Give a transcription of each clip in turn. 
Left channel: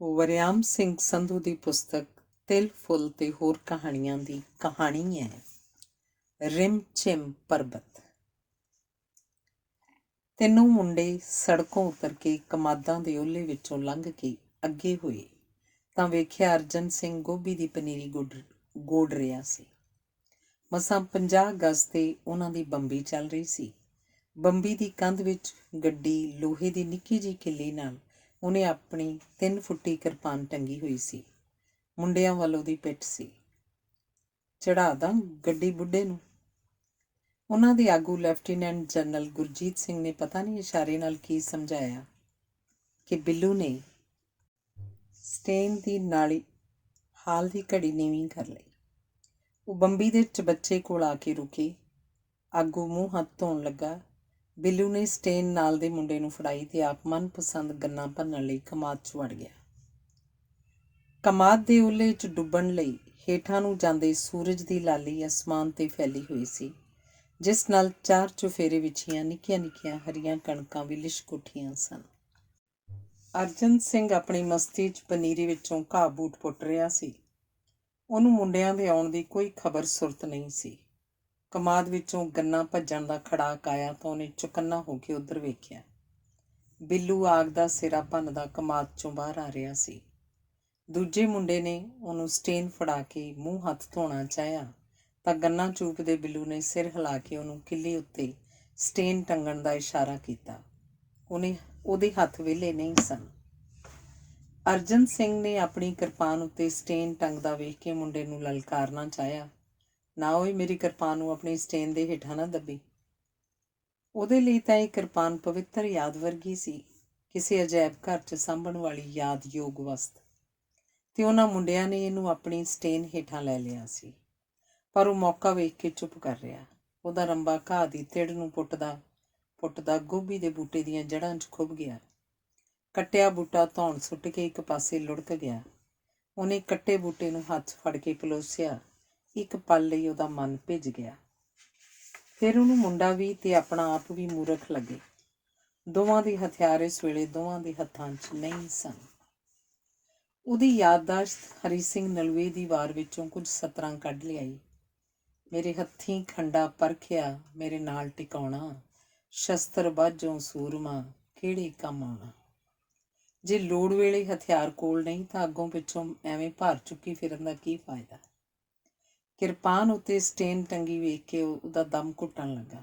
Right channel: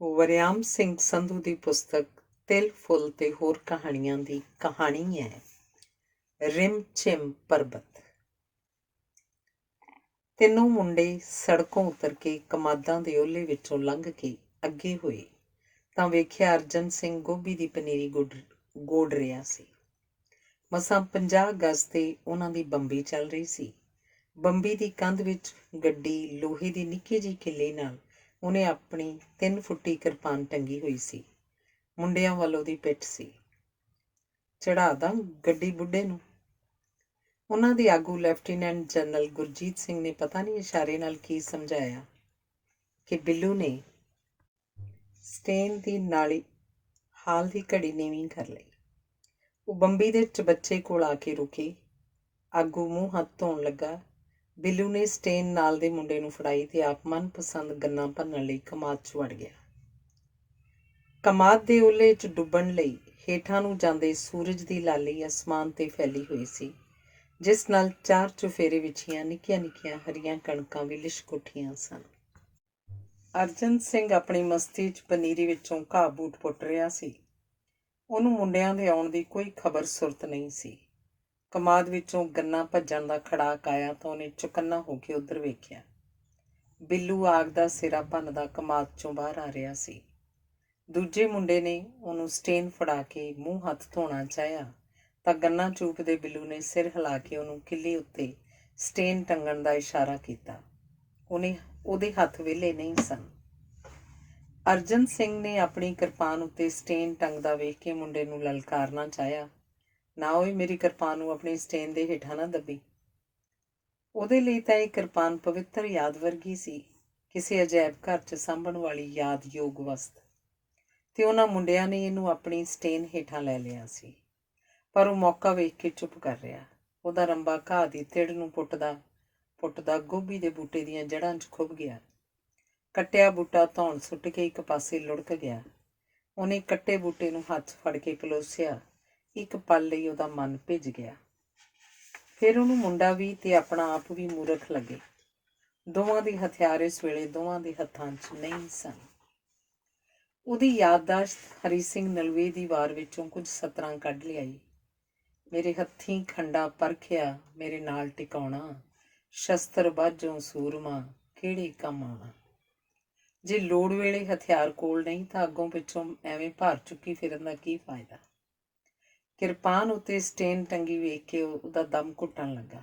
ਵਰਿਆਮ ਸਿੰਘ ਸੰਧੂ ਦੀ ਪੁਸਤਕ ਤਿਲ ਫੁੱਲ ਤੇ ਹੋਰ ਕਹਾਣੀਆਂ ਦੀ ਕਹਾਣੀ ਹੈ ਰਿਮ ਝਿਮ ਪਰਬਤ। ਤਿੰਨੋਂ ਮੁੰਡੇ ਸੜਕੋਂ ਉਤਰ ਕੇ ਕਮਾਦਾਂ ਦੇ ਓਹਲੇ ਵਿੱਚੋਂ ਲੰਘ ਕੇ ਅੱਗੇ ਹੋਏ ਤਾਂ ਵੇਖਿਆ ਅਰਜਨ ਸਿੰਘ ਗੋਭੀ ਦੀ ਪਨੀਰੀ ਗੋੜ ਰਿਹਾ ਸੀ। ਮਸਾਂ 50 ਗਜ਼ ਤੇ ਉਹਨਾਂ ਦੀ ਬੰਬੀ ਚੱਲ ਰਹੀ ਸੀ। ਬੰਬੀ ਦੀ ਕੰਧ ਵਿੱਚ ਗੱਡੀ ਲੋਹੇ ਦੀ ਨਿੱਕੀ ਜਿਹੀ ਕਿੱਲੇ ਨਾਲ ਉਹਨੇ ਆਪਣੀ 3 ਫੁੱਟੀ ਕਿਰਪਾਨ ਟੰਗੀ ਹੋਈ ਸੀ। ਮੁੰਡਿਆਂ ਵੱਲ ਉਹਦੀ ਪਿੱਠ ਸੀ। ਚੜ੍ਹਾ ਦਾਂ ਗੱਡੀ ਬੁੱਢੇ ਨੂੰ। ਉਹਨਾਂ ਦੇ ਆਗੂ ਲੈਫਟੀਨੈਂਟ ਜਨਰਲ ਗੁਰਜੀਤ ਸਿੰਘ ਨੇ ਪਤਾ ਨਹੀਂ ਇਸ਼ਾਰੇ ਨਾਲ ਕੀ ਸਮਝਾਇਆ ਕਿ ਬਿੱਲੂ ਨੇ ਸਟੇਨ ਦੀ ਨਾਲੀ ਹਾਲ ਦੀ ਘੜੀ ਨੀਵੀਂ ਕਰ ਲਈ। ਉਹ ਬੰਬੀ ਦੇ ਚਬੱਚੇ ਕੋਲ ਆ ਕੇ ਰੁਕੇ। ਆਗੂ ਮੂੰਹ ਹੱਥ ਧੋਣ ਲੱਗਾ। ਬਿੱਲੂ ਨੇ ਸਟੇਨ ਨਾਲ ਦੇ ਮੁੰਡੇ ਨੂੰ ਫੜਾਈ ਤੇ ਆਪ ਮਨਪਸੰਦ ਗੰਨਾ ਭੰਨਣ ਲਈ ਕਮਾਦ 'ਚ ਵੜ ਗਿਆ। ਕਮਾਦ ਦੇ ਓਹਲੇ 'ਚ ਡੁੱਬਣ ਲਈ ਹੇਠਾਂ ਨੂੰ ਜਾਂਦੇ ਸੂਰਜ ਦੀ ਲਾਲੀ ਅਸਮਾਨ 'ਤੇ ਫੈਲੀ ਹੋਈ ਸੀ, ਜਿਸ ਨਾਲ 4 ਚੁਫੇਰੇ ਵਿਛੀਆਂ ਨਿੱਕੀਆਂ ਨਿੱਕੀਆਂ ਹਰੀਆਂ ਕਣਕਾਂ ਵੀ ਲਿਸ਼ਕ ਉੱਠੀਆਂ ਸਨ। ਅਰਜਨ ਸਿੰਘ ਆਪਣੀ ਮਸਤੀ 'ਚ ਪਨੀਰੀ ਵਿੱਚੋਂ ਘਾਹ ਬੂਟ ਪੁੱਟ ਰਿਹਾ ਸੀ। ਉਹਨੂੰ ਮੁੰਡਿਆਂ ਦੇ ਆਉਣ ਦੀ ਕੋਈ ਖਬਰ ਸੁਰਤ ਨਹੀਂ ਸੀ। ਕਮਾਦ ਵਿੱਚੋਂ ਗੰਨਾ ਭੱਜਣ ਦਾ ਖੜਾਕ ਆਇਆ ਤਾਂ ਉਹਨੇ ਚੁਕੰਨਾ ਹੋ ਕੇ ਉੱਧਰ ਵੇਖਿਆ। ਬਿੱਲੂ ਆਗ ਦਾ ਸਿਰਾ ਭੰਨਦਾ ਕਮਾਦ 'ਚੋਂ ਬਾਹਰ ਆ ਰਿਹਾ ਸੀ। ਦੂਜੇ ਮੁੰਡੇ ਨੇ ਉਹਨੂੰ ਸਟੇਨ ਫੜਾ ਕੇ ਮੂੰਹ ਹੱਥ ਧੋਣਾ ਚਾਹਿਆ ਤਾਂ ਗੰਨਾ ਚੂਪਦੇ ਬਿੱਲੂ ਨੇ ਸਿਰ ਹਿਲਾ ਕੇ ਉਹਨੂੰ ਕਿੱਲੇ ਉੱਤੇ ਸਟੇਨ ਟੰਗਣ ਦਾ ਇਸ਼ਾਰਾ ਕੀਤਾ। ਉਹਦੇ ਹੱਥ ਵਿਹਲੇ ਨਹੀਂ ਸਨ। ਅਰਜਨ ਸਿੰਘ ਨੇ ਆਪਣੀ ਕਿਰਪਾਨ ਉੱਤੇ ਸਟੇਨ ਟੰਗਦਾ ਵੇਖ ਕੇ ਮੁੰਡੇ ਨੂੰ ਲਲਕਾਰਨਾ ਚਾਹਿਆ, ਨਾ ਓਏ ਮੇਰੀ ਕਿਰਪਾਨ ਨੂੰ ਆਪਣੀ ਸਟੇਨ ਦੇ ਹੇਠਾਂ ਨਾ ਦੱਬੀ। ਉਹਦੇ ਲਈ ਤਾਂ ਇਹ ਕਿਰਪਾਨ ਪਵਿੱਤਰ ਯਾਦ ਵਰਗੀ ਸੀ, ਕਿਸੇ ਅਜਾਇਬ ਘਰ 'ਚ ਸਾਂਭਣ ਵਾਲੀ ਯਾਦਯੋਗ ਵਸਤ, ਤੇ ਉਹਨਾਂ ਮੁੰਡਿਆਂ ਨੇ ਇਹਨੂੰ ਆਪਣੀ ਸਟੇਨ ਹੇਠਾਂ ਲੈ ਲਿਆ ਸੀ। ਪਰ ਉਹ ਮੌਕਾ ਵੇਖ ਕੇ ਚੁੱਪ ਕਰ ਰਿਹਾ। ਉਹਦਾ ਰੰਬਾ ਘਾਹ ਦੀ ਤਿੜ ਨੂੰ ਪੁੱਟਦਾ ਗੋਭੀ ਦੇ ਬੂਟੇ ਦੀਆਂ ਜੜ੍ਹਾਂ 'ਚ ਖੁੱਭ ਗਿਆ। ਕੱਟਿਆ ਬੂਟਾ ਧੌਣ ਸੁੱਟ ਕੇ ਇੱਕ ਪਾਸੇ ਲੁੜਕ ਗਿਆ। ਉਹਨੇ ਕੱਟੇ ਬੂਟੇ ਨੂੰ ਹੱਥ ਫੜ ਕੇ ਪਲੋਸਿਆ। ਇੱਕ ਪਲ ਲਈ ਉਹਦਾ ਮਨ ਭਿੱਜ ਗਿਆ। ਫਿਰ ਉਹਨੂੰ ਮੁੰਡਾ ਵੀ ਤੇ ਆਪਣਾ ਆਪ ਵੀ ਮੂਰਖ ਲੱਗੇ। ਦੋਵਾਂ ਦੇ ਹਥਿਆਰ ਇਸ ਵੇਲੇ ਦੋਵਾਂ ਦੇ ਹੱਥਾਂ 'ਚ ਨਹੀਂ ਸਨ। ਉਹਦੀ ਯਾਦਦਾਸ਼ਤ ਹਰੀ ਸਿੰਘ ਨਲੂਏ ਦੀ ਵਾਰ ਵਿੱਚੋਂ ਕੁਝ ਸਤਰਾਂ ਕੱਢ ਲਿਆਈ। ਮੇਰੇ ਹੱਥੀਂ ਖੰਡਾ ਪਰਖਿਆ, ਮੇਰੇ ਨਾਲ ਟਿਕਾਉਣਾ, ਸ਼ਸਤਰ ਬਾਝੋਂ ਸੂਰਮਾ, ਕਿਹੜੇ ਕੰਮ ਆਉਣਾ। ਜੇ ਲੋੜ ਵੇਲੇ ਹਥਿਆਰ ਕੋਲ ਨਹੀਂ ਤਾਂ ਅੱਗੋਂ ਪਿੱਛੋਂ ਐਵੇਂ ਭਾਰ ਚੁੱਕੀ ਫਿਰਨ ਦਾ ਕੀ ਫਾਇਦਾ। ਕਿਰਪਾਨ ਉੱਤੇ ਸਟੇਨ ਟੰਗੀ ਵੇਖ ਕੇ ਉਹਦਾ ਦਮ ਘੁੱਟਣ ਲੱਗਾ।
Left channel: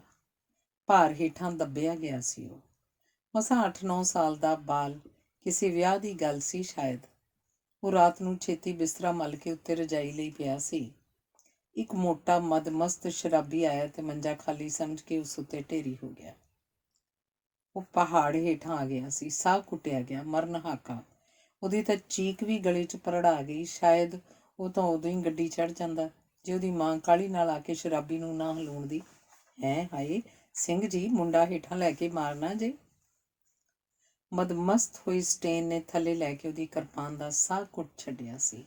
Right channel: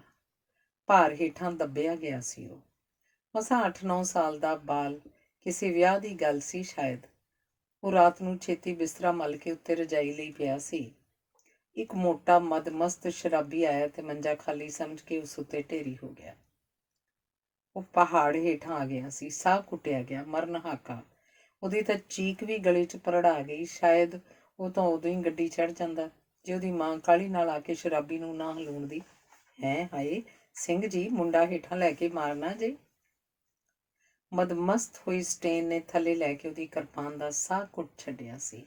ਭਾਰ ਹੇਠਾਂ ਦੱਬਿਆ ਗਿਆ ਸੀ। ਉਹ ਮਸਾਂ 8-9 ਸਾਲ ਦਾ ਬਾਲ। ਕਿਸੇ ਵਿਆਹ ਦੀ ਗੱਲ ਸੀ ਸ਼ਾਇਦ। ਉਹ ਰਾਤ ਨੂੰ ਛੇਤੀ ਬਿਸਤਰਾ ਮੱਲ ਕੇ ਉੱਤੇ ਰਜਾਈ ਲਈ ਪਿਆ ਸੀ। ਇੱਕ ਮੋਟਾ ਮਦਮਸਤ ਸ਼ਰਾਬੀ ਆਇਆ ਤੇ ਮੰਜਾ ਖਾਲੀ ਸਮਝ ਕੇ ਉਸ ਉੱਤੇ ਢੇਰੀ ਹੋ ਗਿਆ। ਉਹ ਪਹਾੜ ਹੇਠਾਂ ਆ ਗਿਆ ਸੀ। ਸਾਹ ਕੁੱਟਿਆ ਗਿਆ, ਮਰਨ ਹਾਕਾ। ਉਹਦੀ ਤਾਂ ਚੀਕ ਵੀ ਗਲੇ 'ਚ ਭਰੜਾ ਗਈ। ਸ਼ਾਇਦ ਉਹ ਤਾਂ ਉਦੋਂ ਹੀ ਗੱਡੀ ਚੜ੍ਹ ਜਾਂਦਾ ਜੇ ਉਹਦੀ ਮਾਂ ਕਾਹਲੀ ਨਾਲ ਆ ਕੇ ਸ਼ਰਾਬੀ ਨੂੰ ਨਾ ਹਲੂਣਦੀ। ਹਾਏ ਸਿੰਘ ਜੀ, ਮੁੰਡਾ ਹੇਠਾਂ ਲੈ ਕੇ ਮਾਰਨਾ ਜੇ। ਮਦਮਸਤ ਹੋਈ ਸਟੇਨ ਨੇ ਥੱਲੇ ਲੈ ਕੇ ਉਹਦੀ ਕਿਰਪਾਨ ਦਾ ਸਾਹ ਘੁੱਟ ਛੱਡਿਆ ਸੀ।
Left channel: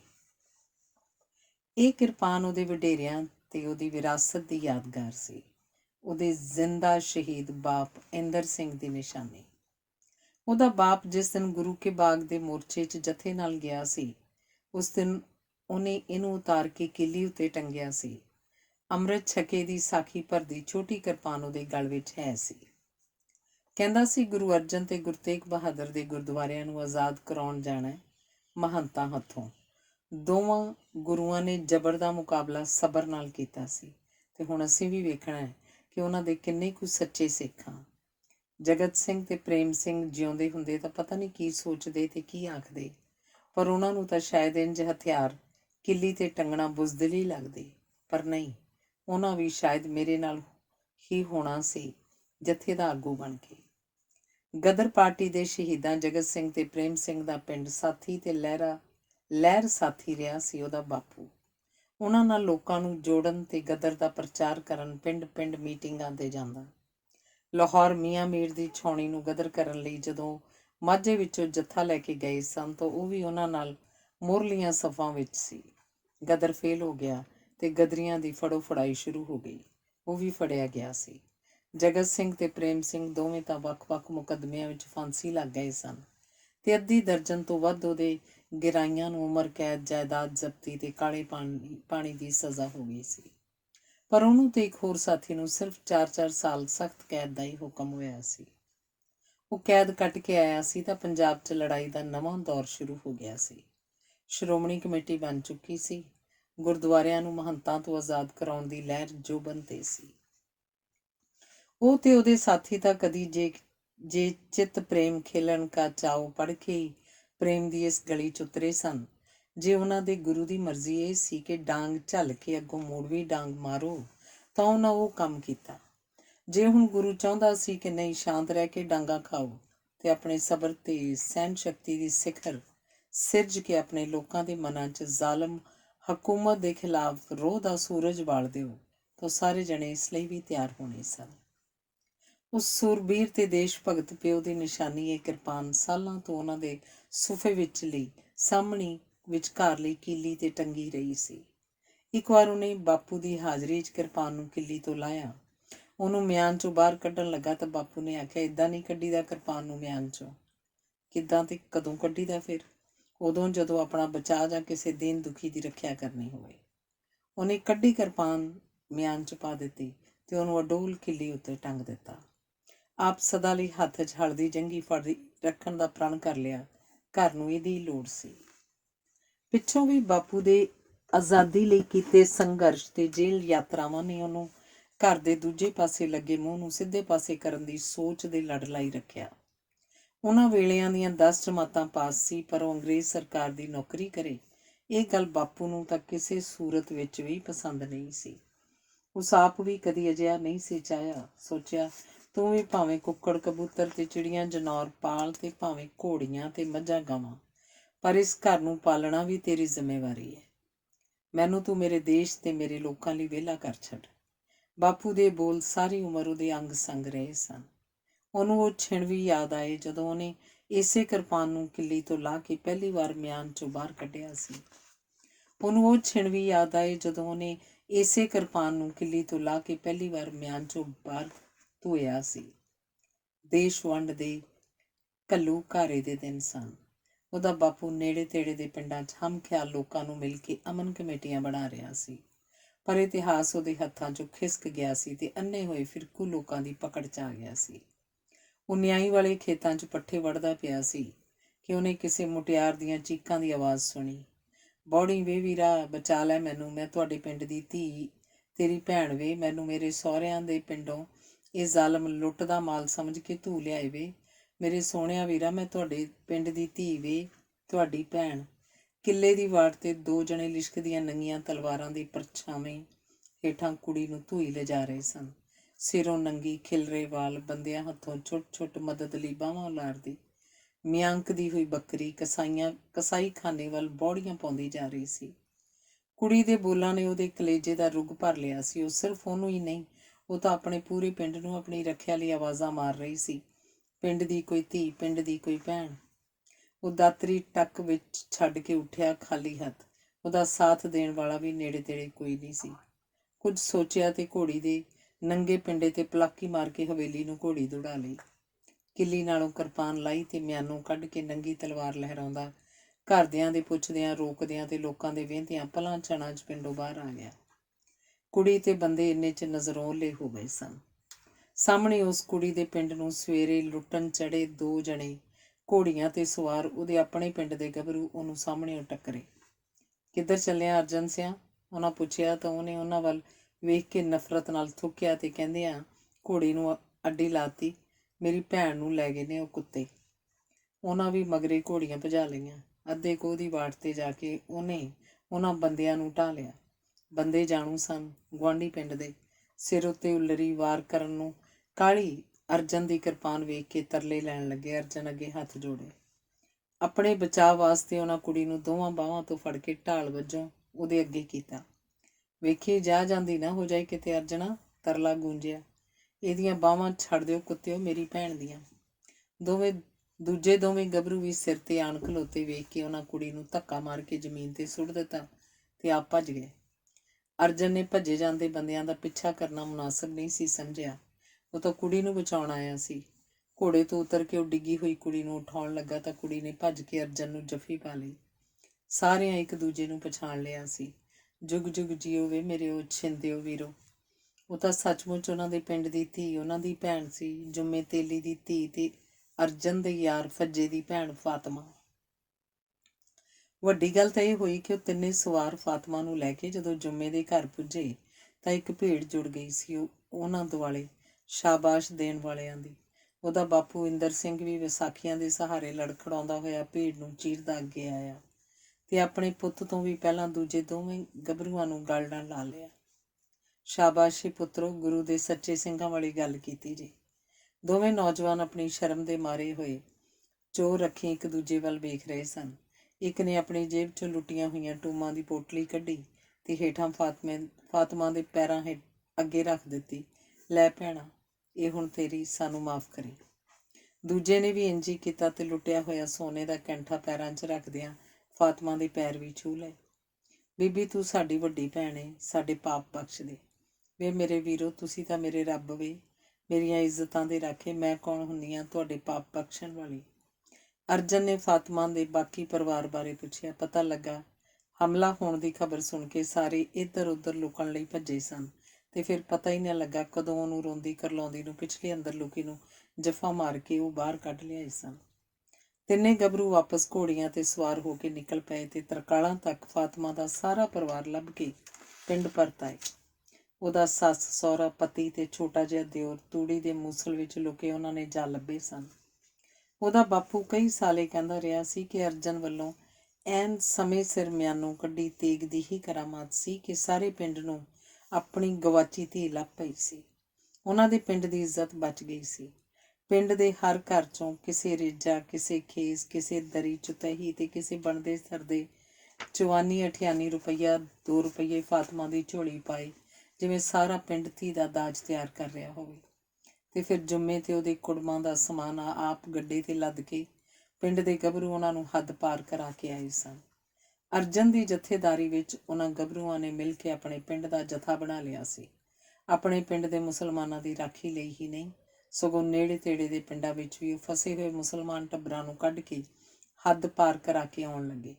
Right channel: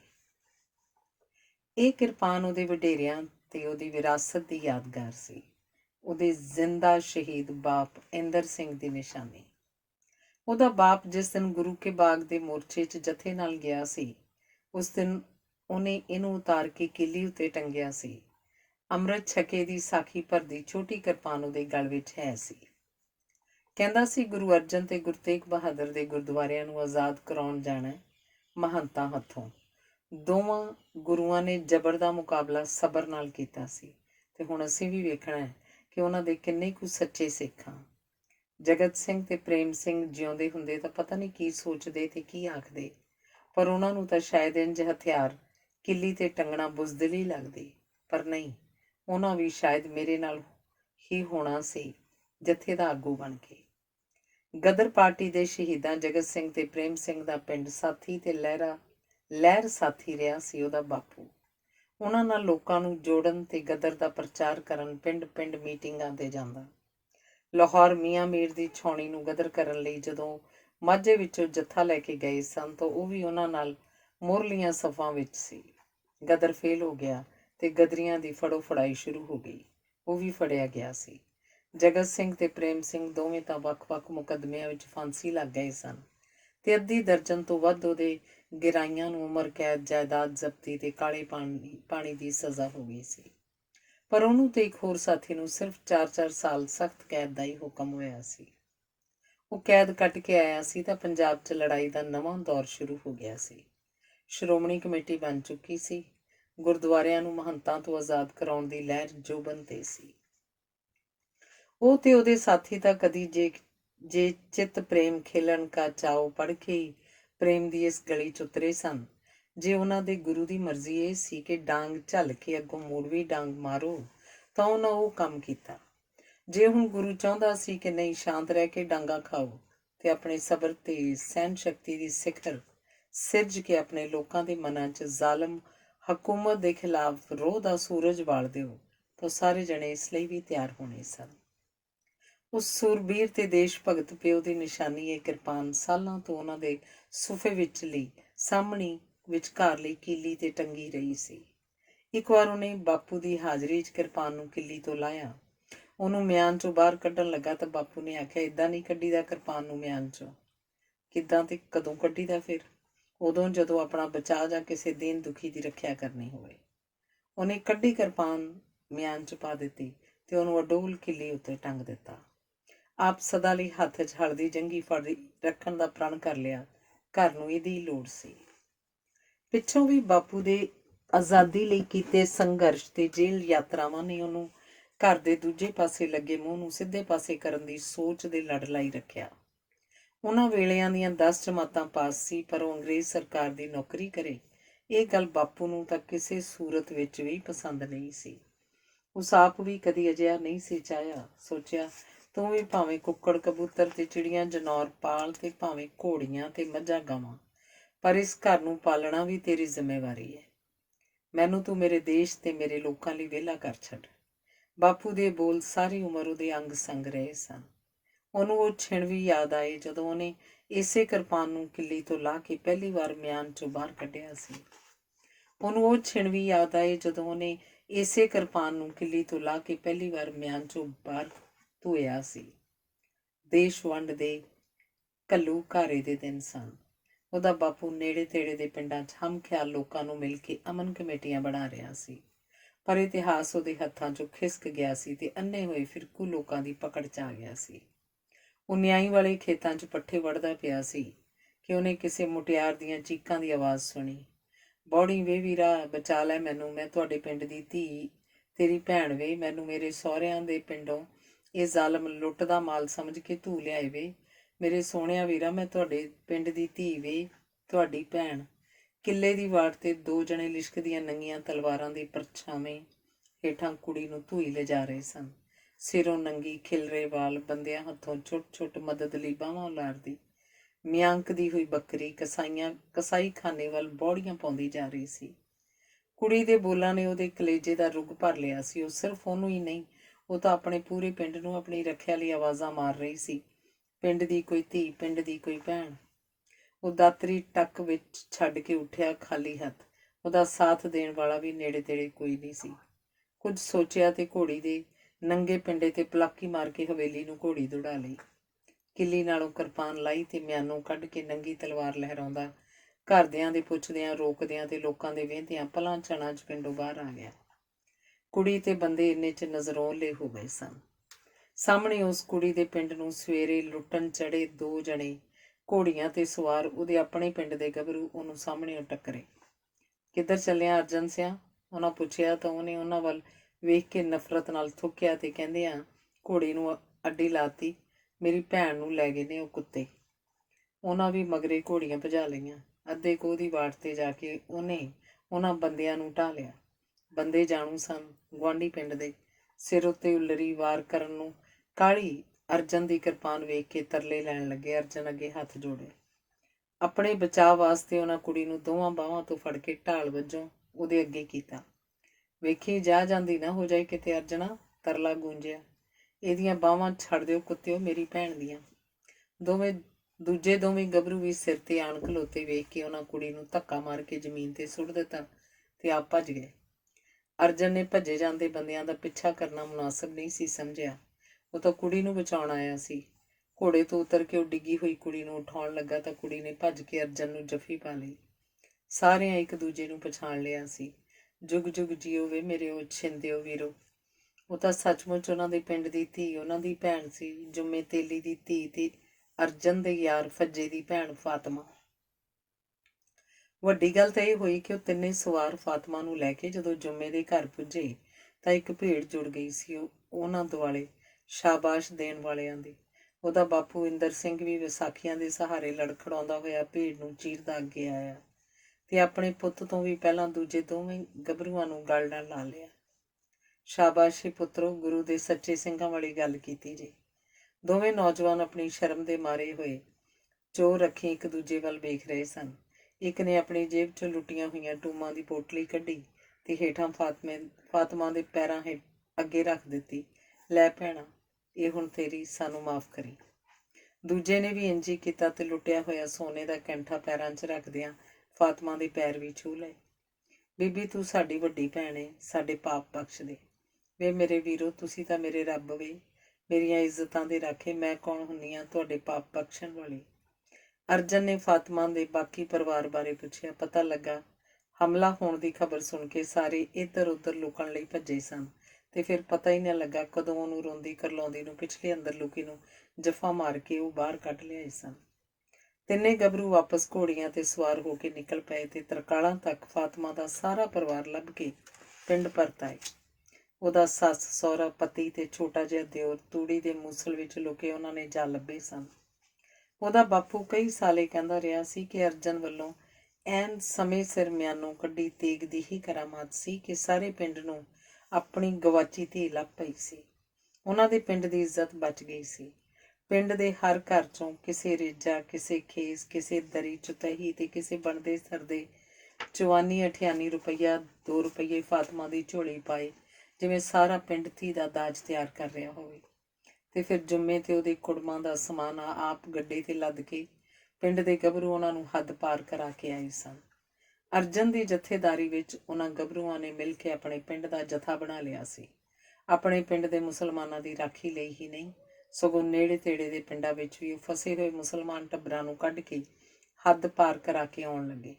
ਇਹ ਕਿਰਪਾਨ ਉਹਦੇ ਵਡੇਰਿਆਂ ਤੇ ਉਹਦੀ ਵਿਰਾਸਤ ਦੀ ਯਾਦਗਾਰ ਸੀ। ਉਹਦੇ ਜ਼ਿੰਦਾ ਸ਼ਹੀਦ ਬਾਪ ਇੰਦਰ ਸਿੰਘ ਦੀ ਨਿਸ਼ਾਨੀ। ਉਹਦਾ ਬਾਪ ਜਿਸ ਦਿਨ ਗੁਰੂ ਕੇ ਬਾਗ ਦੇ ਮੋਰਚੇ 'ਚ ਜਥੇ ਨਾਲ ਗਿਆ ਸੀ, ਉਸ ਦਿਨ ਉਹਨੇ ਇਹਨੂੰ ਉਤਾਰ ਕੇ ਕਿੱਲੀ ਉੱਤੇ ਟੰਗਿਆ ਸੀ। ਅੰਮ੍ਰਿਤ ਛਕੇ ਦੀ ਸਾਖੀ ਭਰਦੀ ਛੋਟੀ ਕਿਰਪਾਨ ਉਹਦੇ ਗਲ ਵਿੱਚ ਹੈ ਸੀ। ਕਹਿੰਦਾ ਸੀ ਗੁਰੂ ਅਰਜਨ ਤੇ ਗੁਰੂ ਤੇਗ ਬਹਾਦਰ ਦੇ ਗੁਰਦੁਆਰਿਆਂ ਨੂੰ ਆਜ਼ਾਦ ਕਰਾਉਣ ਜਾਣਾ ਮਹੰਤਾਂ ਹੱਥੋਂ। ਦੋਵਾਂ ਗੁਰੂਆਂ ਨੇ ਜ਼ਬਰ ਦਾ ਮੁਕਾਬਲਾ ਸਬਰ ਨਾਲ ਕੀਤਾ ਸੀ ਤੇ ਹੁਣ ਅਸੀਂ ਵੀ ਵੇਖਣਾ ਹੈ ਕਿ ਉਹਨਾਂ ਦੇ ਕਿੰਨੇ ਕੁ ਸੱਚੇ ਸਿੱਖ ਹਾਂ। ਜਗਤ ਸਿੰਘ ਤੇ ਪ੍ਰੇਮ ਸਿੰਘ ਜਿਉਂਦੇ ਹੁੰਦੇ ਤਾਂ ਪਤਾ ਨਹੀਂ ਕੀ ਸੋਚਦੇ ਤੇ ਕੀ ਆਖਦੇ, ਪਰ ਉਹਨਾਂ ਨੂੰ ਤਾਂ ਸ਼ਾਇਦ ਇੰਝ ਹਥਿਆਰ ਕਿੱਲੀ ਤੇ ਟੰਗਣਾ ਬੁਜ਼ਦਿਲੀ ਲੱਗਦੀ। ਪਰ ਨਹੀਂ, ਉਹਨਾਂ ਵੀ ਸ਼ਾਇਦ ਮੇਰੇ ਨਾਲ ਹੀ ਹੋਣਾ ਸੀ ਜਥੇ ਦਾ ਆਗੂ ਬਣ ਕੇ। ਗਦਰ ਪਾਰਟੀ ਦੇ ਸ਼ਹੀਦਾਂ ਜਗਤ ਸਿੰਘ ਤੇ ਪ੍ਰੇਮ ਸਿੰਘ ਦਾ ਪਿੰਡ ਸਾਥੀ ਤੇ ਲਹਿਰ ਸਾਥੀ ਰਿਹਾ ਸੀ ਉਹਦਾ ਬਾਪੂ। ਉਹਨਾਂ ਨਾਲ ਲੋਕਾਂ ਨੂੰ ਜੋੜਨ ਤੇ ਗਦਰ ਦਾ ਪ੍ਰਚਾਰ ਕਰਨ ਪਿੰਡ ਮੀਟਿੰਗਾਂ 'ਤੇ ਜਾਂਦਾ। ਲਾਹੌਰ ਮੀਆਂ ਮੀਰ ਦੀ ਛਾਉਣੀ ਨੂੰ ਗਦਰ ਕਰਨ ਲਈ ਜਦੋਂ ਮਾਝੇ ਵਿੱਚੋਂ ਜੱਥਾ ਲੈ ਕੇ ਗਏ ਸਨ ਤਾਂ ਉਹ ਵੀ ਉਹਨਾਂ ਨਾਲ ਮੋਹਰਲੀਆਂ ਸਫਾਂ ਵਿੱਚ ਸੀ। ਗਦਰ ਫੇਲ ਹੋ ਗਿਆ ਤੇ ਗਦਰੀਆਂ ਦੀ ਫੜੋ ਫੜਾਈ ਸ਼ੁਰੂ ਹੋ ਗਈ। ਉਹ ਵੀ ਫੜਿਆ ਗਿਆ ਸੀ। ਜਗਤ ਸਿੰਘ ਤੇ ਪ੍ਰੇਮ ਸਿੰਘ ਦੋਵੇਂ ਤਾਂ ਵੱਖ-ਵੱਖ ਮੁਕੱਦਮਿਆਂ ਵਿੱਚ ਫਾਂਸੀ ਲੱਗ ਗਏ ਸਨ ਤੇ ਅੱਧੀ ਦਰਜਨ ਤੋਂ ਵੱਧ ਉਹਦੇ ਗਿਰਾਈਆਂ ਨੂੰ ਉਮਰ ਕੈਦ, ਜਾਇਦਾਦ ਜ਼ਬਤੀ ਤੇ ਕਾਲੇ ਪਾਣੀ ਦੀ ਸਜ਼ਾ ਹੋ ਗਈ ਸੀ। ਪਰ ਉਹਨੂੰ ਤੇ ਇੱਕ ਹੋਰ ਸਾਥੀ ਨੂੰ ਸਿਰਫ 4-4 ਸਾਲ ਸਖਤ ਕੈਦ ਦਾ ਹੀ ਹੁਕਮ ਹੋਇਆ ਸੀ। ਉਹ ਕੈਦ ਕੱਟ ਕੇ ਆਇਆ ਸੀ ਤਾਂ ਪੰਜਾਬ 'ਚ ਲੜਾਈ ਦਾ ਨਵਾਂ ਦੌਰ ਸ਼ੁਰੂ ਹੋ ਗਿਆ ਸੀ। ਸ਼੍ਰੋਮਣੀ ਕਮੇਟੀ ਬਣ ਚੁੱਕੀ ਸੀ। ਗੁਰਦੁਆਰਿਆਂ ਨੂੰ ਮਹੰਤਾਂ ਤੋਂ ਆਜ਼ਾਦ ਕਰਾਉਣ ਦੀ ਲਹਿਰ ਜੋਬਨ ਤੇ ਸੀ। ਉਹ ਤੇ ਉਹਦੇ ਸਾਥੀ ਤਾਂ ਕਦੀ ਜੇ ਚਿੱਤ ਪ੍ਰੇਮ ਖੇਲਣ ਕਾ ਚਾਓ ਪੜ੍ਹ ਕੇ ਹੀ ਪ੍ਰੇਮ ਦੀ ਇਸ ਗਲੀ 'ਚ ਉਤਰੇ ਸਨ। ਜੇ ਉਹਨਾਂ ਦੇ ਗੁਰੂ ਦੀ ਮਰਜ਼ੀ ਇਹ ਸੀ ਕਿ ਡਾਂਗ ਝੱਲ ਕੇ ਅੱਗੋਂ ਮੋੜਵੀਂ ਡਾਂਗ ਮਾਰੋ ਤਾਂ ਉਹਨਾਂ ਉਹ ਕੰਮ ਕੀਤਾ। ਜੇ ਹੁਣ ਗੁਰੂ ਚਾਹੁੰਦਾ ਸੀ ਕਿ ਨਹੀਂ, ਸ਼ਾਂਤ ਰਹਿ ਕੇ ਡਾਂਗਾ ਖਾਓ ਤੇ ਆਪਣੇ ਸਬਰ ਤੇ ਸਹਿਣ ਸ਼ਕਤੀ ਦੀ ਸਿਖਰ ਸਿਰਜ ਕੇ ਆਪਣੇ ਲੋਕਾਂ ਦੇ ਮਨਾਂ 'ਚ ਜ਼ਾਲਮ ਹਕੂਮਤ ਦੇ ਖਿਲਾਫ ਰੋਹ ਦਾ ਸੂਰਜ ਬਾਲ ਦਿਓ ਤਾਂ ਸਾਰੇ ਜਣੇ ਇਸ ਲਈ ਵੀ ਤਿਆਰ ਹੋਣੇ ਸਨ। ਉਸ ਸੂਰਬੀਰ ਤੇ ਦੇਸ਼ ਭਗਤ ਪਿਓ ਦੀ ਨਿਸ਼ਾਨੀ ਇਹ ਕਿਰਪਾਨ ਸਾਲਾਂ ਤੋਂ ਉਹਨਾਂ ਦੇ ਸੁਫੇ ਵਿਚਲੀ ਸਾਹਮਣੀ ਵਿਚਕਾਰਲੀ ਕੀਲੀ ਤੇ ਟੰਗੀ ਰਹੀ ਸੀ। ਇੱਕ ਵਾਰ ਉਹਨੇ ਬਾਪੂ ਦੀ ਹਾਜ਼ਰੀ 'ਚ ਕਿਰਪਾਨ ਨੂੰ ਕਿੱਲੀ ਤੋਂ ਲਾਹਿਆ। ਉਹਨੂੰ ਮਿਆਨ 'ਚੋਂ ਬਾਹਰ ਕੱਢਣ ਲੱਗਾ ਤਾਂ ਬਾਪੂ ਨੇ ਆਖਿਆ, ਇੱਦਾਂ ਨਹੀਂ ਕੱਢੀਦਾ ਕਿਰਪਾਨ ਨੂੰ ਮਿਆਨ 'ਚੋਂ। ਕਿੱਦਾਂ ਤੇ ਕਦੋਂ ਕੱਢੀਦਾ ਫਿਰ? ਉਦੋਂ ਜਦੋਂ ਆਪਣਾ ਬਚਾਅ ਜਾਂ ਕਿਸੇ ਦੀਨ ਦੁਖੀ ਦੀ ਰੱਖਿਆ ਕਰਨੀ ਹੋਵੇ। ਉਹਨੇ ਕੱਢੀ ਕਿਰਪਾਨ ਮਿਆਨ 'ਚ ਪਾ ਦਿੱਤੀ ਤੇ ਉਹਨੂੰ ਅਡੋਲ ਕਿੱਲੀ ਉੱਤੇ ਟੰਗ ਦਿੱਤਾ। ਆਪ ਸਦਾ ਲਈ ਹੱਥ 'ਚ ਹਲਦੀ ਜੰਗੀ ਫੜ ਰੱਖਣ ਦਾ ਪ੍ਰਣ ਕਰ ਲਿਆ। ਘਰ ਨੂੰ ਇਹਦੀ ਲੋੜ ਸੀ। ਪਿੱਛੋਂ ਵੀ ਬਾਪੂ ਦੇ ਆਜ਼ਾਦੀ ਲਈ ਕੀਤੇ ਸੰਘਰਸ਼ ਤੇ ਜੇਲ੍ਹ ਯਾਤਰਾਵਾਂ ਨੇ ਉਹਨੂੰ ਘਰ ਦੇ ਦੂਜੇ ਪਾਸੇ ਲੱਗੇ ਮੂੰਹ ਨੂੰ ਸਿੱਧੇ ਪਾਸੇ ਕਰਨ ਦੀ ਸੋਚ ਦੇ ਲੜ ਲਾਈ ਰੱਖਿਆ। ਉਹਨਾਂ ਵੇਲਿਆਂ ਦੀਆਂ 10 ਜਮਾਤਾਂ ਪਾਸ ਸੀ, ਪਰ ਉਹ ਅੰਗਰੇਜ਼ ਸਰਕਾਰ ਦੀ ਨੌਕਰੀ ਕਰੇ, ਇਹ ਗੱਲ ਬਾਪੂ ਨੂੰ ਤਾਂ ਕਿਸੇ ਸੂਰਤ ਵਿੱਚ ਵੀ ਪਸੰਦ ਨਹੀਂ ਸੀ। ਉਸ ਆਪ ਵੀ ਕਦੀ ਅਜਿਹਾ ਨਹੀਂ ਸੀ ਚਾਹਿਆ। ਸੋਚਿਆ, ਤੂੰ ਵੀ ਭਾਵੇਂ ਕੁੱਕੜ ਕਬੂਤਰ ਤੇ ਚਿੜੀਆਂ ਜਨੌਰ ਪਾਲ ਤੇ ਭਾਵੇਂ ਘੋੜੀਆਂ ਤੇ ਮੱਝਾਂ ਗਾਵਾਂ, ਪਰ ਇਸ ਘਰ ਨੂੰ ਪਾਲਣਾ ਵੀ ਤੇਰੀ ਜ਼ਿੰਮੇਵਾਰੀ ਹੈ। ਮੈਨੂੰ ਤੂੰ ਮੇਰੇ ਦੇਸ਼ ਤੇ ਮੇਰੇ ਲੋਕਾਂ ਲਈ ਵਿਹਲਾ ਕਰ ਛੱਡ। ਬਾਪੂ ਦੇ ਬੋਲ ਸਾਰੀ ਉਮਰ ਉਹਦੇ ਅੰਗ ਸੰਗ ਰਹੇ ਸਨ। ਉਹਨੂੰ ਉਹ ਛਿਣ ਵੀ ਯਾਦ ਆਏ ਜਦੋਂ ਉਹਨੇ ਇਸੇ ਕਿਰਪਾਨ ਨੂੰ ਕਿੱਲੀ ਤੋਂ ਲਾਹ ਕੇ ਪਹਿਲੀ ਵਾਰ ਮਿਆਨ 'ਚੋਂ ਬਾਹਰ ਕੱਢਿਆ ਸੀ। ਉਹਨੂੰ ਉਹ ਛਿਣ ਵੀ ਯਾਦ ਆਏ ਜਦੋਂ ਉਹਨੇ ਇਸੇ ਕਿਰਪਾਨ ਨੂੰ ਕਿੱਲੀ ਤੋਂ ਲਾਹ ਕੇ ਪਹਿਲੀ ਵਾਰ ਮਿਆਨ 'ਚੋਂ ਬਾਹਰ ਧੋਇਆ ਸੀ। ਦੇਸ਼ ਵੰਡ ਦੇ ਘੱਲੂ ਘਾਰੇ ਦੇ ਦਿਨ ਸਨ। ਉਹਦਾ ਬਾਪੂ ਨੇੜੇ ਤੇੜੇ ਦੇ ਪਿੰਡਾਂ 'ਚ ਹਮਖਿਆਲ ਲੋਕਾਂ ਨੂੰ ਮਿਲ ਕੇ ਅਮਨ ਕਮੇਟੀਆਂ ਬਣਾ ਰਿਹਾ ਸੀ, ਪਰ ਇਤਿਹਾਸ ਉਹਦੇ ਹੱਥਾਂ 'ਚੋਂ ਖਿਸਕ ਗਿਆ ਸੀ ਤੇ ਅੰਨੇ ਹੋਏ ਫਿਰਕੂ ਲੋਕਾਂ ਦੀ ਪਕੜ 'ਚ ਆ ਗਿਆ ਸੀ। ਉਹ ਨਿਆਈ ਵਾਲੇ ਖੇਤਾਂ 'ਚ ਪੱਠੇ ਵੱਢਦਾ ਪਿਆ ਸੀ ਕਿ ਉਹਨੇ ਕਿਸੇ ਮੁਟਿਆਰ ਦੀਆਂ ਚੀਕਾਂ ਦੀ ਆਵਾਜ਼ ਸੁਣੀ। ਬੌੜੀ ਵੇ ਵੀਰਾ, ਬਚਾ ਲੈ ਮੈਨੂੰ, ਮੈਂ ਤੁਹਾਡੇ ਪਿੰਡ ਦੀ ਧੀ, ਤੇਰੀ ਭੈਣ ਵੇ, ਮੈਨੂੰ ਮੇਰੇ ਸਹੁਰਿਆਂ ਦੇ ਪਿੰਡੋਂ ਇਹ ਜ਼ਾਲਮ ਲੁੱਟ ਦਾ ਮਾਲ ਸਮਝ ਕੇ ਧੂ ਲਿਆਏ ਵੇ। ਮੇਰੇ ਸੋਹਣਿਆ ਵੀਰਾ, ਮੈਂ ਤੁਹਾਡੇ ਪਿੰਡ ਦੀ ਧੀ ਵੇ, ਤੁਹਾਡੀ ਭੈਣ। ਕਿੱਲੇ ਦੀ ਵਾਟ ਤੇ 2 ਜਣੇ ਲਿਸ਼ਕਦੀਆਂ ਨੰਗੀਆਂ ਤਲਵਾਰਾਂ ਦੇ ਪਰਛਾਵੇਂ ਹੇਠਾਂ ਕੁੜੀ ਨੂੰ ਧੂਈ ਲਿਜਾ ਰਹੇ ਸਨ। ਸਿਰੋਂ ਨੰਗੀ, ਖਿਲਰੇ ਵਾਲ, ਬੰਦਿਆਂ ਹੱਥੋਂ ਛੁੱਟ ਮਦਦ ਲਈ ਬਾਹਾਂ ਉਲਾਰਦੀ, ਮਿਆਂਕਦੀ ਹੋਈ ਬੱਕਰੀ ਕਸਾਈਖਾਨੇ ਵੱਲ ਬੌੜੀਆਂ ਪਾਉਂਦੀ ਜਾ ਰਹੀ ਸੀ। ਕੁੜੀ ਦੇ ਬੋਲਾਂ ਨੇ ਉਹਦੇ ਕਲੇਜੇ ਦਾ ਰੁੱਗ ਭਰ ਲਿਆ ਸੀ। ਉਹ ਸਿਰਫ ਉਹਨੂੰ ਹੀ ਨਹੀਂ, ਉਹ ਤਾਂ ਆਪਣੇ ਪੂਰੇ ਪਿੰਡ ਨੂੰ ਆਪਣੀ ਰੱਖਿਆ ਲਈ ਆਵਾਜ਼ਾਂ ਮਾਰ ਰਹੀ ਸੀ। ਪਿੰਡ ਦੀ ਕੋਈ ਧੀ, ਪਿੰਡ ਦੀ ਕੋਈ ਭੈਣ। ਉਹ ਦਾਤਰੀ ਟੱਕ ਵਿੱਚ ਛੱਡ ਕੇ ਉੱਠਿਆ ਖਾਲੀ ਹੱਥ। ਉਹਦਾ ਸਾਥ ਦੇਣ ਵਾਲਾ ਵੀ ਨੇੜੇ ਤੇੜੇ ਕੋਈ ਨਹੀਂ ਸੀ। ਕੁਝ ਸੋਚਿਆ ਤੇ ਘੋੜੀ ਦੇ ਨੰਗੇ ਪਿੰਡੇ ਤੇ ਪਲਾਕੀ ਮਾਰ ਕੇ ਹਵੇਲੀ ਨੂੰ ਘੋੜੀ ਦੌੜਾ ਲਈ। ਕਿੱਲੀ ਨਾਲੋਂ ਕਿਰਪਾਨ ਲਾਈ ਤੇ ਮਿਆਨੋਂ ਕੱਢ ਕੇ ਨੰਗੀ ਤਲਵਾਰ ਲਹਿਰਾਉਂਦਾ, ਘਰਦਿਆਂ ਦੇ ਪੁੱਛਦਿਆਂ, ਰੋਕਦਿਆਂ ਤੇ ਲੋਕਾਂ ਦੇ ਵਹਿੰਦਿਆਂ ਪਲਾਂ ਛਣਾਂ 'ਚ ਪਿੰਡੋਂ ਬਾਹਰ ਆ ਗਿਆ। ਕੁੜੀ ਤੇ ਬੰਦੇ ਇੰਨੇ 'ਚ ਨਜ਼ਰੋਲੇ ਹੋ ਗਏ ਸਨ। ਸਾਹਮਣੇ ਉਸ ਕੁੜੀ ਦੇ ਪਿੰਡ ਨੂੰ ਸਵੇਰੇ ਲੁੱਟਣ ਚੜੇ 2 ਜਣੇ ਘੋੜੀਆਂ ਤੇ ਸਵਾਰ ਉਹਦੇ ਆਪਣੇ ਪਿੰਡ ਦੇ ਗੱਭਰੂ ਉਹਨੂੰ ਸਾਹਮਣੇ ਟੱਕਰੇ। ਕਿੱਧਰ ਚੱਲਿਆ ਅਰਜਨ ਸਿਆਂ? ਉਹਨਾਂ ਪੁੱਛਿਆ ਤਾਂ ਉਹਨੇ ਉਹਨਾਂ ਵੱਲ ਵੇਖ ਕੇ ਨਫ਼ਰਤ ਨਾਲ ਥੁੱਕਿਆ ਤੇ ਕਹਿੰਦਿਆਂ ਘੋੜੀ ਨੂੰ ਅੱਡੀ ਲਾਤੀ, ਮੇਰੀ ਭੈਣ ਨੂੰ ਲੈ ਗਏ ਨੇ ਉਹ ਕੁੱਤੇ। ਉਹਨਾਂ ਵੀ ਮਗਰੇ ਘੋੜੀਆਂ ਭਜਾ ਲਈਆਂ। ਅੱਧੇ ਕੋਹ ਦੀ ਵਾਟ ਤੇ ਜਾ ਕੇ ਉਹਨੇ ਉਹਨਾਂ ਬੰਦਿਆਂ ਨੂੰ ਢਾਹ ਲਿਆ। ਬੰਦੇ ਜਾਣੂ ਸਨ, ਗੁਆਂਢੀ ਪਿੰਡ ਦੇ। ਸਿਰ ਉੱਤੇ ਉੱਲਰੀ ਵਾਰ ਕਰਨ ਨੂੰ ਕਾਹਲੀ ਅਰਜਨ ਦੀ ਕਿਰਪਾਨ ਵੇਖ ਕੇ ਤਰਲੇ ਲੈਣ ਲੱਗੇ। ਅਰਜਨ ਅੱਗੇ ਹੱਥ ਜੋੜੇ। ਆਪਣੇ ਬਚਾਅ ਵਾਸਤੇ ਉਹਨਾਂ ਕੁੜੀ ਨੂੰ ਦੋਵਾਂ ਬਾਹਾਂ ਤੋਂ ਫੜ ਕੇ ਢਾਲ ਵਜੋਂ ਉਹਦੇ ਅੱਗੇ ਕੀਤਾ। ਵੇਖੀ ਜਾ ਜਾਂਦੀ ਨਾ ਹੋ ਜਾਏ ਕਿਤੇ ਅਰਜਨਾ, ਤਰਲਾ ਗੂੰਜਿਆ। ਇਹਦੀਆਂ ਬਾਹਾਂ ਛੱਡ ਦਿਓ ਕੁੱਤਿਓ, ਮੇਰੀ ਭੈਣ ਦੀਆਂ। ਦੂਜੇ ਦੋਵੇਂ ਗੱਭਰੂ ਵੀ ਸਿਰ ਤੇ ਆਣ ਖਲੋਤੇ ਵੇਖ ਕੇ ਉਹਨਾਂ ਕੁੜੀ ਨੂੰ ਧੱਕਾ ਮਾਰ ਕੇ ਜ਼ਮੀਨ ਤੇ ਸੁੱਟ ਦਿੱਤਾ ਤੇ ਆਪ ਭੱਜ ਗਏ। ਅਰਜਨ ਨੇ ਭੱਜੇ ਜਾਂਦੇ ਬੰਦਿਆਂ ਦਾ ਪਿੱਛਾ ਕਰਨਾ ਮੁਨਾਸਬ ਨਹੀਂ ਸੀ ਸਮਝਿਆ। ਉਹ ਤਾਂ ਕੁੜੀ ਨੂੰ ਬਚਾਉਣ ਆਇਆ ਸੀ। ਘੋੜੇ ਤੋਂ ਉਤਰ ਕੇ ਉਹ ਡਿੱਗੀ ਹੋਈ ਕੁੜੀ ਨੂੰ ਉਠਾਉਣ ਲੱਗਾ ਤਾਂ ਕੁੜੀ ਨੇ ਭੱਜ ਕੇ ਅਰਜਨ ਨੂੰ ਜੱਫੀ ਪਾ ਲਈ। ਸਾਰਿਆਂ ਇੱਕ ਦੂਜੇ ਨੂੰ ਪਛਾਣ ਲਿਆ ਸੀ। ਜੁਗ ਜੁਗ ਜੀਓ ਵੇ ਮੇਰੇ ਉਛਿੰਦਿਓ ਵੀਰੋ। ਉਹ ਤਾਂ ਸੱਚਮੁੱਚ ਉਹਨਾਂ ਦੇ ਪਿੰਡ ਦੀ ਧੀ, ਉਹਨਾਂ ਦੀ ਭੈਣ ਸੀ। ਜੁੰਮੇ ਤੇਲੀ ਦੀ ਧੀ ਤੇ ਅਰਜਨ ਦੇ ਯਾਰ ਫੱਜੇ ਦੀ ਭੈਣ ਫਾਤਮਾ। ਵੱਡੀ ਗੱਲ ਤਾਂ ਇਹ ਹੋਈ ਕਿ ਉਹ ਤਿੰਨੇ ਸਵਾਰ ਫਾਤਮਾ ਨੂੰ ਲੈ ਕੇ ਜਦੋਂ ਜੁੰਮੇ ਦੇ ਘਰ ਪੁੱਜੇ ਤਾਂ ਇੱਕ ਭੀੜ ਜੁੜ ਗਈ ਸੀ ਉਹਨਾਂ ਦੁਆਲੇ, ਸ਼ਾਬਾਸ਼ ਦੇਣ ਵਾਲਿਆਂ ਦੀ। ਉਹਦਾ ਬਾਪੂ ਇੰਦਰ ਸਿੰਘ ਵੀ ਵਿਸਾਖੀਆਂ ਦੇ ਸਹਾਰੇ ਲੜਖੜਾਉਂਦਾ ਹੋਇਆ ਭੀੜ ਨੂੰ ਚੀਰਦਾ ਅੱਗੇ ਆਇਆ ਤੇ ਆਪਣੇ ਪੁੱਤ ਤੋਂ ਵੀ ਪਹਿਲਾਂ ਦੂਜੇ ਦੋਵੇਂ ਗੱਭਰੂਆਂ ਨੂੰ ਗਲ ਨਾਲ ਲਾ ਲਿਆ। ਸ਼ਾਬਾਸ਼ੀ ਪੁੱਤਰੋ, ਗੁਰੂ ਦੇ ਸੱਚੇ ਸਿੰਘਾਂ ਵਾਲੀ ਗੱਲ ਕੀਤੀ ਜੀ। ਦੋਵੇਂ ਨੌਜਵਾਨ ਆਪਣੀ ਸ਼ਰਮ ਦੇ ਮਾਰੇ ਹੋਏ ਚੋਰ ਰੱਖੀ ਇੱਕ ਦੂਜੇ ਵੱਲ ਵੇਖ ਰਹੇ ਸਨ। ਇੱਕ ਨੇ ਆਪਣੀ ਜੇਬ 'ਚੋਂ ਲੁੱਟੀਆਂ ਹੋਈਆਂ ਟੂਮਾਂ ਦੀ ਪੋਟਲੀ ਕੱਢੀ ਤੇ ਹੇਠਾਂ ਫਾਤਮਾ ਦੇ ਪੈਰਾਂ ਅੱਗੇ ਰੱਖ ਦਿੱਤੀ। ਲੈ ਭੈਣਾ, ਇਹ ਹੁਣ ਤੇਰੀ, ਸਾਨੂੰ ਮਾਫ਼ ਕਰੀ। ਦੂਜੇ ਨੇ ਵੀ ਇੰਝ ਹੀ ਕੀਤਾ ਤੇ ਲੁੱਟਿਆ ਹੋਇਆ ਸੋਨੇ ਦਾ ਕੈਂਠਾ ਪੈਰਾਂ 'ਚ ਰੱਖਦਿਆਂ ਫਾਤਮਾ ਦੇ ਪੈਰ ਵੀ ਛੂਹ ਲਏ। ਬੀਬੀ, ਤੂੰ ਸਾਡੀ ਵੱਡੀ ਭੈਣ ਏ, ਸਾਡੇ ਪਾਪ ਬਖਸ਼ ਦੇ। ਵੇ ਮੇਰੇ ਵੀਰੋ, ਤੁਸੀਂ ਤਾਂ ਮੇਰੇ ਰੱਬ ਵੇ, ਮੇਰੀਆਂ ਇੱਜ਼ਤਾਂ ਦੇ ਰਾਖੇ। ਮੈਂ ਕੌਣ ਹੁੰਦੀ ਹਾਂ ਤੁਹਾਡੇ ਪਾਪ ਬਖਸ਼ਣ ਵਾਲੀ? ਅਰਜਨ ਨੇ ਫਾਤਮਾ ਦੇ ਬਾਕੀ ਪਰਿਵਾਰ ਬਾਰੇ ਪੁੱਛਿਆ। ਪਤਾ ਲੱਗਾ ਹਮਲਾ ਹੋਣ ਦੀ ਖਬਰ ਸੁਣ ਕੇ ਸਾਰੇ ਇੱਧਰ ਉੱਧਰ ਲੁਕਣ ਲਈ ਭੱਜੇ ਸਨ ਤੇ ਫਿਰ ਪਤਾ ਹੀ ਨਾ ਲੱਗਾ ਕਦੋਂ ਉਹਨੂੰ ਰੋਂਦੀ ਕਰਲਾਉਂਦੀ ਨੂੰ ਪਿਛਲੇ ਅੰਦਰ ਲੁਕੀ ਨੂੰ ਜਫਾ ਮਾਰ ਕੇ ਉਹ ਬਾਹਰ ਕੱਢ ਲਿਆਏ ਸਨ। ਤਿੰਨੇ ਗੱਭਰੂ ਵਾਪਸ ਘੋੜੀਆਂ ਤੇ ਸਵਾਰ ਹੋ ਕੇ ਨਿਕਲ ਪਏ ਤੇ ਤਰਕਾਲਾਂ ਤੱਕ ਫਾਤਮਾ ਦਾ ਸਾਰਾ ਪਰਿਵਾਰ ਲੱਭ ਕੇ ਪਿੰਡ ਪਰਤ ਆਏ। ਉਹਦਾ ਸੱਸ ਸਹੁਰਾ, ਪਤੀ ਤੇ ਛੋਟਾ ਜਿਹਾ ਦਿਓਰ ਤੂੜੀ ਦੇ ਮੂਸਲ ਵਿੱਚ ਲੁਕੇ ਉਹਨਾਂ ਨੇ ਜਾ ਲੱਭੇ ਸਨ। ਉਹਦਾ ਬਾਪੂ ਕਈ ਸਾਲੇ ਕਹਿੰਦਾ ਰਿਹਾ ਸੀ ਕਿ ਅਰਜਨ ਵੱਲੋਂ ਐਨ ਸਮੇਂ ਸਿਰ ਮਿਆਨੋਂ ਕੱਢੀ ਤੇਗ ਦੀ ਹੀ ਕਰਾਮਾਤ ਸੀ ਕਿ ਸਾਰੇ ਪਿੰਡ ਨੂੰ ਆਪਣੀ ਗਵਾਚੀ ਧੀ ਲੱਭ ਪਈ ਸੀ। ਉਹਨਾਂ ਦੇ ਪਿੰਡ ਦੀ ਇੱਜ਼ਤ ਬਚ ਗਈ ਸੀ। ਪਿੰਡ ਦੇ ਹਰ ਘਰ 'ਚੋਂ ਕਿਸੇ ਰੇਜਾ, ਕਿਸੇ ਖੇਸ, ਕਿਸੇ ਦਰੀ ਚੁਤਹੀ ਤੇ ਕਿਸੇ ਬਣਦੇ ਸਰਦੇ ਚਵਾਨੀ ਅਠਿਆਨੀ ਰੁਪਈਆ 2 ਰੁਪਈਏ ਫਾਤਮਾ ਦੀ ਝੋਲੀ ਪਾਏ, ਜਿਵੇਂ ਸਾਰਾ ਪਿੰਡ ਧੀ ਦਾ ਦਾਜ ਤਿਆਰ ਕਰ ਰਿਹਾ ਹੋਵੇ। ਤੇ ਫਿਰ ਜੁੰਮੇ ਤੇ ਉਹਦੇ ਕੁੜਮਾਂ ਦਾ ਸਮਾਨ ਆਪ ਗੱਡੇ ਤੇ ਲੱਦ ਕੇ ਪਿੰਡ ਦੇ ਗੱਭਰੂ ਉਹਨਾਂ ਨੂੰ ਹੱਦ ਪਾਰ ਕਰਾ ਕੇ ਆਏ ਸਨ। ਅਰਜਨ ਦੀ ਜਥੇਦਾਰੀ ਵਿੱਚ ਉਹਨਾਂ ਗੱਭਰੂਆਂ ਨੇ ਮਿਲ ਕੇ ਆਪਣੇ ਪਿੰਡ ਦਾ ਜਥਾ ਬਣਾ ਲਿਆ ਸੀ। ਆਪਣੇ ਪਿੰਡ ਦੇ ਮੁਸਲਮਾਨਾਂ ਦੀ ਰਾਖੀ ਲਈ ਹੀ ਨਹੀਂ, ਸਗੋਂ ਨੇੜੇ ਤੇੜੇ ਦੇ ਪਿੰਡਾਂ ਵਿੱਚ ਵੀ ਫਸੇ ਹੋਏ ਮੁਸਲਮਾਨ ਟੱਬਰਾਂ ਨੂੰ ਕੱਢ ਕੇ ਹੱਦ ਪਾਰ ਕਰਾ ਕੇ ਆਉਣ ਲੱਗੇ।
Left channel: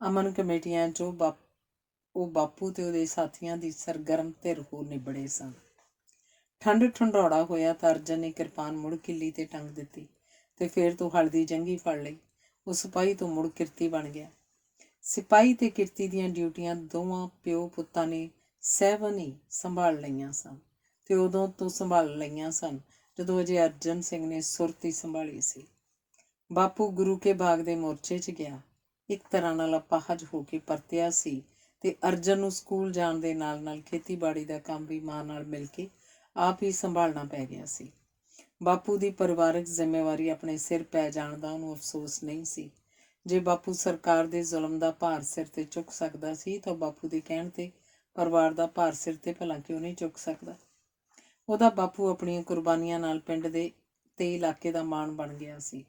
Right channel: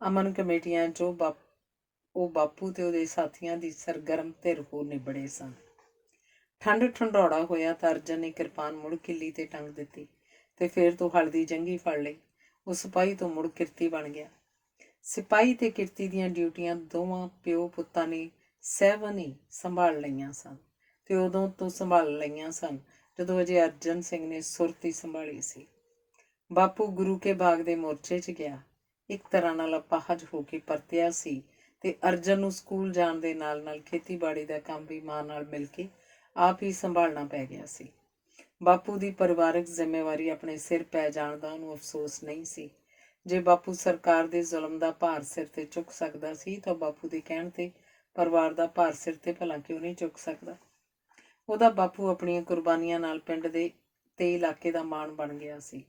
ਅਮਨ ਕਮੇਟੀਆਂ 'ਚ ਉਹ ਬਾਪੂ ਤੇ ਉਹਦੇ ਸਾਥੀਆਂ ਦੀ ਸਰਗਰਮ ਧਿਰ ਹੋ ਨਿਬੜੇ ਸਨ। ਠੰਡ ਠੰਡੌੜਾ ਹੋਇਆ ਤਾਂ ਅਰਜਨ ਨੇ ਕਿਰਪਾਨ ਮੁੜ ਕਿੱਲੀ ਤੇ ਟੰਗ ਦਿੱਤੀ ਤੇ ਫਿਰ ਤੋਂ ਹਲਦੀ ਜੰਗੀ ਫੜ ਲਈ। ਉਹ ਸਿਪਾਹੀ ਤੋਂ ਮੁੜ ਕਿਰਤੀ ਬਣ ਗਿਆ। ਸਿਪਾਹੀ ਤੇ ਕਿਰਤੀ ਦੀਆਂ ਡਿਊਟੀਆਂ ਦੋਵਾਂ ਪਿਓ ਪੁੱਤਾਂ ਨੇ ਸਹਿਵਨ ਹੀ ਸੰਭਾਲ ਲਈਆਂ ਸਨ ਤੇ ਉਦੋਂ ਤੋਂ ਸੰਭਾਲ ਲਈਆਂ ਸਨ ਜਦੋਂ ਅਜੇ ਅਰਜਨ ਸਿੰਘ ਨੇ ਸੁਰਤੀ ਸੰਭਾਲੀ ਸੀ। ਬਾਪੂ ਗੁਰੂ ਕੇ ਬਾਗ ਦੇ ਮੋਰਚੇ 'ਚ ਗਿਆ, ਇੱਕ ਤਰ੍ਹਾਂ ਨਾਲ ਅਪਾਹਜ ਹੋ ਕੇ ਪਰਤਿਆ ਸੀ ਤੇ ਅਰਜਨ ਨੂੰ ਸਕੂਲ ਜਾਣ ਦੇ ਨਾਲ ਨਾਲ ਖੇਤੀਬਾੜੀ ਦਾ ਕੰਮ ਵੀ ਮਾਂ ਨਾਲ ਮਿਲ ਕੇ ਆਪ ਹੀ ਸੰਭਾਲਣਾ ਪੈ ਗਿਆ ਸੀ। ਬਾਪੂ ਦੀ ਪਰਿਵਾਰਕ ਜ਼ਿੰਮੇਵਾਰੀ ਆਪਣੇ ਸਿਰ ਪੈ ਜਾਣ ਦਾ ਉਹਨੂੰ ਅਫਸੋਸ ਨਹੀਂ ਸੀ। ਜੇ ਬਾਪੂ ਸਰਕਾਰ ਦੇ ਜ਼ੁਲਮ ਦਾ ਭਾਰ ਸਿਰ ਤੇ ਚੁੱਕ ਸਕਦਾ ਸੀ ਤਾਂ ਬਾਪੂ ਦੇ ਕਹਿਣ ਤੇ ਪਰਿਵਾਰ ਦਾ ਭਾਰ ਸਿਰ ਤੇ ਭਲਾ ਕਿਉਂ ਨਹੀਂ ਚੁੱਕ ਸਕਦਾ? ਉਹਦਾ ਬਾਪੂ ਆਪਣੀਆਂ ਕੁਰਬਾਨੀਆਂ ਨਾਲ ਪਿੰਡ ਦੇ ਤੇ ਇਲਾਕੇ ਦਾ ਮਾਣ ਬਣ ਗਿਆ ਸੀ।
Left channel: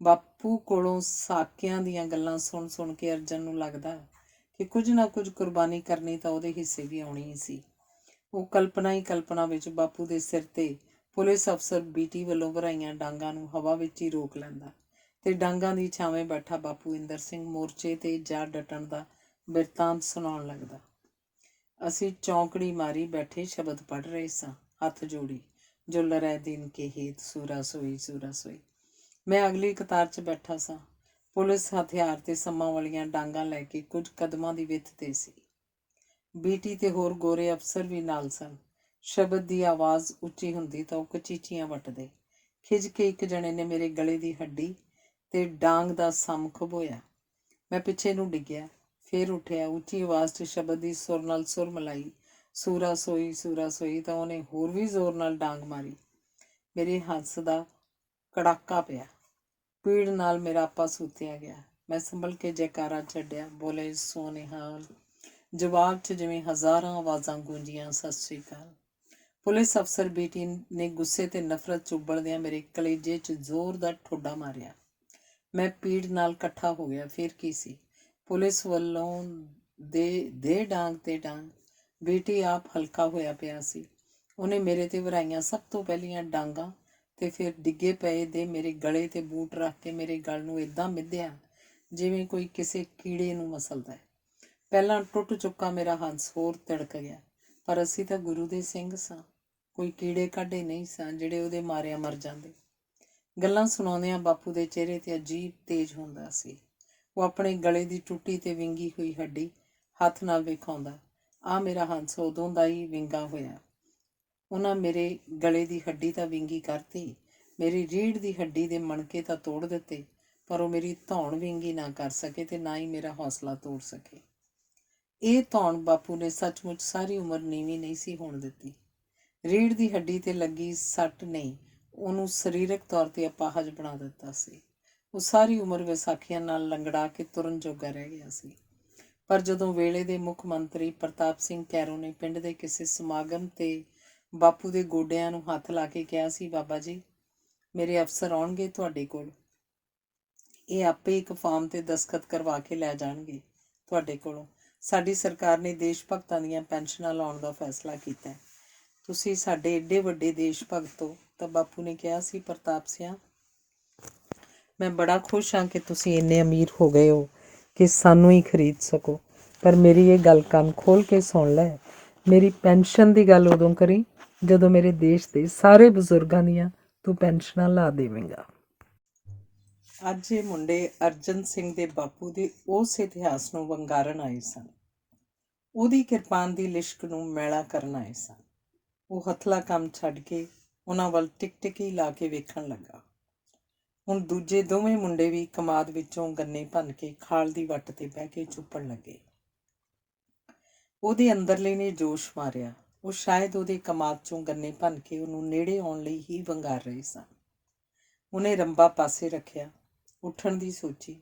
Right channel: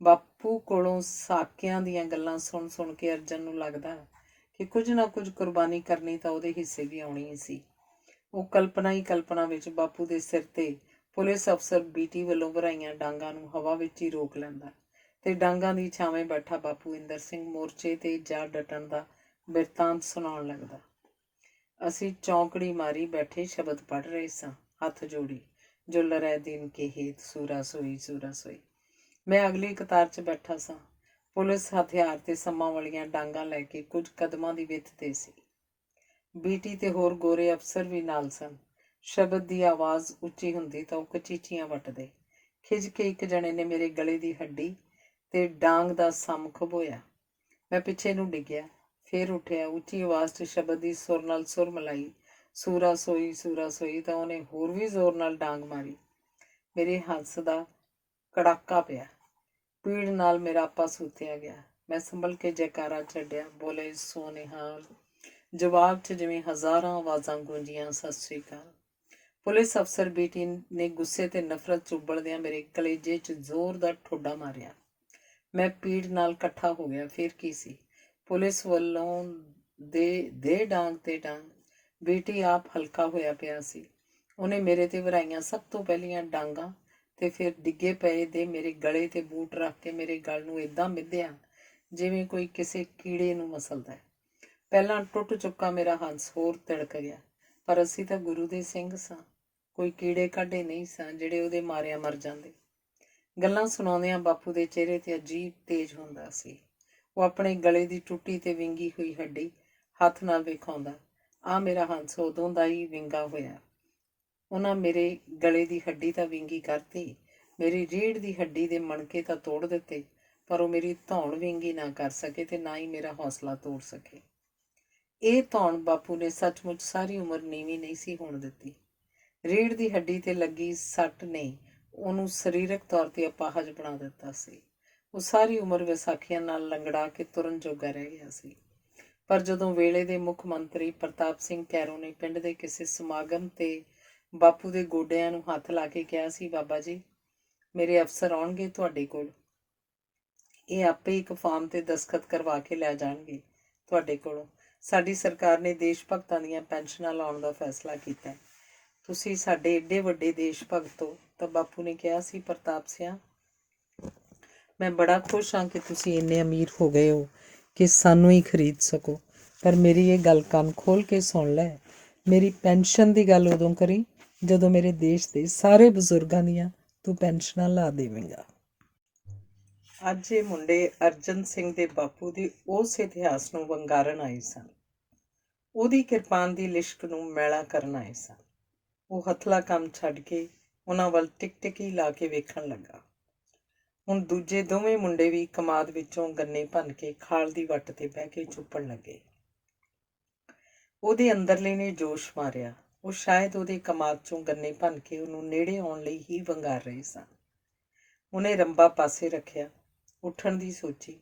ਬਾਪੂ ਕੋਲੋਂ ਸਾਕਿਆਂ ਦੀਆਂ ਗੱਲਾਂ ਸੁਣ ਸੁਣ ਕੇ ਅਰਜਨ ਨੂੰ ਲੱਗਦਾ ਕਿ ਕੁਝ ਨਾ ਕੁਝ ਕੁਰਬਾਨੀ ਕਰਨੀ ਤਾਂ ਉਹਦੇ ਹਿੱਸੇ ਵੀ ਆਉਣੀ ਹੀ ਸੀ। ਉਹ ਕਲਪਨਾ ਹੀ ਕਲਪਨਾ ਵਿੱਚ ਬਾਪੂ ਦੇ ਸਿਰ ਤੇ ਪੁਲਿਸ ਅਫਸਰ ਬੀਟੀ ਵੱਲੋਂ ਭਰਾਈਆਂ ਡਾਂਗਾਂ ਨੂੰ ਹਵਾ ਵਿੱਚ ਹੀ ਰੋਕ ਲੈਂਦਾ ਤੇ ਡਾਂਗਾਂ ਦੀ ਛਾਵੇਂ ਬੈਠਾ ਬਾਪੂ ਇੰਦਰ ਸਿੰਘ ਮੋਰਚੇ ਤੇ ਜਾ ਡਟਣ ਦਾ ਬਿਰਤਾਂਤ ਸੁਣਾਉਣ ਲੱਗਦਾ। ਅਸੀਂ ਚੌਂਕੜੀ ਮਾਰੀ ਬੈਠੇ ਸ਼ਬਦ ਪੜ੍ਹ ਰਹੇ ਸਾਂ, ਹੱਥ ਜੋੜੀ, ਜੋ ਲਰੈ ਦਿਨ ਕੇ ਹੇਤ ਸੂਰਾ ਸੋਈ ਸੂਰਾ ਸੋਈ। ਮੈਂ ਅਗਲੀ ਕਤਾਰ 'ਚ ਬੈਠਾ ਸਾਂ। ਪੁਲਿਸ ਹਥਿਆਰ ਤੇ ਸੰਮਾਂ ਵਾਲੀਆਂ ਡਾਂਗਾਂ ਲੈ ਕੇ ਕੁਝ ਕਦਮਾਂ ਦੀ ਵਿੱਥ ਤੇ ਸੀ। ਬੀਟੀ ਤੇ ਹੋਰ ਗੋਰੇ ਅਫਸਰ ਵੀ ਨਾਲ ਸਨ। ਸ਼ਬਦ ਦੀ ਆਵਾਜ਼ ਉੱਚੀ ਹੁੰਦੀ ਤਾਂ ਉਹ ਕਚੀਚੀਆਂ ਵੱਟਦੇ। ਖਿੱਚ ਕੇ ਇੱਕ ਜਣੇ ਨੇ ਮੇਰੇ ਗਲੇ ਦੀ ਹੱਡੀ ਤੇ ਡਾਂਗ ਦਾ ਸਮ ਖੁਬੋਇਆ। ਮੈਂ ਪਿੱਛੇ ਨੂੰ ਡਿੱਗਿਆ, ਫੇਰ ਉੱਠਿਆ, ਉੱਚੀ ਆਵਾਜ਼ 'ਚ ਸ਼ਬਦ ਦੀ ਸੁਰ ਨਾਲ ਸੁਰ ਮਿਲਾਈ, ਸੂਰਾ ਸੋਈ ਤਾਂ ਉਹਨੇ ਹੋਰ ਵੀ ਜ਼ੋਰ ਨਾਲ ਡਾਂਗ ਮਾਰੀ। ਮੇਰੇ ਹੱਥ ਦਾ ਕੜਾਕਾ ਪਿਆ, ਪੀੜ ਨਾਲ ਮੇਰਾ ਆਪਾ ਸੂਤਿਆ ਗਿਆ। ਮੈਂ ਸੰਭਲ ਕੇ ਜੈਕਾਰਾ ਛੱਡਿਆ, ਬੋਲੇ ਸੋ ਨਿਹਾਲ। ਜਵਾਬ 'ਚ ਜਿਵੇਂ ਹਜ਼ਾਰਾਂ ਆਵਾਜ਼ਾਂ ਗੂੰਜੀਆਂ, ਸਤਿ ਸ੍ਰੀ ਅਕਾਲ। ਪੁਲਿਸ ਅਫਸਰ ਬੀਟੀ ਨੇ ਗੁੱਸੇ ਤੇ ਨਫ਼ਰਤ 'ਚ ਉਬਲਦਿਆਂ ਮੇਰੇ ਕਲੇਜੇ 'ਚ ਜ਼ੋਰ ਦਾ ਠੋਡਾ ਮਾਰਿਆ। ਮੈਂ ਪੀੜ ਨਾਲ ਇਕੱਠਾ ਹੋ ਗਿਆ। ਫਿਰ ਕੀ ਸੀ? ਪੁਲਿਸ ਵੱਲੋਂ ਦੇ ਡਾਂਗ ਤੇ ਡਾਂਗ। ਬੀਟੀ ਆਪ ਹਲਕਾ ਹੋਇਆ ਪਿਆ ਸੀ। ਉਹਨੇ ਮੇਰੇ ਤੇ ਵਰਾਈਆਂ ਸਭ ਤੋਂ ਪਹਿਲੀਆਂ ਡਾਂਗਾਂ ਤੇ ਫਿਰ ਡਿੱਗੇ ਪਏ ਦੇ ਮੇਰੇ ਗਲੇ ਤੇ ਬੂਟ ਰੱਖ ਕੇ ਮੇਰੇ ਗਲ ਨੂੰ ਏਦਾਂ ਮਿੱਧਿਆ ਜਿਵੇਂ ਕੋਈ ਕਿਸੇ ਕੀੜੇ ਨੂੰ ਮਸਲਦਾ ਹੈ। ਪਹਿਲਾਂ ਟੁੱਟ ਚੁੱਕਾ ਮੇਰਾ ਹੰਸ ਹੋਰ ਤਿੜਕ ਗਿਆ, ਪਰ ਅਸੀਂ ਤਾਂ ਗੁਰੂ ਦੇ ਸਿੰਘ ਸਾਂ, ਕੋਈ ਕੀੜੇ ਕਾਢੇ ਨਹੀਂ ਸਾਂ ਜਿਹੜੇ ਉਹਦੇ ਮਾਰਿਆਂ ਮਰ ਜਾਂਦੇ। ਗੱਲਾਂ ਸੁਣਾਉਂਦਿਆਂ ਬਾਪੂ ਦੇ ਚਿਹਰੇ 'ਤੇ ਅਜੀਬ ਤੇਜ਼ ਹੁੰਦਾ ਸੀ। ਉਹ ਆਪਣੇ ਗਲੇ ਦੀ ਟੁੱਟੀ ਤੇ ਵਿੰਗੀ ਹੋਈ ਹੱਡੀ ਹੱਥ ਨਾਲ ਵਿਖਾਉਂਦਾ, ਆਹ ਮੇਰਾ ਹੰਸ ਉਦੋਂ ਦਾ ਹੀ ਵਿੰਗਾ ਹੋਇਆ। ਉਹਨਾਂ ਮੇਰੇ ਗਲੇ ਦੀ ਹੱਡੀ ਤਾਂ ਵਿੰਗੀ ਕਰਤੀ, ਮੇਰੀ ਰੀੜ੍ਹ ਦੀ ਹੱਡੀ ਦੇ ਮਣਕੇ ਤਾਂ ਤੋੜ ਦਿੱਤੇ, ਪਰ ਉਹ ਮੇਰੀ ਧੌਣ ਵਿੰਗੀ ਨਾ ਕਰ ਸਕੇ ਤੇ ਨਾ ਹੀ ਮੇਰਾ ਹੌਸਲਾ ਤੋੜ ਸਕੇ। ਇਹ ਧੌਣ ਬਾਪੂ ਨੇ ਸੱਚਮੁੱਚ ਸਾਰੀ ਉਮਰ ਨੀਵੀਂ ਨਹੀਂ ਸੀ ਹੋਣ ਦਿੱਤੀ। ਰੀੜ੍ਹ ਦੀ ਹੱਡੀ ਤੇ ਲੱਗੀ ਸੱਟ ਨੇ ਉਹਨੂੰ ਸਰੀਰਕ ਤੌਰ ਤੇ ਅਪਾਹਜ ਬਣਾ ਦਿੱਤਾ ਸੀ। ਉਹ ਸਾਰੀ ਉਮਰ ਵਿਸਾਖੀਆਂ ਨਾਲ ਲੰਗੜਾ ਕੇ ਤੁਰਨ ਜੋਗਾ ਰਹਿ ਗਿਆ ਸੀ। ਪਰ ਜਦੋਂ ਵੇਲੇ ਦੇ ਮੁੱਖ ਮੰਤਰੀ ਪ੍ਰਤਾਪ ਸਿੰਘ ਕੈਰੋਂ ਨੇ ਪਿੰਡ ਦੇ ਕਿਸੇ ਸਮਾਗਮ ਤੇ ਬਾਪੂ ਦੇ ਗੋਡਿਆਂ ਨੂੰ ਹੱਥ ਲਾ ਕੇ ਕਿਹਾ ਸੀ, ਬਾਬਾ ਜੀ, ਮੇਰੇ ਅਫਸਰ ਆਉਣਗੇ ਤੁਹਾਡੇ ਕੋਲ, ਇਹ ਆਪੇ ਇੱਕ ਫਾਰਮ ਤੇ ਦਸਖਤ ਕਰਵਾ ਕੇ ਲੈ ਜਾਣਗੇ ਤੁਹਾਡੇ ਕੋਲੋਂ। ਸਾਡੀ ਸਰਕਾਰ ਨੇ ਦੇਸ਼ ਭਗਤਾਂ ਦੀਆਂ ਪੈਨਸ਼ਨਾਂ ਲਾਉਣ ਦਾ ਫੈਸਲਾ ਕੀਤਾ ਹੈ। ਤੁਸੀਂ ਸਾਡੇ ਏਡੇ ਵੱਡੇ ਦੇਸ਼ ਭਗਤ ਹੋ। ਤਾਂ ਬਾਪੂ ਨੇ ਕਿਹਾ ਸੀ, ਪ੍ਰਤਾਪ ਸਿਆਂ, ਮੈਂ ਬੜਾ ਖੁਸ਼ ਹਾਂ ਕਿ ਤੁਸੀਂ ਇੰਨੇ ਅਮੀਰ ਹੋ ਗਏ ਹੋ ਕਿ ਸਾਨੂੰ ਹੀ ਖਰੀਦ ਸਕੋ, ਪਰ ਮੇਰੀ ਇਹ ਗੱਲ ਕੰਨ ਖੋਲ੍ਹ ਕੇ ਸੁਣ ਲੈ, ਮੇਰੀ ਪੈਨਸ਼ਨ ਦੀ ਗੱਲ ਉਦੋਂ ਕਰੀ ਜਦੋਂ ਮੇਰੇ ਦੇਸ਼ ਦੇ ਸਾਰੇ ਬਜ਼ੁਰਗਾਂ ਦੀਆਂ ਤੂੰ ਪੈਨਸ਼ਨਾਂ ਲਾ ਦੇਵੇਂਗਾ। ਅੱਜ ਇਹ ਮੁੰਡੇ ਅਰਜਨ ਸਿੰਘ ਦੇ ਬਾਪੂ ਦੇ ਉਸ ਇਤਿਹਾਸ ਨੂੰ ਵੰਗਾਰਨ ਆਏ ਸਨ। ਉਹਦੀ ਕਿਰਪਾਨ ਦੀ ਲਿਸ਼ਕ ਨੂੰ ਮੈਲਾ ਕਰਨ ਆਏ ਸਨ। ਉਹ ਹੱਥਲਾ ਕੰਮ ਛੱਡ ਕੇ ਉਹਨਾਂ ਵੱਲ ਟਿਕਟਿਕੀ ਲਾ ਕੇ ਵੇਖਣ ਲੱਗਾ। ਹੁਣ ਦੂਜੇ ਦੋਵੇਂ ਮੁੰਡੇ ਵੀ ਕਮਾਦ ਵਿੱਚੋਂ ਗੰਨੇ ਭੰਨ ਕੇ ਖਾਲ ਦੀ ਵੱਟ ਤੇ ਬਹਿ ਕੇ ਚੁੱਪਣ ਲੱਗੇ। ਉਹਦੇ ਅੰਦਰਲੇ ਨੇ ਜੋਸ਼ ਮਾਰਿਆ। ਉਹ ਸ਼ਾਇਦ ਉਹਦੇ ਕਮਾਦ ਚੋਂ ਗੰਨੇ ਭੰਨ ਕੇ ਉਹਨੂੰ ਨੇੜੇ ਆਉਣ ਲਈ ਹੀ ਵੰਗਾਰ ਰਹੇ ਸਨ। ਉਹਨੇ ਰੰਬਾ ਪਾਸੇ ਰੱਖਿਆ, ਉੱਠਣ ਦੀ ਸੋਚੀ।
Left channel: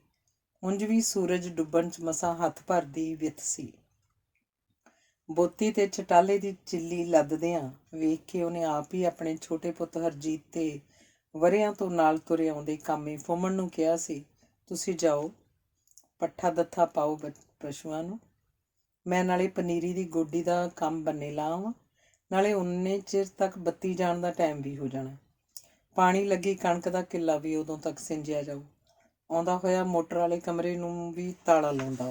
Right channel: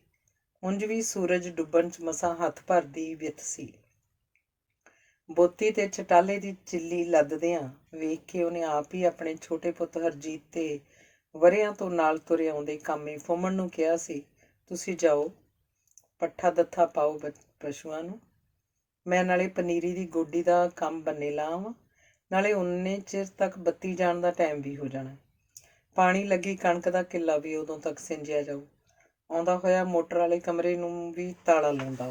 ਉਂਝ ਵੀ ਸੂਰਜ ਡੁੱਬਣ 'ਚ ਮਸਾਂ ਹੱਥ ਭਰ ਦੀ ਵਿੱਥ ਸੀ। ਬੋਤੀ ਤੇ ਚਟਾਲੇ ਦੀ ਚਿੱਲੀ ਲੱਦਦਿਆਂ ਵੇਖ ਕੇ ਉਹਨੇ ਆਪ ਹੀ ਆਪਣੇ ਛੋਟੇ ਪੁੱਤ ਹਰਜੀਤ ਤੇ ਵਰ੍ਹਿਆਂ ਤੋਂ ਨਾਲ ਤੁਰੇ ਆਉਂਦੇ ਕਾਮੇ ਫੁੰਮਣ ਨੂੰ ਕਿਹਾ ਸੀ, ਤੁਸੀਂ ਜਾਓ, ਪੱਠਾ ਦੱਥਾ ਪਾਓ ਪਸ਼ੂਆਂ ਨੂੰ, ਮੈਂ ਨਾਲੇ ਪਨੀਰੀ ਦੀ ਗੋਡੀ ਦਾ ਕੰਮ ਬੰਨੇ ਲਾਵਾਂ, ਨਾਲੇ ਉਨੇ ਚਿਰ ਤੱਕ ਬੱਤੀ ਜਾਣ ਦਾ ਟਾਈਮ ਵੀ ਹੋ ਜਾਣਾ। ਪਾਣੀ ਲੱਗੀ ਕਣਕ ਦਾ ਕਿੱਲਾ ਵੀ ਉਦੋਂ ਤੱਕ ਸਿੰਜਿਆ ਜਾਊ। ਆਉਂਦਾ ਹੋਇਆ ਮੋਟਰ ਵਾਲੇ ਕਮਰੇ ਨੂੰ ਵੀ ਤਾਲਾ ਲਾਉਂਦਾ।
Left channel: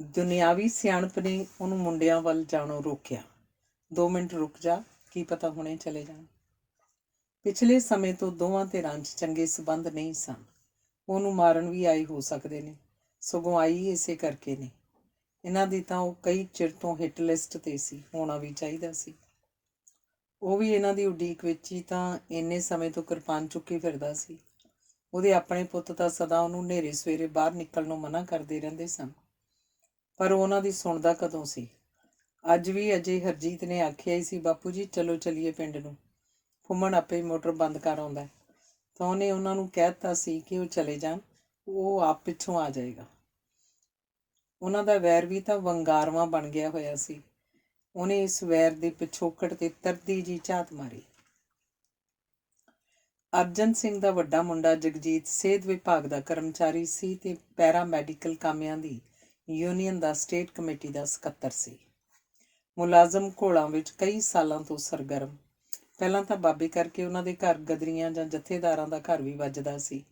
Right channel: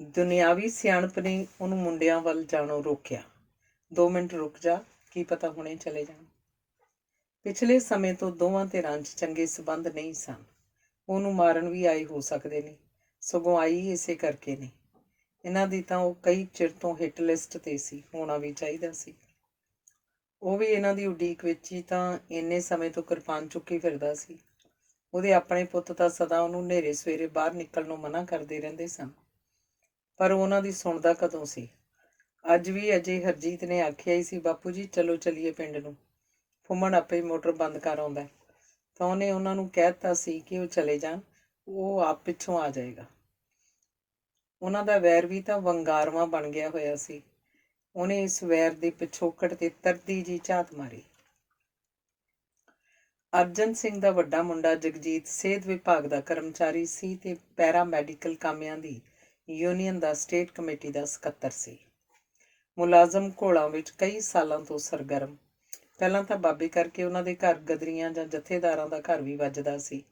ਦੁਨਿਆਵੀ ਸਿਆਣਪ ਨੇ ਉਹਨੂੰ ਮੁੰਡਿਆਂ ਵੱਲ ਜਾਣੋਂ ਰੋਕਿਆ। 2 ਮਿੰਟ ਰੁਕ ਜਾ, ਕੀ ਪਤਾ ਹੁਣੇ ਚਲੇ ਜਾਣ। ਪਿਛਲੇ ਸਮੇਂ ਤੋਂ ਦੋਵਾਂ ਧਿਰਾਂ 'ਚ ਚੰਗੇ ਸਬੰਧ ਨਹੀਂ ਸਨ। ਉਹਨੂੰ ਮਾਰਨ ਵੀ ਆਏ ਹੋ ਸਕਦੇ ਨੇ, ਸਗੋਂ ਆਈ ਇਸੇ ਕਰਕੇ ਨੇ। ਇਹਨਾਂ ਦੀ ਤਾਂ ਉਹ ਕਈ ਚਿਰ ਤੋਂ ਹਿੱਟ ਲਿਸਟ 'ਤੇ ਸੀ, ਹੋਣਾ ਵੀ ਚਾਹੀਦਾ ਸੀ। ਉਹ ਵੀ ਇਹਨਾਂ ਦੀ ਉਡੀਕ ਵਿੱਚ ਹੀ ਤਾਂ ਇੰਨੇ ਸਮੇਂ ਤੋਂ ਕਿਰਪਾਨ ਚੁੱਕੀ ਫਿਰਦਾ ਸੀ। ਉਹਦੇ ਆਪਣੇ ਪੁੱਤ ਤਾਂ ਸਦਾ ਉਹਨੂੰ ਹਨੇਰੇ ਸਵੇਰੇ ਬਾਹਰ ਨਿਕਲਣ ਨੂੰ ਮਨ੍ਹਾ ਕਰਦੇ ਰਹਿੰਦੇ ਸਨ, ਪਰ ਉਹਨਾਂ ਦੀ ਸੁਣਦਾ ਕਦੋਂ ਸੀ। ਅੱਜ ਵੀ ਅਜੇ ਹਰਜੀਤ ਨੇ ਆਖਿਆ ਹੀ ਸੀ, ਬਾਪੂ ਜੀ ਚਲੋ ਚਲੀਏ ਪਿੰਡ ਨੂੰ, ਫੁੰਮਣ ਆਪੇ ਮੋਟਰ ਬੰਦ ਕਰ ਆਉਂਦਾ, ਤਾਂ ਉਹਨੇ ਉਹਨਾਂ ਨੂੰ ਕਹਿ ਦਿੱਤਾ ਸੀ ਕਿ ਉਹ ਚਲੇ ਜਾਣ, ਉਹ ਆਪ ਪਿੱਛੋਂ ਆ ਜਾਏਗਾ। ਉਹਨਾਂ ਦਾ ਵੈਰ ਵੀ ਤਾਂ ਵੰਗਾਰਵਾਂ ਬਣ ਗਿਆ ਹੋਇਆ ਸੀ। ਉਹਨੇ ਇਸ ਵੈਰ ਦੇ ਪਿਛੋਕੜ ਤੇ ਤਰਦੀ ਜੀ ਝਾਤ ਮਾਰੀ। ਅਰਜਨ ਸਿੰਘ ਦਾ ਵੱਡਾ ਮੁੰਡਾ ਜਗਜੀਤ ਸਿਹਤ ਵਿਭਾਗ ਦਾ ਕਰਮਚਾਰੀ ਸੀ ਤੇ ਪੈਰਾ ਮੈਡੀਕਲ ਕਾਮਿਆਂ ਦੀ ਯੂਨੀਅਨ ਦਾ ਸਟੇਟ ਕਮੇਟੀ ਦਾ ਸਕੱਤਰ ਸੀ। ਮੁਲਾਜ਼ਮ ਘੋਲਾਂ ਵਿੱਚ ਕਈ ਸਾਲਾਂ ਤੋਂ ਸਰਗਰਮ। ਪਹਿਲਾਂ ਤਾਂ ਬਾਬੇ ਕਰਕੇ ਉਹਨਾਂ ਦੇ ਘਰ ਗਦਰੀਆਂ ਜਾਂ ਜਥੇਦਾਰਾਂ ਦਾ ਘਰ ਵੀ ਵੱਜਦਾ ਸੀ।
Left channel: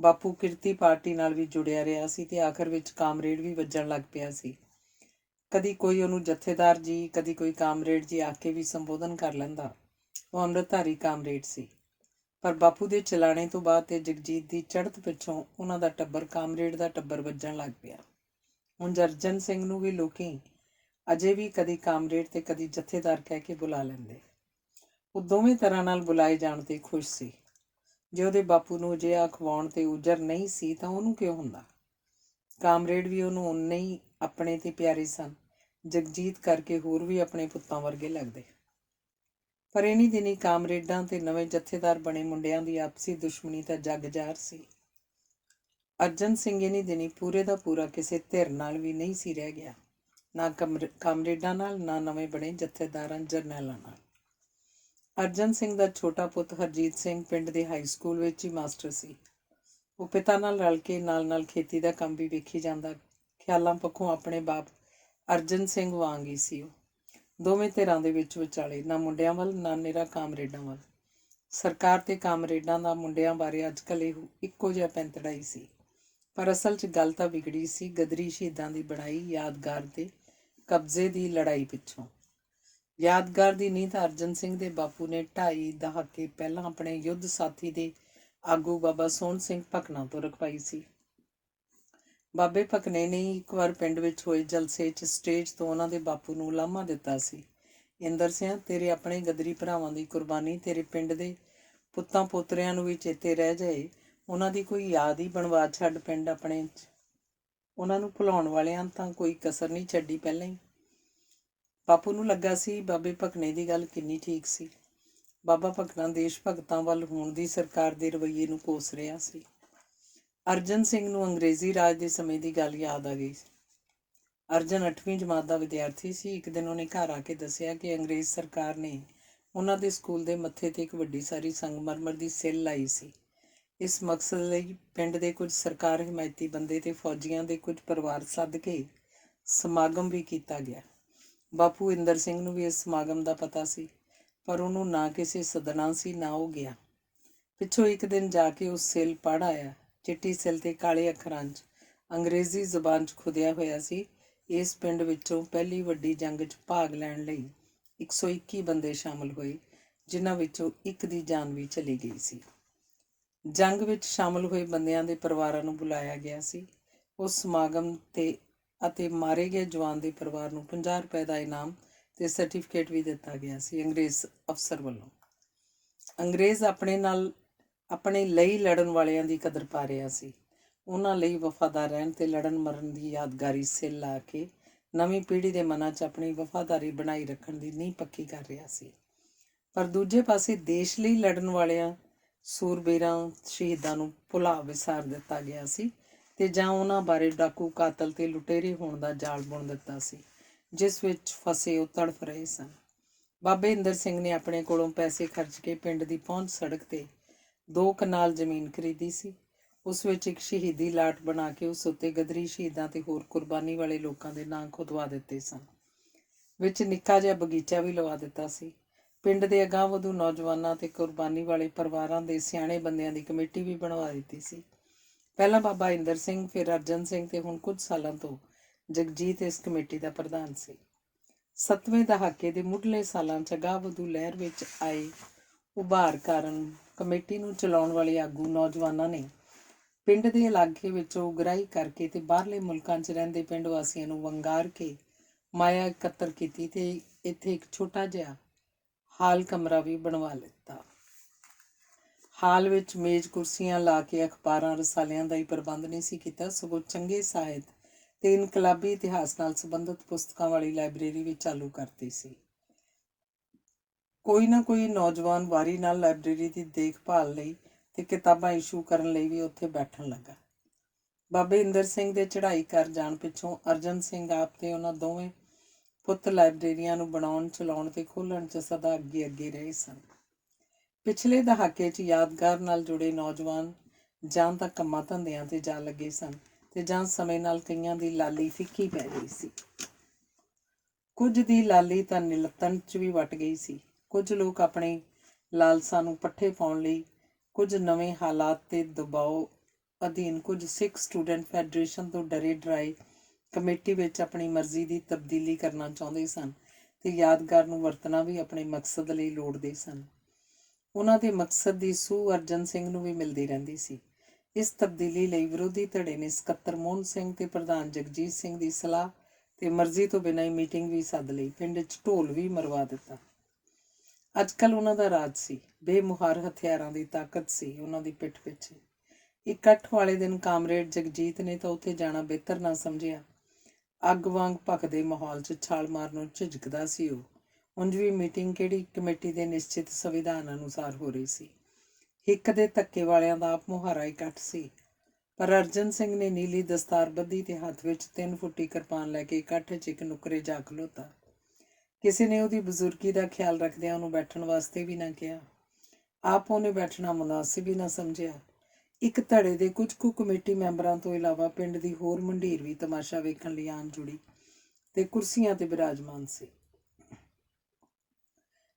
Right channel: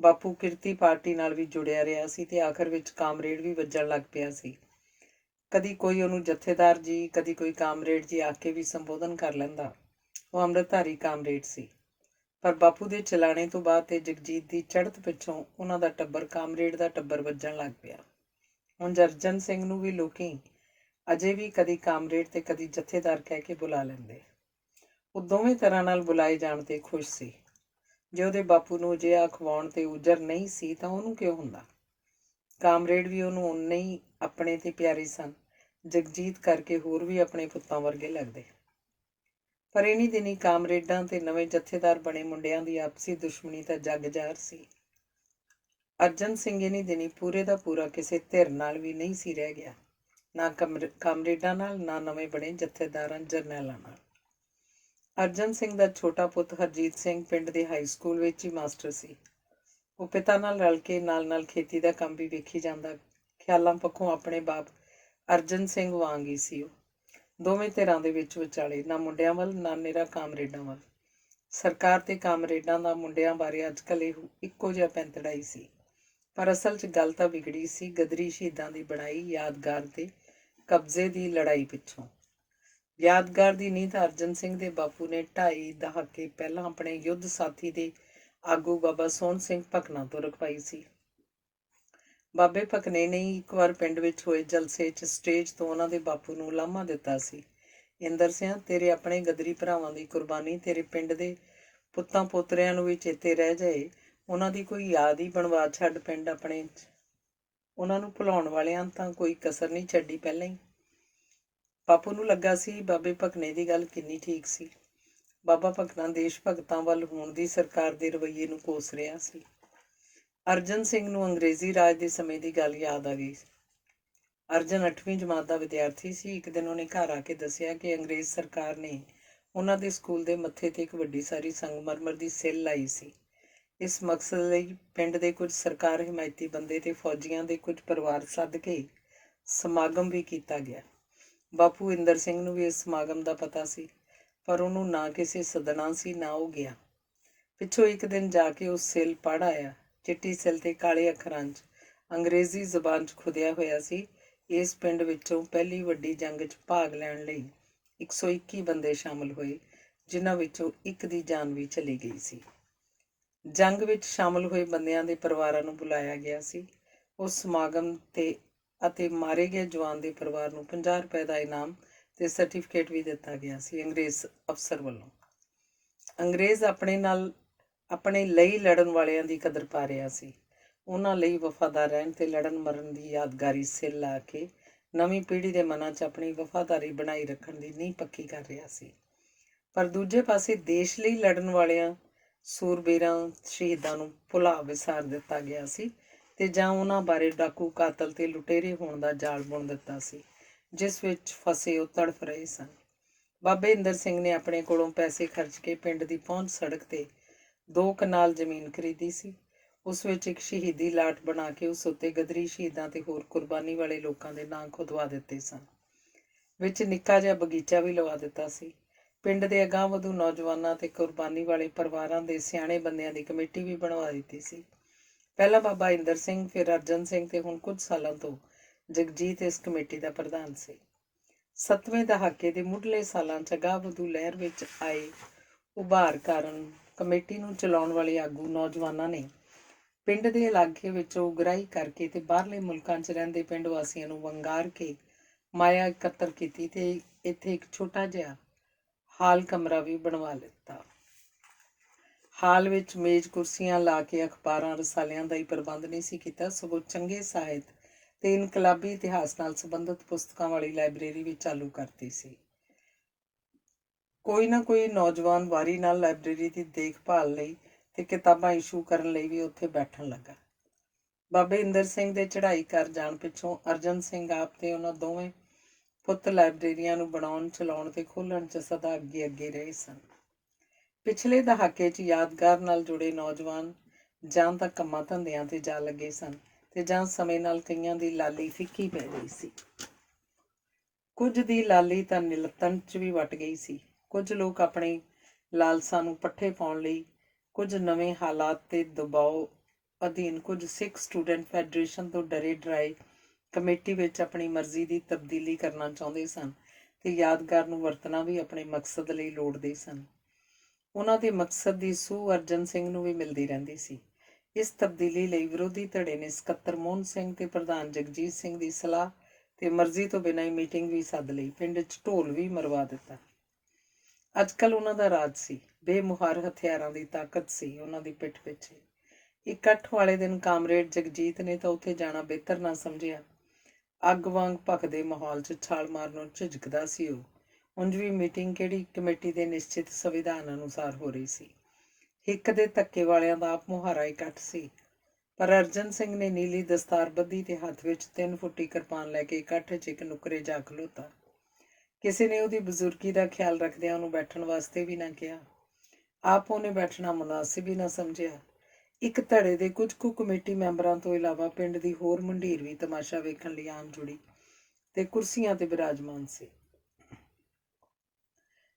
ਬਾਪੂ ਕਿਰਤੀ ਪਾਰਟੀ ਨਾਲ ਵੀ ਜੁੜਿਆ ਰਿਹਾ ਸੀ ਤੇ ਆਖਰ ਵਿੱਚ ਕਾਮਰੇਡ ਵੀ ਵੱਜਣ ਲੱਗ ਪਿਆ ਸੀ। ਕਦੀ ਕੋਈ ਉਹਨੂੰ ਜਥੇਦਾਰ ਜੀ, ਕਦੀ ਕੋਈ ਕਾਮਰੇਡ ਜੀ ਆਖ ਕੇ ਵੀ ਸੰਬੋਧਨ ਕਰ ਲੈਂਦਾ। ਉਹ ਅੰਮ੍ਰਿਤਧਾਰੀ ਕਾਮਰੇਡ ਸੀ। ਪਰ ਬਾਪੂ ਦੇ ਚਲਾਣੇ ਤੋਂ ਬਾਅਦ ਤੇ ਜਗਜੀਤ ਦੀ ਚੜ੍ਹਤ ਪਿੱਛੋਂ ਉਹਨਾਂ ਦਾ ਟੱਬਰ ਕਾਮਰੇਡ ਦਾ ਟੱਬਰ ਵੱਜਣ ਲੱਗ ਪਿਆ। ਹੁਣ ਅਰਜਨ ਸਿੰਘ ਨੂੰ ਵੀ ਲੋਕੀ ਅਜੇ ਵੀ ਕਦੀ ਕਾਮਰੇਡ ਤੇ ਕਦੀ ਜਥੇਦਾਰ ਕਹਿ ਕੇ ਬੁਲਾ ਲੈਂਦੇ। ਉਹ ਦੋਵੇਂ ਤਰ੍ਹਾਂ ਨਾਲ ਬੁਲਾਏ ਜਾਣ ਤੇ ਖੁਸ਼ ਸੀ। ਜੇ ਉਹਦੇ ਬਾਪੂ ਨੂੰ ਅਜਿਹਾ ਅਖਵਾਉਣ ਤੇ ਉਜਰ ਨਹੀਂ ਸੀ ਤਾਂ ਉਹਨੂੰ ਕਿਉਂ ਹੁੰਦਾ। ਕਾਮਰੇਡ ਵੀ ਉਹਨੂੰ ਓਨੇ ਹੀ ਆਪਣੇ ਤੇ ਪਿਆਰੇ ਸਨ। ਜਗਜੀਤ ਕਰਕੇ ਹੋਰ ਵੀ ਆਪਣੇ ਪੁੱਤਾਂ ਵਰਗੇ ਲੱਗਦੇ। ਪਰ ਇਨੀ ਦਿਨੀ ਕਾਮਰੇਡਾਂ ਤੇ ਨਵੇਂ ਜਥੇਦਾਰ ਬਣੇ ਮੁੰਡਿਆਂ ਦੀ ਆਪਸੀ ਦੁਸ਼ਮਣੀ ਤਾਂ ਜੱਗ ਜ਼ਾਹਰ ਸੀ। ਅਰਜਨ ਸਿੰਘ ਇਨੀ ਦਿਨੀ ਪੂਰੇ ਦਾ ਪੂਰਾ ਕਿਸੇ ਧਿਰ ਨਾਲ ਵੀ ਨਹੀਂ ਸੀ ਰਹਿ ਗਿਆ, ਨਾ ਕਾਮਰੇਡਾਂ ਨਾਲ, ਨਾ ਨਵੇਂ ਬਣੇ ਜਥੇਦਾਰਾਂ ਜਰਨੈਲਾਂ ਨਾਲ। ਅਰਜਨ ਸਿੰਘ ਦਾ ਛੋਟਾ ਪੁੱਤ ਹਰਜੀਤ ਸਿੰਘ ਪਿੰਡ ਦੇ ਹਾਈ ਸਕੂਲ ਵਿੱਚ ਹੀ ਮਾਸਟਰ ਸੀ। ਉਹ ਪਿਤਾ ਨਾਲ ਰਲ ਕੇ ਨਾਲ ਖੇਤੀ ਦਾ ਕੰਮ ਵੀ ਵੇਖੀ ਜਾਂਦਾ। ਖਿਆਲਾਂ ਪੱਖੋਂ ਆਪਣੇ ਬਾਪ ਅਰਜਨ ਸਿੰਘ ਵਾਂਗ ਹੀ ਸੀ ਉਹ। ਦੋਵੇਂ ਧਿਰਾਂ ਦੇ ਵਿੱਚ ਵਿਚਾਲੇ, ਨਾ ਮੁੰਡਿਆਂ ਵੱਲ ਨਾ ਨਿਰਾ ਕਾਮਰੇਡਾਂ ਵੱਲ। ਸਰਕਾਰ ਤੇ ਕਾਮਰੇਡਾਂ ਦਾ ਮੁੰਡਿਆਂ ਬਾਰੇ ਅੱਜ ਕੱਲ੍ਹ ਇੱਕੋ ਜਿਹਾ ਪੈਂਤੜਾ ਹੀ ਸੀ। ਪਰ ਅਸਲ 'ਚ ਗੱਲ ਤਾਂ ਵਿਗੜੀ ਸੀ ਗਦਰੀ ਸ਼ਹੀਦਾਂ ਦੀ ਬਣਾਈ ਯਾਦਗਾਰ ਦੇ ਕਬਜ਼ੇ ਦੀ ਲੜਾਈ ਪਿੱਛੋਂ। ਯਾਦਗਾਰ ਦੀ ਨੀਂਹ ਤਾਂ ਅਰਜਨ ਸਿੰਘ ਦੇ ਬਾਪੂ ਨੇ 2.5 ਦਹਾਕੇ ਪਹਿਲਾਂ ਆਪਣੇ ਯੁੱਧ ਸਾਥੀ ਦੇ ਆਗੂ ਬਾਬਾ ਸੋਹਣ ਸਿੰਘ ਭਕਨਾ ਤੋਂ ਰਖਵਾਈ ਸੀ। ਬਾਬੇ ਭਕਨੇ ਨੇ ਇੱਕ ਵਾਰ ਪਿੰਡ ਵਿੱਚ ਹੋਏ ਜਲਸੇ 'ਚ ਸਟੇਜ ਤੋਂ ਉਹਨਾਂ ਦੇ ਬਾਪੂ ਨੂੰ ਉਲਾਮਾ ਦਿੱਤਾ ਸੀ, ਇੰਦਰ ਸਿੰਘ, ਤੇਰੇ ਆਪਣੇ ਗਦਰੀ ਭਰਾਵਾਂ ਦੀ ਕੁਰਬਾਨੀ ਤੇਰੇ ਪਿੰਡ ਦੇ ਪੁੱਤਾਂ ਪੋਤਰਿਆਂ ਨੂੰ ਵੀ ਚੇਤੇ ਰਹਿ ਜਾਏ। ਉਹਨਾਂ ਦੀ ਕੋਈ ਯਾਦ ਹੀ ਬਣਵਾ ਛੱਡ ਪਿੰਡ ਆਪਣੇ 'ਚ। ਉਹਨਾਂ ਨੂੰ ਭੁਲਾਉਣ ਵਾਲਿਆਂ ਤਾਂ ਕੋਈ ਕਸਰ ਨਹੀਂ ਛੱਡੀ ਪਹਿਲਾਂ ਹੀ। ਬਾਪੂ ਨੂੰ ਲੱਗਾ ਸੀ ਬਾਬੇ ਭਕਨੇ ਦੀ ਗੱਲ ਕਿੰਨੀ ਠੀਕ ਸੀ। ਬਾਬਾ ਭਕਨਾ ਦੇਸ਼ ਭਗਤਾਂ ਵੱਲ ਹੋਣ ਦੀ ਸਰਕਾਰ ਦੇ ਰਵੱਈਏ ਨੂੰ ਕੋਸ ਰਿਹਾ ਸੀ। ਅਰਜਨ ਸਿੰਘ ਨੂੰ ਅੰਗਰੇਜ਼ੀ ਰਾਜ ਦੇ ਸਮੇਂ ਦੀ ਗੱਲ ਯਾਦ ਆ ਗਈ। ਅਰਜਨ 8ਵੀਂ ਜਮਾਤ ਦਾ ਵਿਦਿਆਰਥੀ ਸੀ। ਇੱਕ ਦਿਨ ਉਹਨੇ ਘਰ ਆ ਕੇ ਦੱਸਿਆ ਕਿ ਅੰਗਰੇਜ਼ ਸਰਕਾਰ ਨੇ ਉਹਨਾਂ ਦੇ ਸਕੂਲ ਦੇ ਮੱਥੇ 'ਤੇ ਇੱਕ ਵੱਡੀ ਸਾਰੀ ਸੰਗਮਰਮਰ ਦੀ ਸਿੱਲ ਲਾਈ ਸੀ। ਇਸ ਮਕਸਦ ਲਈ ਪਿੰਡ ਦੇ ਕੁਝ ਸਰਕਾਰ ਹਿਮਾਇਤੀ ਬੰਦੇ ਤੇ ਫੌਜੀਆਂ ਦੇ ਕੁਝ ਪਰਿਵਾਰ ਸੱਦ ਕੇ ਸਮਾਗਮ ਵੀ ਕੀਤਾ ਗਿਆ। ਬਾਪੂ ਇੰਦਰ ਸਿੰਘ ਨੂੰ ਵੀ ਇਸ ਸਮਾਗਮ ਦਾ ਪਤਾ ਸੀ, ਪਰ ਉਹਨੂੰ ਨਾ ਕਿਸੇ ਸੱਦਣਾ ਸੀ ਨਾ ਉਹ ਗਿਆ। ਪਿੱਛੋਂ ਇੱਕ ਦਿਨ ਜਾ ਕੇ ਉਹ ਸਿੱਲ ਪੜ੍ਹ ਆਇਆ। ਚਿੱਟੀ ਸਿੱਲ 'ਤੇ ਕਾਲੇ ਅੱਖਰਾਂ 'ਚ ਅੰਗਰੇਜ਼ੀ ਜ਼ਬਾਨ 'ਚ ਖੁਦਿਆ ਹੋਇਆ ਸੀ, ਇਸ ਪਿੰਡ ਵਿੱਚੋਂ ਪਹਿਲੀ ਵੱਡੀ ਜੰਗ 'ਚ ਭਾਗ ਲੈਣ ਲਈ 121 ਬੰਦੇ ਸ਼ਾਮਲ ਹੋਏ, ਜਿਨ੍ਹਾਂ ਵਿੱਚੋਂ ਇੱਕ ਦੀ ਜਾਨ ਵੀ ਚਲੀ ਗਈ ਸੀ। ਜੰਗ ਵਿੱਚ ਸ਼ਾਮਲ ਹੋਏ ਬੰਦਿਆਂ ਦੇ ਪਰਿਵਾਰਾਂ ਨੂੰ ਬੁਲਾਇਆ ਗਿਆ ਸੀ। ਉਸ ਸਮਾਗਮ ਤੇ ਅਤੇ ਮਾਰੇ ਗਏ ਜਵਾਨ ਦੇ ਪਰਿਵਾਰ ਨੂੰ 50 ਰੁਪਏ ਦਾ ਇਨਾਮ ਤੇ ਸਰਟੀਫਿਕੇਟ ਵੀ ਦਿੱਤਾ ਗਿਆ ਸੀ ਅੰਗਰੇਜ਼ ਅਫਸਰ ਵੱਲੋਂ। ਅੰਗਰੇਜ਼ ਆਪਣੇ ਲਈ ਲੜਨ ਵਾਲਿਆਂ ਦੀ ਕਦਰ ਪਾ ਰਿਹਾ ਸੀ। ਉਹਨਾਂ ਲਈ ਵਫਾਦਾਰ ਰਹਿਣ ਤੇ ਲੜਨ ਮਰਨ ਦੀ ਯਾਦਗਾਰੀ ਸਿੱਲ ਲਾ ਕੇ ਨਵੀਂ ਪੀੜ੍ਹੀ ਦੇ ਮਨਾਂ 'ਚ ਆਪਣੀ ਵਫਾਦਾਰੀ ਬਣਾਈ ਰੱਖਣ ਦੀ ਨੀਂਹ ਪੱਕੀ ਕਰ ਰਿਹਾ ਸੀ। ਪਰ ਦੂਜੇ ਪਾਸੇ ਦੇਸ਼ ਲਈ ਲੜਨ ਵਾਲਿਆਂ ਸੂਰਬੀਰਾਂ ਸ਼ਹੀਦਾਂ ਨੂੰ ਭੁਲਾ ਵਿਸਾਰ ਦਿੱਤਾ ਗਿਆ ਸੀ ਤੇ ਜਾਂ ਉਹਨਾਂ ਬਾਰੇ ਡਾਕੂ, ਕਾਤਲ ਤੇ ਲੁਟੇਰੇ ਹੋਣ ਦਾ ਜਾਲ ਬੁਣ ਦਿੱਤਾ ਸੀ, ਜਿਸ ਵਿੱਚ ਫਸੇ ਉਹ ਤੜਫ ਰਹੇ ਸਨ। ਬਾਬੇ ਇੰਦਰ ਸਿੰਘ ਨੇ ਆਪਣੇ ਕੋਲੋਂ ਪੈਸੇ ਖਰਚ ਕੇ ਪਿੰਡ ਦੀ ਪਹੁੰਚ ਸੜਕ ਤੇ 2 ਕਨਾਲ ਜ਼ਮੀਨ ਖਰੀਦੀ ਸੀ। ਉਸ ਵਿੱਚ ਇੱਕ ਸ਼ਹੀਦੀ ਲਾਟ ਬਣਾ ਕੇ ਉਸ ਉੱਤੇ ਗਦਰੀ ਸ਼ਹੀਦਾਂ ਤੇ ਹੋਰ ਕੁਰਬਾਨੀ ਵਾਲੇ ਲੋਕਾਂ ਦੇ ਨਾਂ ਖੁਦਵਾ ਦਿੱਤੇ ਸਨ। ਵਿੱਚ ਨਿੱਕਾ ਜਿਹਾ ਬਗੀਚਾ ਵੀ ਲਵਾ ਦਿੱਤਾ ਸੀ। ਪਿੰਡ ਦੇ ਅਗਾਂਹ-ਵਧੂ ਨੌਜਵਾਨਾਂ ਤੇ ਕੁਰਬਾਨੀ ਵਾਲੇ ਪਰਿਵਾਰਾਂ ਦੇ ਸਿਆਣੇ ਬੰਦਿਆਂ ਦੀ ਕਮੇਟੀ ਵੀ ਬਣਵਾ ਦਿੱਤੀ ਸੀ। ਪਹਿਲਾਂ ਬਾਬਾ ਇੰਦਰ ਸਿੰਘ, ਫਿਰ ਅਰਜਨ ਸਿੰਘ ਤੇ ਹੁਣ ਕੁਝ ਸਾਲਾਂ ਤੋਂ ਜਗਜੀਤ ਇਸ ਕਮੇਟੀ ਦਾ ਪ੍ਰਧਾਨ ਸੀ। 7ਵੇਂ ਦਹਾਕੇ ਦੇ ਮੁੱਢਲੇ ਸਾਲਾਂ 'ਚ ਅਗਾਂਹ-ਵਧੂ ਲਹਿਰ ਵਿੱਚ ਆਏ ਉਭਾਰ ਕਾਰਨ ਕਮੇਟੀ ਨੂੰ ਚਲਾਉਣ ਵਾਲੇ ਆਗੂ ਨੌਜਵਾਨਾਂ ਨੇ ਪਿੰਡ ਦੇ ਇਲਾਕੇ ਵਿੱਚੋਂ ਉਗਰਾਹੀ ਕਰਕੇ ਤੇ ਬਾਹਰਲੇ ਮੁਲਕਾਂ 'ਚ ਰਹਿੰਦੇ ਪਿੰਡ ਵਾਸੀਆਂ ਨੂੰ ਵੰਗਾਰ ਕੇ ਮਾਇਆ ਇਕੱਤਰ ਕੀਤੀ ਤੇ ਇੱਥੇ ਇੱਕ ਛੋਟਾ ਜਿਹਾ ਹਾਲ ਕਮਰਾ ਵੀ ਬਣਵਾ ਲਿੱਤਾ। ਹਾਲ ਵਿੱਚ ਮੇਜ਼ ਕੁਰਸੀਆਂ ਲਾ ਕੇ ਅਖਬਾਰਾਂ ਰਸਾਲਿਆਂ ਦਾ ਹੀ ਪ੍ਰਬੰਧ ਨਹੀਂ ਸੀ ਕੀਤਾ, ਸਗੋਂ ਚੰਗੇ ਸਾਹਿਤ ਤੇ ਇਨਕਲਾਬੀ ਇਤਿਹਾਸ ਨਾਲ ਸੰਬੰਧਿਤ ਪੁਸਤਕਾਂ ਵਾਲੀ ਲਾਇਬ੍ਰੇਰੀ ਵੀ ਚਾਲੂ ਕਰਤੀ ਸੀ। ਕੋਈ ਨਾ ਕੋਈ ਨੌਜਵਾਨ ਵਾਰੀ ਨਾਲ ਲਾਇਬ੍ਰੇਰੀ ਦੀ ਦੇਖਭਾਲ ਲਈ ਤੇ ਕਿਤਾਬਾਂ ਇਸ਼ੂ ਕਰਨ ਲਈ ਵੀ ਉੱਥੇ ਬੈਠਣ ਲੱਗਾ। ਬਾਬੇ ਇੰਦਰ ਸਿੰਘ ਦੇ ਚੜ੍ਹਾਈ ਕਰ ਜਾਣ ਪਿੱਛੋਂ ਅਰਜਨ ਸਿੰਘ ਆਪ ਤੇ ਉਹਨਾਂ ਦੋਵੇਂ ਪੁੱਤ ਲਾਇਬ੍ਰੇਰੀਆਂ ਨੂੰ ਬਣਾਉਣ, ਚਲਾਉਣ ਤੇ ਖੋਲ੍ਹਣ 'ਚ ਸਦਾ ਅੱਗੇ ਰਹੇ ਸਨ। ਪਿਛਲੇ ਦਹਾਕੇ 'ਚ ਯਾਦਗਾਰ ਨਾਲ ਜੁੜੇ ਨੌਜਵਾਨ ਜਾਂ ਤਾਂ ਕੰਮਾਂ ਧੰਦਿਆਂ ਤੇ ਜਾ ਲੱਗੇ ਸਨ ਤੇ ਜਾਂ ਸਮੇਂ ਨਾਲ ਕਈਆਂ ਦੀ ਲਾਲੀ ਫਿੱਕੀ ਪੈ ਗਈ ਸੀ। ਕੁਝ ਦੀ ਲਾਲੀ ਤਾਂ ਨਿਲੱਤਣ 'ਚ ਵੀ ਵੱਟ ਗਈ ਸੀ। ਕੁਝ ਲੋਕ ਆਪਣੇ ਲਾਲਸਾ ਨੂੰ ਪੱਠੇ ਪਾਉਣ ਲਈ ਕੁਝ ਨਵੇਂ ਹਾਲਾਤ ਤੇ ਦਬਾਅ ਅਧੀਨ ਕੁਝ ਸਿੱਖ ਸਟੂਡੈਂਟ ਫੈਡਰੇਸ਼ਨ ਤੋਂ ਡਰੇ ਡਰਾਏ ਕਮੇਟੀ ਵਿੱਚ ਆਪਣੀ ਮਰਜ਼ੀ ਦੀ ਤਬਦੀਲੀ ਕਰਨਾ ਚਾਹੁੰਦੇ ਸਨ ਤੇ ਯਾਦਗਾਰ ਨੂੰ ਵਰਤਣਾ ਵੀ ਆਪਣੇ ਮਕਸਦ ਲਈ ਲੋੜਦੇ ਸਨ। ਉਹਨਾਂ ਦੇ ਮਕਸਦ ਦੀ ਸੂਹ ਅਰਜਨ ਸਿੰਘ ਨੂੰ ਵੀ ਮਿਲਦੀ ਰਹਿੰਦੀ ਸੀ। ਇਸ ਤਬਦੀਲੀ ਲਈ ਵਿਰੋਧੀ ਧੜੇ ਨੇ ਸਕੱਤਰ ਮੋਹਨ ਸਿੰਘ ਤੇ ਪ੍ਰਧਾਨ ਜਗਜੀਤ ਸਿੰਘ ਦੀ ਸਲਾਹ ਤੇ ਮਰਜ਼ੀ ਤੋਂ ਬਿਨਾਂ ਹੀ ਮੀਟਿੰਗ ਵੀ ਸੱਦ ਲਈ। ਪਿੰਡ 'ਚ ਢੋਲ ਵੀ ਮਰਵਾ ਦਿੱਤਾ। ਅੱਜ ਕੱਲ੍ਹ ਉਹਨਾਂ ਦਾ ਰਾਜ ਸੀ। ਬੇਮੁਹਾਰ ਹਥਿਆਰਾਂ ਦੀ ਤਾਕਤ ਸੀ ਉਹਨਾਂ ਦੀ ਪਿੱਠ ਪਿੱਛੇ। ਇਕੱਠ ਵਾਲੇ ਦਿਨ ਕਾਮਰੇਡ ਜਗਜੀਤ ਨੇ ਤਾਂ ਉੱਥੇ ਜਾਣਾ ਬਿਹਤਰ ਨਾ ਸਮਝਿਆ। ਅੱਗ ਵਾਂਗ ਭਖਦੇ ਮਾਹੌਲ 'ਚ ਛਾਲ ਮਾਰਨ ਨੂੰ ਝਿਜਕਦਾ ਸੀ ਉਹ। ਉਂਝ ਵੀ ਮੀਟਿੰਗ ਕਿਹੜੀ ਕਮੇਟੀ ਦੇ ਨਿਸ਼ਚਿਤ ਸੰਵਿਧਾਨ ਅਨੁਸਾਰ ਹੋ ਰਹੀ ਸੀ। ਹਿੱਕ ਦੇ ਧੱਕੇ ਵਾਲਿਆਂ ਦਾ ਆਪ ਮੁਹਾਰਾ ਇਕੱਠ ਸੀ। ਪਰ ਅਰਜਨ ਸਿੰਘ ਨੇ ਨੀਲੀ ਦਸਤਾਰ ਬੱਧੀ ਤੇ ਹੱਥ ਵਿੱਚ 3 ਫੁੱਟੀ ਕਿਰਪਾਨ ਲੈ ਕੇ ਇਕੱਠ 'ਚ ਇੱਕ ਨੁੱਕਰੇ ਜਾ ਖਲੋਤਾ। ਕਿਸੇ ਨੇ ਉਹਦੀ ਬਜ਼ੁਰਗੀ ਦਾ ਖਿਆਲ ਰੱਖਦਿਆਂ ਉਹਨੂੰ ਬੈਠਣ ਵਾਸਤੇ ਵੀ ਨਾ ਕਿਹਾ। ਆਪ ਉਹਨੇ ਬੈਠਣਾ ਮੁਨਾਸਿਬ ਹੀ ਨਾ ਸਮਝਿਆ। ਇੱਕ ਧੜੇ ਦੇ ਕੁਝ ਕੁ ਕਮੇਟੀ ਮੈਂਬਰਾਂ ਤੋਂ ਇਲਾਵਾ ਪਿੰਡ ਦੀ ਹੋਰ ਮੰਡੀਰ ਵੀ ਤਮਾਸ਼ਾ ਵੇਖਣ ਲਈ ਆਮ ਜੁੜੀ ਤੇ ਕੁਰਸੀਆਂ ਤੇ ਬਿਰਾਜਮਾਨ ਸੀ।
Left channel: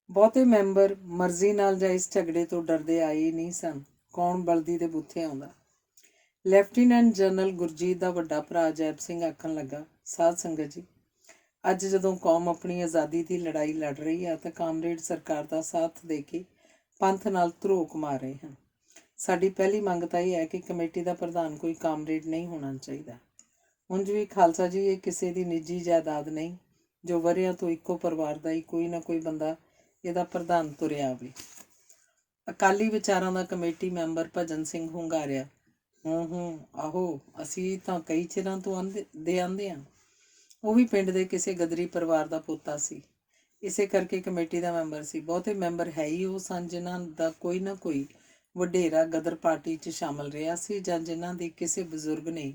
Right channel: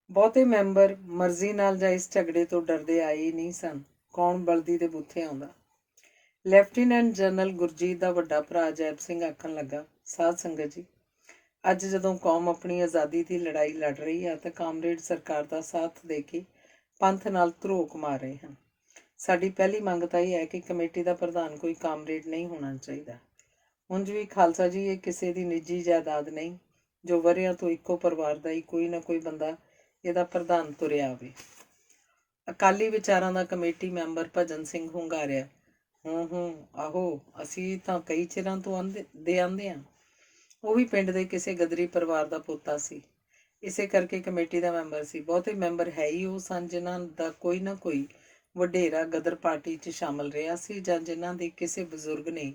ਬਹੁਤੇ ਮੈਂਬਰ ਮਰਜ਼ੀ ਨਾਲ ਜਾਂ ਇਸ ਝਗੜੇ ਤੋਂ ਡਰਦੇ ਆਏ ਹੀ ਨਹੀਂ ਸਨ। ਕੌਣ ਬਲਦੀ ਦੇ ਬੂਥੇ ਆਉਂਦਾ। ਲੈਫਟੀਨੈਂਟ ਜਨਰਲ ਗੁਰਜੀਤ ਦਾ ਵੱਡਾ ਭਰਾ ਅਜੈਬ ਸਿੰਘ ਆਖਣ ਲੱਗਾ, ਸਾਧ ਸੰਗਤ ਜੀ, ਅੱਜ ਜਦੋਂ ਕੌਮ ਆਪਣੀ ਆਜ਼ਾਦੀ ਦੀ ਲੜਾਈ ਲੜ ਰਹੀ ਹੈ ਤਾਂ ਕਾਮਰੇਡ ਸਰਕਾਰ ਦਾ ਸਾਥ ਦੇ ਕੇ ਪੰਥ ਨਾਲ ਧਰੋਕ ਮਾਰ ਰਹੇ ਹਨ। ਸਾਡੀ ਪਹਿਲੀ ਮੰਗ ਤਾਂ ਇਹ ਹੈ ਕਿ ਕਮੇਟੀ ਦਾ ਪ੍ਰਧਾਨ ਕੋਈ ਕਾਮਰੇਡ ਨਹੀਂ ਹੋਣਾ ਚਾਹੀਦਾ। ਉਂਝ ਵੀ ਖਾਲਸਾ ਜੀ ਇਹ ਕਿਸੇ ਦੀ ਨਿੱਜੀ ਜਾਇਦਾਦ ਨਹੀਂ ਜੋ ਵਰ੍ਹਿਆਂ ਤੋਂ ਇੱਕੋ ਪਰਿਵਾਰ ਦਾ ਹੀ ਕੋਈ ਨਾ ਕੋਈ ਬੰਦਾ ਇਹਦਾ ਪ੍ਰਧਾਨ ਤੁਰਿਆ ਆਵੇ। ਅਕਾਲੀ ਵਿਚਾਰਾਂ ਦਾ ਕਮੇਟੀ ਮੈਂਬਰ ਭਜਨ ਸਿੰਘ ਹੁੰਗਾਰਿਆ, ਆਹੋ, ਅਸੀਂ ਤਾਂ ਕਈ ਚਿਰਾਂ ਤੋਂ ਆਂਦੇ ਹਾਂ। ਉਹ ਵੀ ਪਿੰਡ ਦੇ ਕਿਸੇ ਗਦਰੀ ਪਰਿਵਾਰ ਦਾ ਪੋਤਾ ਸੀ, ਇਸੇ ਕਰਕੇ ਕਮੇਟੀ ਦਾ ਮੈਂਬਰ ਸੀ। ਬਹੁਤੇ ਮੈਂਬਰ ਹੈ ਹੀ ਉਹ ਸਨ ਜਿਨ੍ਹਾਂ ਦਾ ਕੋਈ ਨਾ ਕੋਈ ਵਡੇਰਾ ਗਦਰ ਪਾਰਟੀ 'ਚ ਸ਼ਾਮਲ ਰਿਹਾ ਸੀ ਜਾਂ ਜਿਨ੍ਹਾਂ ਦੇ ਕਿਸੇ ਬਜ਼ੁਰਗ ਨੇ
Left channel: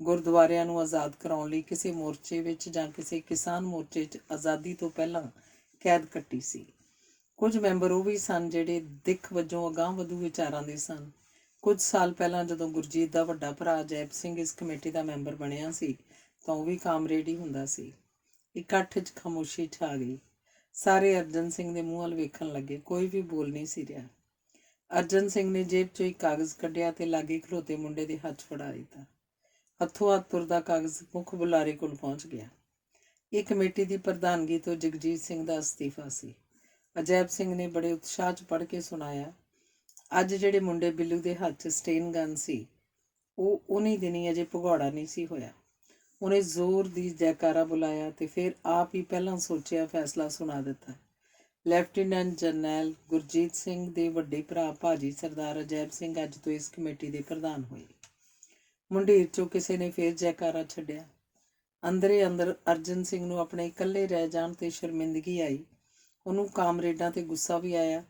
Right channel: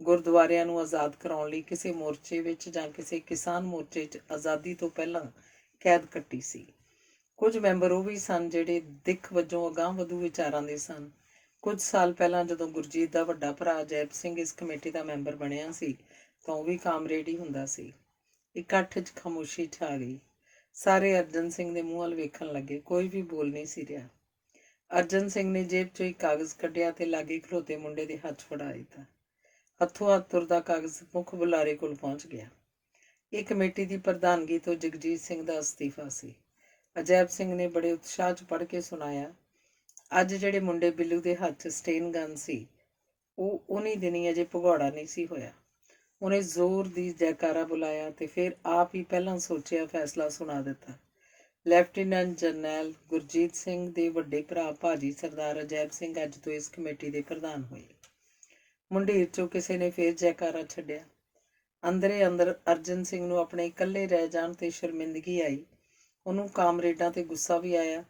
ਗੁਰਦੁਆਰਿਆਂ ਨੂੰ ਆਜ਼ਾਦ ਕਰਾਉਣ ਲਈ ਕਿਸੇ ਮੋਰਚੇ ਵਿੱਚ ਜਾਂ ਕਿਸੇ ਕਿਸਾਨ ਮੋਰਚੇ 'ਚ ਆਜ਼ਾਦੀ ਤੋਂ ਪਹਿਲਾਂ ਕੈਦ ਕੱਟੀ ਸੀ। ਕੁਝ ਮੈਂਬਰ ਉਹ ਵੀ ਸਨ ਜਿਹੜੇ ਦਿੱਖ ਵਜੋਂ ਅਗਾਂਹ ਵਧੂ ਵਿਚਾਰਾਂ ਦੇ ਸਨ। ਕੁਝ ਸਾਲ ਪਹਿਲਾਂ ਜਦੋਂ ਗੁਰਜੀਤ ਦਾ ਵੱਡਾ ਭਰਾ ਅਜੈਬ ਸਿੰਘ ਇਸ ਕਮੇਟੀ ਦਾ ਮੈਂਬਰ ਬਣਿਆ ਸੀ ਤਾਂ ਉਹ ਵੀ ਕਾਮਰੇਡ ਹੀ ਹੁੰਦਾ ਸੀ। ਇਕੱਠ 'ਚ ਖਾਮੋਸ਼ੀ ਛਾ ਗਈ। ਸਾਰੇ ਅਰਜਨ ਸਿੰਘ ਦੇ ਮੂੰਹ ਵੱਲ ਵੇਖਣ ਲੱਗੇ, ਕੋਈ ਵੀ ਬੋਲ ਨਹੀਂ ਸੀ ਰਿਹਾ। ਅਰਜਨ ਸਿੰਘ ਨੇ ਜੇਬ 'ਚੋਂ ਇੱਕ ਕਾਗਜ਼ ਕੱਢਿਆ ਤੇ ਲਾਗੇ ਖਲੋਤੇ ਮੁੰਡੇ ਦੇ ਹੱਥ ਫੜਾ ਦਿੱਤਾ। ਹੱਥੋਂ ਹੱਥ ਤੁਰਦਾ ਕਾਗਜ਼ ਮੁੱਖ ਬੁਲਾਰੇ ਕੋਲ ਪਹੁੰਚ ਗਿਆ। ਇਹ ਕਮੇਟੀ ਦੀ ਪ੍ਰਧਾਨਗੀ ਤੋਂ ਜਗਜੀਤ ਸਿੰਘ ਦਾ ਅਸਤੀਫਾ ਸੀ। ਅਜੈਬ ਸਿੰਘ ਨੇ ਬੜੇ ਉਤਸ਼ਾਹ 'ਚ ਪੜ੍ਹ ਕੇ ਸੁਣਾਇਆ, ਅੱਜ ਜਿਹੜੇ ਮੁੰਡੇ ਬਿੱਲੂ ਦੇ ਹੱਥ 'ਚ ਸਟੇਨ ਗਨ ਸੀ ਉਹ ਉਨੀ ਦਿਨੀ ਅਜੇ ਭਗੌੜਾ ਨਹੀਂ ਸੀ ਹੋਇਆ। ਉਹਨੇ ਜ਼ੋਰ ਦੀ ਜੈਕਾਰਾ ਬੁਲਾਇਆ ਤੇ ਫਿਰ ਆਪ ਹੀ ਪਹਿਲਾਂ ਸੋਚਿਆ ਫੈਸਲਾ ਸੁਣਾ ਦਿੱਤਾ। ਲੈਫਟੀਨੈਂਟ ਜਰਨੈਲ ਗੁਰਜੀਤ ਸਿੰਘ ਦੇ ਵੱਡੇ ਭਰਾ ਭਾਜੀ ਸਰਦਾਰ ਅਜੈਬ ਸਿੰਘ ਅੱਜ ਤੋਂ ਇਸ ਕਮੇਟੀ ਦੇ ਪ੍ਰਧਾਨ ਹੋਏ। ਮੁੰਡੇਰ 'ਚੋਂ ਕਿਸੇ ਨੇ ਫਿਰ ਜੈਕਾਰਾ ਛੱਡਿਆ। ਅੰਦਰੇ ਅੰਦਰ ਅਰਜਨ ਸਿੰਘ ਨੂੰ ਆਪਣੇ ਇਕੱਲੇ ਰਹਿ ਜਾਣ ਤੇ ਸ਼ਰਮਿੰਦਗੀ ਆਈ। ਉਹਨੂੰ ਕਾਮਰੇਡਾਂ ਤੇ ਗੁੱਸਾ ਵੀ ਆਇਆ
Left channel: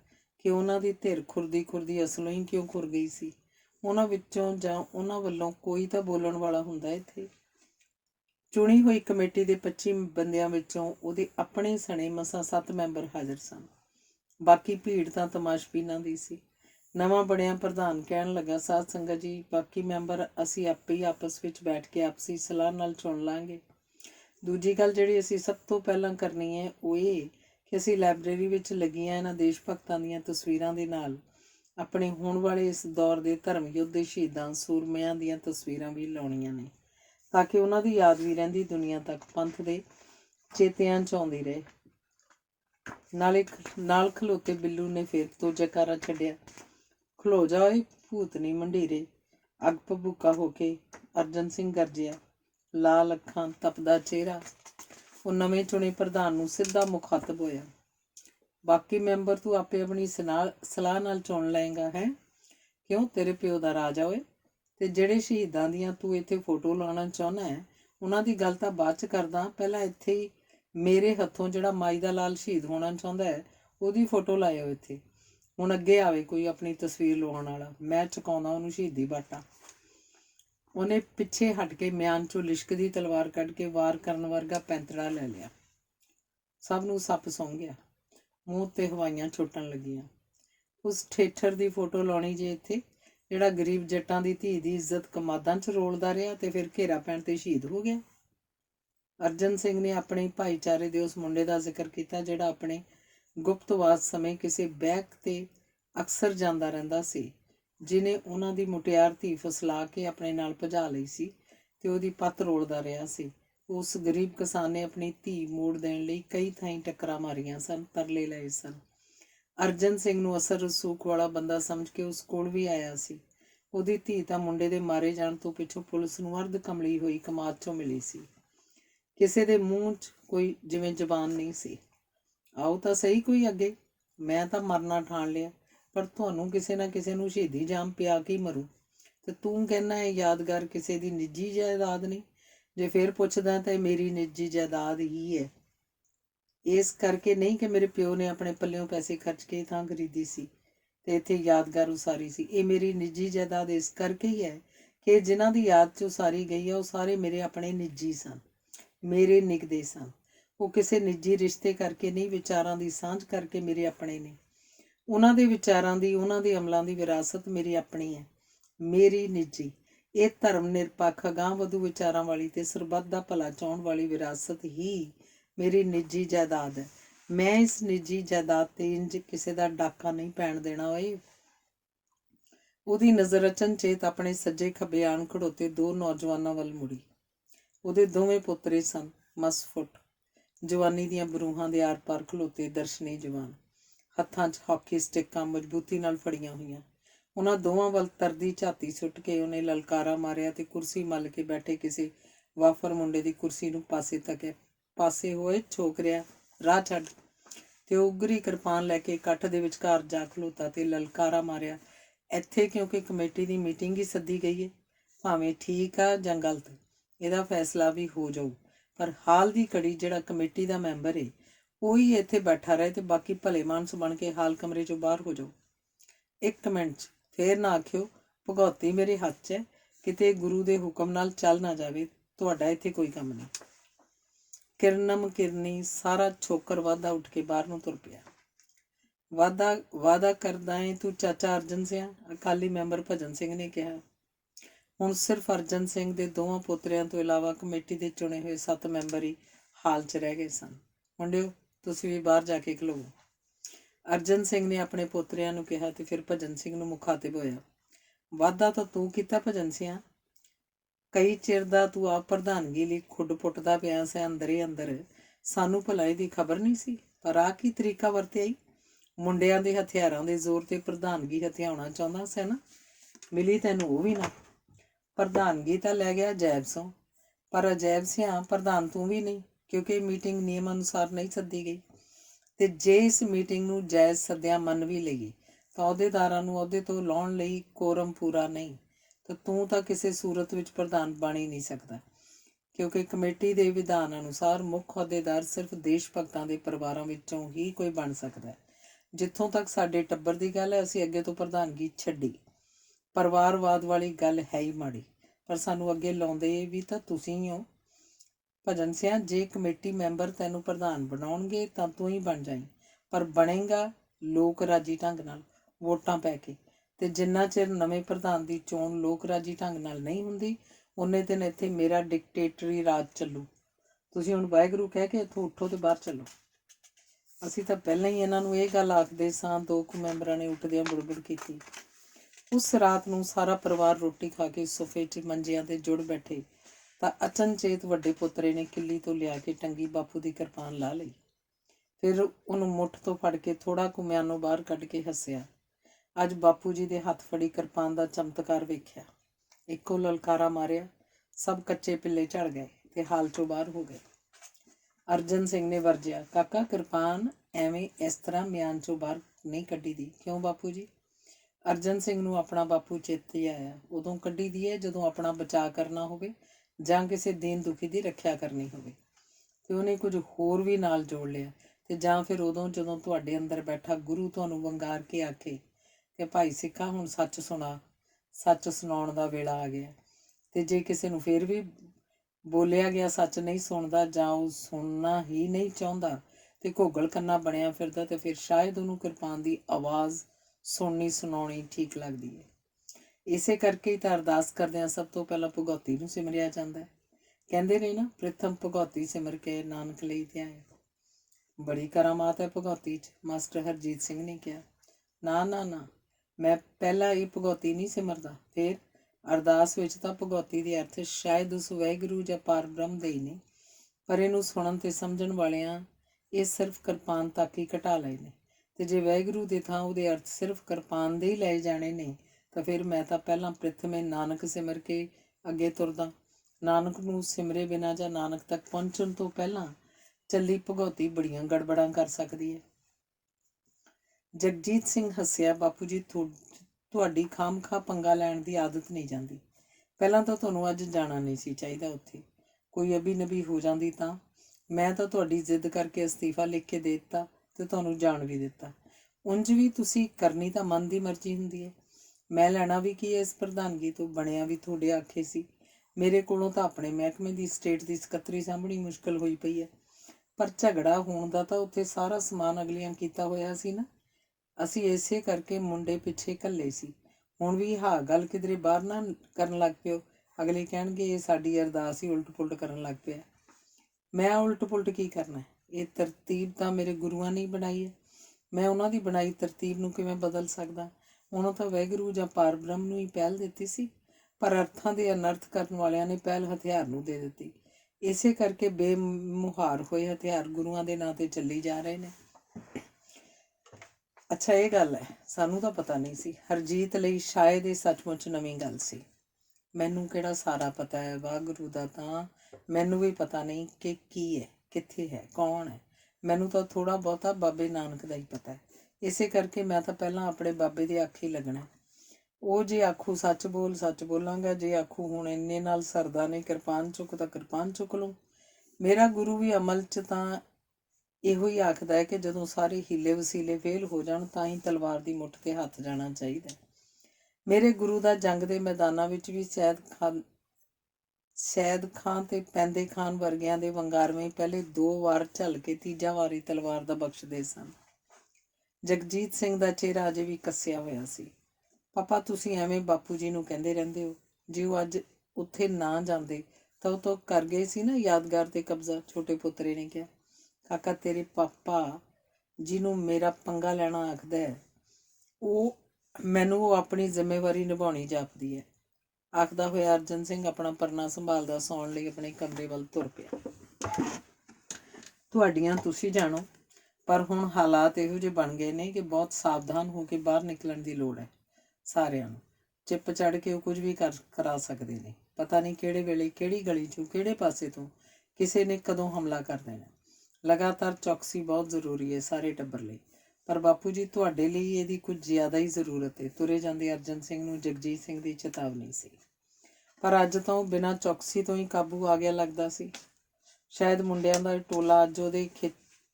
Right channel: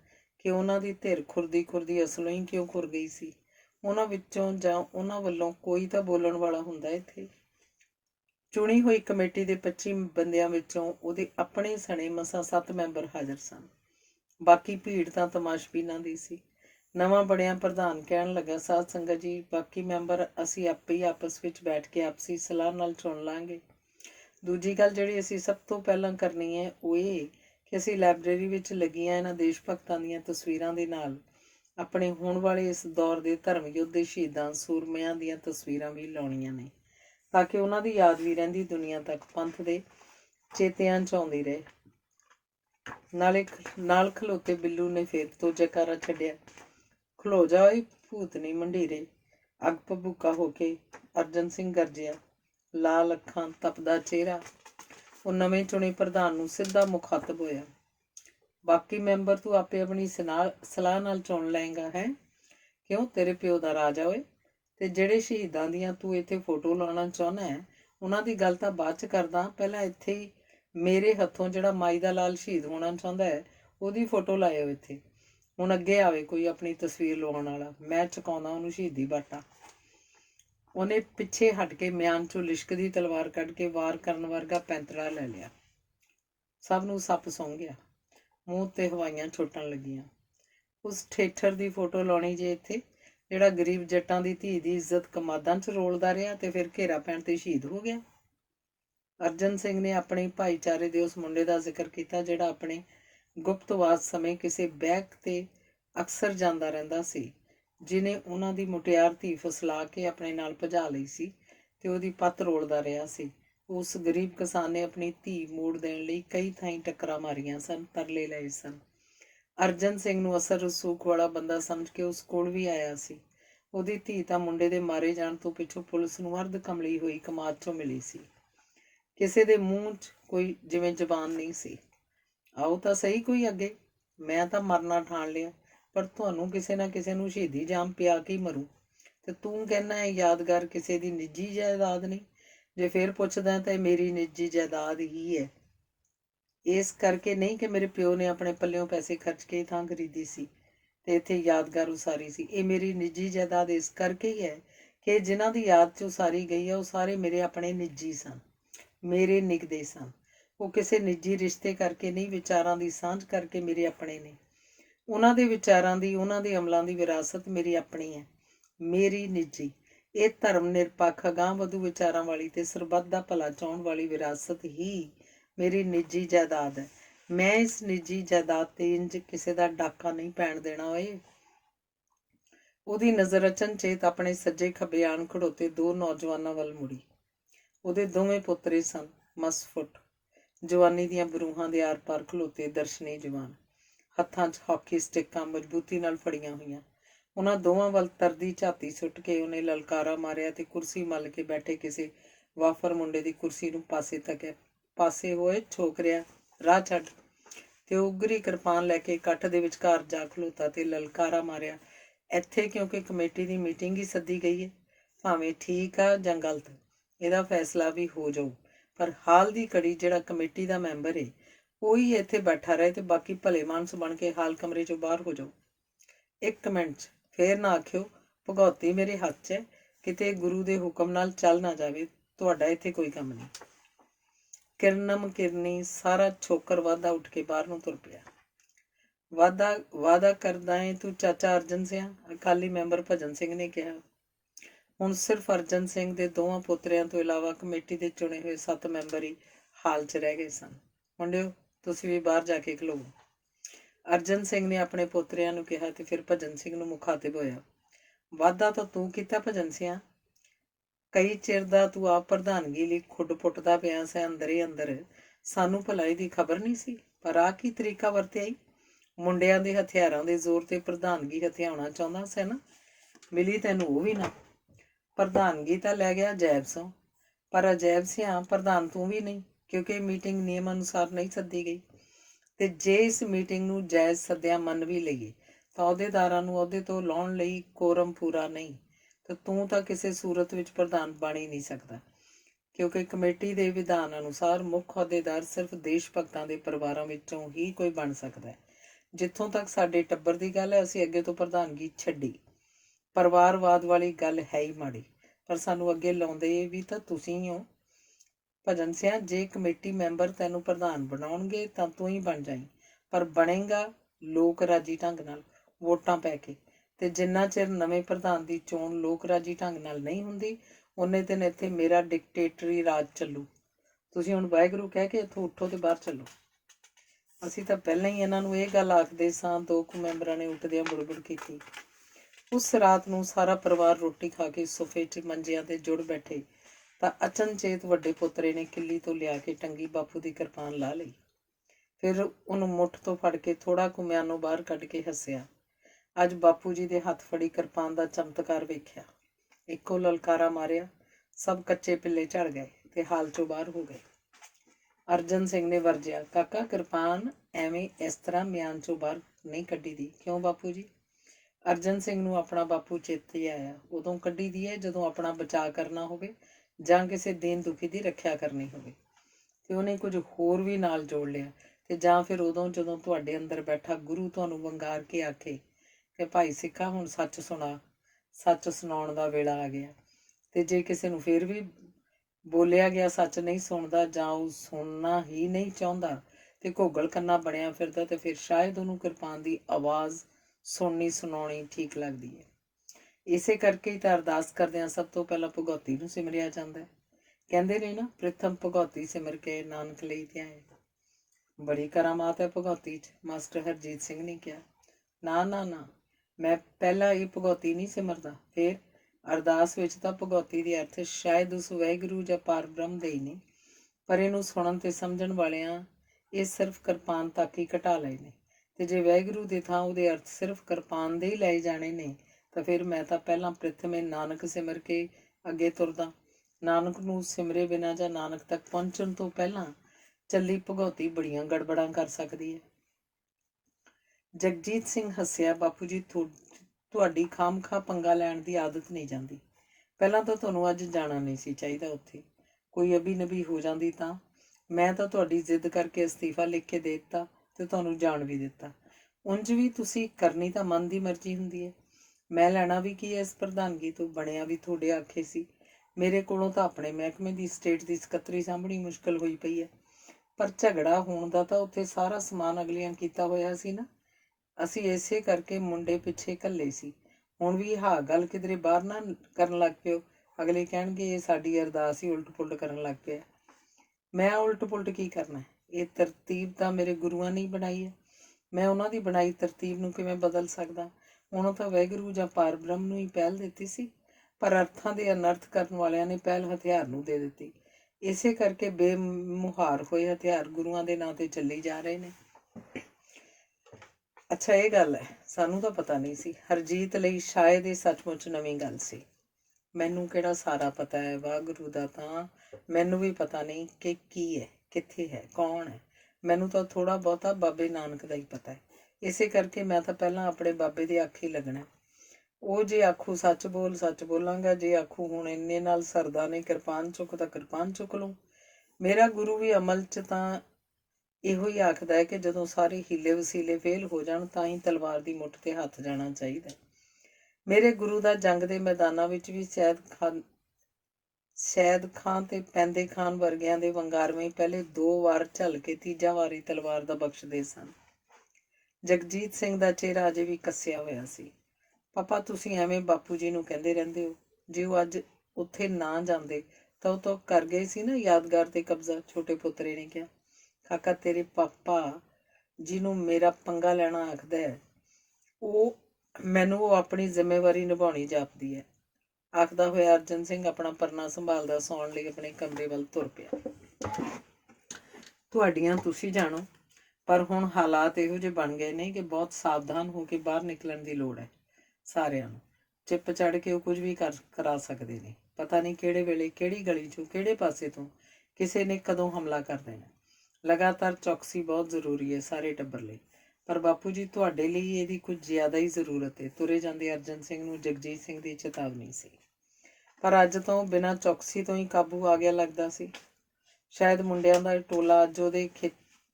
ਕਿ ਉਹਨਾਂ ਦੀ ਧਿਰ ਖੁਰਦੀ ਅਸਲੋਂ ਹੀ ਕਿਉਂ ਖੁਰ ਗਈ ਸੀ। ਉਹਨਾਂ ਵਿੱਚੋਂ ਜਾਂ ਉਹਨਾਂ ਵੱਲੋਂ ਕੋਈ ਤਾਂ ਬੋਲਣ ਵਾਲਾ ਹੁੰਦਾ ਇੱਥੇ। ਚੁਣੀ ਹੋਈ ਕਮੇਟੀ ਦੇ 25 ਬੰਦਿਆਂ ਵਿੱਚੋਂ ਉਹਦੇ ਆਪਣੇ ਸਣੇ ਮਸਾਂ 7 ਮੈਂਬਰ ਹਾਜ਼ਰ ਸਨ। ਬਾਕੀ ਭੀੜ ਤਾਂ ਤਮਾਸ਼ਬੀਨਾਂ ਦੀ ਸੀ। ਨਵਾਂ ਬਣਿਆ ਪ੍ਰਧਾਨ ਕਹਿਣ ਲੱਗਾ, ਸਾਧ ਸੰਗਤ ਜੀ, ਬਾਕੀ ਮੈਂਬਰ ਅਸੀਂ ਆਪੇ ਹੀ ਆਪਸ ਵਿੱਚ ਬੈਠ ਕੇ ਆਪਸੀ ਸਲਾਹ ਨਾਲ ਚੁਣ ਲਾਂਗੇ। ਦੂਜੀ ਗੱਲ ਜਿਹੜੀ ਅਸੀਂ ਸਭ ਤੋਂ ਪਹਿਲਾਂ ਕਰਨੀ ਹੈ ਉਹ ਇਹ ਕਿ ਅਸੀਂ ਲਾਇਬ੍ਰੇਰੀ ਵਿੱਚ ਲੱਗੀਆਂ ਇਹਨਾਂ ਦੇਸ਼ ਭਗਤਾਂ ਦੀਆਂ ਤਸਵੀਰਾਂ ਦੇ ਨਾਲ ਆਪਣੇ ਹੋਣ ਵਾਲੇ ਇਸ ਦੌਰ ਦੇ ਧਰਮ ਯੋਧੇ ਸ਼ਹੀਦਾਂ ਸੂਰਮਿਆਂ ਦੀਆਂ ਤਸਵੀਰਾਂ ਵੀ ਲਾਉਣੀਆਂ ਨੇ ਤਾਂ ਕਿ ਉਹਨਾਂ ਦੀ ਯਾਦ ਵੀ ਰਹਿੰਦੀ ਦੁਨੀਆ ਤੱਕ ਪੰਥ ਦੇ ਚੇਤਿਆਂ 'ਚ ਆਉਂਦੀ ਰਹੇ। ਨਾਲ ਖਲੋਤੇ ਬਿੱਲੂ ਨੇ ਫਿਰ ਤੋਂ ਜੈਕਾਰਾ ਛੱਡਿਆ, ਖਲੋ ਜਾ ਓਏ ਭੂਤਨੀ ਮੰਡੀਰੇ। ਅੱਗ ਭਬੂਕਾ ਹੋ ਕੇ ਅਰਜਨ ਸਿੰਘ ਗਰਜਿਆ, ਲਾਲ ਅੱਖਾਂ, ਤਪਦਾ ਚਿਹਰਾ। ਉਹ ਨਵੇਂ ਚੁਣੇ ਪ੍ਰਧਾਨ ਨੂੰ ਸਿੱਧਾ ਮੁਖਾਤਬ ਹੋਇਆ, ਬਾਕੀ ਮੈਂਬਰ ਤੂੰ ਆਪੇ ਆਪਣੀ ਸਲਾਹ ਨਾਲ ਚੁਣ ਲਏਗਾ ਹੈ? ਕਿਉਂ, ਤੇਰੇ ਪਿਓ ਦਾ ਰਾਜ ਆ ਓਏ। ਤੇ ਜਿਹੜੇ ਸ਼ਹੀਦਾਂ ਦੀਆਂ ਤੂੰ ਇੱਥੇ ਫੋਟੋ ਲਾਉਣਾ ਚਾਹੁੰਦਾ ਹੈ ਉਹਨਾਂ ਦੀ ਗੱਲ ਤਾਂ ਬਾਅਦ 'ਚ ਕਰਦਾ, ਪਹਿਲਾਂ ਇੱਥੇ ਹੀ ਮੇਰੇ ਹੱਥੋਂ ਜਿਹੜਾ ਮਾਈ ਦਾ ਲਾਲ ਸ਼ਹੀਦ ਹੋਣਾ ਚਾਹੁੰਦਾ ਹੈ ਉਹਦੀ ਫੋਟੋ ਲਾਇਓ ਇੱਥੇ। ਹੁਣ ਅੱਗੇ ਆਵੇ ਕੋਈ ਆਪਣੀ ਤਸਵੀਰ ਲਵਾਉਣ ਵਾਲਾ, ਮੈਂ ਚੁਕਾਉਂਦਾ ਉਹਨੂੰ ਸ਼ਹੀਦੀ ਬਾਟਾ। ਉਹਨੇ ਪਿੱਛੇ ਹਟ ਕੇ ਮਿਆਨ 'ਚੋਂ ਲਿਸ਼ਕਦੀ ਤਲਵਾਰ ਕੱਢ ਕੇ ਵਾਰ ਕਰਨ ਵਰਗਾ ਪੈਂਤੜਾ ਲੈ ਲਿਆ। ਸਭ ਨੂੰ ਸੱਪ ਸੌਂ ਗਿਆ। ਮੂੰਹ ਤੇ ਹਵਾਈਆਂ ਛੁੱਟਣ ਲੱਗੀਆਂ। ਉਸ ਠੇਠਰ ਦੀ ਫੋਟੋ ਲਾਉਣੀ ਜੇ ਇੱਥੇ, ਜਿਹੜਾ ਗਰੀਬ ਜੱਟਾਂ ਦੀ ਧੀ ਦੀ ਇੱਜ਼ਤ ਕਮਾਦਾਂ 'ਚ ਰੋਲਦਾ ਰਿਹਾ ਤੇ ਫਿਰ ਘੇਰਾ ਪੈਣ ਤੇ ਸ਼ਹੀਦ ਹੋ ਗਿਆ। ਅਰਜਨ ਸਿੰਘ ਨੇ ਆਪਣੇ ਭਾਈਚਾਰੇ ਦੇ ਉਸ ਮੁੰਡੇ ਦਾ ਜ਼ਿਕਰ ਕੀਤਾ ਜਿਹੜਾ ਆਪਣੇ ਗੁਪਤਵਾਸ ਸਮੇਂ ਕਿਸੇ ਬੈਕ ਤੇ ਅਕਸਰ ਜਾਂਦਾ ਰਹਿੰਦਾ ਸੀ, ਜਿਹਨੇ ਉਹਨਾਂ ਦੀ ਮੁਟਿਆਰ ਧੀ ਫਸਲਾ ਕੇ ਆਪਣੇ ਨਾਲ ਭਜਾ ਲਈ ਸੀ ਤੇ ਉਹਦੀ ਪੱਤ ਰੋਲਦਾ ਰਿਹਾ ਸੀ। ਉਸ ਗਰੀਬ ਕਿਸਾਨ ਨੇ ਆਪਣੀ ਧੀ ਮੋੜ ਦੇਣ ਲਈ ਕਈ ਥਾਈਂ ਟੱਕਰਾਂ ਮਾਰੀਆਂ ਸਨ, ਤਰਲੇ ਲਏ ਸਨ। ਅਰਜਨ ਸਿੰਘ ਨੂੰ ਅਸਰ ਰਸੂਖ ਵਾਲਾ ਬੰਦਾ ਸਮਝ ਕੇ ਉਸ ਕੋਲ ਵੀ ਆਇਆ ਸੀ। ਉਹਦੀ ਧੀ ਤਾਂ ਮੁੰਡੇ ਦੇ ਮਾਰੇ ਜਾਣ ਤੋਂ ਪਿੱਛੋਂ ਪੁਲਿਸ ਨੂੰ ਅਰਧ ਕਮਲੀ ਹੋਈ ਕਮਾਦ 'ਚੋਂ ਮਿਲੀ ਸੀ। ਕਿਸੇ ਦੇ ਮੂੰਹ 'ਚ ਕੋਈ ਜਿਵੇਂ ਜ਼ਬਾਨ ਨਹੀਂ ਸੀ। ਆਓ ਤਾਂ ਸਹੀ ਕੋਈ ਅੱਗੇ, ਮੈਂ ਤਾਂ ਮਰਨਾ ਠਾਣ ਲਿਆ, ਪਰ ਤੁਹਾਨੂੰ ਕਿਸੇ ਨਾ ਕਿਸੇ ਨੂੰ ਸ਼ਹੀਦੀ ਜਾਮ ਪਿਆ ਕੇ ਹੀ ਮਰੂ। ਤੇ ਤੂੰ ਕਹਿੰਦਾ ਹੈ ਯਾਦਗਾਰ ਕਿਸੇ ਦੀ ਨਿੱਜੀ ਜਾਇਦਾਦ ਨਹੀਂ। ਜੇ ਫਿਰ ਪੁੱਛਦਾ ਤਾਂ ਇਹ ਮੇਰੀ ਨਿੱਜੀ ਜਾਇਦਾਦ ਹੀ ਹੈ। ਇਸ ਕਰਕੇ ਨਹੀਂ ਕਿ ਮੇਰੇ ਪਿਓ ਨੇ ਆਪਣੇ ਪੱਲਿਓਂ ਪੈਸੇ ਖਰਚ ਕੇ ਥਾਂ ਖਰੀਦੀ ਸੀ ਤੇ ਇੱਥੇ ਯਾਦਗਾਰ ਉਸਾਰੀ ਸੀ। ਇਹ ਮੇਰੀ ਨਿੱਜੀ ਜਾਇਦਾਦ ਇਸ ਕਰਕੇ ਹੀ ਹੈ ਕਿ ਜਿਨ੍ਹਾਂ ਦੀ ਯਾਦ 'ਚ ਉਸਾਰੀ ਗਈ ਹੈ ਉਹ ਸਾਰੇ ਮੇਰੇ ਆਪਣੇ ਨਿੱਜੀ ਸਨ, ਮੇਰੇ ਨਿਗਦੇ ਸਨ। ਉਹ ਕਿਸੇ ਨਿੱਜੀ ਰਿਸ਼ਤੇ ਕਰਕੇ ਨਹੀਂ, ਵਿਚਾਰਾਂ ਦੀ ਸਾਂਝ ਕਰਕੇ ਮੇਰੇ ਆਪਣੇ ਨੇ। ਉਹਨਾਂ ਦੇ ਵਿਚਾਰਾਂ ਦੀ, ਉਹਨਾਂ ਦੇ ਅਮਲਾਂ ਦੀ ਵਿਰਾਸਤ ਮੇਰੀ ਆਪਣੀ ਹੈ, ਮੇਰੀ ਨਿੱਜੀ। ਇਹ ਧਰਮ ਨਿਰਪੱਖ ਅਗਾਂਹ ਵਧੂ ਵਿਚਾਰਾਂ ਵਾਲੀ ਤੇ ਸਰਬੱਤ ਦਾ ਭਲਾ ਚਾਹੁਣ ਵਾਲੀ ਵਿਰਾਸਤ ਹੀ ਮੇਰੀ ਨਿੱਜੀ ਜਾਇਦਾਦ ਹੈ। ਮੈਂ ਇਸ ਨਿੱਜੀ ਜਾਇਦਾਦ ਤੇ ਇੰਜ ਕਿਸੇ ਦਾ ਡਾਕਾ ਨਹੀਂ ਪੈਣ ਦੇਣਾ ਓਏ। ਉਹਦੀ ਨਜ਼ਰ ਅਚਨਚੇਤ ਆਪਣੇ ਸੱਜੇ ਖੱਬੇ ਆਣ ਖੜੋਤੇ ਦੋ ਨੌਜਵਾਨਾਂ ਵੱਲ ਮੁੜੀ। ਉਹਦੇ ਦੋਵੇਂ ਪੁੱਤਰੇ ਸਨ, ਮਸਫੁੱਟ, ਜਵਾਨੀ ਦੀਆਂ ਬਰੂਹਾਂ ਦੇ ਆਰ-ਪਾਰ ਖਲੋਤੇ ਦਰਸ਼ਨੀ ਜਵਾਨ, ਹੱਥਾਂ 'ਚ ਹਾਕੀ ਸਟਿੱਕਾਂ ਮਜ਼ਬੂਤੀ ਨਾਲ ਫੜੀਆਂ ਹੋਈਆਂ। ਉਹਨਾਂ ਦੋਵਾਂ ਵੱਲ ਤਰਦੀ ਝਾਤੀ ਸੁੱਟ ਕੇ ਉਹਨੇ ਲਲਕਾਰਾ ਮਾਰਿਆ ਤੇ ਕੁਰਸੀ ਮੱਲ ਕੇ ਬੈਠੇ ਕਿਸੇ ਵਾਫਰ ਮੁੰਡੇ ਦੀ ਕੁਰਸੀ ਨੂੰ ਪਾਸੇ ਤੱਕਿਆ। ਪਾਸੇ ਹੋਏ ਛੋਕਰਿਆ, ਰਾਹ ਛੱਡ। ਤੇ ਉਹ ਉਗਰੀ ਕਿਰਪਾਨ ਲੈ ਕੇ ਇਕੱਠ ਦੇ ਵਿਚਕਾਰ ਜਾ ਖਲੋਤਾ ਤੇ ਲਲਕਾਰਾ ਮਾਰਿਆ, ਇੱਥੇ ਕਿਉਂਕਿ ਕਮੇਟੀ ਦੀ ਮੀਟਿੰਗ ਹੀ ਸੱਦੀ ਗਈ ਹੈ, ਭਾਵੇਂ ਠੀਕ ਆ ਜਾਂ ਗਲਤ, ਇਹਦਾ ਫੈਸਲਾ ਵੀ ਹੋ ਜਾਊ, ਪਰ ਹਾਲ ਦੀ ਘੜੀ ਜਿਹੜਾ ਕਮੇਟੀ ਦਾ ਮੈਂਬਰ ਏ ਉਹੀ ਇੱਥੇ ਬੈਠਾ ਰਹੇ ਤੇ ਬਾਕੀ ਭਲੇ ਮਾਨਸ ਬਣ ਕੇ ਹਾਲ ਕਮਰੇ 'ਚੋਂ ਬਾਹਰ ਹੋ ਜਾਓ। 1 ਮਿੰਟ 'ਚ ਫੇਰ ਨਾ ਆਖਿਓ ਭਗੌਤੀ ਮੇਰੇ ਹੱਥ 'ਚ ਹੈ, ਕਿਤੇ ਗੁਰੂ ਦੇ ਹੁਕਮ ਨਾਲ ਚੱਲ ਨਾ ਜਾਵੇ, ਤੁਹਾਡਾ ਇੱਥੇ ਕੋਈ ਕੰਮ ਨਹੀਂ। ਕਿਰਨਮ ਕਿਰਨੀ ਸਾਰਾ ਛੋਕਰ ਵਾਧਾ ਉੱਠ ਕੇ ਬਾਹਰ ਨੂੰ ਤੁਰ ਪਿਆ। ਵਾਦਾ ਕਰਦਾ ਏ ਤੂੰ ਚਾਚਾ ਅਰਜਨ ਸਿਆਂ, ਅਕਾਲੀ ਮੈਂਬਰ ਭਜਨ ਸਿੰਘ ਨੇ ਕਿਹਾ। ਹੁਣ ਸਿਰਫ ਅਰਜਨ ਸਿੰਘ ਦੇ ਦੋਵਾਂ ਪੋਤਰਿਆਂ ਤੋਂ ਇਲਾਵਾ ਕਮੇਟੀ ਦੇ ਚੁਣੇ ਹੋਏ 7 ਮੈਂਬਰ ਹੀ ਹਾਲ 'ਚ ਰਹਿ ਗਏ ਸਨ। ਮੁੰਡਿਓ, ਤੁਸੀਂ ਵੀ ਬਾਹਰ ਜਾ ਕੇ ਖਲੋਵੋ, ਅਰਜਨ ਸਿੰਘ ਨੇ ਆਪਣੇ ਪੋਤਰਿਆਂ ਨੂੰ ਕਿਹਾ ਤੇ ਫਿਰ ਭਜਨ ਸਿੰਘ ਨੂੰ ਮੁਖਾਤਿਬ ਹੋਇਆ। ਵਾਧਾ ਤਾਂ ਤੂੰ ਕੀਤਾ ਭਜਨ ਸਿਆਂ, ਕਈ ਚਿਰ ਦਾ ਤੂੰ ਆਪ ਪ੍ਰਧਾਨਗੀ ਲਈ ਖੁੱਡ ਪੁੱਟਦਾ ਪਿਆ ਸੈਂ ਅੰਦਰੇ ਅੰਦਰ, ਸਾਨੂੰ ਭਲਾਈ ਦੀ ਖਬਰ ਨਹੀਂ ਸੀ, ਪਰ ਆਹ ਕੀ ਤਰੀਕਾ ਵਰਤਿਆ ਈ? ਮੁੰਡਿਆਂ ਦੇ ਹਥਿਆਰਾਂ ਦੇ ਜ਼ੋਰ ਤੇ ਪ੍ਰਧਾਨਗੀ ਹਥਿਆਉਣਾ ਚਾਹੁੰਦਾ ਸੈਂ ਨਾ? ਮਿਲੀ ਤੈਨੂੰ ਉਹ ਵੀ ਨਾ। ਪ੍ਰਧਾਨਗੀ ਤਾਂ ਲੈ ਗਿਆ ਅਜੈਬ ਸੋਂ, ਪਰ ਅਜੈਬ ਸਿਆਂ ਪ੍ਰਧਾਨ ਤੂੰ ਵੀ ਨਹੀਂ, ਕਿਉਂਕਿ ਮੀਟਿੰਗ ਨਿਯਮ ਅਨੁਸਾਰ ਨਹੀਂ ਸੱਦੀ ਗਈ। ਤੇ ਜੇ ਇਸ ਮੀਟਿੰਗ ਨੂੰ ਜਾਇਜ਼ ਸੱਦਿਆ ਮੰਨ ਵੀ ਲਈਏ ਤਾਂ ਅਹੁਦੇਦਾਰਾਂ ਨੂੰ ਅਹੁਦੇ ਤੋਂ ਲਾਉਣ ਲਈ ਕੋਰਮ ਪੂਰਾ ਨਹੀਂ, ਤਾਂ ਤੂੰ ਤਾਂ ਕਿਸੇ ਸੂਰਤ ਵਿੱਚ ਪ੍ਰਧਾਨ ਬਣ ਹੀ ਨਹੀਂ ਸਕਦਾ, ਕਿਉਂਕਿ ਕਮੇਟੀ ਦੇ ਵਿਧਾਨ ਅਨੁਸਾਰ ਮੁੱਖ ਅਹੁਦੇਦਾਰ ਸਿਰਫ ਦੇਸ਼ ਭਗਤਾਂ ਦੇ ਪਰਿਵਾਰਾਂ ਵਿੱਚੋਂ ਹੀ ਕੋਈ ਬਣ ਸਕਦਾ ਹੈ। ਜਿੱਥੋਂ ਤੱਕ ਸਾਡੇ ਟੱਬਰ ਦੀ ਗੱਲ ਹੈ, ਅਸੀਂ ਅੱਗੇ ਤੋਂ ਪ੍ਰਧਾਨਗੀ ਛੱਡੀ। ਪਰਿਵਾਰਵਾਦ ਵਾਲੀ ਗੱਲ ਹੈ ਹੀ ਮਾੜੀ, ਪਰ ਸਾਨੂੰ ਅੱਗੇ ਲਾਉਂਦੇ ਵੀ ਤਾਂ ਤੁਸੀਂ ਹੀ ਹੋ। ਭਜਨ ਸਿਆਂ, ਜੇ ਕਮੇਟੀ ਮੈਂਬਰ ਤੈਨੂੰ ਪ੍ਰਧਾਨ ਬਣਾਉਣਗੇ ਤਾਂ ਤੂੰ ਹੀ ਬਣ ਜਾਈਂ, ਪਰ ਬਣੇਗਾ ਲੋਕ ਰਾਜੀ ਢੰਗ ਨਾਲ, ਵੋਟਾਂ ਪੈ ਕੇ। ਤੇ ਜਿੰਨਾ ਚਿਰ ਨਵੇਂ ਪ੍ਰਧਾਨ ਦੀ ਚੋਣ ਲੋਕ ਰਾਜੀ ਢੰਗ ਨਾਲ ਨਹੀਂ ਹੁੰਦੀ, ਉਨੇ ਦਿਨ ਇੱਥੇ ਮੇਰਾ ਡਿਕਟੇਟਰੀ ਰਾਜ ਚੱਲੂ। ਤੁਸੀਂ ਹੁਣ ਵਾਹਿਗੁਰੂ ਕਹਿ ਕੇ ਇੱਥੋਂ ਉੱਠੋ ਤੇ ਬਾਹਰ ਚੱਲੋ। ਅਸੀਂ ਤਾਂ ਪਹਿਲਾਂ ਹੀ ਇਹਨਾਂ ਨੂੰ ਇਹ ਗੱਲ ਆਖਦੇ ਸਾਂ, 2 ਕੁ ਮੈਂਬਰਾਂ ਨੇ ਉੱਠਦਿਆਂ ਬੁੜਬੁੜ ਕੀਤੀ। ਉਸ ਰਾਤ ਨੂੰ ਸਾਰਾ ਪਰਿਵਾਰ ਰੋਟੀ ਖਾ ਕੇ ਸੋਫੇ 'ਚ ਮੰਜਿਆਂ 'ਤੇ ਜੁੜ ਬੈਠੇ ਤਾਂ ਅਚਨਚੇਤ ਵੱਡੇ ਪੁੱਤਰੇ ਨੇ ਕਿੱਲੀ ਤੋਂ ਲਿਆ ਕੇ ਟੰਗੀ ਬਾਪੂ ਦੀ ਕਿਰਪਾਨ ਲਾ ਲਈ। ਫਿਰ ਉਹਨੂੰ ਮੁੱਠ ਤੋਂ ਫੜ ਕੇ ਥੋੜਾ ਕੁ ਮਿਆਨੋਂ ਬਾਹਰ ਕੱਢ ਕੇ ਹੱਸਿਆ। ਅੱਜ ਬਾਪੂ ਜੀ ਦੇ ਹੱਥ ਫੜੀ ਕਿਰਪਾਨ ਦਾ ਚਮਤਕਾਰ ਵੇਖਿਆ। ਇੱਕੋ ਲਲਕਾਰਾ ਮਾਰਿਆ, ਸਭ ਕੱਚੇ ਪਿੱਲੇ ਝੜ ਗਏ ਤੇ ਹਾਲ 'ਚੋਂ ਬਾਹਰ ਹੋ ਗਏ। ਅਰਜਨ ਸਿੰਘ ਨੇ ਵਰਜਿਆ, ਕਾਕਾ ਕਿਰਪਾਨ ਐਵੇਂ ਇਸ ਤਰ੍ਹਾਂ ਮਿਆਨ 'ਚੋਂ ਬਾਹਰ ਨਹੀਂ ਕੱਢੀ ਦੀ। ਕਿਉਂ ਬਾਪੂ ਜੀ? ਅਰਜਨ ਸਿੰਘ ਨੂੰ ਆਪਣਾ ਬਾਪੂ ਚੇਤੇ ਆਇਆ। ਉਦੋਂ ਕੱਢੀ ਦੀ ਹੈ ਜਦੋਂ ਆਪਣਾ ਬਚਾਅ ਕਰਨਾ ਹੋਵੇ ਜਾਂ ਕਿਸੇ ਦੀਨ ਦੁਖੀ ਦੀ ਰੱਖਿਆ ਕਰਨੀ ਹੋਵੇ। ਤੇ ਉਹਨੇ ਕੁਝ ਹੋਰ ਵੀ ਨਾਲ ਜੋੜ ਲਿਆ, ਤੇ ਜਾਂ ਫਿਰ ਉਦੋਂ ਜਦੋਂ ਤੁਹਾਡੇ ਅੰਦਰ ਬੈਠਾ ਗੁਰੂ ਤੁਹਾਨੂੰ ਵੰਗਾਰ ਕੇ ਆਖੇ ਕਿ ਭਾਈ ਸਿੱਖਾ ਹੁਣ ਸੱਚ ਸੁਣਾ, ਸੱਚ ਸੁਣਾਉਣ ਦਾ ਵੇਲਾ ਆ ਗਿਆ। ਤੇ ਜੇ ਕਿਸੇ ਨੂੰ ਫਿਰ ਵੀ ਬੋਲਿਆ ਗਿਆ ਸੱਚ ਨਹੀਂ ਸੁਣਦਾ ਜਾਂ ਉਹ ਸੁਣਨਾ ਹੀ ਨਹੀਂ ਚਾਹੁੰਦਾ ਤੇ ਘੋਗਲ ਕੰਨਾ ਬਣਿਆ ਫਿਰਦਾ, ਤੇ ਫਿਰ ਸ਼ਾਇਦ ਉਹਨੂੰ ਕਿਰਪਾਨ ਦੀ ਆਵਾਜ਼ ਸੁਣਨੀ ਸੁਣਾਉਣੀ ਠੀਕ ਲੱਗਦੀ ਹੈ। ਇਸੇ ਕਰਕੇ ਹੀ ਤਾਂ ਅਰਦਾਸ ਕਰਦਿਆਂ ਸਭ ਤੋਂ ਪਹਿਲਾਂ ਭਗੌਤੀ ਨੂੰ ਸਿਮਰਿਆ ਜਾਂਦਾ ਹੈ। ਕਹਿੰਦੇ ਨੇ ਨਾ, ਪ੍ਰਥਮ ਭਗੌਤੀ ਸਿਮਰ ਕੇ ਨਾਨਕ ਲਈ ਧਿਆਏ। ਬੜੀ ਕਰਾਮਾਤ ਹੈ ਭਗੌਤੀ 'ਚ, ਮਾਸਟਰ ਹਰਜੀਤ ਸਿੰਘ ਨੇ ਕਿਹਾ। ਨਾ ਨਾ ਨਾ, ਮੈਂ ਪਹਿਲਾਂ ਇਹ ਭਗੌਤੀ ਨਹੀਂ ਸਿਮਰਦਾ। ਫਿਰ ਅਰਦਾਸ ਵਿੱਚ ਤਾਂ ਭਗੌਤੀ ਦੇ ਅਰਥ ਸ਼ਾਇਦ ਉਸ ਵਾਹਿਗੁਰੂ ਜਾਂ ਪਾਰ ਬ੍ਰਹਮ ਦੇ ਹੀ ਨੇ, ਪਰ ਇਹਨੂੰ ਸੁਣਨ ਤੇ ਸਮਝਣ ਵਾਲਿਆਂ ਇਹ ਸਿਰਫ ਕਿਰਪਾਨ ਤੱਕ ਹੀ ਘਟਾ ਲਏ ਨੇ। ਤੇ ਜੇ ਵਾਹਿਗੁਰੂ ਦੇ ਥਾਂ ਉਹਦੇ ਅਰਥ ਸਿਰਫ ਕਿਰਪਾਨ ਦੇ ਹੀ ਲਏ ਜਾਣੇ ਨੇ, ਤਾਂ ਫਿਰ ਮੈਂ ਤਾਂ ਪਹਿਲਾਂ ਪ੍ਰਥਮੇ ਨਾਨਕ ਸਿਮਰ ਕੇ ਅੱਗੇ ਤੁਰਦਾ। ਨਾਨਕ ਨੂੰ ਸਿਮਰੇ ਬਿਨਾਂ ਜਾਂ ਨਾਨਕ ਤੱਕ ਪਹੁੰਚਣ ਤੋਂ ਪਹਿਲਾਂ ਚੱਲੀ ਭਗੌਤੀ ਬੜੀਆਂ ਗੜਬੜਾਂ ਕਰ ਸਕਦੀ ਹੈ। ਜਗਜੀਤ ਸਿੰਘ ਹੱਸਿਆ, ਬਾਪੂ ਜੀ ਤੁਹਾਡੀ ਖਾਮਖਾ ਪੰਗਾ ਲੈਣ ਦੀ ਆਦਤ ਨਹੀਂ ਜਾਂਦੀ। ਪਹਿਲਾਂ ਤਾਂ ਤੁਹਾਨੂੰ ਅੱਜ ਜਾਣਾ ਨਹੀਂ ਸੀ ਚਾਹੀਦਾ ਉੱਥੇ, ਕੋਈ ਅਬੀ ਨਬੀ ਹੋ ਜਾਂਦੀ ਤਾਂ। ਮੈਂ ਤਾਂ ਤੁਹਾਡੀ ਜ਼ਿੱਦ ਕਰਕੇ ਅਸਤੀਫਾ ਲਿਖ ਕੇ ਦੇ ਦਿੱਤਾ ਤੇ ਤੁਹਾਨੂੰ ਜਾਣ ਵੀ ਦਿੱਤਾ। ਉਂਝ ਵੀ ਤੁਸੀਂ ਕਰਨੀ ਤਾਂ ਮਨ ਦੀ ਮਰਜ਼ੀ ਹੁੰਦੀ ਹੈ। ਮੈਂ ਲੈਣਾ ਵੀ ਕੀ ਹੈ ਇਸ ਪ੍ਰਧਾਨਗੀ ਤੋਂ, ਬਣਿਆ ਵੀ ਤੁਹਾਡੇ ਆਖੇ ਸੀ। ਮੇਰੇ ਕੋਲੋਂ ਤਾਂ ਆਪਣੇ ਮਹਿਕਮੇ ਦੀ ਸਟੇਟ ਦੀ ਸਕੱਤਰੀ ਸਾਂਭਣੀ ਮੁਸ਼ਕਿਲ ਹੋਈ ਪਈ ਹੈ, ਪਰ ਝਗੜਾ ਹੋਣ ਦਾ ਤਾਂ ਉੱਥੇ ਸਾਰਾ ਸਮਾਨ ਅਗਲਿਆਂ ਕੀਤਾ ਹੋਇਆ ਸੀ ਨਾ। ਅਸੀਂ ਇਸੇ ਕਰਕੇ ਮੁੰਡੇ ਪਿੱਛੇ ਘੱਲੇ ਸੀ। ਹੁਣ ਵੀ ਹਾਂ ਗੱਲ ਕਿਧਰੇ ਬਾਹਰ ਨਾ ਕਰਨ ਲੱਗ ਪਿਓ, ਅਗਲੇ ਕਹਿਣਗੇ ਇਹ ਸਾਡੀ ਅਰਦਾਸ ਹੀ ਉਲਟ ਪੁਲਟ ਕਰਨ ਲੱਗ ਪਿਆ। ਮੈਂ ਉਲਟ ਪੁਲਟ ਕੀ ਕਰਨਾ? ਇਹ ਤਰਤੀਬ ਤਾਂ ਮੇਰੇ ਗੁਰੂਆਂ ਨੇ ਬਣਾਈ ਹੈ, ਮੈਂ ਉਹਨਾਂ ਦੀ ਬਣਾਈ ਤਰਤੀਬ ਨੂੰ ਕਿਵੇਂ ਬਦਲ ਸਕਦਾ? ਉਹਨੂੰ ਤਾਂ ਵਾਹਿਗੁਰੂ ਜਾਂ ਪਾਰ ਬ੍ਰਹਮ ਨੂੰ ਹੀ ਪਹਿਲ ਦਿੱਤੀ ਸੀ, ਪਰ ਅਰਥਾਂ ਦੇ ਅਨਰਥ ਕਰਨ ਵਾਲਿਆਂ ਨੇ ਪਹਿਲ ਹਥਿਆਰ ਨੂੰ ਦੇ ਦਿੱਤੀ। ਇਸੇ ਕਰਕੇ ਬੇਮੁਹਾਰ ਹੋਏ ਹਥਿਆਰ ਗੁਰੂਆਂ ਦੇ ਨਾਂ ਤੇ ਚੱਲੀ ਜਾ ਰਹੇ ਨੇ। ਅੱਛਾ, ਇਹ ਗੱਲ ਹੈ, ਸਾਨੂੰ ਤਾਂ ਪਤਾ ਨਹੀਂ ਸੀ। ਹਰਜੀਤ ਲਈ ਸ਼ਾਇਦ ਇਹ ਸੱਚਮੁੱਚ ਨਵੀਂ ਗੱਲ ਸੀ। ਮੈਨੂੰ ਕਿਹੜਾ ਸਾਰਾ ਪਤਾ ਹੈ, ਵਾਹਿਗੁਰੂ ਦਾ ਤਾਂ ਮੈਨੂੰ ਵੀ ਪਤਾ ਨਹੀਂ ਕਿ ਕੀ ਹੈ, ਕਿੱਥੇ ਹੈ, ਕੌਣ ਹੈ। ਮੈਨੂੰ ਤਾਂ ਥੋੜ੍ਹਾ ਬਹੁਤਾ ਬਾਬੇ ਨਾਨਕ ਦਾ ਹੀ ਪਤਾ ਹੈ। ਇਸੇ ਕਰਕੇ ਮੈਂ ਤਾਂ ਪਹਿਲਾਂ ਆਪਣੇ ਬਾਬੇ ਦੇ ਆਖੇ ਲੱਗਣਾ। ਉਹ ਜੇ ਆਖੂ ਸੱਚ ਬੋਲ, ਸੱਚ ਬੋਲਾਂਗਾ। ਜੇ ਆਖੂ ਹੁਣ ਇੰਨੇ ਨਾਲ ਸਰਦਾ ਨਹੀਂ, ਕਿਰਪਾਨ ਚੁੱਕ ਤਾਂ ਕਿਰਪਾਨ ਚੁੱਕ ਲਊ। ਮੇਰਾ ਗੁਰੂ ਵੀ ਅਮਲ 'ਚ ਤਾਂ ਇਹੋ ਹੀ ਆਖਦਾ ਹੈ ਕਿ ਜਦੋਂ ਸਾਰੇ ਹੀਲੇ ਵਸੀਲੇ ਫੇਲ ਹੋ ਜਾਣ ਤਾਂ ਹੀ ਤਲਵਾਰ ਦੀ ਮੁੱਠ 'ਤੇ ਹੱਥ ਜਾਣਾ ਚਾਹੀਦਾ। ਮੇਰੇ ਗੁਰੂ ਦਾ ਜੰਗ ਦੇ ਮੈਦਾਨਾਂ ਵਿੱਚ ਵੀ ਸੈਦ ਖਾਂ ਤੇ ਪੈਂਦੇ ਖਾਨ ਵਰਗਿਆਂ ਦੇ ਵੰਗਾਰਵੇਂ ਪਹਿਲੇ 2 ਵਾਰ ਝੱਲ ਕੇ ਤੀਜਾ ਵਾਰੀ ਤਲਵਾਰ ਦਾ ਬਖਸ਼ਦੇ ਸਨ। ਜਗਜੀਤ ਸਿੰਘ ਦਾ ਚਿਹਰਾ ਅਜੇ ਵੀ ਕੱਸਿਆ ਹੋਇਆ ਸੀ। ਪਾਪਾ, ਤੁਸੀਂ ਐਵੇਂ ਬਾਪੂ ਜੀ ਨੂੰ ਕਹਿੰਦੇ ਰਹਿੰਦੇ ਹੋ। ਜੇ ਉਹ ਅੱਜ ਉੱਥੇ ਨਾ ਜਾਂਦੇ ਤਾਂ ਉਹ ਤਾਂ ਕਰ ਗਏ ਸੀ ਨਾ ਯਾਦਗਾਰ ਤੇ ਕਬਜ਼ਾ, ਛੋਟੇ ਪੁੱਤਰੇ ਨੇ ਕਿਹਾ। ਕਾਕਾ, ਤੇਰੇ ਪਾਪਾ ਜਿਹਨੂੰ ਮੇਰਾ ਪੰਗਾ ਲੈਣਾ ਆਖਦਾ ਹੈ, ਉਹ ਆਪਣੀ ਜ਼ਿੰਮੇਵਾਰੀ ਨਿਭਾਉਣੀ ਜਾਪਦੀ ਹੈ। ਆਖਦਾ ਹੋਇਆ ਅਰਜਨ ਸਿੰਘ ਆਪਣਾ ਪਰਨਾ ਸੰਭਾਲਦਾ ਸੌਣ ਲਈ ਆਪਣੇ ਕਮਰੇ ਵੱਲ ਤੁਰ ਪਿਆ। ਤੁਹਾਡੀਆਂ ਤੁਸੀਂ ਜਾਣੋ, ਪਰ ਹੁਣ ਹਾਲਾਤ ਇਹੋ ਜਿਹੇ ਬਣ ਗਏ ਨੇ ਕਿ ਬਹੁਤ ਸਾਵਧਾਨ ਹੋ ਕੇ ਬਾਹਰ ਨਿਕਲਣ ਦੀ ਲੋੜ ਹੈ ਸਾਰਿਆਂ ਨੂੰ। ਚਿੱਪ ਚੜ੍ਹ ਕੇ ਉਹ ਕੁਝ ਵੀ ਕਰਾ ਸਕਦੇ ਨੇ। ਪਤਾ ਨਹੀਂ ਕਿਹੜੇ ਵੇਲੇ, ਕਿਹੜੀ ਗਲੀ 'ਚੋਂ, ਕਿਹੜੇ ਪਾਸੇ ਤੋਂ ਕਿਸੇ ਨੇ ਕਦੋਂ ਹਮਲਾ ਕਰ ਦੇਣਾ। ਲਗਾਤਾਰ ਚੌਕਸੀ ਬਹੁਤ ਜ਼ਰੂਰੀ ਹੈ ਸਾਰੇ ਟੱਬਰ ਲਈ। ਪਰ ਬਾਪੂ ਜੀ, ਤੁਹਾਡੇ ਲਈ ਇਹਦੀ ਕੁਝ ਜ਼ਿਆਦਾ ਹੀ ਜ਼ਰੂਰਤ ਹੈ। ਤੁਰੇ ਜਾਂਦੇ ਅਰਜਨ ਸਿੰਘ ਨੂੰ ਜਗਜੀਤ ਸਿੰਘ ਦੀ ਚੇਤਾਵਨੀ ਸੀ। ਪਰ ਅੱਜ ਤਾਂ ਉਹ ਬਿਨਾਂ ਚੌਕਸੀ ਤੋਂ ਹੀ ਕਾਬੂ ਆ ਗਿਆ ਲੱਗਦਾ ਸੀ। ਸ਼ਾਇਦ ਮੁੰਡਿਆਂ ਦਾ ਟੋਲਾ ਅੱਜ ਉਹਦੇ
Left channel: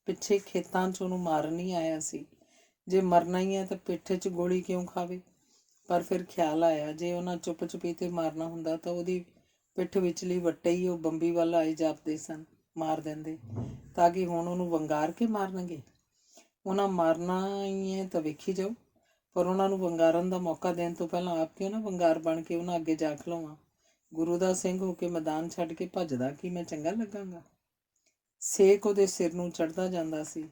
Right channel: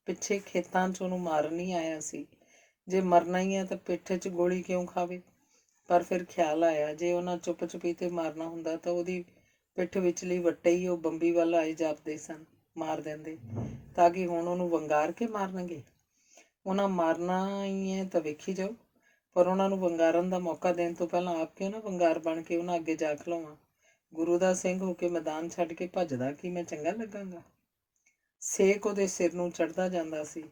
ਪਿੱਛੇ ਖੇਤਾਂ 'ਚ ਉਹਨੂੰ ਮਾਰਨ ਹੀ ਆਇਆ ਸੀ। ਜੇ ਮਰਨਾ ਹੀ ਹੈ ਤਾਂ ਪਿੱਠ 'ਚ ਗੋਲੀ ਕਿਉਂ ਖਾਵੇ। ਪਰ ਫਿਰ ਖਿਆਲ ਆਇਆ, ਜੇ ਉਹਨਾਂ ਚੁੱਪ ਚੁਪੀਤੇ ਮਾਰਨਾ ਹੁੰਦਾ ਤਾਂ ਉਹਦੀ ਪਿੱਠ ਵਿਚਲੀ ਵੱਟੇ ਹੀ ਉਹ ਬੰਬੀ ਵੱਲ ਆਏ ਜਾਪਦੇ ਸਨ, ਮਾਰ ਦਿੰਦੇ। ਤਾਂ ਕਿ ਹੁਣ ਉਹਨੂੰ ਵੰਗਾਰ ਕੇ ਮਾਰਨਗੇ। ਉਹਨਾਂ ਮਾਰਨਾ ਹੀ ਹੈ ਤਾਂ ਵੇਖੀ ਜਾਓ, ਪਰ ਉਹਨਾਂ ਨੂੰ ਵੰਗਾਰਨ ਦਾ ਮੌਕਾ ਦੇਣ ਤੋਂ ਪਹਿਲਾਂ ਆਪ ਕਿਉਂ ਨਾ ਵੰਗਾਰ ਬਣ ਕੇ ਉਹਨਾਂ ਅੱਗੇ ਜਾ ਖਲੋਵਾਂ। ਗੁਰੂ ਦਾ ਸਿੰਘ ਹੋ ਕੇ ਮੈਦਾਨ ਛੱਡ ਕੇ ਭੱਜਦਾ ਕੀ ਮੈਂ ਚੰਗਾ ਲੱਗਾਂਗਾ। ਸੇਕ ਉਹਦੇ ਸਿਰ ਨੂੰ ਚੜ੍ਹਦਾ ਜਾਂਦਾ ਸੀ।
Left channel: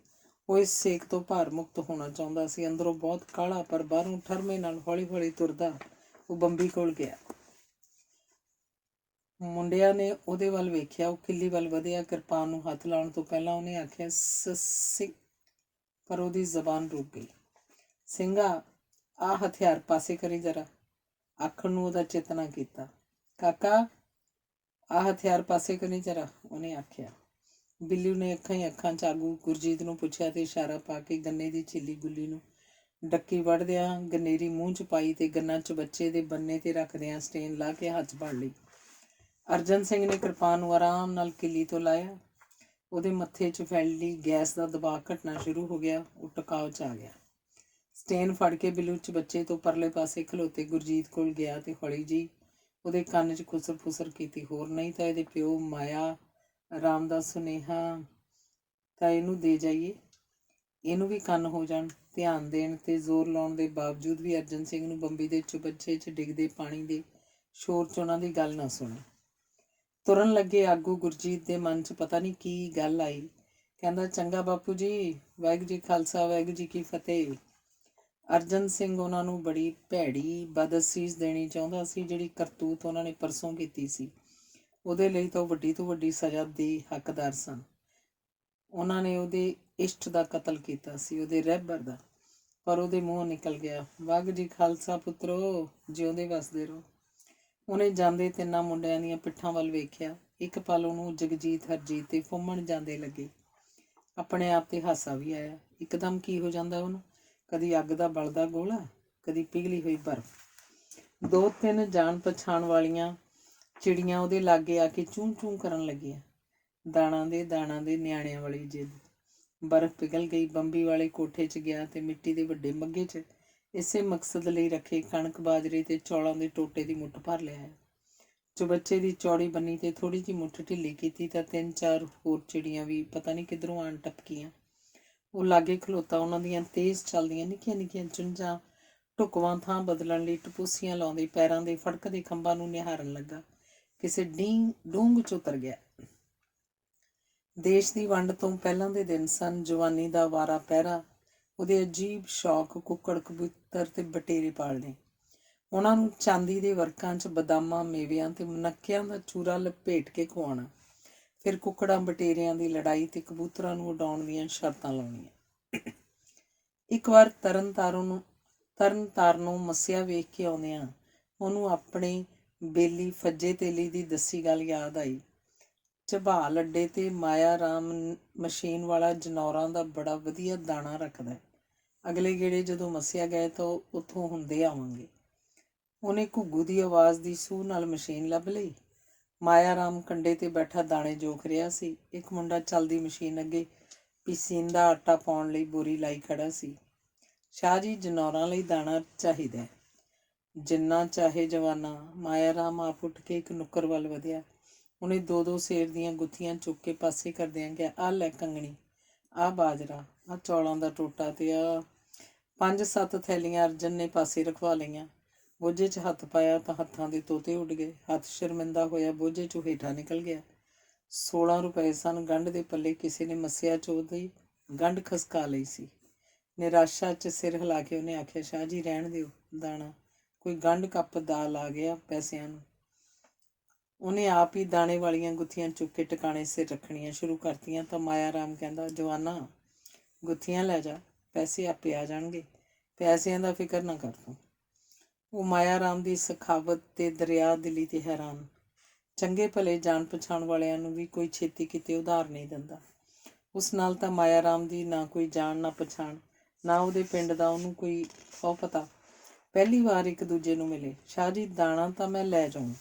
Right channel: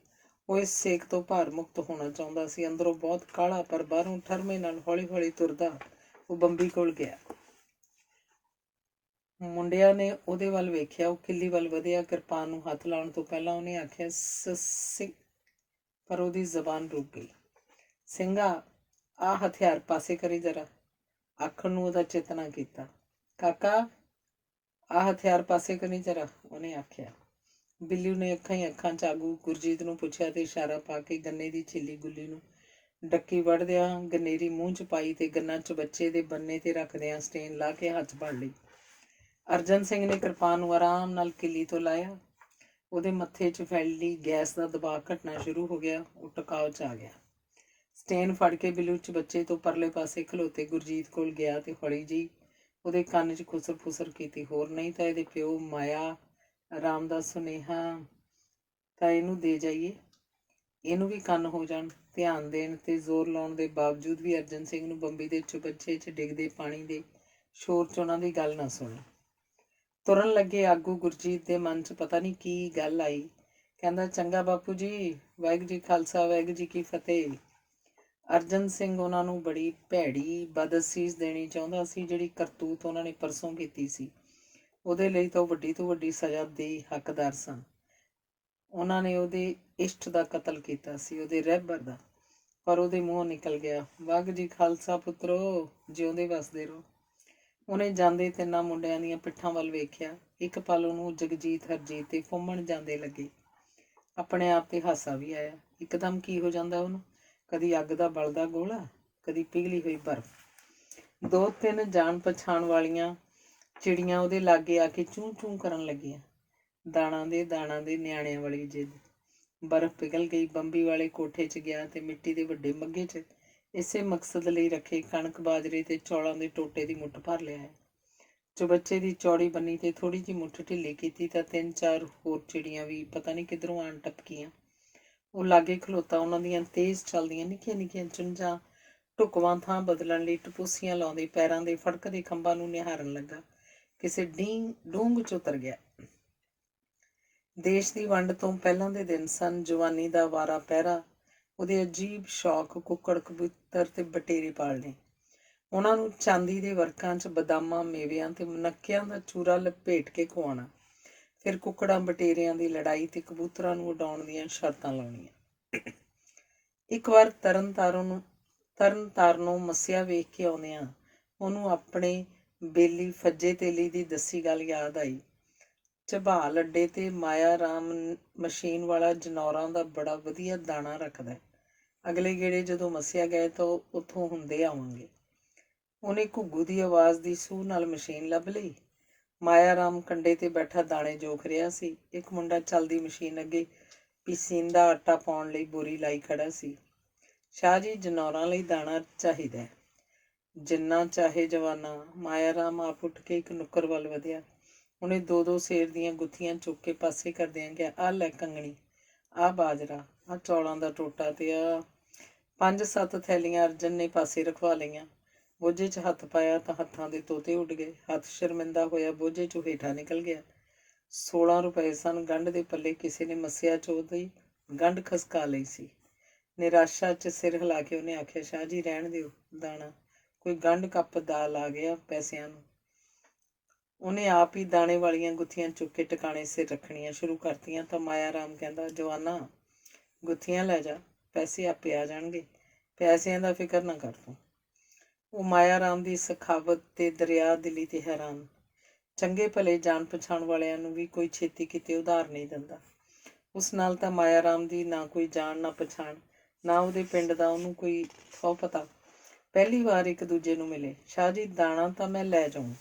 ਉਹ ਇਸ ਸੇਕ ਤੋਂ ਭਾਰ ਮੁਕਤ ਹੋਣਾ ਚਾਹੁੰਦਾ ਸੀ। ਅੰਦਰੋਂ ਬਹੁਤ ਕਾਹਲਾ, ਪਰ ਬਾਹਰੋਂ ਠਰਮੇ ਨਾਲ ਹੌਲੀ ਹੌਲੀ ਤੁਰਦਾ ਉਹ ਬੰਬੀ ਕੋਲ ਗਿਆ। ਮੁੰਡਿਆਂ ਨੇ ਉਹਦੇ ਵੱਲ ਵੇਖਿਆ। ਉਹ ਕਿੱਲੀ ਵੱਲ ਵਧਿਆ। ਕਿਰਪਾਨ ਨੂੰ ਹੱਥ ਲਾਉਣ ਤੋਂ ਪਹਿਲਾਂ ਉਹਨੇ ਆਖਿਆ ਸਿੰਘ, ਪਰ ਉਹਦੀ ਜ਼ਬਾਨ ਰੁਕ ਗਈ। ਸਿੰਘਾ, ਆਹ ਹਥਿਆਰ ਪਾਸੇ ਕਰੀ ਜ਼ਰਾ। ਆਖਣ ਨੂੰ ਉਹਦਾ ਚਿੱਤ ਨਾ ਕੀਤਾ। ਕਾਕਾ, ਆਹ ਹਥਿਆਰ ਪਾਸੇ ਕਰੀ ਜ਼ਰਾ, ਉਹਨੇ ਆਖਿਆ। ਬਿੱਲੂ ਨੇ ਅੱਖਾਂ ਹੀ ਅੱਖਾਂ 'ਚ ਆਗੂ ਗੁਰਜੀਤ ਨੂੰ ਪੁੱਛਿਆ ਤੇ ਇਸ਼ਾਰਾ ਪਾ ਕੇ ਗੰਨੇ ਦੀ ਛਿੱਲੀ ਗੁੱਲੀ ਨੂੰ ਡੱਕੀ ਵੜਦਿਆਂ ਗਨੇਰੀ ਮੂੰਹ 'ਚ ਪਾਈ ਤੇ ਗੰਨਾ ਚਬੱਚੇ ਦੇ ਬੰਨੇ ਤੇ ਰੱਖਦਿਆਂ ਸਟੇਨ ਲਾ ਕੇ ਹੱਥ ਫੜ ਲਈ। ਅਰਜਨ ਸਿੰਘ ਨੇ ਕਿਰਪਾਨ ਨੂੰ ਆਰਾਮ ਨਾਲ ਕਿੱਲੀ ਤੋਂ ਲਾਇਆ। ਉਹਦੇ ਮੱਥੇ 'ਚ ਫੈਲੀ ਗੈਸ ਦਾ ਦਬਾਅ ਘਟਣਾ ਸ਼ੁਰੂ ਹੋ ਗਿਆ। ਉਹ ਟਿਕਾਅ 'ਚ ਆ ਗਿਆ। ਸਟੇਨ ਫੜ ਕੇ ਬਿੱਲੂ ਚਬੱਚੇ ਤੋਂ ਪਰਲੇ ਪਾਸੇ ਖਲੋਤੇ ਗੁਰਜੀਤ ਕੋਲ ਗਿਆ ਤੇ ਹੌਲੀ ਜੀ ਉਹਦੇ ਕੰਨ 'ਚ ਖੁਸਰ ਫੁਸਰ ਕੀਤੀ। ਹੋਰ ਨਹੀਂ ਤਾਂ ਇਹਦੇ ਪਿਓ ਮਾਇਆ ਰਾਮ ਦਾ ਸੁਨੇਹਾ ਤਾਂ ਇਹਨੂੰ ਦੇ ਜਾਈਏ, ਇਹਨੂੰ ਵੀ ਕੰਨ ਹੋ ਜਾਣ। ਧਿਆਨ ਦੇਣ ਤੇ ਜ਼ੋਰ ਲਾਉਣ ਦੇ ਬਾਵਜੂਦ ਵੀ ਅਰਜਨ ਸਿੰਘ ਨੂੰ ਬੰਬੀ ਦੇ ਚੁਬੱਚੇ 'ਚ ਡਿੱਗਦੇ ਪਾਣੀ ਦੇ ਸ਼ੋਰ 'ਚ ਉਹਨਾਂ ਦੀ ਗੱਲ ਨਾ ਸੁਣੀ। ਤੁਰਨ ਲੱਗੇ ਆਗੂ ਗੁਰਜੀਤ ਦੇ ਮਨ 'ਚ ਪਤਾ ਨਹੀਂ ਕੀ ਗੱਲ ਆਈ। ਕਹਿੰਦਾ, ਚੰਗਾ ਬਾਪੂ ਜੀ, ਵਾਹਿਗੁਰੂ ਜੀ ਖਾਲਸਾ, ਵਾਹਿਗੁਰੂ ਜੀ ਕੀ ਫਤਿਹ। ਅਰਜਨ ਸਿੰਘ ਉਹਨਾਂ ਨੂੰ ਬੜੀ ਭੈੜੀ ਬਦਅਸੀਸ ਦੇਣੀ ਚਾਹੁੰਦਾ ਸੀ। ਜਿਹੜੀ ਕਰਤੂਤ ਉਹਨਾਂ ਨੇ ਪਰਸੋਂ ਕੀਤੀ ਸੀ, ਉਹਦੇ ਲਈ ਤਾਂ ਉਹ ਵੱਡੀ ਤੋਂ ਵੱਡੀ ਸਜ਼ਾ ਦੇ ਹੱਕਦਾਰ ਸਨ। ਉਹਨਾਂ ਨੇ ਉਹਦੇ ਇਸ਼ਟ ਦਾ ਕਤਲ ਕੀਤਾ ਸੀ, ਉਹਦੇ ਰਹਿਬਰ ਦਾ। ਪਰ ਉਹਦੇ ਮੂੰਹੋਂ ਨਿਕਲ ਗਿਆ, ਵਾਹਿਗੁਰੂ ਜੀ ਖਾਲਸਾ ਪੁੱਤਰੋ, ਜਿਉਂਦੇ ਵਸਦੇ ਰਹੋ। ਉਹਨੇ ਜਾਂਦੇ ਤਿੰਨਾਂ ਮੁੰਡਿਆਂ ਦੀਆਂ ਪਿੱਠਾਂ ਵੱਲ ਵੇਖਿਆ। ਇੱਕ ਪਲ ਉਹਨੂੰ ਜਗਜੀਤ, ਹਰਜੀਤ ਤੇ ਫੁੰਮਣ ਜਾਂਦੇ ਲੱਗੇ। ਆਪਣੇ ਆਪ ਤੇ ਹਾਸਾ ਵੀ ਆਇਆ। ਇੱਕਦਮ ਕੀ ਹੋ ਜਾਂਦਾ ਉਹਨੂੰ, ਕਦੀ ਅੱਗ ਦਾ ਬਲਦਾ ਗੋਲਾ, ਕਦੀ ਪਿਘਲੀ ਹੋਈ ਬਰਫ਼। 2-3 ਜਾਣ ਪਛਾਣ ਵਾਲੀਆਂ ਚਿੜੀਆਂ ਉਹਦੇ ਲਾਗੇ ਆ ਕੇ ਚੂੰ ਚੂੰ ਕਰਨ ਲੱਗੀਆਂ। ਦਾਣਾ ਦੇ ਨਿਆਣਿਆਂ ਵਾਲੀ ਜਿੱਦ। ਬਰਫ਼ ਪਿਘਲ ਗਈ। ਬੰਬੀ ਵਾਲੇ ਕੋਠੇ 'ਚ ਗਿਆ ਤੇ ਮਿੱਟੀ ਦੇ ਵੱਡੇ ਮੱਗੇ 'ਚ ਇਸੇ ਮਕਸਦ ਲਈ ਰੱਖੇ ਕਣਕ, ਬਾਜਰੇ ਤੇ ਚੌਲਾਂ ਦੇ ਟੋਟੇ ਦੀ ਮੁੱਠ ਭਰ ਲਿਆਇਆ। ਚੁਬੱਚੇ ਦੀ ਚੌੜੀ ਬੰਨੀ ਤੇ ਥੋੜ੍ਹੀ ਜਿਹੀ ਮੁੱਠ ਢਿੱਲੀ ਕੀਤੀ ਤਾਂ 3-4 ਹੋਰ ਚਿੜੀਆਂ ਵੀ ਪਤਾ ਨਹੀਂ ਕਿੱਧਰੋਂ ਆਣ ਟਪਕੀਆਂ। ਉਹ ਲਾਗੇ ਖਲੋਤਾ ਉਹਨਾਂ ਦੀਆਂ ਤੇਜ਼ ਚੱਲਦੀਆਂ ਨਿੱਕੀਆਂ ਨਿੱਕੀਆਂ ਚੁੰਝਾਂ ਢੁਕਵਾਂ ਥਾਂ ਬਦਲਣ ਲਈ ਟਪੂਸੀਆਂ ਲਾਉਂਦੇ ਪੈਰਾਂ ਦੇ ਫੜਕਦੇ ਖੰਭਾਂ ਨੂੰ ਨਿਹਾਰਨ ਲੱਗਾ। ਕਿਸੇ ਡੂੰਘ 'ਚ ਉਤਰ ਗਿਆ। ਦੇਸ਼ ਦੀ ਵੰਡ ਤੋਂ ਪਹਿਲਾਂ ਦੇ ਦਿਨ ਸਨ। ਜਵਾਨੀ ਦਾ ਵਾਰਾ ਪਹਿਰਾ ਉਹਦੇ ਅਜੀਬ ਸ਼ੌਕ ਕੁੱਕੜ, ਕਬੂਤਰ ਤੇ ਬਟੇਰੇ ਪਾਲਣੇ। ਉਹਨਾਂ ਨੂੰ ਚਾਂਦੀ ਦੇ ਵਰਕਾਂ 'ਚ ਬਦਾਮਾਂ, ਮੇਵਿਆਂ ਤੇ ਮਨੱਕਿਆਂ ਦਾ ਚੂਰਾ ਲਪੇਟ ਕੇ ਖਵਾਉਣਾ। ਫਿਰ ਕੁੱਕੜਾਂ ਬਟੇਰਿਆਂ ਦੀ ਲੜਾਈ ਤੇ ਕਬੂਤਰਾਂ ਨੂੰ ਉਡਾਉਣ ਦੀਆਂ ਸ਼ਰਤਾਂ ਲਾਉਣੀਆਂ। ਇੱਕ ਵਾਰ ਤਰਨਤਾਰਨੋਂ ਮੱਸਿਆ ਵੇਖ ਕੇ ਆਉਂਦਿਆਂ ਉਹਨੂੰ ਆਪਣੇ ਬੇਲੀ ਫੱਜੇ ਤੇਲੀ ਦੀ ਦੱਸੀ ਗੱਲ ਯਾਦ ਆਈ। ਝਬਾਲ ਅੱਡੇ ਤੇ ਮਾਇਆ ਰਾਮ ਮਸ਼ੀਨ ਵਾਲਾ ਜਨੌਰਾਂ ਦਾ ਬੜਾ ਵਧੀਆ ਦਾਣਾ ਰੱਖਦਾ। ਅਗਲੇ ਗੇੜੇ ਜਦੋਂ ਮੱਸਿਆ ਗਏ ਤਾਂ ਉੱਥੋਂ ਹੁੰਦੇ ਆਵਾਂਗੇ। ਉਹਨੇ ਘੁੱਗੂ ਦੀ ਆਵਾਜ਼ ਦੀ ਸੂਹ ਨਾਲ ਮਸ਼ੀਨ ਲੱਭ ਲਈ। ਮਾਇਆ ਰਾਮ ਕੰਡੇ ਤੇ ਬੈਠਾ ਦਾਣੇ ਜੋਖ ਰਿਹਾ ਸੀ। ਇੱਕ ਮੁੰਡਾ ਚੱਲਦੀ ਮਸ਼ੀਨ ਅੱਗੇ ਪੀਸੀਂਦਾ ਆਟਾ ਪਾਉਣ ਲਈ ਬੋਰੀ ਲਾਈ ਖੜਾ ਸੀ। ਸ਼ਾਹ ਜੀ, ਜਨੌਰਾਂ ਲਈ ਦਾਣਾ ਚਾਹੀਦਾ। ਜਿੰਨਾ ਚਾਹੇ ਜਵਾਨਾ। ਮਾਇਆ ਰਾਮ ਆਪ ਉੱਠ ਕੇ ਇੱਕ ਨੁੱਕਰ ਵੱਲ ਵਧਿਆ। ਉਹਨੇ 2-2 ਸੇਰ ਦੀਆਂ ਗੁੱਥੀਆਂ ਚੁੱਕ ਕੇ ਪਾਸੇ ਕਰਦਿਆਂ ਕਿਹਾ, ਆਹ ਲੈ ਕੰਗਣੀ, ਆਹ ਬਾਜਰਾ, ਆਹ ਚੌਲਾਂ ਦਾ ਟੋਟਾ ਤੇ ਆਹ 5-7 ਥੈਲੀਆਂ ਅਰਜਨ ਨੇ ਪਾਸੇ ਰਖਵਾ ਲਈਆਂ। ਬੋਝੇ 'ਚ ਹੱਥ ਪਾਇਆ ਤਾਂ ਹੱਥਾਂ ਦੇ ਤੋਤੇ ਉੱਡ ਗਏ। ਹੱਥ ਸ਼ਰਮਿੰਦਾ ਹੋਇਆ ਬੋਝੇ 'ਚੋਂ ਹੇਠਾਂ ਨਿਕਲ ਗਿਆ। 16 ਰੁਪਏ ਸਨ। ਗੰਢ ਦੇ ਪੱਲੇ ਕਿਸੇ ਨੇ ਮੱਸਿਆ 'ਚ ਉਹਦੀ ਗੰਢ ਖਸਕਾ ਲਈ ਸੀ। ਨਿਰਾਸ਼ਾ 'ਚ ਸਿਰ ਹਿਲਾ ਕੇ ਉਹਨੇ ਆਖਿਆ, ਸ਼ਾਹ ਜੀ ਰਹਿਣ ਦਿਓ ਦਾਣਾ, ਕੋਈ ਗੰਢ ਕੱਪ ਦਾਲ ਆ ਗਿਆ ਪੈਸਿਆਂ ਨੂੰ। ਉਹਨੇ ਆਪ ਹੀ ਦਾਣੇ ਵਾਲੀਆਂ ਗੁੱਥੀਆਂ ਚੁੱਕ ਕੇ ਟਿਕਾਣੇ ਸਿਰ ਰੱਖਣੀਆਂ ਸ਼ੁਰੂ ਕਰਤੀਆਂ ਤਾਂ ਮਾਇਆ ਰਾਮ ਕਹਿੰਦਾ, ਜਵਾਨਾ ਗੁੱਥੀਆਂ ਲੈ ਜਾ, ਪੈਸੇ ਆਪੇ ਆ ਜਾਣਗੇ, ਪੈਸਿਆਂ ਦਾ ਫਿਕਰ ਨਾ ਕਰ ਤੂੰ। ਉਹ ਮਾਇਆ ਰਾਮ ਦੀ ਸਖਾਵਤ ਤੇ ਦਰਿਆ ਦਿਲੀ ਤੇ ਹੈਰਾਨ। ਚੰਗੇ ਭਲੇ ਜਾਣ ਪਛਾਣ ਵਾਲਿਆਂ ਨੂੰ ਵੀ ਕੋਈ ਛੇਤੀ ਕਿਤੇ ਉਧਾਰ ਨਹੀਂ ਦਿੰਦਾ। ਉਸ ਨਾਲ ਤਾਂ ਮਾਇਆ ਰਾਮ ਦੀ ਨਾ ਕੋਈ ਜਾਣ ਨਾ ਪਛਾਣ, ਨਾ ਉਹਦੇ ਪਿੰਡ ਦਾ ਉਹਨੂੰ ਕੋਈ ਥਹੁ ਪਤਾ। ਪਹਿਲੀ ਵਾਰ ਇੱਕ ਦੂਜੇ ਨੂੰ ਮਿਲੇ। ਸ਼ਾਹ ਜੀ, ਦਾਣਾ ਤਾਂ ਮੈਂ ਲੈ ਜਾਊਂ,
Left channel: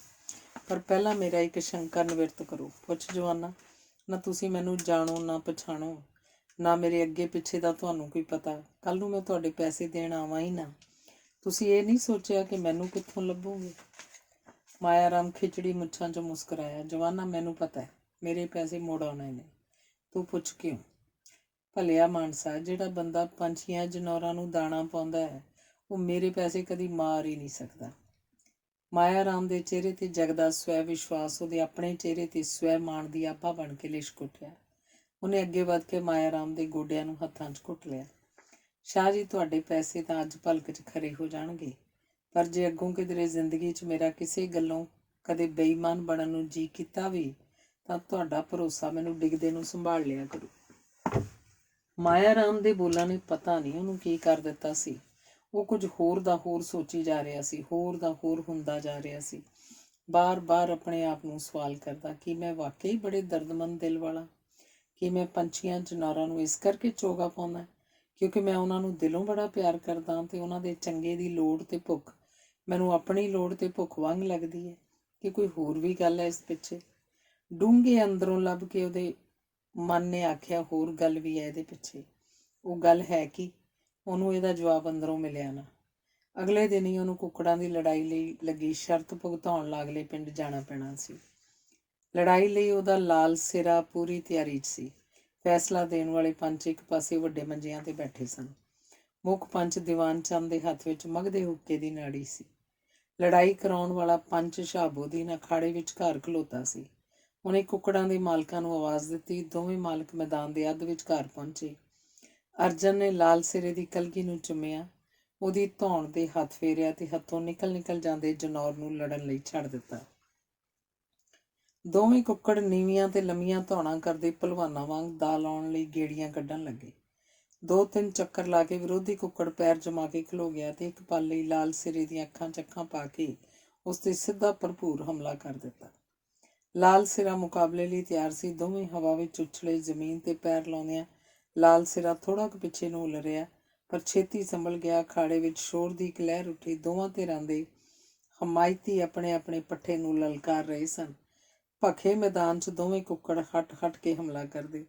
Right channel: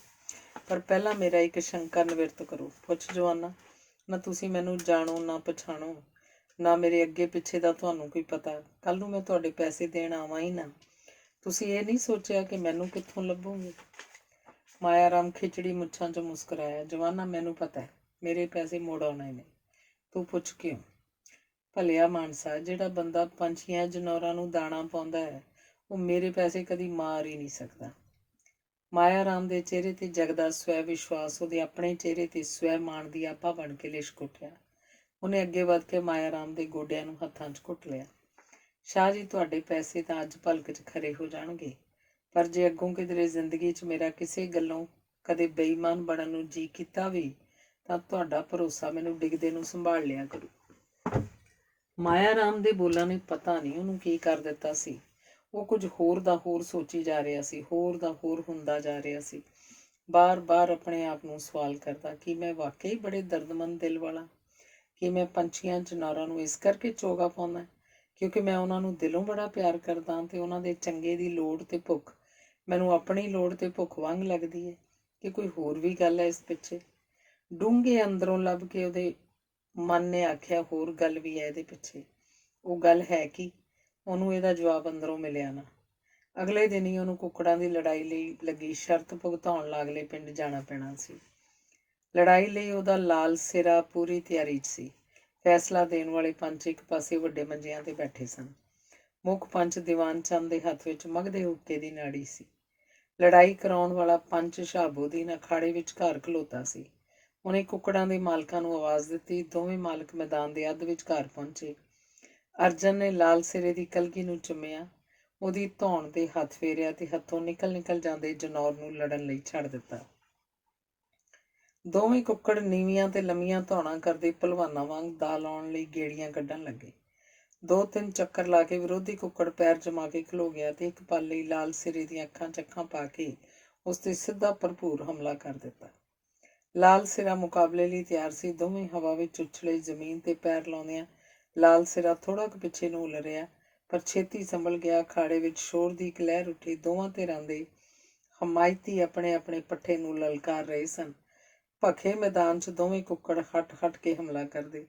ਪਰ ਪਹਿਲਾਂ ਮੇਰਾ ਇੱਕ ਸ਼ੰਕਾ ਨਿਵਰਤ ਕਰੋ। ਪੁੱਛ ਜਵਾਨਾ, ਨਾ ਤੁਸੀਂ ਮੈਨੂੰ ਜਾਣੋ ਨਾ ਪਛਾਣੋ, ਨਾ ਮੇਰੇ ਅੱਗੇ ਪਿੱਛੇ ਦਾ ਤੁਹਾਨੂੰ ਕੋਈ ਪਤਾ। ਕੱਲ ਨੂੰ ਮੈਂ ਤੁਹਾਡੇ ਪੈਸੇ ਦੇਣ ਆਵਾਂ ਹੀ ਨਾ, ਤੁਸੀਂ ਇਹ ਨਹੀਂ ਸੋਚਿਆ ਕਿ ਮੈਨੂੰ ਕਿੱਥੋਂ ਲੱਭੋਗੇ। ਮਾਇਆ ਰਾਮ ਖਿਚੜੀ ਮੁੱਛਾਂ 'ਚ ਮੁਸਕਰਾਇਆ। ਜਵਾਨਾ, ਮੈਨੂੰ ਪਤਾ ਹੈ ਮੇਰੇ ਪੈਸੇ ਮੁੜ ਆਉਣੇ ਨੇ, ਤੂੰ ਪੁੱਛ ਕਿਉਂ? ਭਲਿਆ ਮਾਨਸਾ, ਜਿਹੜਾ ਬੰਦਾ ਪੰਛੀਆਂ ਜਨੌਰਾਂ ਨੂੰ ਦਾਣਾ ਪਾਉਂਦਾ ਹੈ, ਉਹ ਮੇਰੇ ਪੈਸੇ ਕਦੀ ਮਾਰ ਹੀ ਨਹੀਂ ਸਕਦਾ। ਮਾਇਆ ਰਾਮ ਦੇ ਚਿਹਰੇ ਤੇ ਜਗਦਾ ਸਵੈ ਵਿਸ਼ਵਾਸ ਉਹਦੇ ਆਪਣੇ ਚਿਹਰੇ ਤੇ ਸਵੈ ਮਾਣ ਦੀ ਆਭਾ ਬਣ ਕੇ ਲਿਸ਼ਕ ਉੱਠਿਆ। ਉਹਨੇ ਅੱਗੇ ਵੱਧ ਕੇ ਮਾਇਆ ਰਾਮ ਦੇ ਗੋਡਿਆਂ ਨੂੰ ਹੱਥਾਂ 'ਚ ਘੁੱਟ ਲਿਆ। ਸ਼ਾਹ ਜੀ, ਤੁਹਾਡੇ ਪੈਸੇ ਤਾਂ ਅੱਜ ਭਲਕ 'ਚ ਖਰੇ ਹੋ ਜਾਣਗੇ, ਪਰ ਜੇ ਅੱਗੋਂ ਕਿਧਰੇ ਜ਼ਿੰਦਗੀ 'ਚ ਮੇਰਾ ਕਿਸੇ ਗੱਲੋਂ ਕਦੇ ਬੇਈਮਾਨ ਬਣਨ ਨੂੰ ਜੀ ਕੀਤਾ ਵੀ, ਤਾਂ ਤੁਹਾਡਾ ਭਰੋਸਾ ਮੈਨੂੰ ਡਿੱਗਦੇ ਨੂੰ ਸੰਭਾਲ ਲਿਆ ਕਰੂ। ਮਾਇਆ ਰਾਮ ਦੇ ਬੋਲਾਂ ਨੇ ਪਤਾ ਨਹੀਂ ਉਹਨੂੰ ਕੀ ਕਰ ਦਿੱਤਾ ਸੀ। ਉਹ ਕੁਝ ਹੋਰ ਦਾ ਹੋਰ ਸੋਚੀ ਜਾ ਰਿਹਾ ਸੀ, ਹੋਰ ਦਾ ਹੋਰ ਹੁੰਦਾ ਜਾ ਰਿਹਾ ਸੀ। ਬਾਰ-ਬਾਰ ਆਪਣੇ ਆਪ ਨੂੰ ਸਵਾਲ ਕਰਦਾ, ਕੀ ਮੈਂ ਵਾਕਈ ਬੜੇ ਦਰਦਮੰਦ ਦਿਲ ਵਾਲਾ? ਕੀ ਮੈਂ ਪੰਛੀਆਂ ਜਨੌਰਾਂ ਨੂੰ ਇਸ ਕਰਕੇ ਚੋਗਾ ਪਾਉਂਦਾ ਕਿਉਂਕਿ ਮੈਂ ਉਹਨਾਂ ਨੂੰ ਦਿਲੋਂ ਬੜਾ ਪਿਆਰ ਕਰਦਾ ਤੇ ਉਹਨਾਂ ਦੇ ਚੰਗੇ ਦੀ ਲੋੜ ਤੇ ਭੁੱਖ ਮੈਨੂੰ ਆਪਣੀ ਲੋੜ ਤੇ ਭੁੱਖ ਵਾਂਗ ਲੱਗਦੀ ਹੈ, ਕਿ ਕੋਈ ਹੋਰ ਵੀ ਗੱਲ ਹੈ ਇਸ ਪਿੱਛੇ? ਡੂੰਘੇ ਅੰਦਰੋਂ ਲੱਭ ਕੇ ਉਹਦੇ ਮਨ ਨੇ ਆਖਿਆ, ਹੋਰ ਗੱਲ ਵੀ ਹੈ ਇਹਦੇ ਪਿੱਛੇ। ਉਹ ਗੱਲ ਹੈ ਕੀ? ਉਹਨੂੰ ਇਹਦਾ ਜਵਾਬ ਅੰਦਰੋਂ ਮਿਲਿਆ ਨਾ। ਅਗਲੇ ਦਿਨ ਹੀ ਉਹਨੂੰ ਕੁੱਕੜਾਂ ਦੀ ਲੜਾਈ ਲਈ ਲੱਗੀ ਸ਼ਰਤ ਭੁਗਤਾਉਣ ਲਾਗਲੇ ਪਿੰਡ ਜਾਣਾ ਪੈਣਾ ਸੀ। ਲੜਾਈ ਲਈ ਉਹਦਾ ਲਾਲ ਸਿਰਾ ਪੂਰੀ ਤਿਆਰੀ 'ਚ ਸੀ। ਫੈਸਲਾ ਦੇਣ ਵਾਲੇ ਪੰਚ ਇੱਕ ਪਾਸੇ ਵੱਡੇ ਮੰਜਿਆਂ ਤੇ ਬੈਠੇ ਸਨ। ਮੁੱਖ ਪੰਚ ਦੀਵਾਨ ਚੰਦ ਦੇ ਹੱਥ ਵਿੱਚ ਮਗਦੇ ਹੁੱਕੇ ਦੀ ਨਾੜੀ ਸੀ। ਲੜਾਈ ਕਰਾਉਣ ਵਾਲਾ ਪੰਚ ਸ਼ਾਹਬੂਦੀਨ ਅਖਾੜੇ ਵਿੱਚ ਘਰ ਖਲੋਤਾ ਸੀ। ਉਹਨੇ ਕੁੱਕੜਾਂ ਦੇ ਮਾਲਕਾਂ ਨੂੰ ਆਵਾਜ਼ ਦਿੱਤੀ। ਦੋਵੇਂ ਮਾਲਕ ਮੈਦਾਨ ਦੇ ਅੱਧ ਵਿਚਕਾਰ ਪਹੁੰਚੇ। ਅਰਜਨ ਨੇ ਲਾਲ ਸਿਰੇ ਦੀ ਕਲਗੀ ਨੂੰ ਚੁੰਮਿਆ, ਉਹਦੀ ਧੌਣ ਤੇ ਹੱਥ ਫੇਰਿਆ ਤੇ ਹੱਥੋਂ ਨਿਕਲ ਜਾਂਦੇ ਜਨੌਰ ਨੂੰ ਲੜਨ ਲਈ ਛੱਡ ਦਿੱਤਾ। ਦੋਵੇਂ ਕੁੱਕੜ ਨੀਵੀਆਂ ਤੇ ਲੰਮੀਆਂ ਧੌਣਾਂ ਕਰਦੇ ਭਲਵਾਨਾਂ ਵਾਂਗ ਦਾ ਲਾਉਣ ਲਈ ਗੇੜੀਆਂ ਕੱਢਣ ਲੱਗੇ। 2-3 ਚੱਕਰ ਲਾ ਕੇ ਵਿਰੋਧੀ ਕੁੱਕੜ ਪੈਰ ਜਮਾ ਕੇ ਖਲੋ ਗਿਆ ਤੇ ਇੱਕ ਪਲ ਲਈ ਲਾਲ ਸਿਰੇ ਦੀਆਂ ਅੱਖਾਂ 'ਚ ਅੱਖਾਂ ਪਾ ਕੇ ਉਸ ਤੇ ਸਿੱਧਾ ਭਰਪੂਰ ਹਮਲਾ ਕਰ ਦਿੱਤਾ। ਲਾਲ ਸਿਰਾ ਮੁਕਾਬਲੇ ਲਈ ਤਿਆਰ ਸੀ। ਦੋਵੇਂ ਹਵਾ ਵਿੱਚ ਉਛਲੇ। ਜ਼ਮੀਨ ਤੇ ਪੈਰ ਲਾਉਂਦਿਆਂ ਲਾਲ ਸਿਰਾ ਥੋੜ੍ਹਾ ਕੁ ਪਿੱਛੇ ਨੂੰ ਉਲਰਿਆ, ਪਰ ਛੇਤੀ ਸੰਭਲ ਗਿਆ। ਅਖਾੜੇ ਵਿੱਚ ਸ਼ੋਰ ਦੀ ਇੱਕ ਲਹਿਰ ਉੱਠੀ। ਦੋਵਾਂ ਧਿਰਾਂ ਦੇ ਹਮਾਇਤੀ ਆਪਣੇ ਆਪਣੇ ਪੱਠੇ ਨੂੰ ਲਲਕਾਰ ਰਹੇ ਸਨ। ਭਖੇ ਮੈਦਾਨ 'ਚ ਦੋਵੇਂ ਕੁੱਕੜ ਹਟ ਕੇ ਹਮਲਾ ਕਰਦੇ।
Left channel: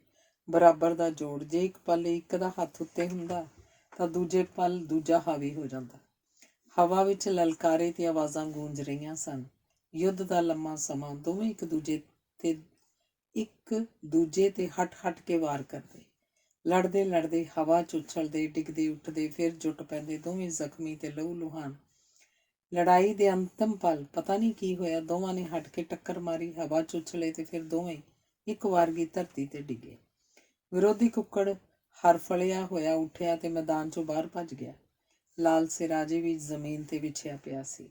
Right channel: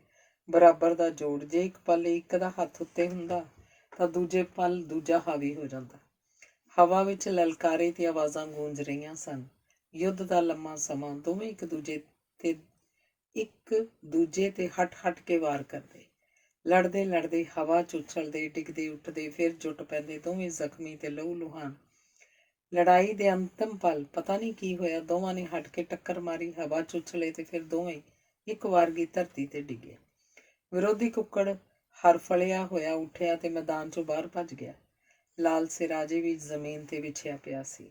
ਬਰਾਬਰ ਦਾ ਜੋੜ। ਜੇ ਇੱਕ ਪਲ ਇੱਕ ਦਾ ਹੱਥ ਉੱਤੇ ਹੁੰਦਾ ਤਾਂ ਦੂਜੇ ਪਲ ਦੂਜਾ ਹਾਵੀ ਹੋ ਜਾਂਦਾ। ਹਵਾ ਵਿੱਚ ਲਲਕਾਰੇ ਤੇ ਆਵਾਜ਼ਾਂ ਗੂੰਜ ਰਹੀਆਂ ਸਨ। ਯੁੱਧ ਦਾ ਲੰਮਾ ਸਮਾਂ। ਦੋਵੇਂ ਇੱਕ ਦੂਜੇ ਤੇ ਹਟ ਕੇ ਵਾਰ ਕਰਦੇ। ਲੜਦੇ ਹਵਾ 'ਚ ਉਛਲਦੇ, ਡਿੱਗਦੇ ਉੱਠਦੇ, ਫਿਰ ਜੁੱਟ ਪੈਂਦੇ, ਦੋਵੇਂ ਜ਼ਖਮੀ ਤੇ ਲਹੂ ਲੁਹਾਨ। ਲੜਾਈ ਦੇ ਅੰਤਮ ਪਲ ਪਤਾ ਨਹੀਂ ਕੀ ਹੋਇਆ, ਦੋਵਾਂ ਨੇ ਹਟ ਕੇ ਟੱਕਰ ਮਾਰੀ, ਹਵਾ 'ਚ ਉਛਲੇ ਤੇ ਫਿਰ ਦੋਵੇਂ ਇੱਕ ਵਾਰਗੀ ਧਰਤੀ ਤੇ ਡਿੱਗੇ। ਵਿਰੋਧੀ ਕੁੱਕੜ ਹਰ ਫਲਿਆ ਹੋਇਆ ਉੱਠਿਆ ਤੇ ਮੈਦਾਨ 'ਚੋਂ ਬਾਹਰ ਭੱਜ ਗਿਆ। ਲਾਲ ਸਿਰ ਅਜੇ ਵੀ ਜ਼ਮੀਨ ਤੇ ਵਿਛਿਆ ਪਿਆ ਸੀ।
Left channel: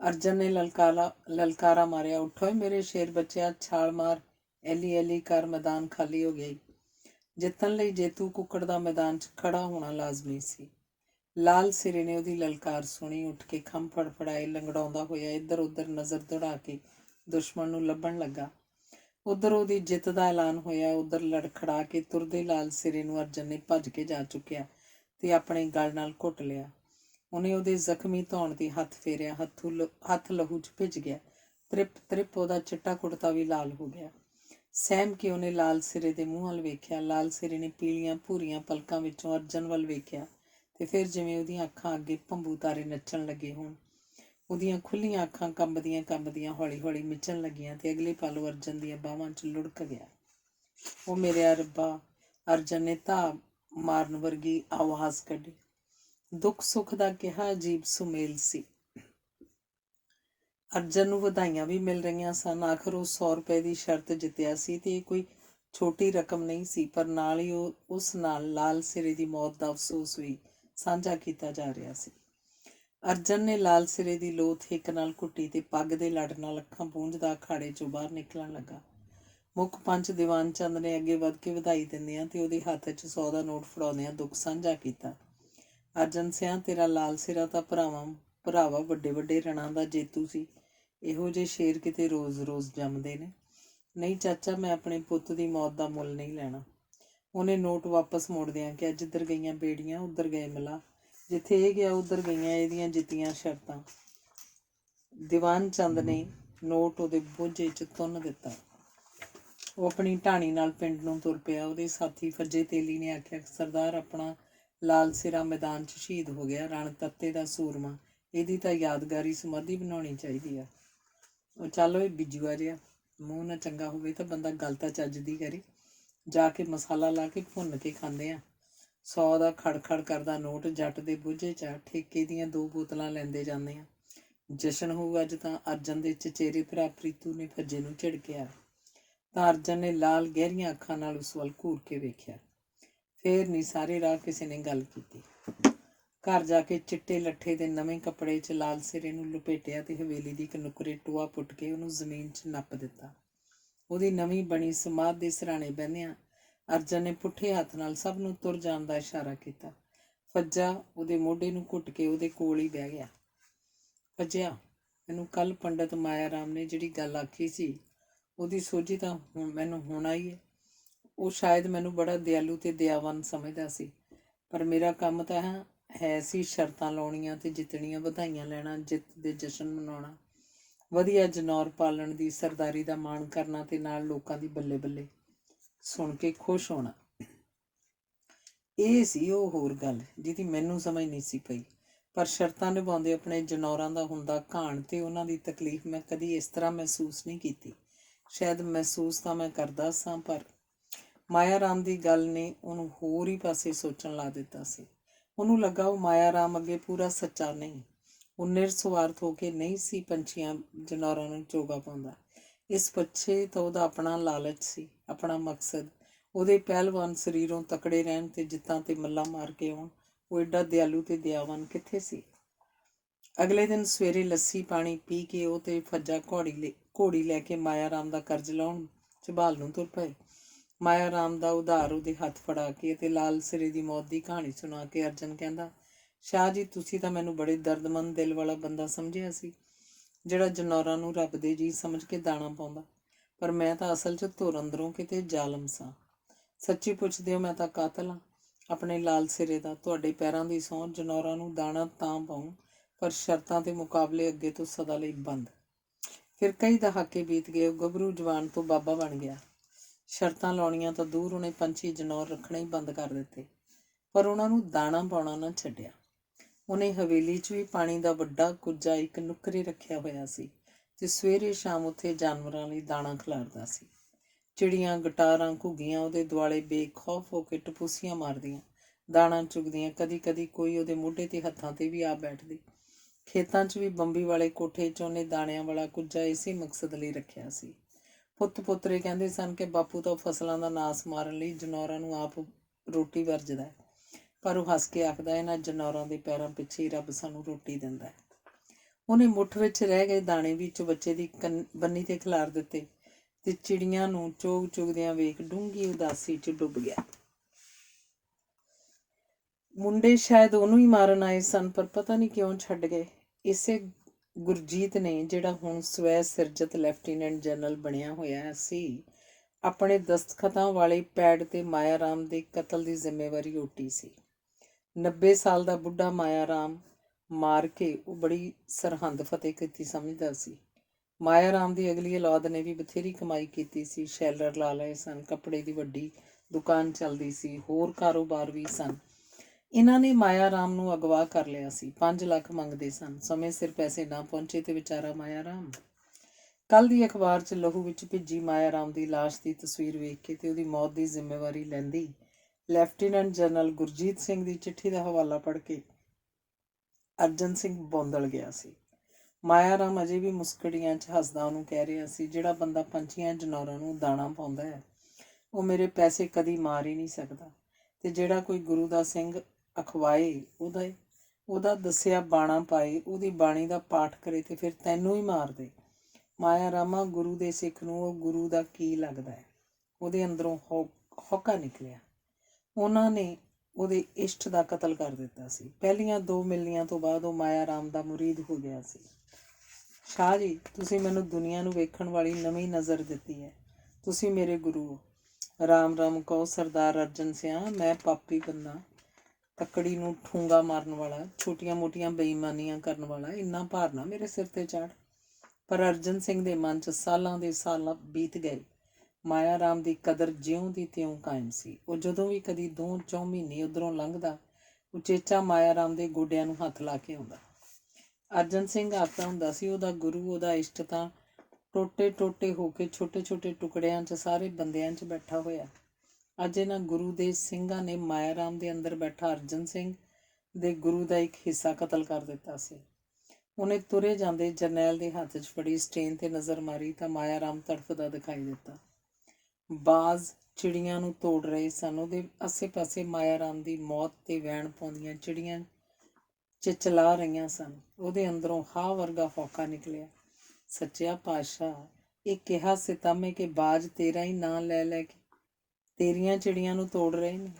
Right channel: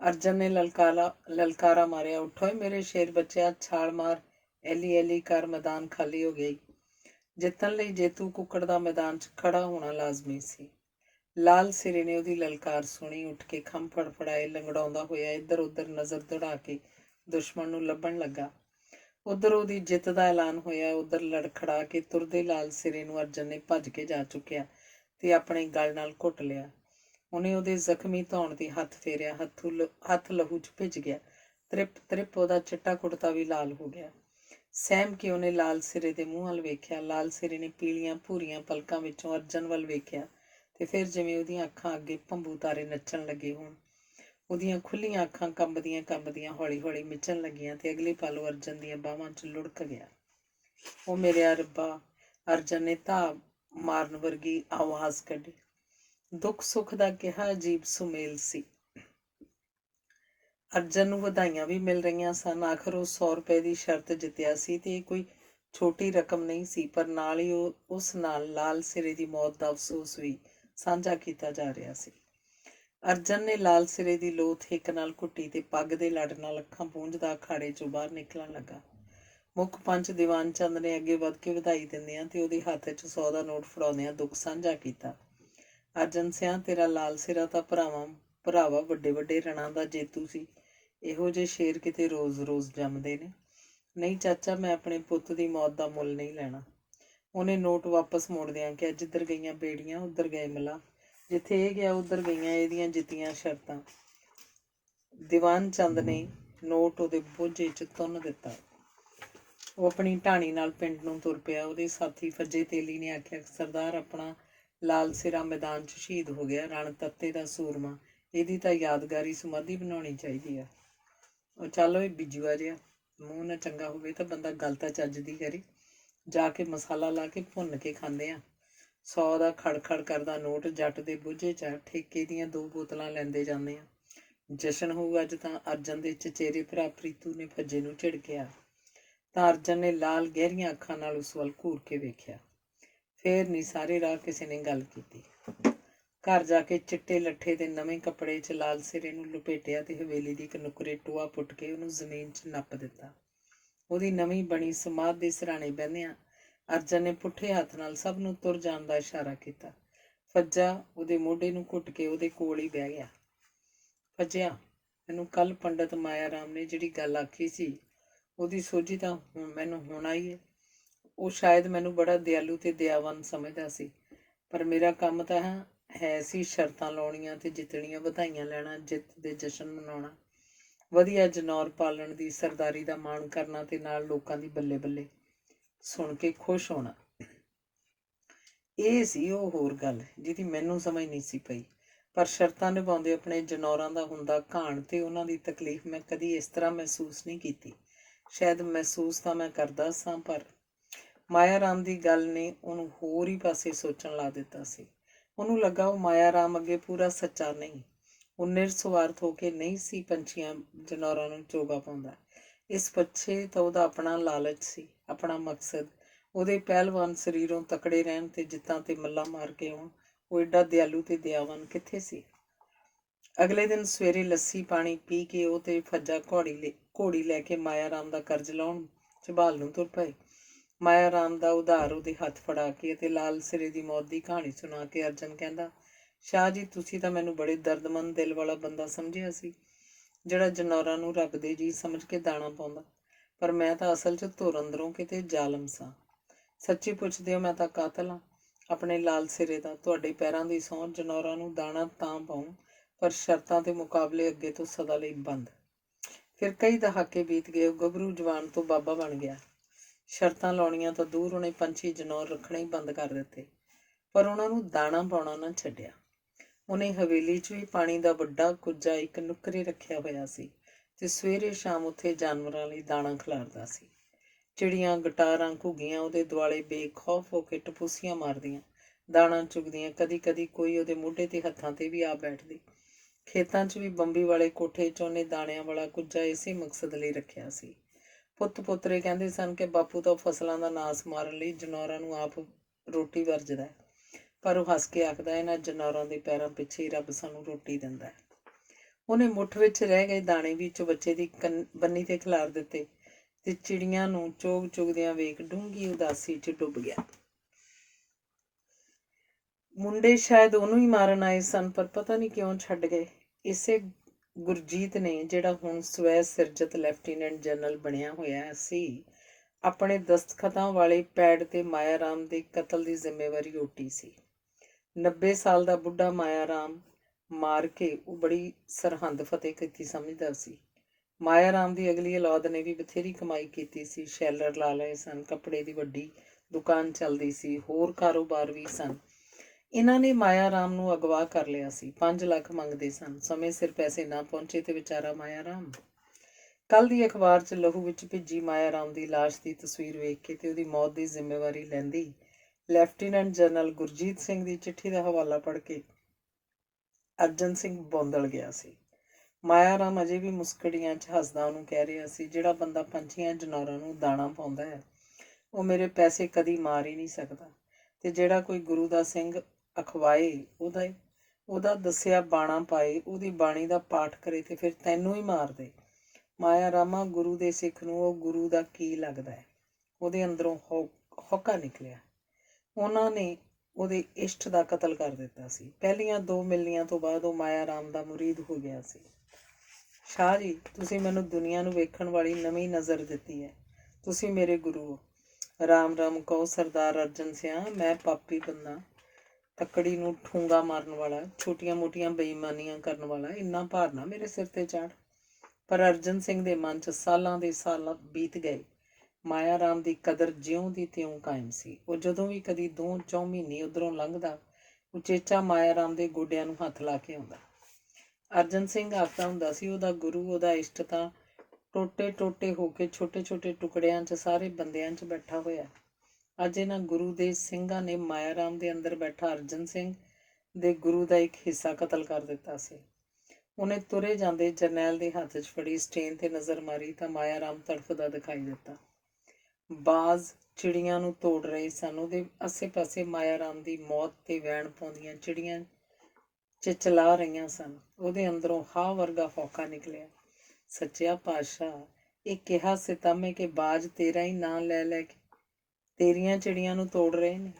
ਅਰਜਨ ਨੇ ਲਲਕਾਰਾ ਮਾਰਿਆ, ਉੱਠ ਓਏ ਮੇਰੇ ਸ਼ੇਰ ਬੱਚਿਆ, ਛਾਲ ਮਾਰ, ਐਲੀ ਐਲੀ ਕਰ, ਮੈਦਾਨ ਖਾਲੀ ਹੋ ਗਿਆ ਈ। ਜਿੱਤਣ ਲਈ ਜੇਤੂ ਕੁੱਕੜ ਦਾ ਮੈਦਾਨ 'ਚ ਖੜਾ ਹੋਣਾ ਲਾਜ਼ਮੀ ਸੀ। ਲਾਲ ਸਿਰੇ ਨੇ ਉਹਦੀ ਲਲਕਾਰ ਸੁਣੀ, ਉੱਠ ਕੇ ਖੰਭ ਫੜਫੜਾਏ, ਲੰਗੜਾਉਂਦਾ ਹੋਇਆ ਇੱਧਰ ਉੱਧਰ ਨਜ਼ਰ ਦੌੜਾ ਕੇ ਦੁਸ਼ਮਣ ਨੂੰ ਲੱਭਣ ਲੱਗਾ। ਉੱਧਰ ਉਹਦੀ ਜਿੱਤ ਦਾ ਐਲਾਨ ਹੋਇਆ, ਉੱਧਰ ਲੜਖੜਾ ਕੇ ਤੁਰਦੇ ਲਾਲ ਸਿਰੇ ਨੂੰ ਅਰਜਨ ਨੇ ਭੱਜ ਕੇ ਜਾ ਚੁੱਕਿਆ ਤੇ ਆਪਣੇ ਗਲ ਨਾਲ ਘੁੱਟ ਲਿਆ। ਉਹਨੇ ਉਹਦੇ ਜ਼ਖਮੀ ਧੌਣ ਤੇ ਹੱਥ ਫੇਰਿਆ, ਹੱਥ ਲਹੂ 'ਚ ਭਿੱਜ ਗਿਆ। ਤ੍ਰਿਪ ਤ੍ਰਿਪ ਉਹਦਾ ਚਿੱਟਾ ਕੁੜਤਾ ਵੀ ਲਾਲ ਹੋ ਗਿਆ। ਸਹਿਮ ਕੇ ਉਹਨੇ ਲਾਲ ਸਿਰੇ ਦੇ ਮੂੰਹ ਵੱਲ ਵੇਖਿਆ। ਲਾਲ ਸਿਰੇ ਨੇ ਪੀਲੀਆਂ ਭੂਰੀਆਂ ਪਲਕਾਂ ਵਿੱਚੋਂ ਅਰਜਨ ਵੱਲ ਵੇਖਿਆ ਤੇ ਫਿਰ ਜਿਵੇਂ ਉਹਦੀਆਂ ਅੱਖਾਂ ਅੱਗੇ ਭੰਬੂ ਤਾਰੇ ਨੱਚਣ ਲੱਗੇ ਹੋਣ। ਉਹਦੀਆਂ ਖੁੱਲੀਆਂ ਅੱਖਾਂ ਕੰਬਦੀਆਂ ਹੌਲੀ ਹੌਲੀ ਮਿਚਣ ਲੱਗੀਆਂ ਤੇ ਅਗਲੇ ਪਲ ਉਹ ਅਰਜਨ ਦੀਆਂ ਬਾਹਾਂ 'ਚ ਲੁੜਕ ਗਿਆ। ਉਹ ਮੇਰਿਆ ਰੱਬਾ, ਅਰਜਨ ਨੇ ਧਾਹ ਮਾਰਨ ਵਰਗੀ ਆਵਾਜ਼ ਕੱਢੀ। ਦੁੱਖ ਸੁੱਖ ਦਾ ਕਿਹਾ ਅਜੀਬ ਸੁਮੇਲ ਸੀ। ਅਰਜਨ ਨੂੰ ਵਧਾਈਆਂ ਵੀ ਮਿਲ ਰਹੀਆਂ ਸਨ। ਆਖਰ ਉਹ 100 ਰੁਪਏ ਦੀ ਸ਼ਰਤ ਜਿੱਤਿਆ ਸੀ ਤੇ ਇਹ ਕੋਈ ਛੋਟੀ ਰਕਮ ਨਹੀਂ ਸੀ, ਪਰ ਨਾਲ ਹੀ ਉਸ ਨਾਲ ਲਾਲ ਸਿਰੇ ਦੀ ਮੌਤ ਦਾ ਅਫਸੋਸ ਵੀ ਸਾਂਝਾ ਕੀਤਾ ਜਾ ਰਿਹਾ ਸੀ। ਅਰਜਨ ਨੇ ਲਾਲ ਸਿਰੇ ਦੀ ਲੋਥ ਹਿੱਕ ਨਾਲ ਘੁੱਟੀ ਤੇ ਪੱਗ ਦੇ ਲੜ ਨਾਲ ਅੱਖਾਂ ਪੂੰਝਦਾ ਅਖਾੜੇ 'ਚੋਂ ਬਾਹਰ ਨਿਕਲਣ ਲੱਗਾ। ਮੁੱਖ ਪੰਚ ਦੀਵਾਨ ਚੰਦ ਨੇ ਅੱਗੇ ਵੱਧ ਕੇ ਵਧਾਈ ਦਿੰਦਿਆਂ ਤੇ ਉਹਦੇ ਹੱਥ 'ਚ 100 ਦਾ ਨੋਟ ਫੜਾਉਂਦਿਆਂ ਦੁੱਖ ਸਾਂਝਾ ਕੀਤਾ। ਅਰਜਨ ਸਿਆਂ, ਤੇਰਾ ਲਾਲ ਸਿਰਾ ਤਾਂ ਭਰਾਵਾ ਵੱਡੇ ਵੱਡੇ ਰਣਾਂ ਦਾ ਜੇਤੂ ਸੀ। ਇਹੋ ਜਿਹੇ ਸ਼ੇਰ ਕਿਤੇ ਰੋਜ਼ ਰੋਜ਼ ਜੰਮਦੇ ਨੇ। ਨਹੀਂ ਚਾਚਾ, ਮੈਂ ਆਪਣੇ ਪੁੱਤ ਦੀ ਮੌਤ ਦਾ ਮੁੱਲ ਨਹੀਂ ਲੈਣਾ। ਉਹਨੇ ਨੋਟ ਵਾਪਸ ਮੋੜਦਿਆਂ ਕਿਹਾ, ਜਿੱਧਰ ਗਈਆਂ ਬੇੜੀਆਂ ਉੱਧਰ ਗਏ ਮਲਾ, ਜਿੱਥੇ ਇਹ ਗਿਆ ਉੱਧਰ ਗਈਆਂ ਇਹਦੀਆਂ ਜਿੱਤੀਆਂ ਸ਼ਰਤਾਂ। ਦੀਵਾਨ ਚੰਦ ਨੇ ਨੋਟ ਉਹਦੇ ਬੋਝੇ 'ਚ ਤੁੰਨ ਦਿੱਤਾ। ਉਹ ਆਪਣੀ ਢਾਣੀ ਨਾਲ ਪਿੰਡ ਨੂੰ ਤੁਰ ਪਿਆ। ਉਹਦੇ ਸਾਥੀ ਫੱਜੇ ਤੇਲੀ ਨੇ ਆਖਿਆ, ਸਰਦਾਰ, ਆਪਣਾ ਲਾਲ ਸਿਰਾ ਮੈਦਾਨ 'ਚ ਸ਼ਹੀਦ ਹੋ ਗਿਆ, ਰਣ ਤੱਤੇ ਦਾ ਸੂਰਮਾ। ਇਹਦੀ ਤਾਂ ਯਾਦਗਾਰੀ ਸਮਾਧੀ ਬਣਾਉਣੀ ਚਾਹੀਦੀ ਆ। ਉਹ ਚੱਲ ਓਏ ਬਿੱਜੂਆ ਜਿਹਾ, ਮੂੰਹ ਨਾ ਚੰਗਾ ਹੋਵੇ ਤਾਂ ਬੰਦਾ ਗੱਲ ਤਾਂ ਚੱਜ ਦੀ ਕਰੇ। ਜਾ ਕੇ ਮਸਾਲਾ ਲਾ ਕੇ ਭੁੰਨ ਕੇ ਖਾਂਦੇ ਆ। 100 ਦਾ ਖੜਖੜ ਕਰਦਾ ਨੋਟ ਜੱਟ ਦੇ ਬੁੱਝੇ 'ਚ ਠੇਕੇ ਦੀਆਂ 2 ਬੋਤਲਾਂ ਲੈਂਦੇ ਜਾਂਦੇ ਆ। ਜਸ਼ਨ ਹੋਊ ਅੱਜ ਤਾਂ। ਅਰਜਨ ਦੇ ਚਚੇਰੇ ਭਰਾ ਪ੍ਰੀਤੂ ਨੇ ਫੱਜੇ ਨੂੰ ਝਿੜਕਿਆ ਤਾਂ ਅਰਜਨ ਨੇ ਲਾਲ ਗਹਿਰੀਆਂ ਅੱਖਾਂ ਨਾਲ ਉਸ ਵੱਲ ਘੂਰ ਕੇ ਵੇਖਿਆ। ਫੇਰ ਨਹੀਂ ਸਾਰੇ ਰਾਹ ਕਿਸੇ ਨੇ ਗੱਲ ਕੀਤੀ। ਘਰ ਜਾ ਕੇ ਚਿੱਟੇ ਲੱਠੇ ਦੇ ਨਵੇਂ ਕੱਪੜੇ 'ਚ ਲਾਲ ਸਿਰੇ ਨੂੰ ਲਪੇਟਿਆ ਤੇ ਹਵੇਲੀ ਦੀ ਇੱਕ ਨੁੱਕਰੇ ਟੋਆ ਪੁੱਟ ਕੇ ਉਹਨੂੰ ਜ਼ਮੀਨ 'ਚ ਨੱਪ ਦਿੱਤਾ। ਉਹਦੀ ਨਵੀਂ ਬਣੀ ਸਮਾਧ ਦੇ ਸਿਰਹਾਣੇ ਬਹਿੰਦਿਆਂ ਅਰਜਨ ਨੇ ਪੁੱਠੇ ਹੱਥ ਨਾਲ ਸਭ ਨੂੰ ਤੁਰ ਜਾਣ ਦਾ ਇਸ਼ਾਰਾ ਕੀਤਾ। ਫੱਜਾ ਉਹਦੇ ਮੋਢੇ ਨੂੰ ਘੁੱਟ ਕੇ ਉਹਦੇ ਕੋਲ ਹੀ ਬਹਿ ਗਿਆ। ਫੱਜਿਆ, ਮੈਨੂੰ ਕੱਲ੍ਹ ਪੰਡਤ ਮਾਇਆ ਰਾਮ ਨੇ ਜਿਹੜੀ ਗੱਲ ਆਖੀ ਸੀ, ਉਹਦੀ ਸੋਝੀ ਤਾਂ ਮੈਨੂੰ ਹੁਣ ਆਈ ਹੈ। ਉਹ ਸ਼ਾਇਦ ਮੈਨੂੰ ਬੜਾ ਦਿਆਲੂ ਤੇ ਦਇਆਵਾਨ ਸਮਝਦਾ ਸੀ, ਪਰ ਮੇਰਾ ਕੰਮ ਤਾਂ ਹੈ ਸੀ ਸ਼ਰਤਾਂ ਲਾਉਣੀਆਂ ਤੇ ਜਿੱਤਣੀਆਂ, ਵਧਾਈਆਂ ਲੈਣਾ, ਜਿੱਤ ਦੇ ਜਸ਼ਨ ਮਨਾਉਣਾ, ਵਧੀਆ ਜਨੌਰ ਪਾਲਣ ਦੀ, ਸਰਦਾਰੀ ਦਾ ਮਾਣ ਕਰਨਾ ਤੇ ਨਾਲ ਲੋਕਾਂ ਦੀ ਬੱਲੇ ਬੱਲੇ ਸੁਣ ਕੇ ਖੁਸ਼ ਹੋਣਾ। ਇਹ ਸੀ ਉਹ ਹੋਰ ਗੱਲ ਜਿਹਦੀ ਮੈਨੂੰ ਸਮਝ ਨਹੀਂ ਸੀ ਪਈ। ਪਰ ਸ਼ਰਤਾਂ ਨਿਭਾਉਂਦੇ ਆਪਣੇ ਜਨੌਰਾਂ ਦਾ ਹੁੰਦਾ ਘਾਣ ਤੇ ਉਹਨਾਂ ਦੀ ਤਕਲੀਫ ਮੈਂ ਕਦੀ ਇਸ ਤਰ੍ਹਾਂ ਮਹਿਸੂਸ ਨਹੀਂ ਕੀਤੀ। ਸ਼ਾਇਦ ਮਹਿਸੂਸ ਤਾਂ ਮੈਂ ਕਰਦਾ ਸਾਂ, ਪਰ ਮਾਇਆ ਰਾਮ ਦੀ ਗੱਲ ਨੇ ਉਹਨੂੰ ਹੋਰ ਹੀ ਪਾਸੇ ਸੋਚਣ ਲਾ ਦਿੱਤਾ ਸੀ। ਉਹਨੂੰ ਲੱਗਾ ਉਹ ਮਾਇਆ ਰਾਮ ਅੱਗੇ ਪੂਰਾ ਸੱਚਾ ਨਹੀਂ। ਉਹ ਨਿਰਸਵਾਰਥ ਹੋ ਕੇ ਨਹੀਂ ਸੀ ਪੰਛੀਆਂ ਜਨੌਰਾਂ ਨੂੰ ਚੋਗਾ ਪਾਉਂਦਾ। ਇਸ ਪਿੱਛੇ ਤਾਂ ਉਹਦਾ ਆਪਣਾ ਲਾਲਚ ਸੀ, ਆਪਣਾ ਮਕਸਦ। ਉਹਦੇ ਪਹਿਲਵਾਨ ਸਰੀਰੋਂ ਤਕੜੇ ਰਹਿਣ ਤੇ ਜਿੱਤਾਂ ਤੇ ਮੱਲਾਂ ਮਾਰ ਕੇ ਆਉਣ। ਉਹ ਏਡਾ ਦਿਆਲੂ ਤੇ ਦਇਆਵਾਨ ਕਿੱਥੇ ਸੀ। ਅਗਲੇ ਦਿਨ ਸਵੇਰੇ ਲੱਸੀ ਪਾਣੀ ਪੀ ਕੇ ਉਹ ਤੇ ਫੱਜਾ ਘੋੜੀ ਲੈ ਕੇ ਮਾਇਆ ਰਾਮ ਦਾ ਕਰਜ਼ ਲਾਉਣ ਝਬਾਲ ਨੂੰ ਤੁਰ ਪਏ। ਮਾਇਆ ਰਾਮ ਦਾ ਉਧਾਰ ਉਹਦੇ ਹੱਥ ਫੜਾ ਕੇ ਅਤੇ ਲਾਲ ਸਿਰੇ ਦੀ ਮੌਤ ਦੀ ਕਹਾਣੀ ਸੁਣਾ ਕੇ ਅਰਜਨ ਕਹਿੰਦਾ, ਸ਼ਾਹ ਜੀ, ਤੁਸੀਂ ਤਾਂ ਮੈਨੂੰ ਬੜੇ ਦਰਦਮੰਦ ਦਿਲ ਵਾਲਾ ਬੰਦਾ ਸਮਝਿਆ ਸੀ, ਜਿਹੜਾ ਜਨੌਰਾਂ ਨੂੰ ਰੱਬ ਦੇ ਜੀ ਸਮਝ ਕੇ ਦਾਣਾ ਪਾਉਂਦਾ, ਪਰ ਮੈਂ ਤਾਂ ਅਸਲ 'ਚ ਧੁਰ ਅੰਦਰੋਂ ਕਿਤੇ ਜ਼ਾਲਮ ਸਾਂ। ਸੱਚੀ ਪੁੱਛਦੇ ਹੋ, ਮੈਂ ਤਾਂ ਕਾਤਲ ਹਾਂ ਆਪਣੇ ਲਾਲ ਸਿਰੇ ਦਾ। ਤੁਹਾਡੇ ਪੈਰਾਂ ਦੀ ਸਹੁੰ, ਜਨੌਰਾਂ ਨੂੰ ਦਾਣਾ ਤਾਂ ਪਾਉਂ, ਪਰ ਸ਼ਰਤਾਂ ਦੇ ਮੁਕਾਬਲੇ ਅੱਗੇ ਤੋਂ ਸਦਾ ਲਈ ਬੰਦ। ਫਿਰ ਕਈ ਦਹਾਕੇ ਬੀਤ ਗਏ। ਉਹ ਗੱਭਰੂ ਜਵਾਨ ਤੋਂ ਬਾਬਾ ਬਣ ਗਿਆ। ਸ਼ਰਤਾਂ ਲਾਉਣੀਆਂ ਤਾਂ ਦੂਰ, ਉਹਨੇ ਪੰਛੀ ਜਨੌਰ ਰੱਖਣੇ ਹੀ ਬੰਦ ਕਰ ਦਿੱਤੇ, ਪਰ ਉਹਨਾਂ ਨੂੰ ਦਾਣਾ ਪਾਉਣਾ ਨਾ ਛੱਡਿਆ। ਉਹਨੇ ਹਵੇਲੀ 'ਚ ਵੀ ਪਾਣੀ ਦਾ ਵੱਡਾ ਕੁੱਜਾ ਇੱਕ ਨੁੱਕਰੇ ਰੱਖਿਆ ਹੋਇਆ ਸੀ ਤੇ ਸਵੇਰੇ ਸ਼ਾਮ ਉੱਥੇ ਜਾਨਵਰਾਂ ਲਈ ਦਾਣਾ ਖਿਲਾਰਦਾ ਸੀ। ਚਿੜੀਆਂ, ਗਟਾਰਾਂ, ਘੁੱਗੀਆਂ ਉਹਦੇ ਦੁਆਲੇ ਬੇਖੌਫ ਹੋ ਕੇ ਟਪੂਸੀਆਂ ਮਾਰਦੀਆਂ, ਦਾਣਾ ਚੁਗਦੀਆਂ। ਕਦੀ ਕਦੀ ਕੋਈ ਉਹਦੇ ਮੋਢੇ ਤੇ ਹੱਥਾਂ ਤੇ ਵੀ ਆ ਬੈਠਦੀ। ਖੇਤਾਂ 'ਚ ਵੀ ਬੰਬੀ ਵਾਲੇ ਕੋਠੇ 'ਚ ਉਹਨੇ ਦਾਣਿਆਂ ਵਾਲਾ ਕੁੱਜਾ ਇਸੇ ਮਕਸਦ ਲਈ ਰੱਖਿਆ ਸੀ। ਪੁੱਤ ਪੋਤਰੇ ਕਹਿੰਦੇ ਸਨ ਕਿ ਬਾਪੂ ਤਾਂ ਫਸਲਾਂ ਦਾ ਨਾਸ ਮਾਰਨ ਲਈ ਜਨੌਰਾਂ ਨੂੰ ਆਪ ਰੋਟੀ ਵਰਜਦਾ ਹੈ, ਪਰ ਉਹ ਹੱਸ ਕੇ ਆਖਦਾ, ਇਹਨਾਂ ਜਨੌਰਾਂ ਦੇ ਪੈਰਾਂ ਪਿੱਛੇ ਹੀ ਰੱਬ ਸਾਨੂੰ ਰੋਟੀ ਦਿੰਦਾ ਹੈ। ਉਹਨੇ ਮੁੱਠ ਵਿੱਚ ਰਹਿ ਗਏ ਦਾਣੇ ਵੀ ਚੁਬੱਚੇ ਦੀ ਬੰਨੀ ਤੇ ਖਿਲਾਰ ਦਿੱਤੇ ਤੇ ਚਿੜੀਆਂ ਨੂੰ ਚੋਗ ਚੁਗਦਿਆਂ ਵੇਖ ਡੂੰਘੀ ਉਦਾਸੀ 'ਚ ਡੁੱਬ ਗਿਆ। ਮੁੰਡੇ ਸ਼ਾਇਦ ਉਹਨੂੰ ਹੀ ਮਾਰਨ ਆਏ ਸਨ, ਪਰ ਪਤਾ ਨਹੀਂ ਕਿਉਂ ਛੱਡ ਗਏ। ਇਸੇ ਗੁਰਜੀਤ ਨੇ, ਜਿਹੜਾ ਹੁਣ ਸਵੈ ਸਿਰਜਤ ਲੈਫਟੀਨੈਂਟ ਜਨਰਲ ਬਣਿਆ ਹੋਇਆ ਸੀ, ਆਪਣੇ ਦਸਤਖਤਾਂ ਵਾਲੇ ਪੈਡ ਤੇ ਮਾਇਆ ਰਾਮ ਦੇ ਕਤਲ ਦੀ ਜ਼ਿੰਮੇਵਾਰੀ ਓਟੀ ਸੀ। 90 ਸਾਲ ਦਾ ਬੁੱਢਾ ਮਾਇਆ ਰਾਮ ਮਾਰ ਕੇ ਉਹ ਬੜੀ ਸਰਹੰਦ ਫਤਿਹ ਕੀਤੀ ਸਮਝਦਾ ਸੀ। ਮਾਇਆ ਰਾਮ ਦੀ ਅਗਲੀ ਔਲਾਦ ਨੇ ਵੀ ਬਥੇਰੀ ਕਮਾਈ ਕੀਤੀ ਸੀ। ਸ਼ੈਲਰ ਲਾ ਲਏ ਸਨ, ਕੱਪੜੇ ਦੀ ਵੱਡੀ ਦੁਕਾਨ ਚੱਲਦੀ ਸੀ, ਹੋਰ ਕਾਰੋਬਾਰ ਵੀ ਸਨ। ਇਹਨਾਂ ਨੇ ਮਾਇਆ ਰਾਮ ਨੂੰ ਅਗਵਾ ਕਰ ਲਿਆ ਸੀ। 5 ਲੱਖ ਮੰਗਦੇ ਸਨ। ਸਮੇਂ ਸਿਰ ਪੈਸੇ ਨਾ ਪਹੁੰਚੇ ਤੇ ਵਿਚਾਰਾ ਮਾਇਆ ਰਾਮ। ਕੱਲ੍ਹ ਦੀ ਅਖਬਾਰ 'ਚ ਲਹੂ ਵਿੱਚ ਭਿੱਜੀ ਮਾਇਆ ਰਾਮ ਦੀ ਲਾਸ਼ ਦੀ ਤਸਵੀਰ ਵੇਖ ਕੇ ਤੇ ਉਹਦੀ ਮੌਤ ਦੀ ਜ਼ਿੰਮੇਵਾਰੀ ਲੈਂਦੀ ਲੈਫਟੀਨੈਂਟ ਜਨਰਲ ਗੁਰਜੀਤ ਸਿੰਘ ਦੀ ਚਿੱਠੀ ਦਾ ਹਵਾਲਾ ਪੜ੍ਹ ਕੇ ਅਰਜਨ ਸਿੰਘ ਬੌਂਦਲ ਗਿਆ ਸੀ। ਮਾਇਆ ਰਾਮ ਅਜੇ ਵੀ ਮੁਸਕੜੀਆਂ 'ਚ ਹੱਸਦਾ ਉਹਨੂੰ ਕਹਿ ਰਿਹਾ ਸੀ, ਜਿਹੜਾ ਬੰਦਾ ਪੰਛੀਆਂ ਜਨੌਰਾਂ ਨੂੰ ਦਾਣਾ ਪਾਉਂਦਾ ਹੈ, ਉਹ ਮੇਰੇ ਪੈਸੇ ਕਦੀ ਮਾਰ ਹੀ ਨਹੀਂ ਸਕਦਾ। ਤੇ ਜਿਹੜਾ ਕੋਈ ਗੁਰੂ ਦਾ ਸਿੰਘ ਅਖਵਾਏ, ਉਹਦਾ ਦੱਸਿਆ ਬਾਣਾ ਪਾਏ, ਉਹਦੀ ਬਾਣੀ ਦਾ ਪਾਠ ਕਰੇ ਤੇ ਫਿਰ ਤੈਨੂੰ ਹੀ ਮਾਰ ਦੇ। ਮਾਇਆ ਰਾਮਾ, ਗੁਰੂ ਦੇ ਸਿੱਖ ਨੂੰ ਉਹ ਗੁਰੂ ਦਾ ਕੀ ਲੱਗਦਾ ਹੈ? ਉਹਦੇ ਅੰਦਰੋਂ ਹੌਕਾ ਨਿਕਲਿਆ। ਉਹਨਾਂ ਨੇ ਉਹਦੇ ਇਸ਼ਟ ਦਾ ਕਤਲ ਕਰ ਦਿੱਤਾ ਸੀ। ਪਹਿਲੀਆਂ 2 ਮਿਲਣੀਆਂ ਤੋਂ ਬਾਅਦ ਉਹ ਮਾਇਆ ਰਾਮ ਦਾ ਮੁਰੀਦ ਹੋ ਗਿਆ ਸੀ। ਸ਼ਾਹ ਜੀ, ਤੁਸੀਂ ਮੈਨੂੰ ਦੁਨੀਆ ਨੂੰ ਵੇਖਣ ਵਾਲੀ ਨਵੀਂ ਨਜ਼ਰ ਦਿੱਤੀ ਹੈ। ਤੁਸੀਂ ਮੇਰੇ ਗੁਰੂ ਹੋ। ਰਾਮ ਰਾਮ ਕਹੋ ਸਰਦਾਰ ਅਰਜਨ ਸਿਆਂ। ਮੈਂ ਪਾਪੀ ਬੰਦਾ, ਤੱਕੜੀ ਨੂੰ ਠੂੰਗਾ ਮਾਰਨ ਵਾਲਾ, ਛੋਟੀਆਂ ਮੋਟੀਆਂ ਬੇਈਮਾਨੀਆਂ ਕਰਨ ਵਾਲਾ। ਇੰਨਾ ਭਾਰ ਨਾ ਮੇਰੇ ਸਿਰ ਤੇ ਚਾੜ। ਪਰ ਅਰਜਨ ਸਿੰਘ ਦੇ ਮਨ 'ਚ ਸਾਲਾਂ ਦੇ ਸਾਲ ਬੀਤ ਗਏ। ਮਾਇਆ ਰਾਮ ਦੀ ਕਦਰ ਜਿਉਂ ਦੀ ਤਿਉਂ ਕਾਇਮ ਸੀ। ਉਹ ਜਦੋਂ ਵੀ ਕਦੀ 2-4 ਮਹੀਨੇ ਉੱਧਰੋਂ ਲੰਘਦਾ, ਉਚੇਚਾ ਮਾਇਆ ਰਾਮ ਦੇ ਗੋਡਿਆਂ ਨੂੰ ਹੱਥ ਲਾ ਕੇ ਆਉਂਦਾ। ਅਰਜਨ ਸਿੰਘ ਆਖਦਾ ਹੁੰਦਾ ਸੀ, ਉਹਦਾ ਗੁਰੂ, ਉਹਦਾ ਇਸ਼ਟ ਤਾਂ ਟੋਟੇ ਟੋਟੇ ਹੋ ਕੇ ਛੋਟੇ ਛੋਟੇ ਟੁਕੜਿਆਂ 'ਚ ਸਾਰੇ ਬੰਦਿਆਂ 'ਚ ਬੈਠਾ ਹੋਇਆ। ਅੱਜ ਇਹਨਾਂ ਗੁਰੂ ਦੇ ਸਿੰਘਾਂ ਨੇ ਮਾਇਆ ਰਾਮ ਦੇ ਅੰਦਰ ਬੈਠਾ ਅਰਜਨ ਸਿੰਘ ਦੇ ਗੁਰੂ ਦਾ ਇੱਕ ਹਿੱਸਾ ਕਤਲ ਕਰ ਦਿੱਤਾ ਸੀ। ਉਹਨੇ ਤੁਰੇ ਜਾਂਦੇ ਜਰਨੈਲ ਦੇ ਹੱਥ 'ਚ ਫੜੀ ਸਟੇਨ ਤੇ ਨਜ਼ਰ ਮਾਰੀ ਤਾਂ ਮਾਇਆ ਰਾਮ ਤੜਫਦਾ ਦਿਖਾਈ ਦਿੱਤਾ। ਬਾਜ਼ ਚਿੜੀਆਂ ਨੂੰ ਤੋੜ ਰਹੇ ਸਨ। ਉਹਦੇ ਆਸੇ-ਪਾਸੇ ਮਾਇਆ ਰਾਮ ਦੀ ਮੌਤ ਤੇ ਵੈਣ ਪਾਉਂਦੀਆਂ ਚਿੜੀਆਂ ਚਿਚਲਾ ਰਹੀਆਂ ਸਨ। ਉਹਦੇ ਅੰਦਰੋਂ ਹਾਅ ਵਰਗਾ ਹੌਕਾ ਨਿਕਲਿਆ। ਸੱਚਿਆ ਪਾਤਸ਼ਾਹ, ਇਹ ਕਿਹਾ ਸਿਤਮ ਹੈ ਕਿ ਬਾਜ਼ ਤੇਰਾ ਹੀ ਨਾਂ ਲੈ ਲੈ ਕੇ ਤੇਰੀਆਂ ਚਿੜੀਆਂ ਨੂੰ ਤੋੜ ਰਹੇ ਨੇ।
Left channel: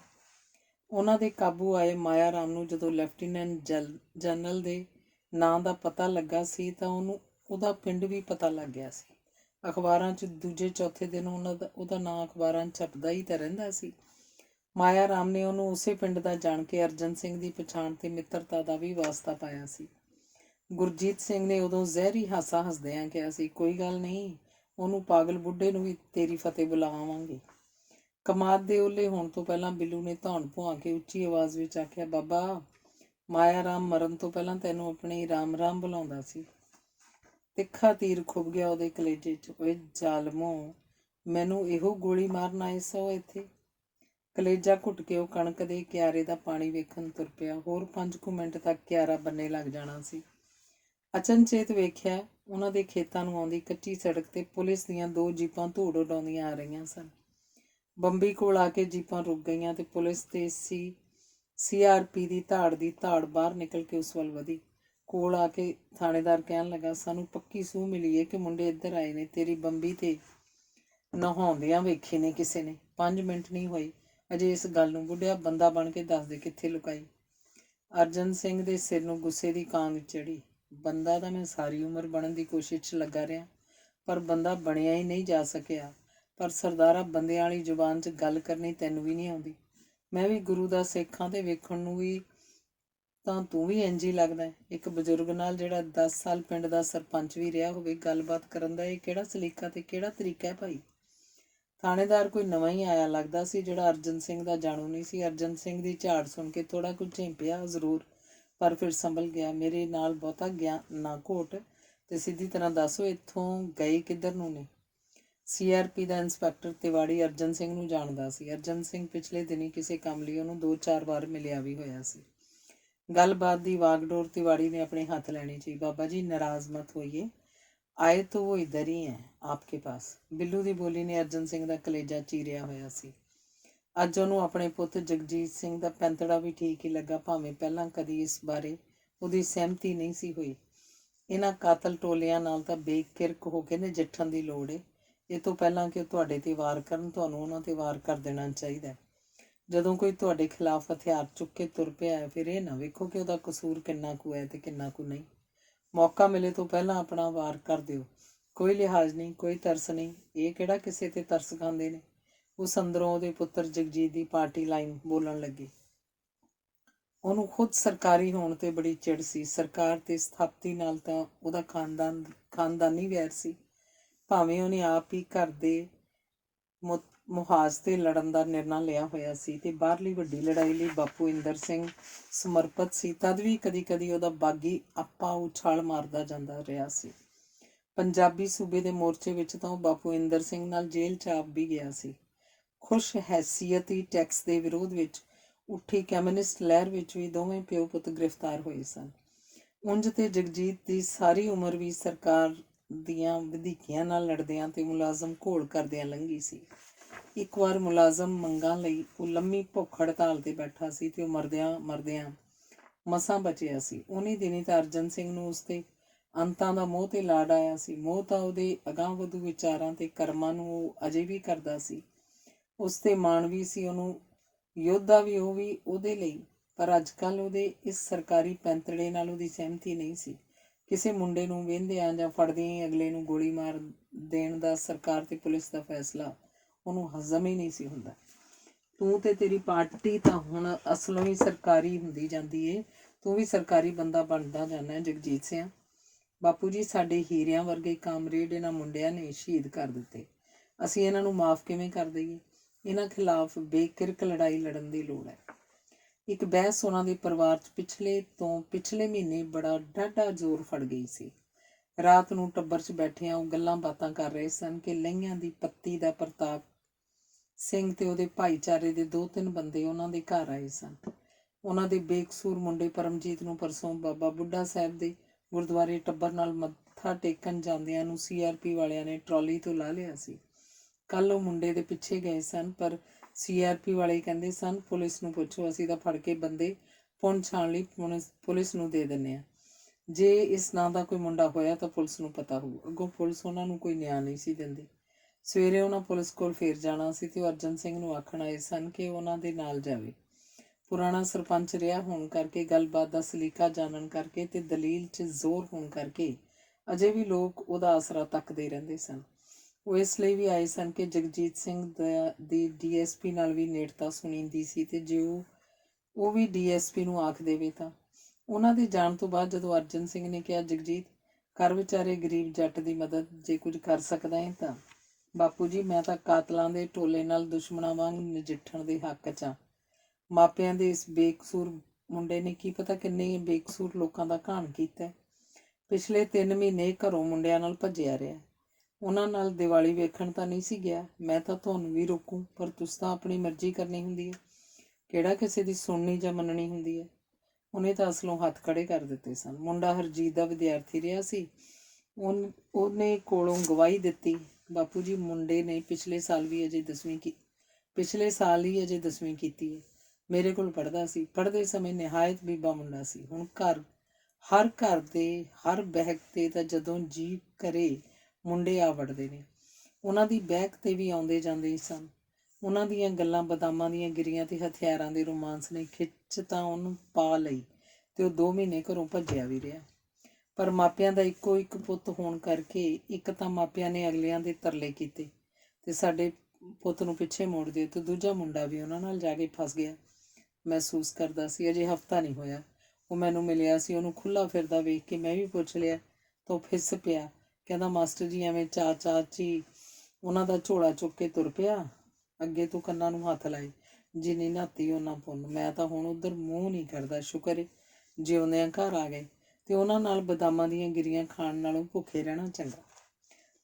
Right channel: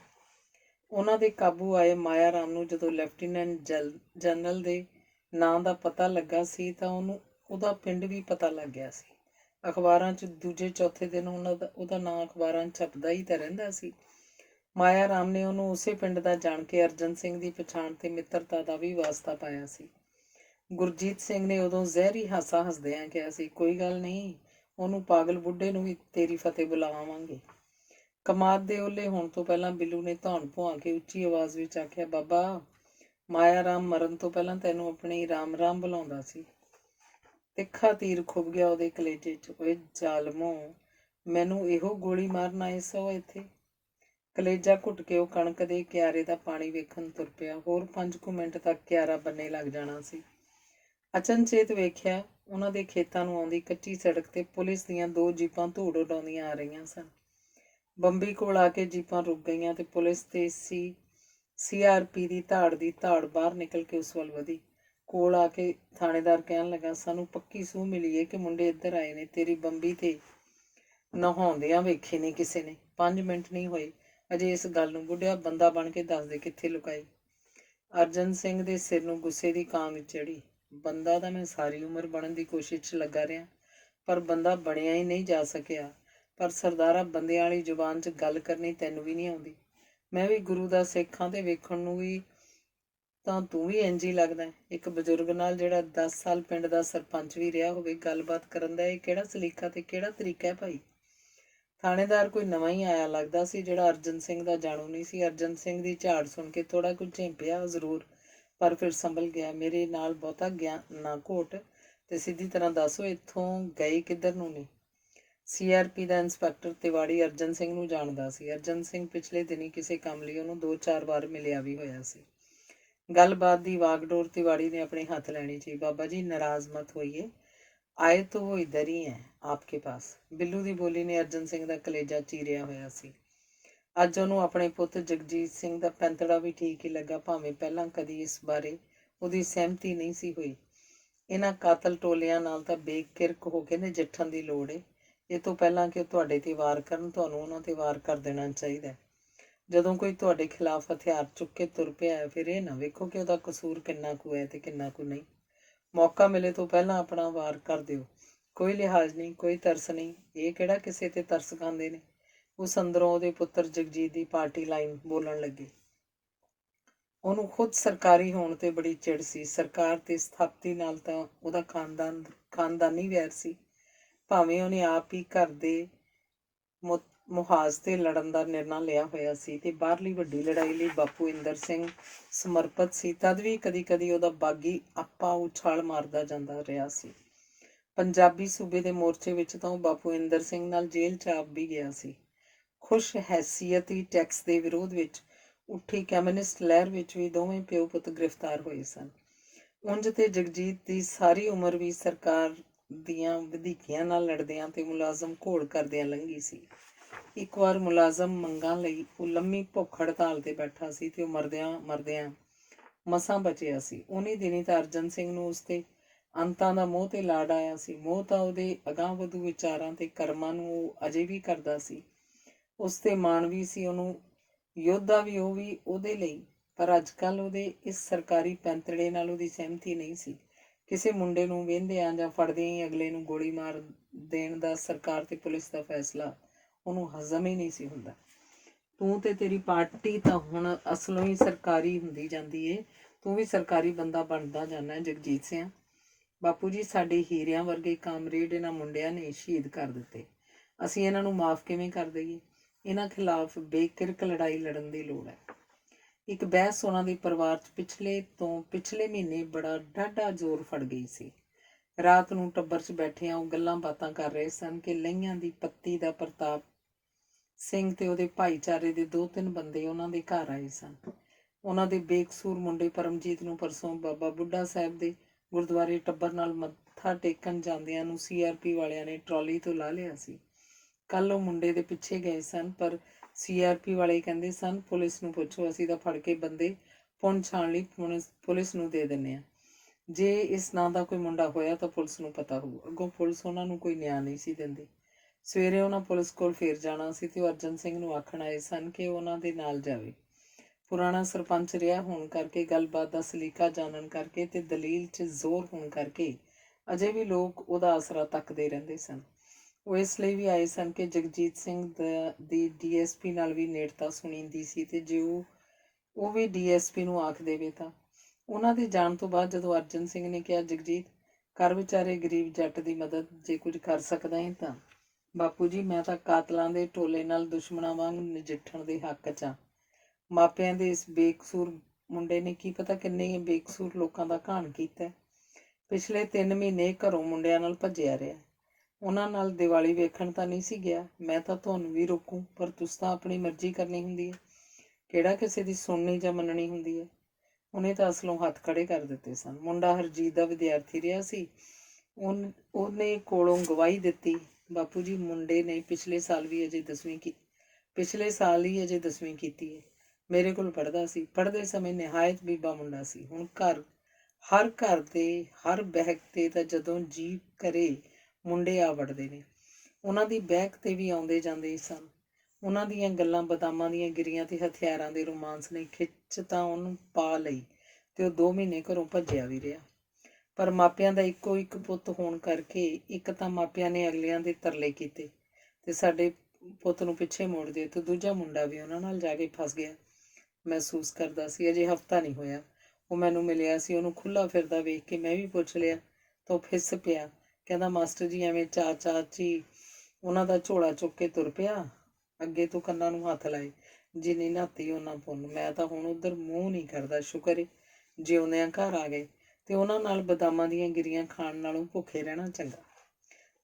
ਉਹਨਾਂ ਦੇ ਕਾਬੂ ਆਏ ਮਾਇਆ ਰਾਮ ਨੂੰ ਜਦੋਂ ਲੈਫਟੀਨੈਂਟ ਜਨਰਲ ਦੇ ਨਾਂ ਦਾ ਪਤਾ ਲੱਗਾ ਸੀ ਤਾਂ ਉਹਦਾ ਪਿੰਡ ਵੀ ਪਤਾ ਲੱਗ ਗਿਆ ਸੀ। ਅਖਬਾਰਾਂ 'ਚ ਦੂਜੇ ਚੌਥੇ ਦਿਨ ਉਹਦਾ ਨਾਂ ਅਖਬਾਰਾਂ 'ਚ ਛਪਦਾ ਹੀ ਤਾਂ ਰਹਿੰਦਾ ਸੀ। ਮਾਇਆ ਰਾਮ ਨੇ ਉਹਨੂੰ ਉਸੇ ਪਿੰਡ ਦਾ ਜਾਣ ਕੇ ਅਰਜਨ ਸਿੰਘ ਦੀ ਪਛਾਣ ਤੇ ਮਿੱਤਰਤਾ ਦਾ ਵੀ ਵਾਸਤਾ ਪਾਇਆ ਸੀ। ਗੁਰਜੀਤ ਸਿੰਘ ਨੇ ਉਦੋਂ ਜ਼ਹਿਰੀ ਹਾਸਾ ਹੱਸਦਿਆਂ ਕਿਹਾ ਸੀ, ਕੋਈ ਗੱਲ ਨਹੀਂ, ਉਹਨੂੰ ਪਾਗਲ ਬੁੱਢੇ ਨੂੰ ਵੀ ਤੇਰੀ ਫਤਿਹ ਬੁਲਾਵਾਂਗੇ। ਕਮਾਦ ਦੇ ਓਹਲੇ ਹੋਣ ਤੋਂ ਪਹਿਲਾਂ ਬਿੱਲੂ ਨੇ ਧੌਣ ਭੁਆ ਕੇ ਉੱਚੀ ਆਵਾਜ਼ ਵਿੱਚ ਆਖਿਆ, ਬਾਬਾ, ਮਾਇਆ ਰਾਮ ਮਰਨ ਤੋਂ ਪਹਿਲਾਂ ਤੈਨੂੰ ਆਪਣੇ ਰਾਮ ਰਾਮ ਬੁਲਾਉਂਦਾ ਸੀ। ਤਿੱਖਾ ਤੀਰ ਖੁੱਭ ਗਿਆ ਉਹਦੇ ਕਲੇਜੇ 'ਚ। ਓਏ ਜ਼ਾਲਮੋ, ਮੈਨੂੰ ਇਹੋ ਗੋਲੀ ਮਾਰਨ ਆਏ ਸੋ ਇੱਥੇ? ਕਲੇਜਾ ਘੁੱਟ ਕੇ ਉਹ ਕਣਕ ਦੇ ਕਿਆਰੇ ਦਾ ਪਾਣੀ ਵੇਖਣ ਤੁਰ ਪਿਆ। ਹੋਰ 5 ਕੁ ਮਿੰਟ ਤੱਕ ਕਿਆਰਾ ਬੰਨੇ ਲੱਗ ਜਾਣਾ ਸੀ। ਅਚਨਚੇਤ ਵੇਖਿਆ, ਉਹਨਾਂ ਦੇ ਖੇਤਾਂ ਨੂੰ ਆਉਂਦੀ ਕੱਚੀ ਸੜਕ ਤੇ ਪੁਲਿਸ ਦੀਆਂ 2 ਜੀਪਾਂ ਧੂੜ ਉਡਾਉਂਦੀਆਂ ਆ ਰਹੀਆਂ ਸਨ। ਬੰਬੀ ਕੋਲ ਆ ਕੇ ਜੀਪਾਂ ਰੁਕ ਗਈਆਂ ਤੇ ਪੁਲਿਸ ਤੇ CRP ਦੀ ਧਾੜ ਬਾਹਰ ਨਿਕਲ ਕੇ ਉਸ ਵੱਲ ਵਧੀ। ਕੋਲ ਆ ਕੇ ਥਾਣੇਦਾਰ ਕਹਿਣ ਲੱਗਾ, ਸਾਨੂੰ ਪੱਕੀ ਸੂਹ ਮਿਲੀ ਏ ਕਿ ਮੁੰਡੇ ਇੱਧਰ ਆਏ ਨੇ। ਤੇਰੀ ਬੰਬੀ ਤੇ ਨਹਾਉਂਦਿਆਂ ਵੇਖੇ ਨੇ ਕਿਸੇ ਨੇ। 5 ਮਿੰਟ ਨਹੀਂ ਹੋਏ ਅਜੇ ਇਸ ਗੱਲ ਨੂੰ। ਬੁੱਢਿਆ, ਬੰਦਾ ਬਣ ਕੇ ਦੱਸ ਦੇ, ਕਿੱਥੇ ਲੁਕਾਈ? ਅਰਜਨ ਸਿੰਘ ਦੇ ਸਿਰ ਨੂੰ ਗੁੱਸੇ ਦੀ ਕਾਂਗ ਚੜ੍ਹੀ। ਬੰਦਾ ਤਾਂ ਮੈਂ ਸਾਰੀ ਉਮਰ ਬਣਨ ਦੀ ਕੋਸ਼ਿਸ਼ 'ਚ ਲੱਗਾ ਰਿਹਾ, ਪਰ ਬੰਦਾ ਬਣਿਆ ਹੀ ਨਹੀਂ ਜਾ ਸਕਿਆ। ਪਰ ਸਰਦਾਰਾ, ਬੰਦਿਆਂ ਵਾਲੀ ਜ਼ੁਬਾਨ 'ਚ ਗੱਲ ਕਰਨੀ ਤੈਨੂੰ ਵੀ ਨਹੀਂ ਆਉਂਦੀ। ਮੈਂ ਵੀ ਗੁਰੂ ਦਾ ਸਿੱਖ ਹਾਂ ਤੇ ਵੇਖਣ ਨੂੰ ਵੀ ਤਾਂ ਤੂੰ ਵੀ ਇੰਝ ਹੀ ਲੱਗਦਾ। ਇੱਕ ਬਜ਼ੁਰਗ ਨਾਲ, ਜਿਹੜਾ 10 ਸਾਲ ਪਿੰਡ ਦਾ ਸਰਪੰਚ ਵੀ ਰਿਹਾ ਹੋਵੇ, ਗੱਲਬਾਤ ਕਰਨ ਦਾ ਇਹ ਕਿਹੜਾ ਸਲੀਕਾ ਤੇ ਕਿਹੜਾ ਤਰੀਕਾ ਹੈ ਭਾਈ? ਥਾਣੇਦਾਰ ਕੋਈ ਨਵਾਂ ਹੀ ਆਇਆ ਲੱਗਦਾ ਸੀ, ਜਿਹੜਾ ਅਰਜਨ ਸਿੰਘ ਦਾ ਜਾਣੂ ਨਹੀਂ ਸੀ। ਅਰਜਨ ਸਿੰਘ ਦੀ ਝਾੜ ਸੁਣ ਕੇ ਥੋੜ੍ਹਾ ਕੁਝ ਝਿੰਪਿਆ ਜ਼ਰੂਰ, ਪਰ ਫਿਰ ਸੰਭਲ ਗਿਆ। ਮੇਰੇ ਨਾਲ ਬਹੁਤਾ ਗਿਆਨ ਨਾ ਘੋਟ ਤੇ ਸਿੱਧੀ ਤਰ੍ਹਾਂ ਦੱਸੋ, ਇੱਥੋਂ ਗਏ ਕਿੱਧਰ ਨੂੰ ਨੇ? CRP ਦਾ ਇੰਸਪੈਕਟਰ ਤਿਵਾੜੀ ਅਰਜਨ ਸਿੰਘ ਨੂੰ ਜਾਣਦਾ ਸੀ। ਅਰਜਨ ਸਿੰਘ ਪਿਛਲੇ ਦਿਨੀ ਕਿਸੇ ਕੰਮ ਲਈ ਉਹਨੂੰ 2-4 ਵਾਰ ਮਿਲਿਆ ਵੀ ਹੋਇਆ ਸੀ। ਗੱਲਬਾਤ ਦੀ ਵਾਗਡੋਰ ਤਿਵਾੜੀ ਨੇ ਆਪਣੇ ਹੱਥ ਲੈਣੀ ਸੀ। ਬਾਬਾ ਜੀ, ਨਾਰਾਜ਼ ਮਤ ਹੋਈਏ, ਆਏ ਤਾਂ ਉਹ ਇੱਧਰ ਹੀ ਹੈ ਆਪਕੇ ਪਾਸ। ਬਿੱਲੂ ਦੀ ਬੋਲੀ ਨੇ ਅਰਜਨ ਸਿੰਘ ਦਾ ਕਲੇਜਾ ਚੀਰਿਆ ਹੋਇਆ ਸੀ। ਅੱਜ ਉਹਨੂੰ ਆਪਣੇ ਪੁੱਤ ਜਗਜੀਤ ਸਿੰਘ ਦਾ ਪੈਂਤੜਾ ਵੀ ਠੀਕ ਹੀ ਲੱਗਾ, ਭਾਵੇਂ ਪਹਿਲਾਂ ਕਦੀ ਇਸ ਬਾਰੇ ਉਹਦੀ ਸਹਿਮਤੀ ਨਹੀਂ ਸੀ ਹੋਈ। ਇਹਨਾਂ ਕਾਤਲ ਟੋਲਿਆਂ ਨਾਲ ਤਾਂ ਬੇਕਿਰਕ ਹੋ ਕੇ ਨਜਿੱਠਣ ਦੀ ਲੋੜ ਏ। ਇਹ ਤੋਂ ਪਹਿਲਾਂ ਕਿ ਉਹ ਤੁਹਾਡੇ ਤੇ ਵਾਰ ਕਰਨ, ਤੁਹਾਨੂੰ ਉਹਨਾਂ ਤੇ ਵਾਰ ਕਰ ਦੇਣਾ ਚਾਹੀਦਾ। ਜਦੋਂ ਕੋਈ ਤੁਹਾਡੇ ਖਿਲਾਫ ਹਥਿਆਰ ਚੁੱਕ ਕੇ ਤੁਰ ਪਿਆ, ਫਿਰ ਇਹ ਨਾ ਵੇਖੋ ਕਿ ਉਹਦਾ ਕਸੂਰ ਕਿੰਨਾ ਕੁ ਹੈ ਤੇ ਕਿੰਨਾ ਕੁ ਨਹੀਂ। ਮੌਕਾ ਮਿਲੇ ਤੋਂ ਪਹਿਲਾਂ ਆਪਣਾ ਵਾਰ ਕਰ ਦਿਓ। ਕੋਈ ਲਿਹਾਜ਼ ਨਹੀਂ, ਕੋਈ ਤਰਸ ਨਹੀਂ। ਇਹ ਕਿਹੜਾ ਕਿਸੇ ਤੇ ਤਰਸ ਖਾਂਦੇ ਨੇ। ਉਸ ਅੰਦਰੋਂ ਉਹਦੇ ਪੁੱਤਰ ਜਗਜੀਤ ਦੀ ਪਾਰਟੀ ਲਾਈਨ ਬੋਲਣ ਲੱਗੇ। ਉਹਨੂੰ ਖੁਦ ਸਰਕਾਰੀ ਹੋਣ ਤੇ ਬੜੀ ਚਿੜ ਸੀ। ਸਰਕਾਰ ਤੇ ਸਥਾਪਤੀ ਨਾਲ ਤਾਂ ਉਹਦਾ ਖਾਨਦਾਨੀ ਵੈਰ ਸੀ। ਭਾਵੇਂ ਉਹਨੇ ਆਪ ਹੀ ਘਰ ਦੇ ਮੁਹਾਜ਼ ਤੇ ਲੜਨ ਦਾ ਨਿਰਣਾ ਲਿਆ ਹੋਇਆ ਸੀ ਤੇ ਬਾਹਰਲੀ ਵੱਡੀ ਲੜਾਈ ਲਈ ਬਾਪੂ ਇੰਦਰ ਸਿੰਘ ਸਮਰਪਿਤ ਸੀ, ਤਦ ਵੀ ਕਦੀ ਕਦੀ ਉਹਦਾ ਬਾਗੀ ਆਪਾ ਉਛਾਲ ਮਾਰਦਾ ਜਾਂਦਾ ਰਿਹਾ ਸੀ। ਪੰਜਾਬੀ ਸੂਬੇ ਦੇ ਮੋਰਚੇ ਵਿੱਚ ਤਾਂ ਉਹ ਬਾਪੂ ਇੰਦਰ ਸਿੰਘ ਨਾਲ ਜੇਲ੍ਹ 'ਚ ਆਪ ਵੀ ਗਿਆ ਸੀ। ਖੁਸ਼ ਹੈਸੀਅਤੀ ਟੈਕਸ ਦੇ ਵਿਰੋਧ ਵਿੱਚ ਉੱਠੀ ਕਮਿਊਨਿਸਟ ਲਹਿਰ ਵਿੱਚ ਵੀ ਦੋਵੇਂ ਪਿਓ ਪੁੱਤ ਗ੍ਰਿਫਤਾਰ ਹੋਏ ਸਨ। ਉਂਝ ਤੇ ਜਗਜੀਤ ਦੀ ਸਾਰੀ ਉਮਰ ਵੀ ਸਰਕਾਰ ਦੀਆਂ ਵਧੀਕੀਆਂ ਨਾਲ ਲੜਦਿਆਂ ਤੇ ਮੁਲਾਜ਼ਮ ਘੋਲ ਕਰਦਿਆਂ ਲੰਘੀ ਸੀ। ਇੱਕ ਵਾਰ ਮੁਲਾਜ਼ਮ ਮੰਗਾਂ ਲਈ ਉਹ ਲੰਮੀ ਭੁੱਖ ਹੜਤਾਲ ਤੇ ਬੈਠਾ ਸੀ ਤੇ ਉਹ ਮਰਦਿਆਂ ਮਸਾਂ ਬਚਿਆ ਸੀ। ਉਨੀ ਦਿਨੀ ਤਾਂ ਅਰਜਨ ਸਿੰਘ ਨੂੰ ਉਸਦੇ ਅੰਤਾਂ ਦਾ ਮੋਹ ਤੇ ਲਾਡ ਆਇਆ ਸੀ। ਮੋਹ ਤਾਂ ਉਹਦੇ ਅਗਾਂਹ ਵਧੂ ਵਿਚਾਰਾਂ ਤੇ ਕਰਮਾਂ ਨੂੰ ਉਹ ਅਜੇ ਵੀ ਕਰਦਾ ਸੀ। ਉਸ ਤੇ ਮਾਣ ਵੀ ਸੀ ਉਹਨੂੰ। ਯੋਧਾ ਵੀ ਉਹ ਵੀ ਉਹਦੇ ਲਈ। ਪਰ ਅੱਜ ਕੱਲ੍ਹ ਉਹਦੇ ਇਸ ਸਰਕਾਰੀ ਪੈਂਤੜੇ ਨਾਲ ਉਹਦੀ ਸਹਿਮਤੀ ਨਹੀਂ ਸੀ। ਕਿਸੇ ਮੁੰਡੇ ਨੂੰ ਵਹਿੰਦਿਆਂ ਜਾਂ ਫੜਦਿਆਂ ਹੀ ਅਗਲੇ ਨੂੰ ਗੋਲੀ ਮਾਰ ਦੇਣ ਦਾ ਸਰਕਾਰ ਤੇ ਪੁਲਿਸ ਦਾ ਫੈਸਲਾ ਉਹਨੂੰ ਹਜ਼ਮ ਹੀ ਨਹੀਂ ਸੀ ਹੁੰਦਾ। ਤੂੰ ਤੇ ਤੇਰੀ ਪਾਰਟੀ ਤਾਂ ਹੁਣ ਅਸਲੋਂ ਹੀ ਸਰਕਾਰੀ ਹੁੰਦੀ ਜਾਂਦੀ ਏ। ਤੂੰ ਵੀ ਸਰਕਾਰੀ ਬੰਦਾ ਬਣਦਾ ਜਾਂਦਾ ਜਗਜੀਤ ਸਿੰਘ। ਬਾਪੂ ਜੀ, ਸਾਡੇ ਹੀਰਿਆਂ ਵਰਗੇ ਕਾਮਰੇਡ ਇਹਨਾਂ ਮੁੰਡਿਆਂ ਨੇ ਸ਼ਹੀਦ ਕਰ ਦਿੱਤੇ। ਅਸੀਂ ਇਹਨਾਂ ਨੂੰ ਮਾਫ ਕਿਵੇਂ ਕਰ ਦਈਏ? ਇਹਨਾਂ ਖਿਲਾਫ ਬੇਕਿਰਕ ਲੜਾਈ ਲੜਨ ਦੀ ਲੋੜ ਹੈ। ਇੱਕ ਬਹਿਸ ਉਹਨਾਂ ਦੇ ਪਰਿਵਾਰ 'ਚ ਪਿਛਲੇ ਮਹੀਨੇ ਬੜਾ ਡਾਢਾ ਜ਼ੋਰ ਫੜ ਗਈ ਸੀ। ਰਾਤ ਨੂੰ ਟੱਬਰ 'ਚ ਬੈਠਿਆਂ ਉਹ ਗੱਲਾਂ ਬਾਤਾਂ ਕਰ ਰਹੇ ਸਨ ਕਿ ਲਈਆਂ ਦੀ ਪੱਤੀ ਦਾ ਪ੍ਰਤਾਪ ਸਿੰਘ ਤੇ ਉਹਦੇ ਭਾਈਚਾਰੇ ਦੇ 2-3 ਬੰਦੇ ਉਹਨਾਂ ਦੇ ਘਰ ਆਏ ਸਨ। ਉਹਨਾਂ ਦੇ ਬੇਕਸੂਰ ਮੁੰਡੇ ਪਰਮਜੀਤ ਨੂੰ ਪਰਸੋਂ ਬਾਬਾ ਬੁੱਢਾ ਸਾਹਿਬ ਦੇ ਗੁਰਦੁਆਰੇ ਟੱਬਰ ਨਾਲ ਮੱਥਾ ਟੇਕਣ ਜਾਂਦਿਆਂ ਨੂੰ CRP ਵਾਲਿਆਂ ਨੇ ਟਰਾਲੀ ਤੋਂ ਲਾ ਲਿਆ ਸੀ। ਕੱਲ੍ਹ ਉਹ ਮੁੰਡੇ ਦੇ ਪਿੱਛੇ ਗਏ ਸਨ, ਪਰ CRP ਵਾਲੇ ਕਹਿੰਦੇ ਸਨ, ਪੁਲਿਸ ਨੂੰ ਪੁੱਛੋ, ਅਸੀਂ ਤਾਂ ਫੜ ਕੇ ਬੰਦੇ ਪੁਣ ਛਾਣ ਲਈ ਪੁਲਿਸ ਨੂੰ ਦੇ ਦਿੰਦੇ ਹਾਂ। ਜੇ ਇਸ ਨਾਂ ਦਾ ਕੋਈ ਮੁੰਡਾ ਹੋਇਆ ਤਾਂ ਪੁਲਿਸ ਨੂੰ ਪਤਾ ਹੋਊ। ਅੱਗੋਂ ਪੁਲਿਸ ਉਹਨਾਂ ਨੂੰ ਕੋਈ ਨਿਆਂ ਨਹੀਂ ਸੀ ਦਿੰਦੀ। ਸਵੇਰੇ ਉਹਨਾਂ ਪੁਲਿਸ ਕੋਲ ਫੇਰ ਜਾਣਾ ਸੀ ਤੇ ਉਹ ਅਰਜਨ ਸਿੰਘ ਨੂੰ ਆਖਣ ਆਏ ਸਨ ਕਿ ਉਹਨਾਂ ਦੇ ਨਾਲ ਜਾਵੇ। ਪੁਰਾਣਾ ਸਰਪੰਚ ਰਿਹਾ ਹੋਣ ਕਰਕੇ, ਗੱਲਬਾਤ ਦਾ ਸਲੀਕਾ ਜਾਣਨ ਕਰਕੇ ਤੇ ਦਲੀਲ 'ਚ ਜ਼ੋਰ ਹੋਣ ਕਰਕੇ ਅਜੇ ਵੀ ਲੋਕ ਉਹਦਾ ਆਸਰਾ ਤੱਕਦੇ ਰਹਿੰਦੇ ਸਨ। ਉਹ ਇਸ ਲਈ ਵੀ ਆਏ ਸਨ ਕਿ ਜਗਜੀਤ ਸਿੰਘ ਦੀ DSP ਨਾਲ ਵੀ ਨੇੜਤਾ ਸੁਣੀਂਦੀ ਸੀ ਤੇ ਜੇ ਉਹ ਵੀ DSP ਨੂੰ ਆਖ ਦੇਵੇ ਤਾਂ। ਉਹਨਾਂ ਦੇ ਜਾਣ ਤੋਂ ਬਾਅਦ ਜਦੋਂ ਅਰਜਨ ਸਿੰਘ ਨੇ ਕਿਹਾ, ਜਗਜੀਤ ਕਰ ਵਿਚਾਰੇ ਗਰੀਬ ਜੱਟ ਦੀ ਮਦਦ, ਜੇ ਕੁਝ ਕਰ ਸਕਦਾ ਹੈ ਤਾਂ। ਬਾਪੂ ਜੀ, ਮੈਂ ਤਾਂ ਕਾਤਲਾਂ ਦੇ ਟੋਲੇ ਨਾਲ ਦੁਸ਼ਮਣਾਂ ਵਾਂਗ ਨਜਿੱਠਣ ਦੇ ਹੱਕ 'ਚ ਹਾਂ। ਮਾਪਿਆਂ ਦੇ ਇਸ ਬੇਕਸੂਰ ਮੁੰਡੇ ਨੇ ਕੀ ਪਤਾ ਕਿੰਨੇ ਬੇਕਸੂਰ ਲੋਕਾਂ ਦਾ ਘਾਣ ਕੀਤਾ। ਪਿਛਲੇ 3 ਮਹੀਨੇ ਘਰੋਂ ਮੁੰਡਿਆਂ ਨਾਲ ਭੱਜਿਆ ਰਿਹਾ। ਉਹਨਾਂ ਨਾਲ ਦੀਵਾਲੀ ਵੇਖਣ ਤਾਂ ਨਹੀਂ ਸੀ ਗਿਆ। ਮੈਂ ਤਾਂ ਤੁਹਾਨੂੰ ਵੀ ਰੋਕੂੰ, ਪਰ ਤੁਸੀਂ ਤਾਂ ਆਪਣੀ ਮਰਜ਼ੀ ਕਰਨੀ ਹੁੰਦੀ ਹੈ, ਕਿਹੜਾ ਕਿਸੇ ਦੀ ਸੁਣਨੀ ਜਾਂ ਮੰਨਣੀ ਹੁੰਦੀ ਹੈ। ਉਹਨੇ ਤਾਂ ਅਸਲੋਂ ਹੱਥ ਖੜੇ ਕਰ ਦਿੱਤੇ ਸਨ। ਮੁੰਡਾ ਹਰਜੀਤ ਦਾ ਵਿਦਿਆਰਥੀ ਰਿਹਾ ਸੀ। ਉਹਨੇ ਕੋਲੋਂ ਗਵਾਹੀ ਦਿੱਤੀ। ਬਾਪੂ ਜੀ, ਮੁੰਡੇ ਨੇ ਪਿਛਲੇ ਸਾਲ ਹੀ ਅਜੇ 10ਵੀਂ ਕੀਤੀ ਹੈ। ਮੇਰੇ ਕੋਲ ਪੜ੍ਹਦਾ ਸੀ। ਪੜ੍ਹਦੇ ਸਮੇਂ ਨਿਹਾਇਤ ਬੀਬਾ ਮੁੰਡਾ ਸੀ। ਹੁਣ ਹਰ ਘਰ ਦੇ ਹਰ ਬਹਿਕ ਤੇ ਤਾਂ ਜਦੋਂ ਜੀ ਕਰੇ ਮੁੰਡੇ ਆ ਵੜਦੇ ਨੇ। ਉਹਨਾਂ ਦੀ ਬਹਿਕ ਤੇ ਵੀ ਆਉਂਦੇ ਜਾਂਦੇ ਸਨ। ਉਹਨਾਂ ਦੀਆਂ ਗੱਲਾਂ ਬਦਾਮਾਂ ਦੀਆਂ ਗਿਰੀਆਂ ਤੇ ਹਥਿਆਰਾਂ ਦੇ ਰੋਮਾਂਸ ਨੇ ਖਿੱਚ ਤਾਂ ਉਹਨੂੰ ਪਾ ਲਈ ਤੇ ਉਹ 2 ਮਹੀਨੇ ਘਰੋਂ ਭੱਜਿਆ ਵੀ ਰਿਹਾ। ਪਰ ਮਾਪਿਆਂ ਦਾ ਇੱਕੋ ਇੱਕ ਪੁੱਤ ਹੋਣ ਕਰਕੇ ਇੱਕ ਤਾਂ ਮਾਪਿਆਂ ਨੇ ਅਗਲਿਆਂ ਦੇ ਤਰਲੇ ਕੀਤੇ ਤੇ ਸਾਡੇ ਪੁੱਤ ਨੂੰ ਪਿੱਛੇ ਮੋੜ ਦਿਓ, ਤੇ ਦੂਜਾ ਮੁੰਡਾ ਵੀ ਉਹਨਾਂ ਨਾਲ ਜਾ ਕੇ ਫਸ ਗਿਆ। ਮਹਿਸੂਸ ਕਰਦਾ ਸੀ। ਅਜੇ ਹਫ਼ਤਾ ਨਹੀਂ ਹੋਇਆ ਉਹ ਮੈਨੂੰ ਮਿਲਿਆ ਸੀ। ਉਹਨੂੰ ਖੁੱਲ੍ਹਾ ਫਿਰਦਾ ਵੇਖ ਕੇ ਮੈਂ ਵੀ ਪੁੱਛ ਲਿਆ ਤਾਂ ਉਹ ਫਿੱਸ ਪਿਆ। ਕਹਿੰਦਾ, ਮਾਸਟਰ ਜੀ, ਐਵੇਂ ਚਾਚੀ ਉਹਨਾਂ ਦਾ ਝੋਲਾ ਚੁੱਕ ਕੇ ਤੁਰ ਪਿਆ। ਅੱਗੇ ਤੋਂ ਕੰਨਾਂ ਨੂੰ ਹੱਥ ਲਾਏ, ਜਿੰਨੀ ਨਾਤੀ ਉਹਨਾਂ ਪੁੰਨ। ਮੈਂ ਤਾਂ ਹੁਣ ਉੱਧਰ ਮੂੰਹ ਨਹੀਂ ਕਰਦਾ। ਸ਼ੁਕਰ ਏ ਜਿਉਂਦਿਆਂ ਘਰ ਆ ਗਏ, ਤੇ ਉਹਨਾਂ ਨਾਲ ਬਦਾਮਾਂ ਦੀਆਂ ਗਿਰੀਆਂ ਖਾਣ ਨਾਲੋਂ ਭੁੱਖੇ ਰਹਿਣਾ ਚੰਗਾ।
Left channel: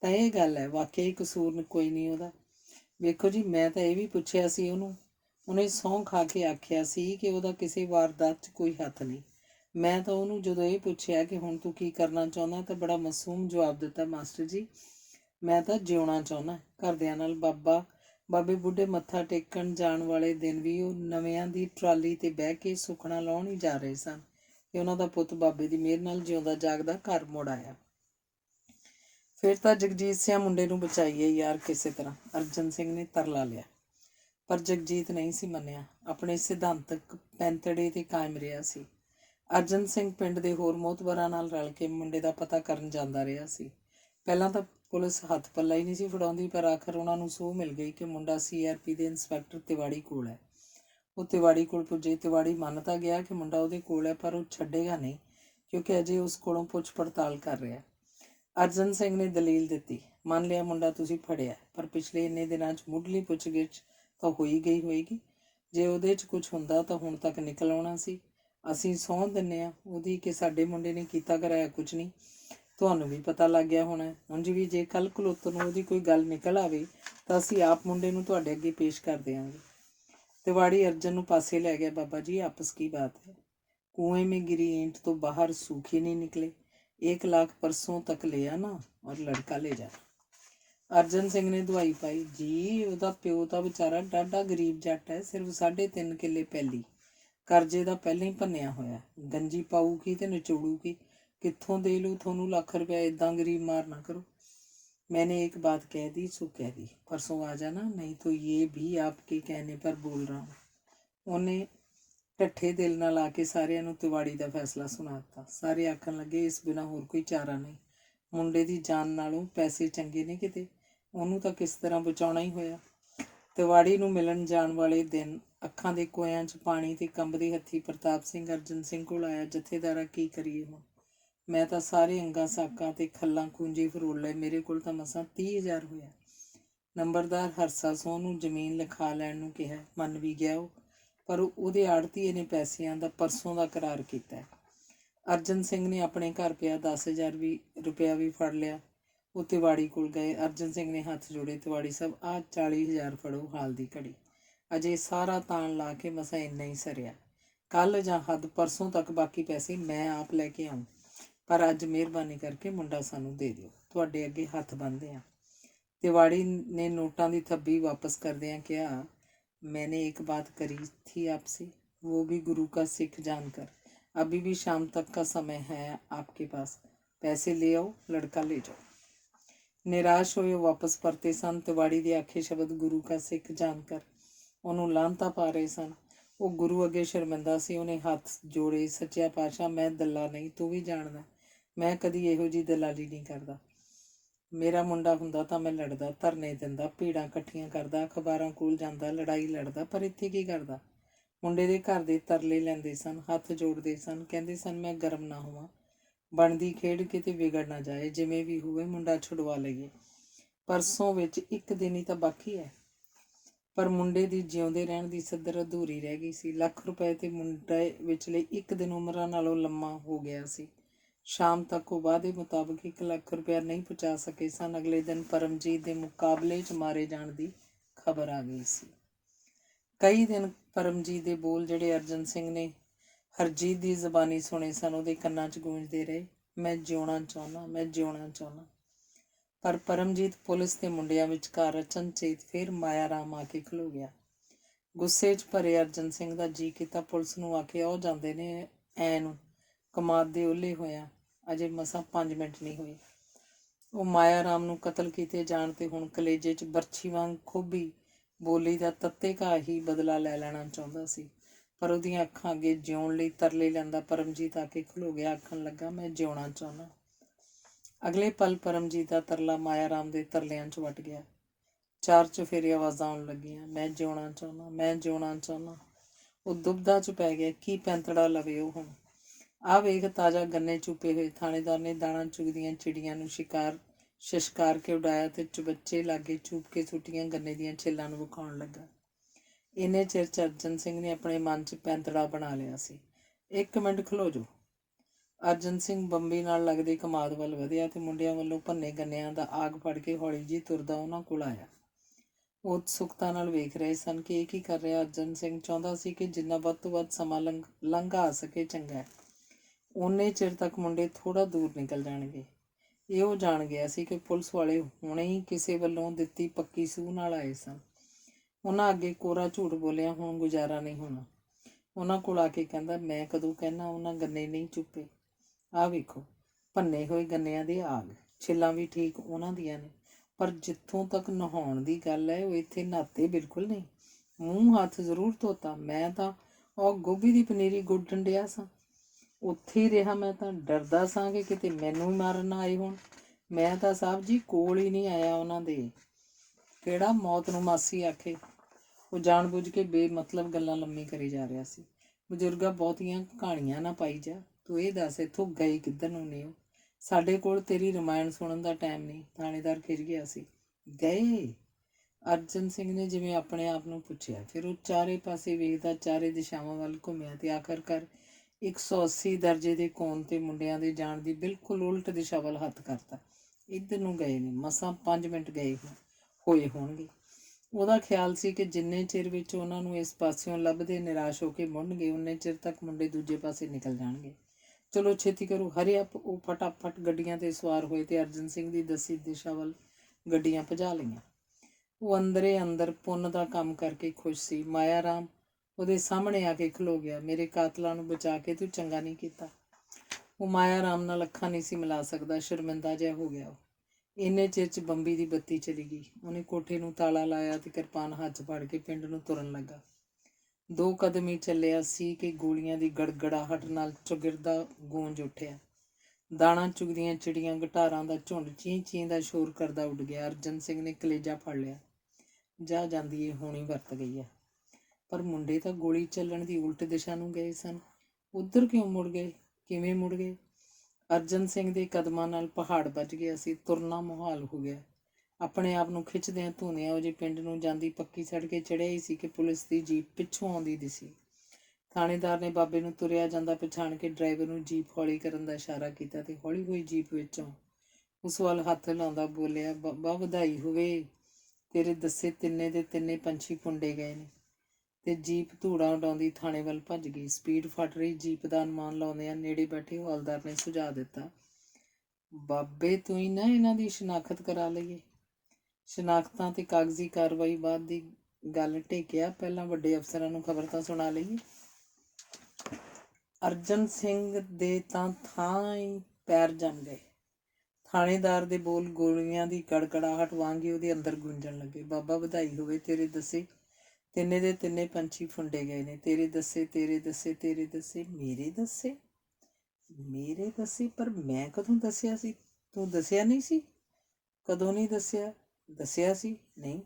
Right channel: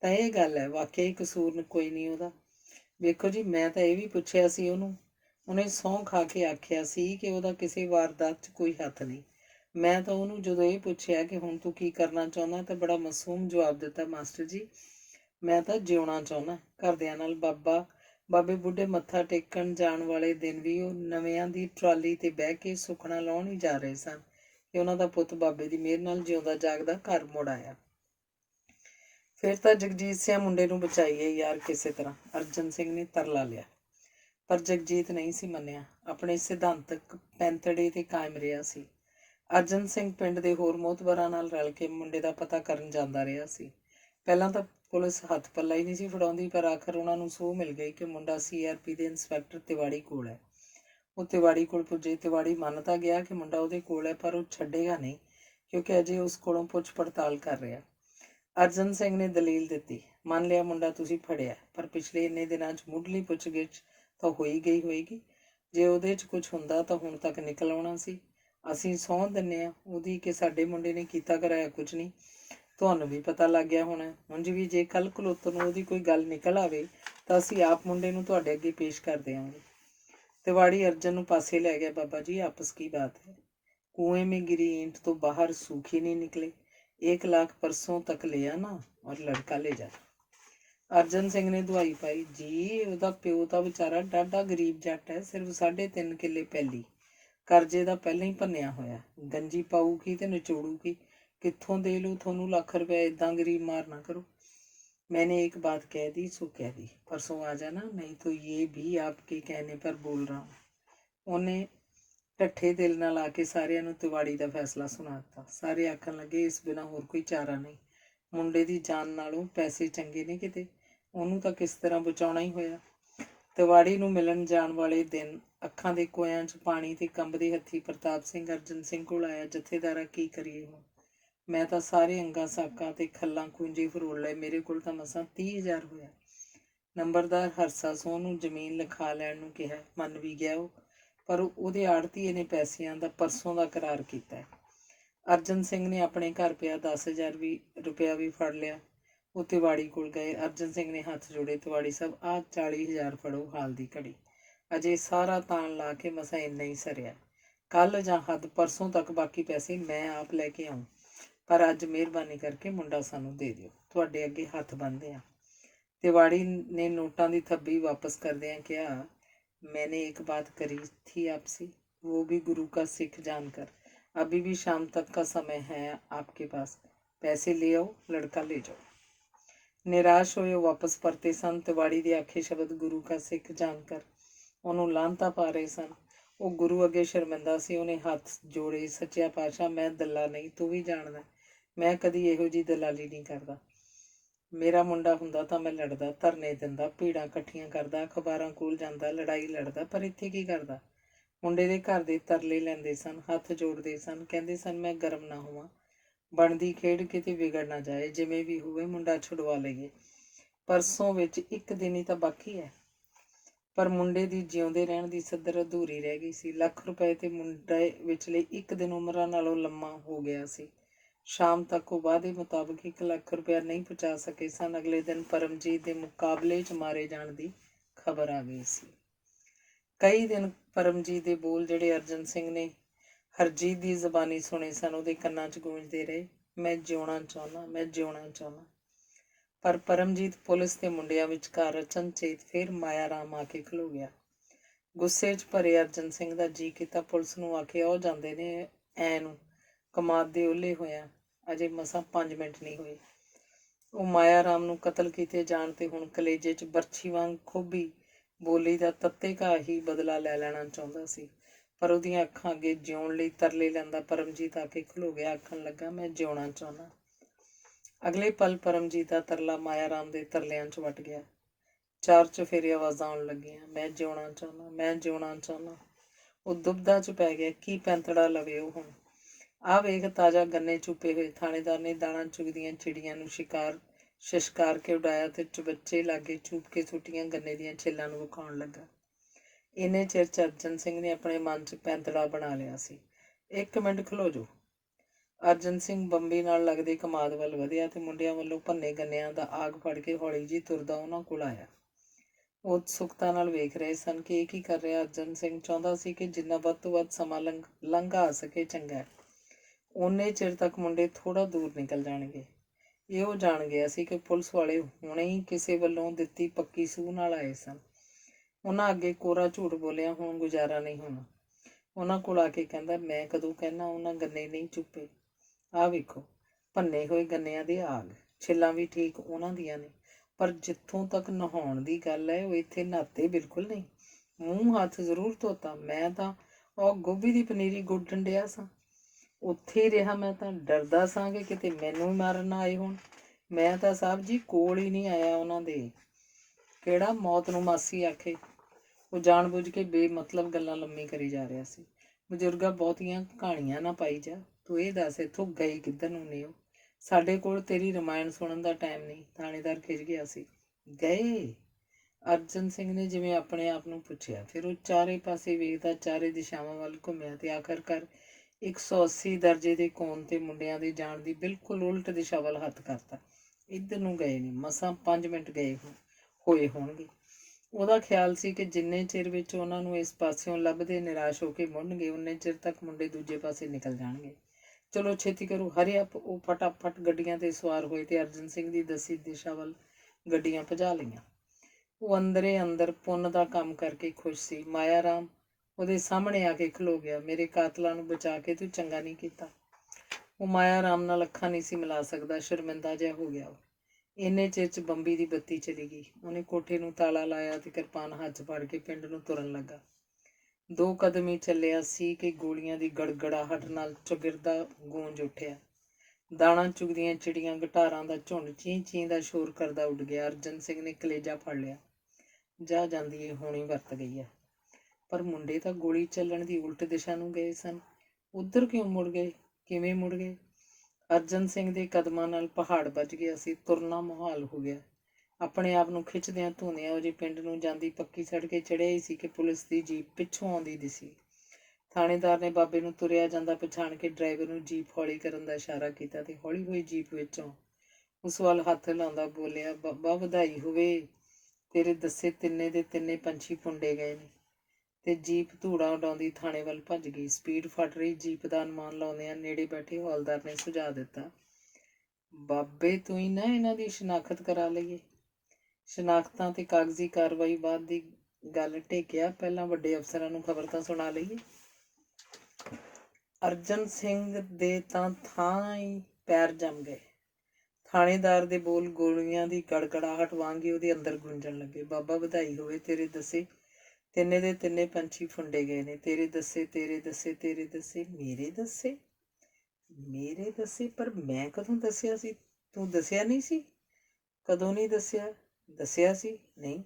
ਤਾਂ ਇਹ ਗੱਲ ਹੈ, ਵਾਕਿਆ ਹੀ ਕਸੂਰ ਕੋਈ ਨਹੀਂ ਉਹਦਾ। ਵੇਖੋ ਜੀ, ਮੈਂ ਤਾਂ ਇਹ ਵੀ ਪੁੱਛਿਆ ਸੀ ਉਹਨੂੰ। ਉਹਨੇ ਸਹੁੰ ਖਾ ਕੇ ਆਖਿਆ ਸੀ ਕਿ ਉਹਦਾ ਕਿਸੇ ਵਾਰਦਾਤ 'ਚ ਕੋਈ ਹੱਥ ਨਹੀਂ। ਮੈਂ ਤਾਂ ਉਹਨੂੰ ਜਦੋਂ ਇਹ ਪੁੱਛਿਆ ਕਿ ਹੁਣ ਤੂੰ ਕੀ ਕਰਨਾ ਚਾਹੁੰਦਾ, ਤਾਂ ਬੜਾ ਮਾਸੂਮ ਜਵਾਬ ਦਿੱਤਾ, ਮਾਸਟਰ ਜੀ, ਮੈਂ ਤਾਂ ਜਿਉਣਾ ਚਾਹੁੰਦਾ। ਘਰਦਿਆਂ ਨਾਲ ਬਾਬਾ ਬਾਬੇ ਬੁੱਢੇ ਮੱਥਾ ਟੇਕਣ ਜਾਣ ਵਾਲੇ ਦਿਨ ਵੀ ਉਹ ਨਵਿਆਂ ਦੀ ਟਰਾਲੀ ਤੇ ਬਹਿ ਕੇ ਸੁਖਣਾ ਲਾਉਣ ਹੀ ਜਾ ਰਹੇ ਸਨ ਕਿ ਉਹਨਾਂ ਦਾ ਪੁੱਤ ਬਾਬੇ ਦੀ ਮਿਹਰ ਨਾਲ ਜਿਉਂਦਾ ਜਾਗਦਾ ਘਰ ਮੁੜ ਆਇਆ। ਫਿਰ ਤਾਂ ਜਗਜੀਤ ਸਿੰਘ ਮੁੰਡੇ ਨੂੰ ਬਚਾਈਏ ਯਾਰ ਕਿਸੇ ਤਰ੍ਹਾਂ, ਅਰਜਨ ਸਿੰਘ ਨੇ ਤਰਲਾ ਲਿਆ। ਪਰ ਜਗਜੀਤ ਨਹੀਂ ਸੀ ਮੰਨਿਆ। ਆਪਣੇ ਸਿਧਾਂਤਕ ਪੈਂਤੜੇ ਤੇ ਕਾਇਮ ਰਿਹਾ ਸੀ। ਅਰਜਨ ਸਿੰਘ ਪਿੰਡ ਦੇ ਹੋਰ ਮੋਹਤਬਰਾਂ ਨਾਲ ਰਲ ਕੇ ਮੁੰਡੇ ਦਾ ਪਤਾ ਕਰਨ ਜਾਂਦਾ ਰਿਹਾ ਸੀ। ਪਹਿਲਾਂ ਤਾਂ ਪੁਲਿਸ ਹੱਥ ਪੱਲਾ ਹੀ ਨਹੀਂ ਸੀ ਫੜਾਉਂਦੀ, ਪਰ ਆਖਰ ਉਹਨਾਂ ਨੂੰ ਸੂਹ ਮਿਲ ਗਈ ਕਿ ਮੁੰਡਾ CRP ਦੇ ਇੰਸਪੈਕਟਰ ਤਿਵਾੜੀ ਕੋਲ ਹੈ। ਉਹ ਤਿਵਾੜੀ ਕੋਲ ਪੁੱਜੇ। ਤਿਵਾੜੀ ਮੰਨ ਤਾਂ ਗਿਆ ਕਿ ਮੁੰਡਾ ਉਹਦੇ ਕੋਲ ਹੈ, ਪਰ ਉਹ ਛੱਡੇਗਾ ਨਹੀਂ ਕਿਉਂਕਿ ਅਜੇ ਉਸ ਕੋਲੋਂ ਪੁੱਛ ਪੜਤਾਲ ਕਰ ਰਿਹਾ। ਅਰਜਨ ਸਿੰਘ ਨੇ ਦਲੀਲ ਦਿੱਤੀ, ਮੰਨ ਲਿਆ ਮੁੰਡਾ ਤੁਸੀਂ ਫੜਿਆ, ਪਰ ਪਿਛਲੇ ਇੰਨੇ ਦਿਨਾਂ 'ਚ ਮੁੱਢਲੀ ਪੁੱਛਗਿੱਛ ਤਾਂ ਹੋਈ ਗਈ ਹੋਏਗੀ। ਜੇ ਉਹਦੇ 'ਚ ਕੁਝ ਹੁੰਦਾ ਤਾਂ ਹੁਣ ਤੱਕ ਨਿਕਲ ਆਉਣਾ ਸੀ। ਅਸੀਂ ਸਹੁੰ ਦਿੰਦੇ ਹਾਂ ਉਹਦੀ ਕਿ ਸਾਡੇ ਮੁੰਡੇ ਨੇ ਕੀਤਾ ਕਰਾਇਆ ਕੁਝ ਨਹੀਂ। ਤੁਹਾਨੂੰ ਵੀ ਪਤਾ ਲੱਗ ਗਿਆ ਹੋਣਾ। ਉਂਝ ਵੀ ਜੇ ਕੱਲ੍ਹ ਕਲੋਤਰ ਨੂੰ ਉਹਦੀ ਕੋਈ ਗੱਲ ਨਿਕਲ ਆਵੇ ਤਾਂ ਅਸੀਂ ਆਪ ਮੁੰਡੇ ਨੂੰ ਤੁਹਾਡੇ ਅੱਗੇ ਪੇਸ਼ ਕਰ ਦਿਆਂਗੇ। ਤਿਵਾੜੀ ਅਰਜਨ ਨੂੰ ਪਾਸੇ ਲੈ ਗਿਆ। ਬਾਬਾ ਜੀ, ਆਪਸ ਕੀ ਬਾਤ ਹੈ? कुएं में गिरी ईंट तो बाहर सूखी नहीं निकले। 1 लाख परसों तक ले आना और लड़का ले जा। ਅਰਜਨ ਸਿੰਘ ਨੇ ਦੁਹਾਈ ਪਾਈ। ਜੀ, ਉਹਦਾ ਪਿਓ ਤਾਂ ਵਿਚਾਰਾ ਡਾਢਾ ਗਰੀਬ ਜੱਟ ਹੈ, ਸਿਰਫ 3.5 ਕਿੱਲੇ ਪੈਲੀ, ਕਰਜ਼ੇ ਦਾ ਪਹਿਲਾਂ ਹੀ ਭੰਨਿਆ ਹੋਇਆ। ਗੰਜੀ ਪਾਊਗੀ ਤੇ ਨਿਚੋੜੂਗੀ, ਕਿੱਥੋਂ ਦੇ ਲੂ ਤੁਹਾਨੂੰ ਲੱਖ ਰੁਪਇਆ? ਇਦਾਂ ਗਰੀਬ ਮਾਰ ਨਾ ਕਰੋ। मैंने एक बात कह दी सो कह दी, परसों आ जाना, नहीं तो ये भी आपके कहने पर बोल रहा हूँ। ਉਹਨੇ ਢੱਠੇ ਦਿਲ ਨਾਲ ਆ ਕੇ ਸਾਰਿਆਂ ਨੂੰ ਤਿਵਾੜੀ ਦਾ ਫੈਸਲਾ ਸੁਣਾ ਦਿੱਤਾ। ਸਾਰੇ ਆਖਣ ਲੱਗੇ, ਇਸ ਬਿਨਾਂ ਹੋਰ ਕੋਈ ਚਾਰਾ ਨਹੀਂ। ਮੁੰਡੇ ਦੀ ਜਾਨ ਨਾਲੋਂ ਪੈਸੇ ਚੰਗੇ ਨੇ ਕਿਤੇ, ਉਹਨੂੰ ਤਾਂ ਕਿਸ ਤਰ੍ਹਾਂ ਬਚਾਉਣਾ ਹੀ ਹੋਇਆ। ਤਿਵਾੜੀ ਨੂੰ ਮਿਲਣ ਜਾਣ ਵਾਲੇ ਦਿਨ ਅੱਖਾਂ ਦੇ ਕੋਇਆਂ 'ਚ ਪਾਣੀ ਤੇ ਕੰਬਦੇ ਹੱਥੀ ਪ੍ਰਤਾਪ ਸਿੰਘ ਅਰਜਨ ਸਿੰਘ ਕੋਲ ਆਇਆ। ਜਥੇਦਾਰਾ, ਕੀ ਕਰੀਏ ਹੁਣ? ਮੈਂ ਤਾਂ ਸਾਰੇ ਅੰਗਾਂ ਸਾਕਾਂ ਤੇ ਖੱਲਾਂ ਖੂੰਜੇ ਫਰੋਲ ਲਏ, ਮੇਰੇ ਕੋਲ ਤਾਂ ਮਸਾਂ 30,000 ਹੋਇਆ। ਨੰਬਰਦਾਰ ਹਰਸਾ ਸੋਹ ਨੂੰ ਜ਼ਮੀਨ ਲਿਖਾ ਲੈਣ ਨੂੰ ਕਿਹਾ, ਮੰਨ ਵੀ ਗਿਆ ਉਹ, ਪਰ ਉਹਦੇ ਆੜਤੀਏ ਨੇ ਪੈਸਿਆਂ ਦਾ ਪਰਸੋਂ ਦਾ ਕਰਾਰ ਕੀਤਾ। ਅਰਜਨ ਸਿੰਘ ਨੇ ਆਪਣੇ ਘਰ ਪਿਆ 10,000 ਰੁਪਇਆ ਵੀ ਫੜ ਲਿਆ। ਉਹ ਤਿਵਾੜੀ ਕੋਲ ਗਏ। ਅਰਜਨ ਸਿੰਘ ਨੇ ਹੱਥ ਜੋੜੇ, ਤਿਵਾੜੀ ਸਾਹਿਬ, ਆਹ 40,000 ਫੜੋ ਹਾਲ ਦੀ ਘੜੀ। ਅਜੇ ਸਾਰਾ ਤਾਣ ਲਾ ਕੇ ਮਸਾਂ ਇੰਨਾ ਹੀ ਸਰਿਆ। ਕੱਲ੍ਹ ਜਾਂ ਹੱਦ ਪਰਸੋਂ ਤੱਕ ਬਾਕੀ ਪੈਸੇ ਮੈਂ ਆਪ ਲੈ ਕੇ ਆਊਂ, ਪਰ ਅੱਜ ਮਿਹਰਬਾਨੀ ਕਰਕੇ ਮੁੰਡਾ ਸਾਨੂੰ ਦੇ ਦਿਓ, ਤੁਹਾਡੇ ਅੱਗੇ ਹੱਥ ਬੰਨ੍ਹਦੇ ਹਾਂ। ਤਿਵਾੜੀ ਨੇ ਨੋਟਾਂ ਦੀ ਥੱਬੀ ਵਾਪਸ ਕਰਦਿਆਂ ਕਿਹਾ, मैंने एक बात करी थी आपसे, वो भी गुरु का सिख जानकर। अभी भी शाम तक का समय है आपके पास, पैसे ले आओ, लड़का ले जाओ। निराश होए वापस परते सन। तिवाड़ी ਦੇ ਆਖੇ ਸ਼ਬਦ ਗੁਰੂ ਕਾ ਸਿੱਖ ਜਾਣकर ਉਹਨੂੰ ਲਾਂਤਾਂ ਪਾ ਰਹੇ ਸਨ। ਉਹ ਗੁਰੂ ਅੱਗੇ ਸ਼ਰਮਿੰਦਾ ਸੀ। ਉਹਨੇ ਹੱਥ ਜੋੜੇ, ਸੱਚਿਆ ਪਾਤਸ਼ਾਹ, ਮੈਂ ਦੱਲਾ ਨਹੀਂ, ਤੂੰ ਵੀ ਜਾਣਦਾ, ਮੈਂ ਕਦੀ ਇਹੋ ਜਿਹੀ ਦਲਾਲੀ ਨਹੀਂ ਕਰਦਾ। ਮੇਰਾ ਮੁੰਡਾ ਹੁੰਦਾ ਤਾਂ ਮੈਂ ਲੜਦਾ, ਧਰਨੇ ਦਿੰਦਾ, ਭੀੜਾਂ ਇਕੱਠੀਆਂ ਕਰਦਾ, ਅਖਬਾਰਾਂ ਕੋਲ ਜਾਂਦਾ, ਲੜਾਈ ਲੜਦਾ, ਪਰ ਇੱਥੇ ਕੀ ਕਰਦਾ? ਮੁੰਡੇ ਦੇ ਘਰ ਦੇ ਤਰਲੇ ਲੈਂਦੇ ਸਨ, ਹੱਥ ਜੋੜਦੇ ਸਨ, ਕਹਿੰਦੇ ਸਨ ਮੈਂ ਗਰਮ ਨਾ ਹੋਵਾਂ, ਬਣਦੀ ਖੇਡ ਕਿਤੇ ਵਿਗੜ ਨਾ ਜਾਏ, ਜਿਵੇਂ ਵੀ ਹੋਵੇ ਮੁੰਡਾ ਛੁਡਵਾ ਲਈਏ। ਪਰਸੋਂ ਵਿੱਚ 1 ਦਿਨ ਹੀ ਤਾਂ ਬਾਕੀ ਹੈ। ਪਰ ਮੁੰਡੇ ਦੀ ਜਿਉਂਦੇ ਰਹਿਣ ਦੀ ਸੱਧਰ ਅਧੂਰੀ ਰਹਿ ਗਈ ਸੀ। ਲੱਖ ਰੁਪਏ ਤੇ ਮੁੰਡੇ ਵਿਚਲੇ 1 ਦਿਨ ਉਮਰਾਂ ਨਾਲੋਂ ਲੰਮਾ ਹੋ ਗਿਆ ਸੀ। ਸ਼ਾਮ ਤੱਕ ਉਹ ਵਾਅਦੇ ਮੁਤਾਬਕ 1 ਲੱਖ ਰੁਪਇਆ ਨਹੀਂ ਪਹੁੰਚਾ ਸਕੇ ਸਨ। ਅਗਲੇ ਦਿਨ ਪਰਮਜੀਤ ਦੇ ਮੁਕਾਬਲੇ 'ਚ ਮਾਰੇ ਜਾਣ ਦੀ ਖਬਰ ਆ ਗਈ ਸੀ। ਕਈ ਦਿਨ ਪਰਮਜੀਤ ਦੇ ਬੋਲ ਜਿਹੜੇ ਅਰਜਨ ਸਿੰਘ ਨੇ ਹਰਜੀਤ ਦੀ ਜ਼ਬਾਨੀ ਸੁਣੇ ਸਨ, ਉਹਦੇ ਕੰਨਾਂ 'ਚ ਗੂੰਜਦੇ ਰਹੇ, ਮੈਂ ਜਿਉਣਾ ਚਾਹੁੰਦਾ, ਮੈਂ ਜਿਉਣਾ ਚਾਹੁੰਦਾ। ਪਰ ਪਰਮਜੀਤ ਪੁਲਿਸ ਤੇ ਮੁੰਡਿਆਂ ਵਿਚਕਾਰ ਅਚਨਚੇਤ ਫਿਰ ਮਾਇਆ ਰਾਮ ਆ ਕੇ ਖਲੋ ਗਿਆ। ਗੁੱਸੇ 'ਚ ਭਰੇ ਅਰਜਨ ਸਿੰਘ ਦਾ ਜੀ ਕੀਤਾ ਪੁਲਿਸ ਨੂੰ ਆਖਿਆ, ਉਹ ਜਾਂਦੇ ਨੇ ਐ ਨੂੰ ਕਮਾਦ ਦੇ ਓਹਲੇ ਹੋਇਆ, ਅਜੇ ਮਸਾਂ 5 ਮਿੰਟ ਨਹੀਂ ਹੋਏ। ਉਹ ਮਾਇਆ ਰਾਮ ਨੂੰ ਕਤਲ ਕੀਤੇ ਜਾਣ ਤੇ ਹੁਣ ਕਲੇਜੇ 'ਚ ਬਰਛੀ ਵਾਂਗ ਖੋਭੀ ਬੋਲੀ ਦਾ ਤੱਤੇ ਘਾਹ ਹੀ ਬਦਲਾ ਲੈ ਲੈਣਾ ਚਾਹੁੰਦਾ ਸੀ। ਪਰ ਉਹਦੀਆਂ ਅੱਖਾਂ ਅੱਗੇ ਜਿਉਣ ਲਈ ਤਰਲੇ ਲੈਂਦਾ ਪਰਮਜੀਤ ਆ ਕੇ ਖਲੋ ਗਿਆ, ਆਖਣ ਲੱਗਾ, ਮੈਂ ਜਿਉਣਾ ਚਾਹੁੰਦਾ। ਅਗਲੇ ਪਲ ਪਰਮਜੀਤ ਦਾ ਤਰਲਾ ਮਾਇਆ ਰਾਮ ਦੇ ਤਰਲਿਆਂ 'ਚ ਵੱਟ ਗਿਆ। 4 ਚੁਫੇਰੇ ਆਵਾਜ਼ਾਂ ਆਉਣ ਲੱਗੀਆਂ, ਮੈਂ ਜਿਉਣਾ ਚਾਹੁੰਦਾ, ਮੈਂ ਜਿਉਣਾ ਚਾਹੁੰਦਾ। ਉਹ ਦੁਬਦਾ 'ਚ ਪੈ ਗਿਆ, ਕੀ ਪੈਂਤੜਾ ਲਵੇ ਉਹ ਹੁਣ। ਆਹ ਵੇਖ, ਤਾਜ਼ਾ ਗੰਨੇ ਚੁੱਪੇ ਹੋਏ। ਥਾਣੇਦਾਰ ਨੇ ਦਾਣਾ ਚੁਗਦੀਆਂ ਚਿੜੀਆਂ ਨੂੰ ਸ਼ਿਸ਼ਕਾਰ ਕੇ ਉਡਾਇਆ ਤੇ ਚੁਬੱਚੇ ਲਾਗੇ ਚੂਪ ਕੇ ਸੁੱਟੀਆਂ ਗੰਨੇ ਦੀਆਂ ਛਿੱਲਾਂ ਨੂੰ ਵਿਖਾਉਣ ਲੱਗਾ। ਇੰਨੇ ਚਿਰ 'ਚ ਅਰਜਨ ਸਿੰਘ ਨੇ ਆਪਣੇ ਮਨ 'ਚ ਪੈਂਤੜਾ ਬਣਾ ਲਿਆ ਸੀ। 1 ਮਿੰਟ ਖਲੋ ਜਾਓ। ਅਰਜਨ ਸਿੰਘ ਬੰਬੀ ਨਾਲ ਲੱਗਦੇ ਕਮਾਦ ਵੱਲ ਵਧਿਆ ਤੇ ਮੁੰਡਿਆਂ ਵੱਲੋਂ ਭੰਨੇ ਗੰਨਿਆਂ ਦਾ ਆਗ ਫੜ ਕੇ ਹੌਲੀ ਜਿਹੀ ਤੁਰਦਾ ਉਹਨਾਂ ਕੋਲ ਆਇਆ। ਉਹ ਉਤਸੁਕਤਾ ਨਾਲ ਵੇਖ ਰਹੇ ਸਨ ਕਿ ਇਹ ਕੀ ਕਰ ਰਿਹਾ। ਅਰਜਨ ਸਿੰਘ ਚਾਹੁੰਦਾ ਸੀ ਕਿ ਜਿੰਨਾ ਵੱਧ ਤੋਂ ਵੱਧ ਸਮਾਂ ਲੰਘਾ ਸਕੇ ਚੰਗਾ ਹੈ। ਓਨੇ ਚਿਰ ਤੱਕ ਮੁੰਡੇ ਥੋੜ੍ਹਾ ਦੂਰ ਨਿਕਲ ਜਾਣਗੇ। ਇਹ ਉਹ ਜਾਣ ਗਿਆ ਸੀ ਕਿ ਪੁਲਿਸ ਵਾਲੇ ਹੁਣੇ ਹੀ ਕਿਸੇ ਵੱਲੋਂ ਦਿੱਤੀ ਪੱਕੀ ਸੂਹ ਨਾਲ ਆਏ ਸਨ। ਉਹਨਾਂ ਅੱਗੇ ਕੋਰਾ ਝੂਠ ਬੋਲਿਆ, ਹੁਣ ਗੁਜ਼ਾਰਾ ਨਹੀਂ ਹੋਣਾ। ਉਹਨਾਂ ਕੋਲ ਆ ਕੇ ਕਹਿੰਦਾ, ਮੈਂ ਕਦੋਂ ਕਹਿਣਾ ਉਹਨਾਂ ਗੰਨੇ ਨਹੀਂ ਚੁੱਪੇ। ਆਹ ਵੇਖੋ, ਭੰਨੇ ਹੋਏ ਗੰਨਿਆਂ ਦੇ ਆਗ, ਛਿੱਲਾਂ ਵੀ ਠੀਕ ਉਹਨਾਂ ਦੀਆਂ ਨੇ, ਪਰ ਜਿੱਥੋਂ ਤੱਕ ਨਹਾਉਣ ਦੀ ਗੱਲ ਹੈ, ਉਹ ਇੱਥੇ ਨਹਾਤੇ ਬਿਲਕੁਲ ਨਹੀਂ। ਮੂੰਹ ਹੱਥ ਜ਼ਰੂਰ ਧੋਤਾ, ਮੈਂ ਤਾਂ ਉਹ ਗੋਭੀ ਦੀ ਪਨੀਰੀ ਗੁੱਡਣ ਡਿਆ ਸਾਂ। ਉੱਥੇ ਹੀ ਰਿਹਾ, ਮੈਂ ਤਾਂ ਡਰਦਾ ਸਾਂ ਕਿ ਕਿਤੇ ਮੈਨੂੰ ਹੀ ਮਾਰਨ ਨਾ ਆਏ ਹੋਣ। ਮੈਂ ਤਾਂ ਸਾਹਿਬ ਜੀ ਕੋਲ ਹੀ ਨਹੀਂ ਆਇਆ ਉਹਨਾਂ ਦੇ। ਕਿਹੜਾ ਮੌਤ ਨੂੰ ਮਾਸੀ ਆਖੇ। ਉਹ ਜਾਣ-ਬੁੱਝ ਕੇ ਬੇਮਤਲਬ ਗੱਲਾਂ ਲੰਮੀ ਕਰੀ ਜਾ ਰਿਹਾ ਸੀ। ਬਜ਼ੁਰਗਾ, ਬਹੁਤੀਆਂ ਕਹਾਣੀਆਂ ਨਾ ਪਾਈ ਜਾ, ਤੂੰ ਇਹ ਦੱਸ ਇੱਥੋਂ ਗਈ ਕਿੱਧਰ ਨੂੰ ਨੇ ਉਹ? ਸਾਡੇ ਕੋਲ ਤੇਰੀ ਰਮਾਇਣ ਸੁਣਨ ਦਾ ਟਾਈਮ ਨਹੀਂ। ਥਾਣੇਦਾਰ ਖਿਝ ਗਿਆ ਸੀ। ਗਏ? ਅਰਜਨ ਸਿੰਘ ਨੇ ਜਿਵੇਂ ਆਪਣੇ ਆਪ ਨੂੰ ਪੁੱਛਿਆ। ਫਿਰ ਉਹ ਚਾਰੇ ਪਾਸੇ ਵੇਖਦਾ ਚਾਰੇ ਦਿਸ਼ਾਵਾਂ ਵੱਲ ਘੁੰਮਿਆ ਤੇ ਆਖਰਕਾਰ 180 ਦਰਜੇ ਦੇ ਕੋਣ ਤੇ ਮੁੰਡਿਆਂ ਦੇ ਜਾਣ ਦੀ ਬਿਲਕੁਲ ਉਲਟ ਦਿਸ਼ਾ ਵੱਲ ਹੱਥ ਕਰਤਾ। ਇੱਧਰ ਨੂੰ ਗਏ ਨੇ, ਮਸਾਂ 5 ਮਿੰਟ ਗਏ ਹੋਏ ਹੋਣਗੇ। ਉਹਦਾ ਖਿਆਲ ਸੀ ਕਿ ਜਿੰਨੇ ਚਿਰ ਵਿੱਚ ਉਹਨਾਂ ਨੂੰ ਇਸ ਪਾਸਿਓਂ ਲੱਭਦੇ ਨਿਰਾਸ਼ ਹੋ ਕੇ ਮੁੜਨਗੇ, ਉਨੇ ਚਿਰ ਤੱਕ ਮੁੰਡੇ ਦੂਜੇ ਪਾਸੇ ਨਿਕਲ ਜਾਣਗੇ। ਚਲੋ ਛੇਤੀ ਕਰੋ, ਹਰੇ ਅਪ। ਉਹ ਫਟਾਫਟ ਗੱਡੀਆਂ ਤੇ ਸਵਾਰ ਹੋਏ ਤੇ ਅਰਜਨ ਸਿੰਘ ਦੀ ਦੱਸੀ ਦਿਸ਼ਾ ਵੱਲ ਗੱਡੀਆਂ ਭਜਾ ਲਈਆਂ। ਉਹ ਅੰਦਰੇ ਅੰਦਰ ਪੁੰਨ ਦਾ ਕੰਮ ਕਰਕੇ ਖੁਸ਼ ਸੀ। ਮਾਇਆ ਰਾਮ ਉਹਦੇ ਸਾਹਮਣੇ ਆ ਕੇ ਖਲੋ ਗਿਆ। ਮੇਰੇ ਕਾਤਲਾਂ ਨੂੰ ਬਚਾ ਕੇ ਤੂੰ ਚੰਗਾ ਨਹੀਂ ਕੀਤਾ। ਉਹ ਮਾਇਆ ਰਾਮ ਨਾਲ ਅੱਖਾਂ ਨਹੀਂ ਸੀ ਮਿਲਾ ਸਕਦਾ, ਸ਼ਰਮਿੰਦਾ ਜਿਹਾ ਹੋ ਗਿਆ। ਇੰਨੇ ਚਿਰ 'ਚ ਬੰਬੀ ਦੀ ਬੱਤੀ ਚਲੀ ਗਈ। ਉਹਨੇ ਕੋਠੇ ਨੂੰ ਤਾਲਾ ਲਾਇਆ ਤੇ ਕਿਰਪਾਨ ਹੱਥ 'ਚ ਫੜ ਕੇ ਪਿੰਡ ਨੂੰ ਤੁਰਨ ਲੱਗਾ। 2 ਕਦਮ ਹੀ ਚੱਲਿਆ ਸੀ ਕਿ ਗੋਲੀਆਂ ਦੀ ਗੜਗੜਾਹਟ ਨਾਲ ਚੁਗਿਰਦਾ ਗੂੰਜ ਉੱਠਿਆ। ਦਾਣਾ ਚੁਗਦੀਆਂ ਚਿੜੀਆਂ, ਗਟਾਰਾਂ ਦਾ ਝੁੰਡ ਚੀਂ-ਚੀਂ ਦਾ ਸ਼ੋਰ ਕਰਦਾ ਉੱਡ ਗਿਆ। ਅਰਜਨ ਸਿੰਘ ਨੇ ਕਲੇਜਾ ਫੜ ਲਿਆ। ਜਾ ਜਾਂਦੀ ਏ, ਹੋਣੀ ਵਰਤ ਗਈ ਆ। ਪਰ ਮੁੰਡੇ ਤਾਂ ਗੋਲੀ ਚੱਲਣ ਦੀ ਉਲਟ ਦਿਸ਼ਾ ਨੂੰ ਗਏ ਸਨ। ਉੱਧਰ ਕਿਉਂ ਮੁੜ ਗਏ? ਕਿਵੇਂ ਮੁੜ ਗਏ? ਅਰਜਨ ਸਿੰਘ ਦੇ ਕਦਮਾਂ ਨਾਲ ਪਹਾੜ ਵੱਜ ਗਿਆ ਸੀ। ਤੁਰਨਾ ਮੁਹਾਲ ਹੋ ਗਿਆ। ਆਪਣੇ ਆਪ ਨੂੰ ਖਿੱਚਦਿਆਂ ਧੂੰਦਿਆਂ ਉਹ ਜੇ ਪਿੰਡ ਨੂੰ ਜਾਂਦੀ ਪੱਕੀ ਸੜਕੇ ਚੜ੍ਹਿਆ ਹੀ ਸੀ ਕਿ ਪੁਲਿਸ ਦੀ ਜੀਪ ਪਿੱਛੋਂ ਆਉਂਦੀ ਦਿਸੀ। ਥਾਣੇਦਾਰ ਨੇ ਬਾਬੇ ਨੂੰ ਤੁਰਿਆ ਜਾਂਦਾ ਪਛਾਣ ਕੇ ਡਰਾਈਵਰ ਨੂੰ ਜੀਪ ਹੌਲੀ ਕਰਨ ਦਾ ਇਸ਼ਾਰਾ ਕੀਤਾ ਤੇ ਹੌਲੀ ਹੋਈ ਜੀਪ ਵਿੱਚੋਂ ਉਸ ਵੱਲ ਹੱਥ ਲਾਉਂਦਾ ਬੋਲਿਆ, ਬਾਬਾ ਵਧਾਈ ਹੋਵੇ, ਤੇਰੇ ਦੱਸੇ ਤਿੰਨੇ ਦੇ ਤਿੰਨੇ ਪੰਛੀ ਫੁੰਡੇ ਗਏ ਨੇ। ਤੇ ਜੀਪ ਧੂੜਾ ਉਡਾਉਂਦੀ ਥਾਣੇ ਵੱਲ ਭੱਜ ਗਈ। ਸਪੀਡ ਫਟ ਰਹੀ ਜੀਪ ਦਾ ਅਨੁਮਾਨ ਲਾਉਂਦਿਆਂ ਨੇੜੇ ਬੈਠੇ ਹੌਲਦਾਰ ਨੇ ਸੁਝਾਅ ਦਿੱਤਾ, ਬਾਬੇ ਤੂੰ ਹੀ ਨਾ ਇਹਨਾਂ ਦੀ ਸ਼ਨਾਖਤ ਕਰਾ ਲਈਏ। ਸ਼ਨਾਖਤਾਂ ਤੇ ਕਾਗਜ਼ੀ ਕਾਰਵਾਈ ਬਾਅਦ ਦੀ ਗੱਲ ਟੇਕਿਆ, ਪਹਿਲਾਂ ਵੱਡੇ ਅਫਸਰਾਂ ਨੂੰ ਖਬਰ ਤਾਂ ਸੁਣਾ ਲਈਏ। ਅਰਜਨ ਸਿੰਘ ਦੇ ਤਾਂ ਥਾਂ ਹੀ ਪੈਰ ਜੰਮ ਗਏ। ਥਾਣੇਦਾਰ ਦੇ ਬੋਲ ਗੋਲੀਆਂ ਦੀ ਗੜਗੜਾਹਟ ਵਾਂਗ ਹੀ ਉਹਦੇ ਅੰਦਰ ਗੂੰਜਣ ਲੱਗੇ। ਬਾਬਾ ਵਧਾਈ ਹੋਵੇ, ਤੇਰੇ ਦੱਸੇ ਤਿੰਨੇ ਦੇ ਤਿੰਨੇ ਪੰਛੀ ਫੁੰਡੇ ਗਏ ਨੇ। ਤੇਰੇ ਦੱਸੇ, ਤੇਰੇ ਦੱਸੇ, ਤੇਰੇ ਦੱਸੇ, ਮੇਰੇ ਦੱਸੇ, ਮੇਰੇ ਦੱਸੇ। ਪਰ ਮੈਂ ਕਦੋਂ ਦੱਸਿਆ ਸੀ? ਤੂੰ ਦੱਸਿਆ ਨਹੀਂ ਸੀ? ਕਦੋਂ ਨਹੀਂ ਦੱਸਿਆ? ਦੱਸਿਆ ਸੀ? ਨਹੀਂ।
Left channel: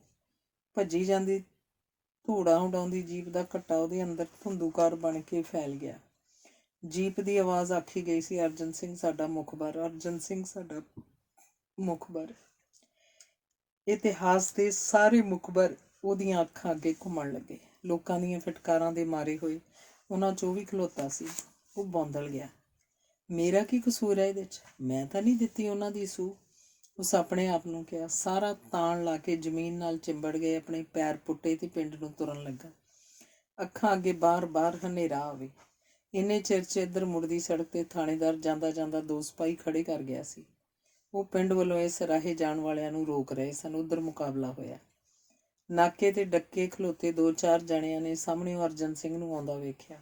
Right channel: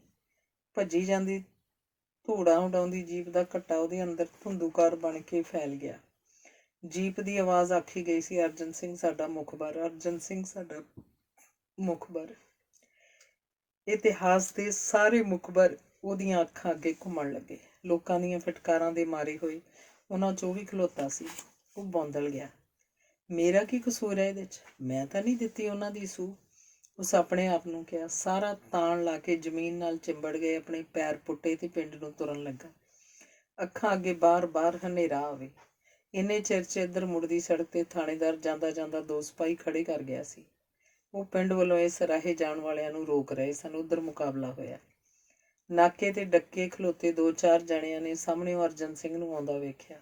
ਭੱਜੀ ਜਾਂਦੀ ਧੂੜਾ ਉਡਾਉਂਦੀ ਜੀਪ ਦਾ ਘੱਟਾ ਉਹਦੇ ਅੰਦਰ ਧੁੰਦੂਕਾਰ ਬਣ ਕੇ ਫੈਲ ਗਿਆ। ਜੀਪ ਦੀ ਆਵਾਜ਼ ਆਖੀ ਗਈ ਸੀ, ਅਰਜਨ ਸਿੰਘ ਸਾਡਾ ਮੁਖਬਰ, ਅਰਜਨ ਸਿੰਘ ਸਾਡਾ ਮੁਖਬਰ। ਇਤਿਹਾਸ ਦੇ ਸਾਰੇ ਮੁਖਬਰ ਉਹਦੀਆਂ ਅੱਖਾਂ ਅੱਗੇ ਘੁੰਮਣ ਲੱਗੇ। ਲੋਕਾਂ ਦੀਆਂ ਫਟਕਾਰਾਂ ਦੇ ਮਾਰੇ ਹੋਏ ਉਹਨਾਂ 'ਚ ਉਹ ਵੀ ਖਲੋਤਾ ਸੀ। ਉਹ ਬੌਂਦਲ ਗਿਆ। ਮੇਰਾ ਕੀ ਕਸੂਰ ਹੈ ਇਹਦੇ 'ਚ? ਮੈਂ ਤਾਂ ਨਹੀਂ ਦਿੱਤੀ ਉਹਨਾਂ ਦੀ ਸੂਹ। ਉਸ ਆਪਣੇ ਆਪ ਨੂੰ ਕਿਹਾ। ਸਾਰਾ ਤਾਣ ਲਾ ਕੇ ਜ਼ਮੀਨ ਨਾਲ ਚਿੰਬੜ ਗਏ, ਆਪਣੇ ਪੈਰ ਪੁੱਟੇ ਤੇ ਪਿੰਡ ਨੂੰ ਤੁਰਨ ਲੱਗਾ। ਅੱਖਾਂ ਅੱਗੇ ਬਾਰ-ਬਾਰ ਹਨੇਰਾ ਆਵੇ। ਇੰਨੇ ਚਿਰ 'ਚ ਇੱਧਰ ਮੁੜਦੀ ਸੜਕ ਤੇ ਥਾਣੇਦਾਰ ਜਾਂਦਾ ਜਾਂਦਾ 2 ਸਿਪਾਹੀ ਖੜੇ ਕਰ ਗਿਆ ਸੀ। ਉਹ ਪਿੰਡ ਵੱਲੋਂ ਇਸ ਰਾਹੇ ਜਾਣ ਵਾਲਿਆਂ ਨੂੰ ਰੋਕ ਰਹੇ ਸਨ। ਉੱਧਰ ਮੁਕਾਬਲਾ ਹੋਇਆ। ਨਾਕੇ ਤੇ ਡੱਕੇ ਖਲੋਤੇ 2-4 ਜਣਿਆਂ ਨੇ ਸਾਹਮਣਿਓਂ ਅਰਜਨ ਸਿੰਘ ਨੂੰ ਆਉਂਦਾ ਵੇਖਿਆ।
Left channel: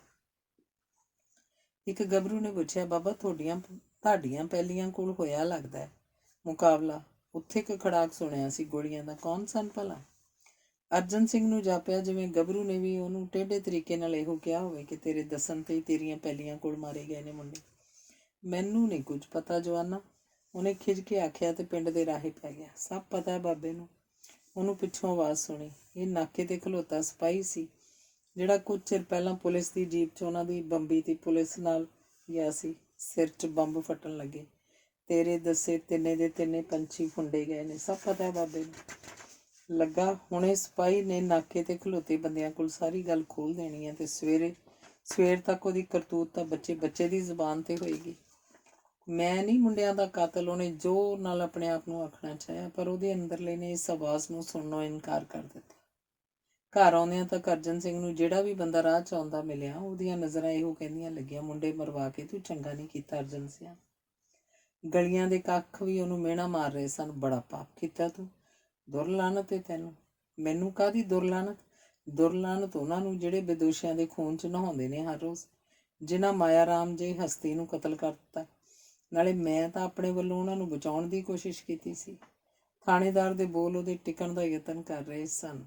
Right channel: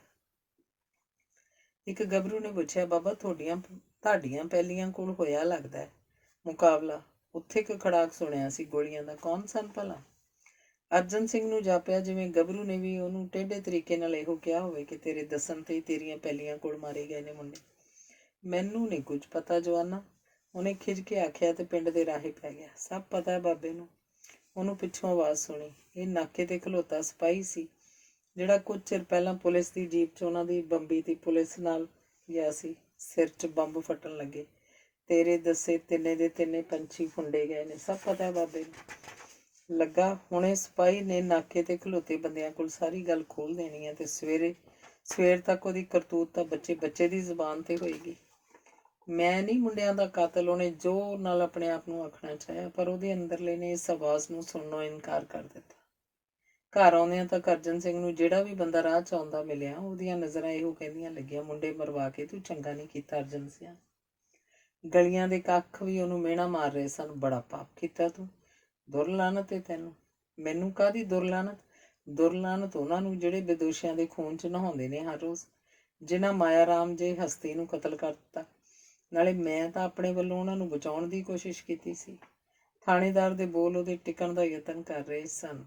ਇੱਕ ਗੱਭਰੂ ਨੇ ਪੁੱਛਿਆ, ਬਾਬਾ ਤੁਹਾਡੀਆਂ ਪੈਲੀਆਂ ਕੋਲ ਹੋਇਆ ਲੱਗਦਾ ਹੈ ਮੁਕਾਬਲਾ? ਉੱਥੇ ਇੱਕ ਖੜਾਕ ਸੁਣਿਆ ਸੀ ਗੋਲੀਆਂ ਦਾ। ਕੌਣ ਸਨ ਭਲਾ? ਅਰਜਨ ਸਿੰਘ ਨੂੰ ਜਾਪਿਆ ਜਿਵੇਂ ਗੱਭਰੂ ਨੇ ਵੀ ਉਹਨੂੰ ਟੇਢੇ ਤਰੀਕੇ ਨਾਲ ਇਹੋ ਕਿਹਾ ਹੋਵੇ ਕਿ ਤੇਰੇ ਦੱਸਣ ਤੇ ਤੇਰੀਆਂ ਪੈਲੀਆਂ ਕੋਲ ਮਾਰੇ ਗਏ ਨੇ ਮੁੰਡੇ। ਮੈਨੂੰ ਨਹੀਂ ਕੁਝ ਪਤਾ ਜਵਾਨਾ, ਉਹਨੇ ਖਿਝ ਕੇ ਆਖਿਆ ਤੇ ਪਿੰਡ ਦੇ ਰਾਹੇ ਪੈ ਗਿਆ। ਸਭ ਪਤਾ ਹੈ ਬਾਬੇ ਨੂੰ। ਉਹਨੂੰ ਪਿੱਛੋਂ ਆਵਾਜ਼ ਸੁਣੀ। ਇਹ ਨਾਕੇ ਤੇ ਖਲੋਤਾ ਸਿਪਾਹੀ ਸੀ ਜਿਹੜਾ ਕੁਝ ਚਿਰ ਪਹਿਲਾਂ ਪੁਲਿਸ ਦੀ ਜੀਪ 'ਚ ਉਹਨਾਂ ਦੀ ਬੰਬੀ ਦੀ ਪੁਲਿਸ ਨਾਲ ਗਿਆ ਸੀ। ਸਿਰ 'ਚ ਬੰਬ ਫਟਣ ਲੱਗੇ। ਤੇਰੇ ਦੱਸੇ ਤਿੰਨੇ ਦੇ ਤਿੰਨੇ ਪੰਛੀ ਫੁੰਡੇ ਗਏ ਨੇ। ਸਭ ਪਤਾ ਬਾਬੇ ਨੂੰ। ਲੱਗਾ ਹੁਣੇ ਸਿਪਾਹੀ ਨੇ ਨਾਕੇ ਤੇ ਖਲੋਤੇ ਬੰਦਿਆਂ ਕੋਲ ਸਾਰੀ ਗੱਲ ਖੋਲ ਦੇਣੀ ਹੈ ਤੇ ਸਵੇਰ ਤੱਕ ਉਹਦੀ ਕਰਤੂਤ ਤਾਂ ਬੱਚੇ ਦੀ ਜ਼ੁਬਾਨ ਤੇ ਹੋਏਗੀ। ਮੈਂ ਨਹੀਂ ਮੁੰਡਿਆਂ ਦਾ ਕਾਤਲ, ਉਹਨੇ ਜ਼ੋਰ ਨਾਲ ਆਪਣੇ ਆਪ ਨੂੰ ਆਖਣਾ ਚਾਹਿਆ, ਪਰ ਉਹਦੇ ਅੰਦਰਲੇ ਨੇ ਇਸ ਆਵਾਜ਼ ਨੂੰ ਸੁਣਨੋਂ ਇਨਕਾਰ ਕਰ ਦਿੱਤਾ। ਘਰ ਆਉਂਦਿਆਂ ਤੱਕ ਅਰਜਨ ਸਿੰਘ ਨੂੰ ਜਿਹੜਾ ਵੀ ਬੰਦਾ ਰਾਹ 'ਚ ਆਉਂਦਾ ਮਿਲਿਆ, ਉਹਦੀਆਂ ਨਜ਼ਰਾਂ ਇਹੋ ਕਹਿੰਦੀਆਂ ਲੱਗੀਆਂ, ਮੁੰਡੇ ਮਰਵਾ ਕੇ ਤੂੰ ਚੰਗਾ ਨਹੀਂ ਕੀਤਾ ਅਰਜਨ ਸਿੰਘ। ਗਲੀਆਂ ਦੇ ਕੱਖ ਵੀ ਉਹਨੂੰ ਮਿਹਣਾ ਮਾਰ ਰਹੇ ਸਨ, ਬੜਾ ਪਾਪ ਕੀਤਾ ਤੂੰ, ਦੁਰਲਾਨਤ ਏ ਤੈਨੂੰ। ਮੈਨੂੰ ਕਾਹਦੀ ਦੁਰਲਾਨਤ? ਦੁਰਲਾਨਤ ਉਹਨਾਂ ਨੂੰ ਜਿਹੜੇ ਬੇਦੋਸ਼ੀਆਂ ਦੇ ਖੂਨ 'ਚ ਨਹਾਉਂਦੇ ਨੇ ਹਰ ਰੋਜ਼, ਜਿਨ੍ਹਾਂ ਮਾਇਆ ਰਾਮ ਜੇ ਹਸਤੀ ਨੂੰ ਕਤਲ ਕਰ ਦਿੱਤਾ। ਨਾਲੇ ਮੈਂ ਤਾਂ ਆਪਣੇ ਵੱਲੋਂ ਉਹਨਾਂ ਨੂੰ ਬਚਾਉਣ ਦੀ ਕੋਸ਼ਿਸ਼ ਕੀਤੀ ਸੀ। ਥਾਣੇਦਾਰ ਦੇ ਬੋਲ ਉਹਦੇ ਟਿਕਣ ਦਾ ਯਤਨ ਕਰ ਰਹੇ ਸਨ।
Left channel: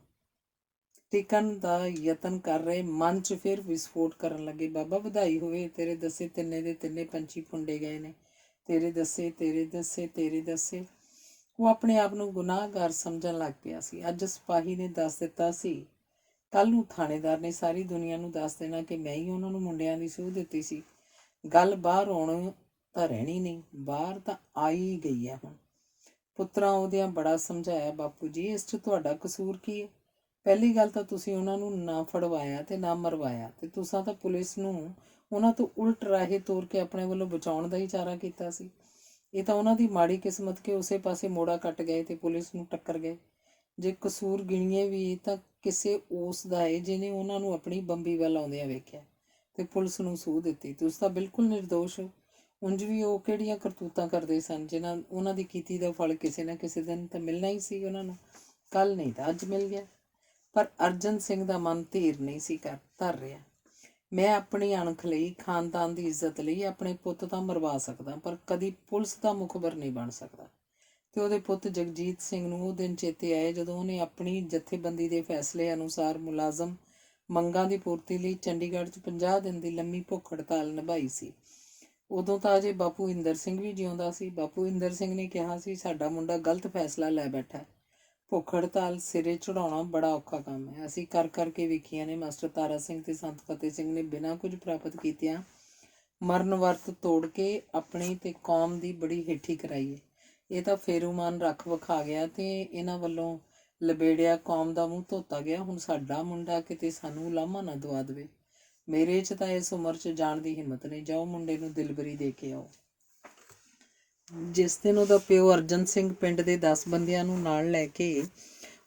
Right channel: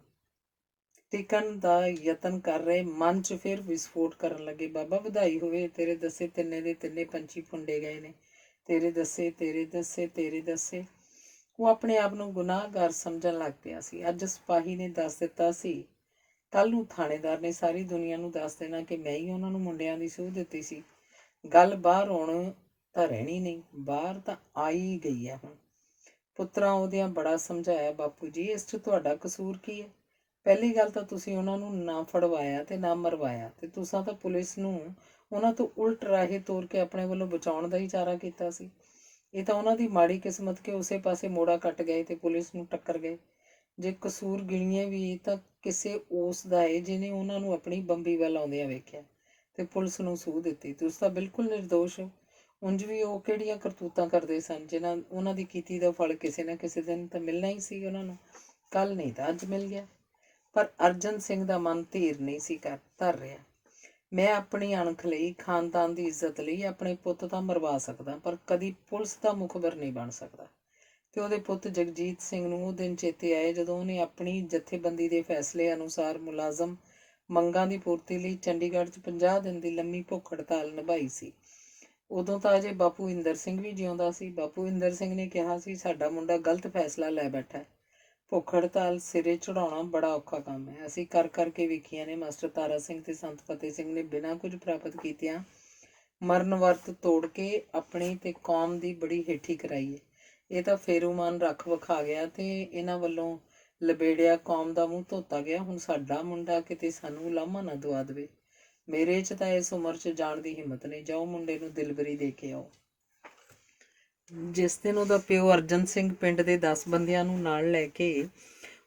ਮਨ 'ਚ ਫਿਰ ਵਿਸਫੋਟ ਕਰਨ ਲੱਗੇ। ਬਾਬਾ ਵਧਾਈ ਹੋਵੇ, ਤੇਰੇ ਦੱਸੇ ਤਿੰਨੇ ਦੇ ਤਿੰਨੇ ਪੰਛੀ ਫੁੰਡੇ ਗਏ ਨੇ। ਤੇਰੇ ਦੱਸੇ। ਉਹ ਆਪਣੇ ਆਪ ਨੂੰ ਗੁਨਾਹਗਾਰ ਸਮਝਣ ਲੱਗ ਪਿਆ ਸੀ। ਅੱਜ ਸਿਪਾਹੀ ਨੇ ਦੱਸ ਦਿੱਤਾ ਸੀ, ਕੱਲ ਨੂੰ ਥਾਣੇਦਾਰ ਨੇ ਸਾਰੀ ਦੁਨੀਆ ਨੂੰ ਦੱਸ ਦੇਣਾ ਕਿ ਮੈਂ ਹੀ ਉਹਨਾਂ ਨੂੰ ਮੁੰਡਿਆਂ ਦੀ ਸੂਹ ਦਿੱਤੀ ਸੀ। ਗੱਲ ਬਾਹਰ ਆਉਣ ਤਾਂ ਰਹਿਣੀ ਨਹੀਂ, ਬਾਹਰ ਤਾਂ ਆਈ ਗਈ ਹੈ ਹੁਣ। ਪੁੱਤਰਾਂ ਉਹਦਿਆਂ ਬੜਾ ਸਮਝਾਇਆ, ਬਾਪੂ ਜੀ ਇਸ 'ਚ ਤੁਹਾਡਾ ਕਸੂਰ ਕੀ ਹੈ? ਪਹਿਲੀ ਗੱਲ ਤਾਂ ਤੁਸੀਂ ਉਹਨਾਂ ਨੂੰ ਨਾ ਫੜਵਾਇਆ ਤੇ ਨਾ ਮਰਵਾਇਆ, ਤੇ ਤੁਸੀਂ ਤਾਂ ਪੁਲਿਸ ਨੂੰ ਉਹਨਾਂ ਤੋਂ ਉਲਟ ਰਾਹੇ ਤੋਰ ਕੇ ਆਪਣੇ ਵੱਲੋਂ ਬਚਾਉਣ ਦਾ ਹੀ ਚਾਰਾ ਕੀਤਾ ਸੀ। ਇਹ ਤਾਂ ਉਹਨਾਂ ਦੀ ਮਾੜੀ ਕਿਸਮਤ ਕਿ ਉਸੇ ਪਾਸੇ ਮੋੜਾ ਕੱਟ ਗਏ ਤੇ ਪੁਲਿਸ ਨੂੰ ਟੱਕਰ ਗਏ। ਜੇ ਕਸੂਰ ਗਿਣੀਏ ਵੀ ਤਾਂ ਕਿਸੇ ਉਸ ਦਾ ਹੈ ਜਿਹਨੇ ਉਹਨਾਂ ਨੂੰ ਆਪਣੀ ਬੰਬੀ ਵੱਲ ਆਉਂਦਿਆਂ ਵੇਖਿਆ ਤੇ ਪੁਲਿਸ ਨੂੰ ਸੂਹ ਦਿੱਤੀ। ਤੁਸੀਂ ਤਾਂ ਬਿਲਕੁਲ ਨਿਰਦੋਸ਼ ਹੋ। ਉਂਝ ਵੀ ਉਹ ਕਿਹੜੀਆਂ ਕਰਤੂਤਾਂ ਕਰਦੇ ਸਨ ਜਿਨ੍ਹਾਂ ਉਹਨਾਂ ਦੀ ਕੀਤੀ ਦਾ ਫਲ ਕਿਸੇ ਨਾ ਕਿਸੇ ਦਿਨ ਤਾਂ ਮਿਲਣਾ ਹੀ ਸੀ ਉਹਨਾਂ ਨੂੰ। ਕੱਲ ਨਹੀਂ ਤਾਂ ਅੱਜ ਮਿਲ ਗਿਆ। ਪਰ ਅਰਜਨ ਸਿੰਘ ਦਾ ਮਨ ਧੀਰ ਨਹੀਂ ਸੀ ਧਰ ਰਿਹਾ। ਮੈਂ ਆਪਣੀ ਅਣਖ ਲਈ, ਖਾਨਦਾਨ ਦੀ ਇੱਜ਼ਤ ਲਈ ਆਪਣੇ ਪੁੱਤ ਤਾਂ ਮਰਵਾ ਸਕਦਾ, ਪਰ ਕਦੀ ਪੁਲਿਸ ਦਾ ਮੁਖਬਰ ਨਹੀਂ ਬਣ ਸਕਦਾ। ਤੇ ਉਹਦੇ ਪੁੱਤ ਜਗਜੀਤ ਸਿੰਘ ਨੂੰ ਉਹ ਦਿਨ ਚੇਤੇ ਆਏ ਜਦੋਂ ਉਹਨੇ ਆਪਣੀ ਜਥੇਬੰਦੀ ਦੇ ਫੈਸਲੇ ਅਨੁਸਾਰ ਮੁਲਾਜ਼ਮ ਮੰਗਾਂ ਦੀ ਪੂਰਤੀ ਲਈ ਚੰਡੀਗੜ੍ਹ 'ਚ 50 ਦਿਨ ਦੀ ਲੰਮੀ ਭੁੱਖ ਹੜਤਾਲ ਨਿਭਾਈ ਸੀ। ਉਦੋਂ ਤਾਂ ਅਜੇ ਬਾਪੂ ਇੰਦਰ ਸਿੰਘ ਵੀ ਜਿਉਂਦਾ ਸੀ। ਬਾਪੂ ਇੰਦਰ ਸਿੰਘ ਨੇ ਕਿਹਾ ਸੀ, ਸਾਡਾ ਮੁੰਡਾ ਗਲਤ ਫੈਸਲਾ ਲੈ ਬੈਠਾ। ਭੁੱਖ ਹੜਤਾਲ ਸਿਰੇ ਚੜਾਉਣਾ ਬੜਾ ਔਖਾ ਕੰਮ ਹੈ। ਅਸੀਂ ਕਰ ਕਰਕੇ ਵੇਖੀਆਂ ਨੇ। ਮਾਸਟਰ ਤਾਰਾ ਸਿੰਘ ਤੇ ਸੰਤ ਫਤਿਹ ਸਿੰਘ ਨੇ ਬਿਨਾਂ ਕੁਝ ਪ੍ਰਾਪਤ ਕੀਤਿਆਂ ਮਰਨ ਵਰਤ ਤੋੜ ਕੇ ਆਪਣੀ ਤੇ ਕੌਮ ਦੀ ਬੜੀ ਹੇਠੀ ਕਰਾਈ ਹੈ। ਇਹ ਤਾਂ ਫੇਰੂਮਾਨ ਰੱਖ ਵਿਖਾ ਗਿਆ ਤੇ ਇਹਨਾਂ ਵੱਲੋਂ ਲਬੇੜਿਆ ਕੌਮ ਦਾ ਮੂੰਹ ਧੋਤਾ ਗਿਆ। ਹੁਣ ਸਾਡਾ ਮੁੰਡਾ ਕਿਤੇ ਸਾਨੂੰ ਲਾਮਾ ਨਾ ਦਵਾ ਦੇਵੇ। ਮੇਰੇ 'ਚ ਤਾਂ ਇਸ ਉਮਰ 'ਚ ਜਾਣ ਦੀ ਹਿੰਮਤ ਨਹੀਂ। ਜਾਓ ਮੁੰਡੇ ਨੂੰ ਦਿਲਬਰੀ ਦੇ ਕੇ ਆਓ। ਜਿਸ ਦਿਨ ਉਹਦਾ ਪਿਓ ਅਰਜਨ ਸਿੰਘ ਪਿੰਡ ਦੇ 10 ਬੰਦਿਆਂ ਨੂੰ ਨਾਲ ਲੈ ਕੇ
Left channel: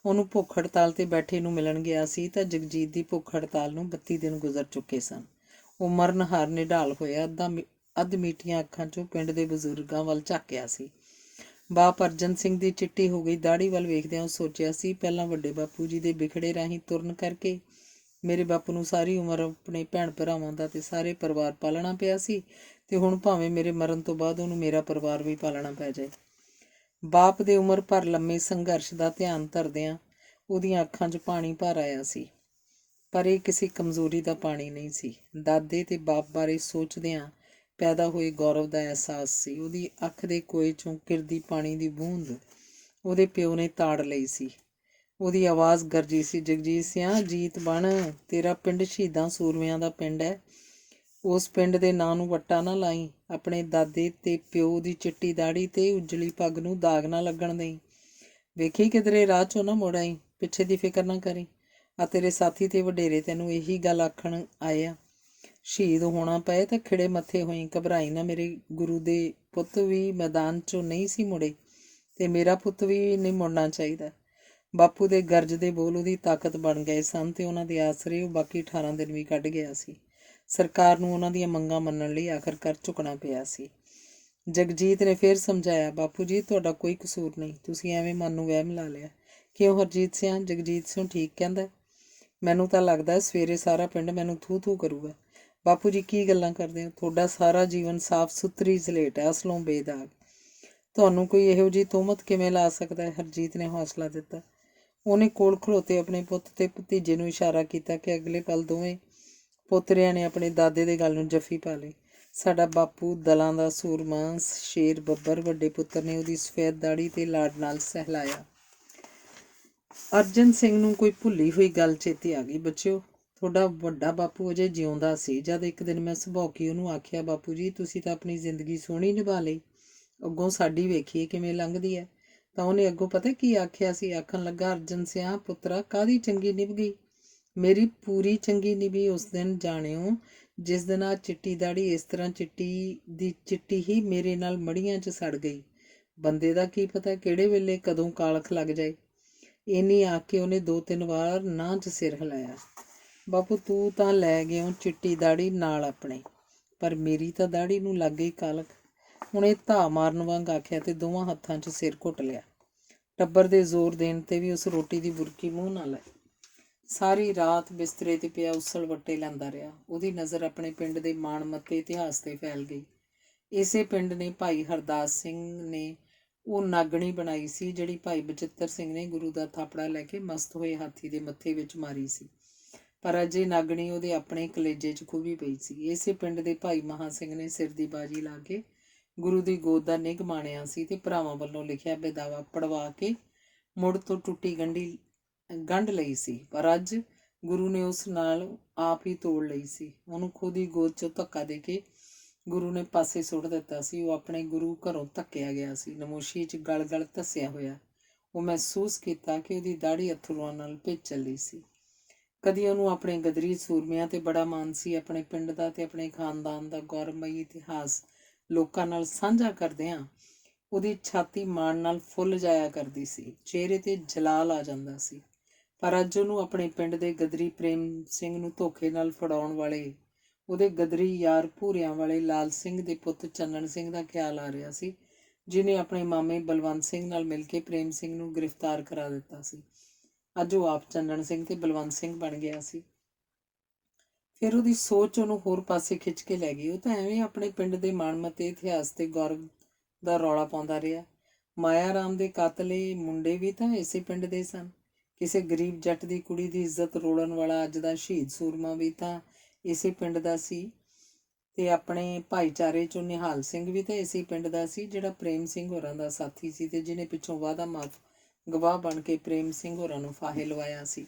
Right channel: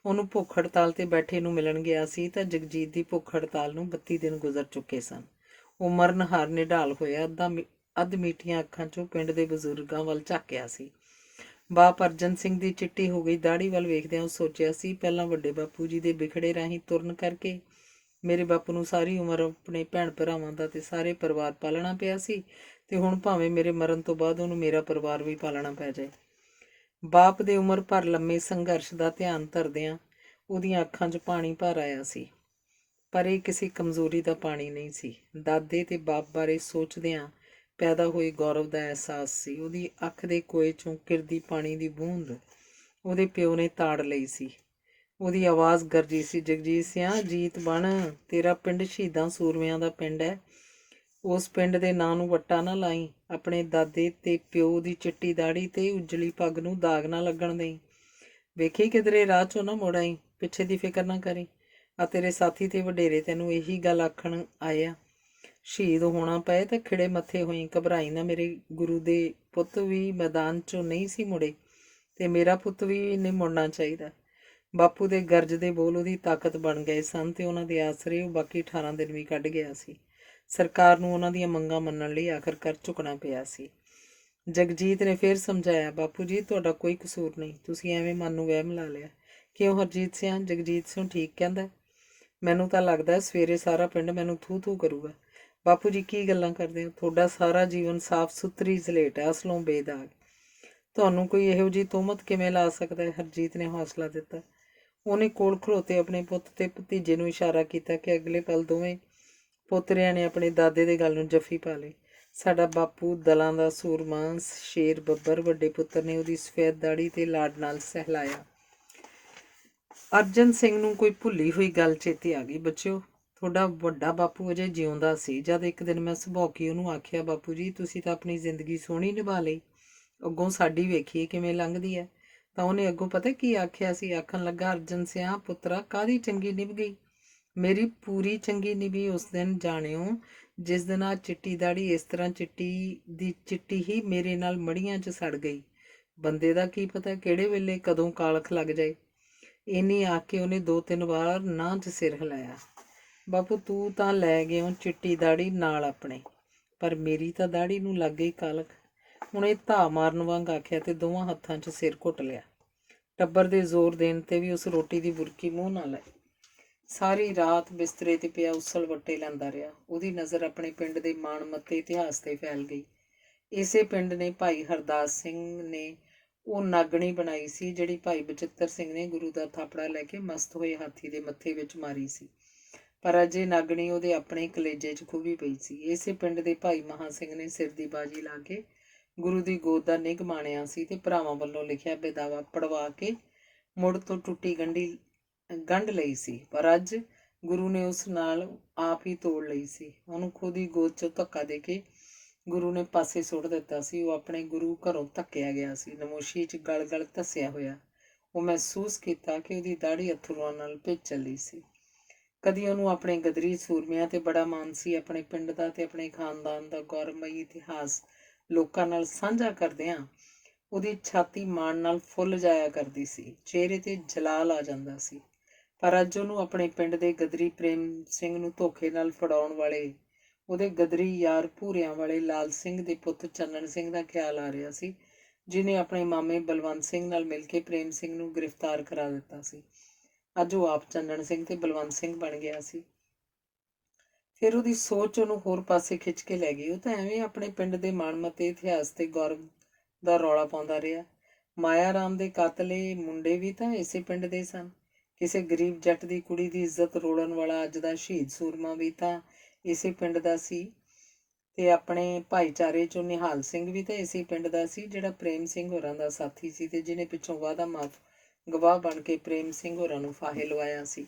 ਉਹਨੂੰ ਭੁੱਖ ਹੜਤਾਲ 'ਤੇ ਬੈਠੇ ਨੂੰ ਮਿਲਣ ਗਿਆ ਸੀ ਤਾਂ ਜਗਜੀਤ ਦੀ ਭੁੱਖ ਹੜਤਾਲ ਨੂੰ 32 ਦਿਨ ਗੁਜ਼ਰ ਚੁੱਕੇ ਸਨ। ਉਹ ਮਰਨਹਾਰ ਨਿਢਾਲ ਹੋਇਆ ਅੱਧ ਮੀਟੀਆਂ ਅੱਖਾਂ 'ਚੋਂ ਪਿੰਡ ਦੇ ਬਜ਼ੁਰਗਾਂ ਵੱਲ ਝਾਕਿਆ ਸੀ। ਬਾਪ ਅਰਜਨ ਸਿੰਘ ਦੀ ਚਿੱਟੀ ਹੋ ਗਈ ਦਾੜੀ ਵੱਲ ਵੇਖਦਿਆਂ ਉਹ ਸੋਚਿਆ ਸੀ, ਪਹਿਲਾਂ ਵੱਡੇ ਬਾਪੂ ਜੀ ਦੇ ਬਿਖੜੇ ਰਾਹੀਂ ਤੁਰਨ ਕਰਕੇ ਮੇਰੇ ਬਾਪੂ ਨੂੰ ਸਾਰੀ ਉਮਰ ਆਪਣੇ ਭੈਣ ਭਰਾਵਾਂ ਦਾ ਤੇ ਸਾਰੇ ਪਰਿਵਾਰ ਪਾਲਣਾ ਪਿਆ ਸੀ, ਤੇ ਹੁਣ ਭਾਵੇਂ ਮੇਰੇ ਮਰਨ ਤੋਂ ਬਾਅਦ ਉਹਨੂੰ ਮੇਰਾ ਪਰਿਵਾਰ ਵੀ ਪਾਲਣਾ ਪੈ ਜਾਏ। ਬਾਪ ਦੇ ਉਮਰ ਭਰ ਲੰਮੇ ਸੰਘਰਸ਼ ਦਾ ਧਿਆਨ ਧਰਦਿਆਂ ਉਹਦੀਆਂ ਅੱਖਾਂ 'ਚ ਪਾਣੀ ਭਰ ਆਇਆ ਸੀ, ਪਰ ਇਹ ਕਿਸੇ ਕਮਜ਼ੋਰੀ ਦਾ ਪਾਣੀ ਨਹੀਂ ਸੀ। ਦਾਦੇ ਤੇ ਬਾਪ ਬਾਰੇ ਸੋਚਦਿਆਂ ਪੈਦਾ ਹੋਏ ਗੌਰਵ ਦਾ ਅਹਿਸਾਸ ਸੀ। ਉਹਦੀ ਅੱਖ ਦੇ ਕੋਏ 'ਚੋਂ ਕਿਰਦੀ ਪਾਣੀ ਦੀ ਬੂੰਦ ਉਹਦੇ ਪਿਓ ਨੇ ਤਾੜ ਲਈ ਸੀ। ਉਹਦੀ ਆਵਾਜ਼ ਗਰਜੀ ਸੀ, ਜਗਜੀਤ ਸਿਆਂ ਜੀਤ ਬਣ, ਤੇਰਾ ਪਿੰਡ ਸ਼ਹੀਦਾਂ ਸੂਰਮਿਆਂ ਦਾ ਪਿੰਡ ਹੈ। ਉਸ ਪਿੰਡ ਦੇ ਨਾਂ ਨੂੰ ਵੱਟਾ ਨਾ ਲਾਈ। ਆਪਣੇ ਦਾਦੇ ਤੇ ਪਿਓ ਦੀ ਚਿੱਟੀ ਦਾੜੀ ਤੇ ਉਜਲੀ ਪੱਗ ਨੂੰ ਦਾਗ ਨਾ ਲੱਗਣ ਦੇਈ। ਵੇਖੀ ਕਿਧਰੇ ਰਾਹ 'ਚੋਂ ਨਾ ਮੁੜ ਆਈ। ਪਿੱਛੇ ਦੀ ਫਿਕਰ ਨਾ ਕਰੀ। ਆ ਤੇਰੇ ਸਾਥੀ ਤੇ ਵਡੇਰੇ ਤੈਨੂੰ ਇਹੀ ਗੱਲ ਆਖਣ ਆਏ ਆ। ਸ਼ਹੀਦ ਹੋਣਾ ਪਏ ਤਾਂ ਖਿੜੇ ਮੱਥੇ ਹੋਈ, ਘਬਰਾਈ ਨਾ। ਮੇਰੇ ਗੁਰੂ ਦੇ ਪੁੱਤ ਵੀ ਮੈਦਾਨ 'ਚੋਂ ਨਹੀਂ ਸੀ ਮੁੜੇ ਤੇ ਮੇਰਾ ਪੁੱਤ ਵੀ ਨਹੀਂ ਮੁੜਨਾ ਚਾਹੀਦਾ। ਬਾਪੂ ਦੇ ਗਰਜ ਦੇ ਬੋਲ ਉਹਦੀ ਤਾਕਤ ਬਣ ਗਏ ਸਨ ਤੇ ਉਹਨਾਂ ਦੇ ਆਸਰੇ ਉਹ ਬਾਕੀ 18 ਦਿਨ ਵੀ ਕੱਢ ਗਿਆ ਸੀ। ਸਰਕਾਰ ਨੂੰ ਉਹਨਾਂ ਦੀਆਂ ਮੰਗਾਂ ਮੰਨਣ ਲਈ ਆਖਰਕਾਰ ਝੁਕਣਾ ਪਿਆ ਸੀ। ਜਗਜੀਤ ਨੇ ਫਿਰ ਸਮਝਾਇਆ, ਬਾਪੂ ਜੀ ਤੁਹਾਡਾ ਕੋਈ ਕਸੂਰ ਨਹੀਂ, ਤੁਸੀਂ ਐਵੇਂ ਮਨ ਨੂੰ ਵਹਿਮ ਲਾ ਲਿਆ। ਕਿਉਂ ਹਰਜੀਤ ਸਿਆਂ? ਜਗਜੀਤ ਸਿੰਘ ਠੀਕ ਕਹਿੰਦਾ। ਮੈਨੂੰ ਤਾਂ ਲੱਗਦਾ ਸਵੇਰੇ ਸਾਰਾ ਪਿੰਡ ਮੈਨੂੰ ਥੂ ਕਰੂਗਾ। ਬਾਪੂ ਜੀ ਕੀ ਗੱਲਾਂ ਕਰਦੇ ਹੋ? ਤੁਹਾਡਾ ਸਾਰਾ ਜੀਵਨ ਸਾਫ਼ ਸੁਥਰੀ ਸਲੇਟ ਹੈ, ਅਸਲੋਂ ਬੇਦਾਗ। ਤੁਹਾਨੂੰ ਕੋਈ ਇਹੋ ਜਿਹੀ ਤੋਹਮਤ ਕਿਵੇਂ ਲਾ ਸਕਦਾ ਹੈ? ਹਰਜੀਤ ਨੇ ਹੌਸਲਾ ਦਿੱਤਾ। ਉਹਨੇ ਕੋਲ ਖਲੋਤੇ ਆਪਣੇ ਪੁੱਤ ਤੇ ਭਤੀਜੇ ਨੂੰ ਇਸ਼ਾਰਾ ਕੀਤਾ ਕਿ ਅਗਲੇ ਪਲ ਦੋਵੇਂ ਪੋਤਰਿਆਂ ਨੇ ਆਪਣੇ ਦਾਦੇ ਦੇ ਗਲ ਨੂੰ ਜੱਫੀ ਪਾ ਲਈ। ਸਾਡਾ ਬਾਪੂ ਦਲਾਂ ਦਾ ਸੂਰਮਾ, ਸ਼ੇਰ ਬੱਬਰ, ਵੱਡੇ ਪੁੱਤਰ ਨੇ ਉਹਦੀ ਸਫੈਦ ਦਾੜੀ ਤੇ ਲਾਡ ਨਾਲ ਸਹਿਲਾਇਆ। ਅਰਜਨ ਸਿੰਘ ਨੂੰ ਕੋਈ ਭੁੱਲੀ ਹੋਈ ਗੱਲ ਚੇਤੇ ਆ ਗਈ। ਬੱਚਿਓ, ਤੁਹਾਡਾ ਵੱਡਾ ਬਾਪੂ ਅਜੇ ਜਿਉਂਦਾ ਸੀ ਜਦ ਇੱਕ ਦਿਨ ਮੈਂ ਸੁਭੌਕੀ ਉਹਨੂੰ ਆਖਿਆ, ਬਾਪੂ ਜੀ ਤੁਸੀਂ ਤਾਂ ਆਪਣੀ ਜ਼ਿੰਦਗੀ ਸੋਹਣੀ ਨਿਭਾ ਲਈ, ਅੱਗੋਂ ਸਾਡੀ ਵੇਖੀਏ ਕਿਵੇਂ ਲੰਘਦੀ ਹੈ। ਤਾਂ ਉਹਨੇ ਅੱਗੋਂ ਪਤਾ ਕੀ ਆਖਿਆ ਸੀ? ਆਖਣ ਲੱਗਾ, ਅਰਜਨ ਸਿਆਂ ਪੁੱਤਰਾ, ਕਾਹਦੀ ਚੰਗੀ ਨਿਭ ਗਈ? ਮੇਰੀ ਪੂਰੀ ਚੰਗੀ ਨਿਭੀ ਉਸ ਦਿਨ ਜਾਣਿਓ ਜਿਸ ਦਿਨ ਆ ਚਿੱਟੀ ਦਾੜੀ ਇਸ ਤਰ੍ਹਾਂ ਚਿੱਟੀ ਹੀ ਮੇਰੇ ਨਾਲ ਮੜੀਆਂ 'ਚ ਸੜ ਗਈ। ਬੰਦੇ ਦਾ ਕੀ ਪਤਾ ਕਿਹੜੇ ਵੇਲੇ ਕਦੋਂ ਕਾਲਖ ਲੱਗ ਜਾਏ। ਇੰਨੀ ਆਖ ਕੇ ਉਹਨੇ 2-3 ਵਾਰ ਨਾਂਹ 'ਚ ਸਿਰ ਹਿਲਾਇਆ। ਬਾਪੂ ਤੂੰ ਤਾਂ ਲੈ ਗਿਓ ਚਿੱਟੀ ਦਾੜੀ ਨਾਲ ਆਪਣੇ, ਪਰ ਮੇਰੀ ਤਾਂ ਦਾੜੀ ਨੂੰ ਲੱਗ ਗਈ ਕਾਲਖ। ਹੁਣ ਇਹ ਧਾ ਮਾਰਨ ਵਾਂਗ ਆਖਿਆ ਤੇ ਦੋਵਾਂ ਹੱਥਾਂ 'ਚ ਸਿਰ ਘੁੱਟ ਲਿਆ। ਟੱਬਰ ਦੇ ਜ਼ੋਰ ਦੇਣ ਤੇ ਵੀ ਉਸ ਰੋਟੀ ਦੀ ਬੁਰਕੀ ਮੂੰਹ ਨਾ ਲਾਈ। ਸਾਰੀ ਰਾਤ ਬਿਸਤਰੇ ਤੇ ਪਿਆ ਉਸਲ ਵੱਟੇ ਲੈਂਦਾ ਰਿਹਾ। ਉਹਦੀ ਨਜ਼ਰ ਆਪਣੇ ਪਿੰਡ ਦੇ ਮਾਣਮੱਤੇ ਇਤਿਹਾਸ ਤੇ ਫੈਲ ਗਈ। ਇਸੇ ਪਿੰਡ ਨੇ ਭਾਈ ਹਰਦਾਸ ਸਿੰਘ ਨੇ ਉਹ ਨਾਗਣੀ ਬਣਾਈ ਸੀ ਜਿਹੜੀ ਭਾਈ ਬਚਿੱਤਰ ਸਿੰਘ ਨੇ ਗੁਰੂ ਦਾ ਥਾਪੜਾ ਲੈ ਕੇ ਮਸਤ ਹੋਏ ਹਾਥੀ ਦੇ ਮੱਥੇ ਵਿੱਚ ਮਾਰੀ ਸੀ। ਪਰ ਅਜੇ ਨਾਗਣੀ ਉਹਦੇ ਆਪਣੇ ਕਲੇਜੇ 'ਚ ਖੂਬੀ ਪਈ ਸੀ। ਇਸੇ ਪਿੰਡ ਦੇ ਭਾਈ ਮਹਾਂ ਸਿੰਘ ਨੇ ਸਿਰ ਦੀ ਬਾਜੀ ਲਾ ਕੇ ਗੁਰੂ ਦੀ ਗੋਦ ਦਾ ਨਿੱਘ ਮਾਣਿਆ ਸੀ ਤੇ ਭਰਾਵਾਂ ਵੱਲੋਂ ਲਿਖਿਆ ਬੇਦਾਵਾ ਪੜਵਾ ਕੇ ਮੁੜ ਤੋਂ ਟੁੱਟੀ ਗੰਢ ਲਈ ਸੀ। ਪਰ ਅੱਜ ਗੁਰੂ ਨੇ ਉਸ ਨਾਲ ਆਪ ਹੀ ਤੋੜ ਲਈ ਸੀ। ਉਹਨੂੰ ਖੁਦ ਹੀ ਗੋਦ 'ਚੋਂ ਧੱਕਾ ਦੇ ਕੇ ਗੁਰੂ ਨੇ ਪਾਸੇ ਸੁੱਟ ਦਿੱਤਾ ਸੀ। ਉਹ ਆਪਣੇ ਗੁਰੂ ਘਰੋਂ ਧੱਕਿਆ ਗਿਆ ਸੀ। ਨਮੋਸ਼ੀ 'ਚ ਗਲ ਧੱਸਿਆ ਹੋਇਆ ਉਹ ਮਹਿਸੂਸ ਕੀਤਾ ਕਿ ਉਹਦੀ ਦਾੜੀ ਅਥਰੂਆਂ ਨਾਲ ਭਿੱਜ ਚੱਲੀ ਸੀ। ਕਦੀ ਉਹਨੂੰ ਆਪਣੇ ਗਦਰੀ ਸੂਰਮਿਆਂ ਤੇ ਬੜਾ ਮਾਣ ਸੀ। ਆਪਣੇ ਪਿੰਡ ਦਾ ਤੇ ਆਪਣੇ ਖਾਨਦਾਨ ਦਾ ਗੌਰਵਮਈ ਇਤਿਹਾਸ ਲੋਕਾਂ ਨਾਲ ਸਾਂਝਾ ਕਰਦਿਆਂ ਉਹਦੀ ਛਾਤੀ ਮਾਣ ਨਾਲ ਫੁੱਲ ਜਾਇਆ ਕਰਦੀ ਸੀ। ਚਿਹਰੇ ਤੇ ਜਲਾਲ ਆ ਜਾਂਦਾ ਸੀ। ਪਰ ਅੱਜ ਉਹਨੂੰ ਆਪਣੇ ਪਿੰਡ ਦੇ ਗਦਰੀ ਪ੍ਰੇਮ ਸਿੰਘ ਨੂੰ ਧੋਖੇ ਨਾਲ ਫੜਾਉਣ ਵਾਲੇ ਉਹਦੇ ਗਦਰੀ ਯਾਰ ਭੂਰਿਆਂ ਵਾਲੇ ਲਾਲ ਸਿੰਘ ਦੇ ਪੁੱਤ ਚੰਨਣ ਸਿੰਘ ਦਾ ਖਿਆਲ ਆ ਰਿਹਾ ਸੀ, ਜਿਹਨੇ ਆਪਣੇ ਮਾਮੇ ਬਲਵੰਤ ਸਿੰਘ ਨਾਲ ਮਿਲ ਕੇ ਪ੍ਰੇਮ ਸਿੰਘ ਨੂੰ ਗ੍ਰਿਫਤਾਰ ਕਰਾ ਦਿੱਤਾ ਸੀ। ਅੱਜ ਉਹ ਆਪ ਚੰਨਣ ਸਿੰਘ ਤੇ ਬਲਵੰਤ ਸਿੰਘ ਬਣ ਗਿਆ ਸੀ। ਫਿਰ ਉਹਦੀ ਸੋਚ ਉਹਨੂੰ ਹੋਰ ਪਾਸੇ ਖਿੱਚ ਕੇ ਲੈ ਗਈ। ਉਹ ਤਾਂ ਐਵੇਂ ਆਪਣੇ ਪਿੰਡ ਦੇ ਮਾਣਮੱਤੇ ਇਤਿਹਾਸ ਤੇ ਗੌਰਵ ਦਾ ਰੌਲਾ ਪਾਉਂਦਾ ਰਿਹਾ। ਮਾਇਆ ਰਾਮ ਦੇ ਕਾਤਲੇ ਮੁੰਡੇ ਵੀ ਤਾਂ ਇਸੇ ਪਿੰਡ ਦੇ ਸਨ। ਕਿਸੇ ਗਰੀਬ ਜੱਟ ਦੀ ਕੁੜੀ ਦੀ ਇੱਜ਼ਤ ਰੋੜਨ ਵਾਲਾ ਅੱਜ ਦਾ ਸ਼ਹੀਦ ਸੂਰਮਾ ਵੀ ਤਾਂ ਇਸੇ ਪਿੰਡ ਦਾ ਸੀ। ਤੇ ਆਪਣੇ ਭਾਈਚਾਰੇ 'ਚੋਂ ਨਿਹਾਲ ਸਿੰਘ ਵੀ ਤਾਂ ਇਸੇ ਪਿੰਡ ਦਾ ਸੀ, ਜਿਹੜਾ ਪ੍ਰੇਮ ਸਿੰਘ ਹੋਰਾਂ ਦਾ ਸਾਥੀ ਸੀ ਤੇ ਜਿਹਨੇ ਪਿੱਛੋਂ ਵਾਅਦਾ ਮਾਫ ਗਵਾਹ ਬਣ ਕੇ ਪ੍ਰੇਮ ਸਿੰਘ ਹੋਰਾਂ ਨੂੰ ਫਾਹੇ ਲਵਾਇਆ ਸੀ।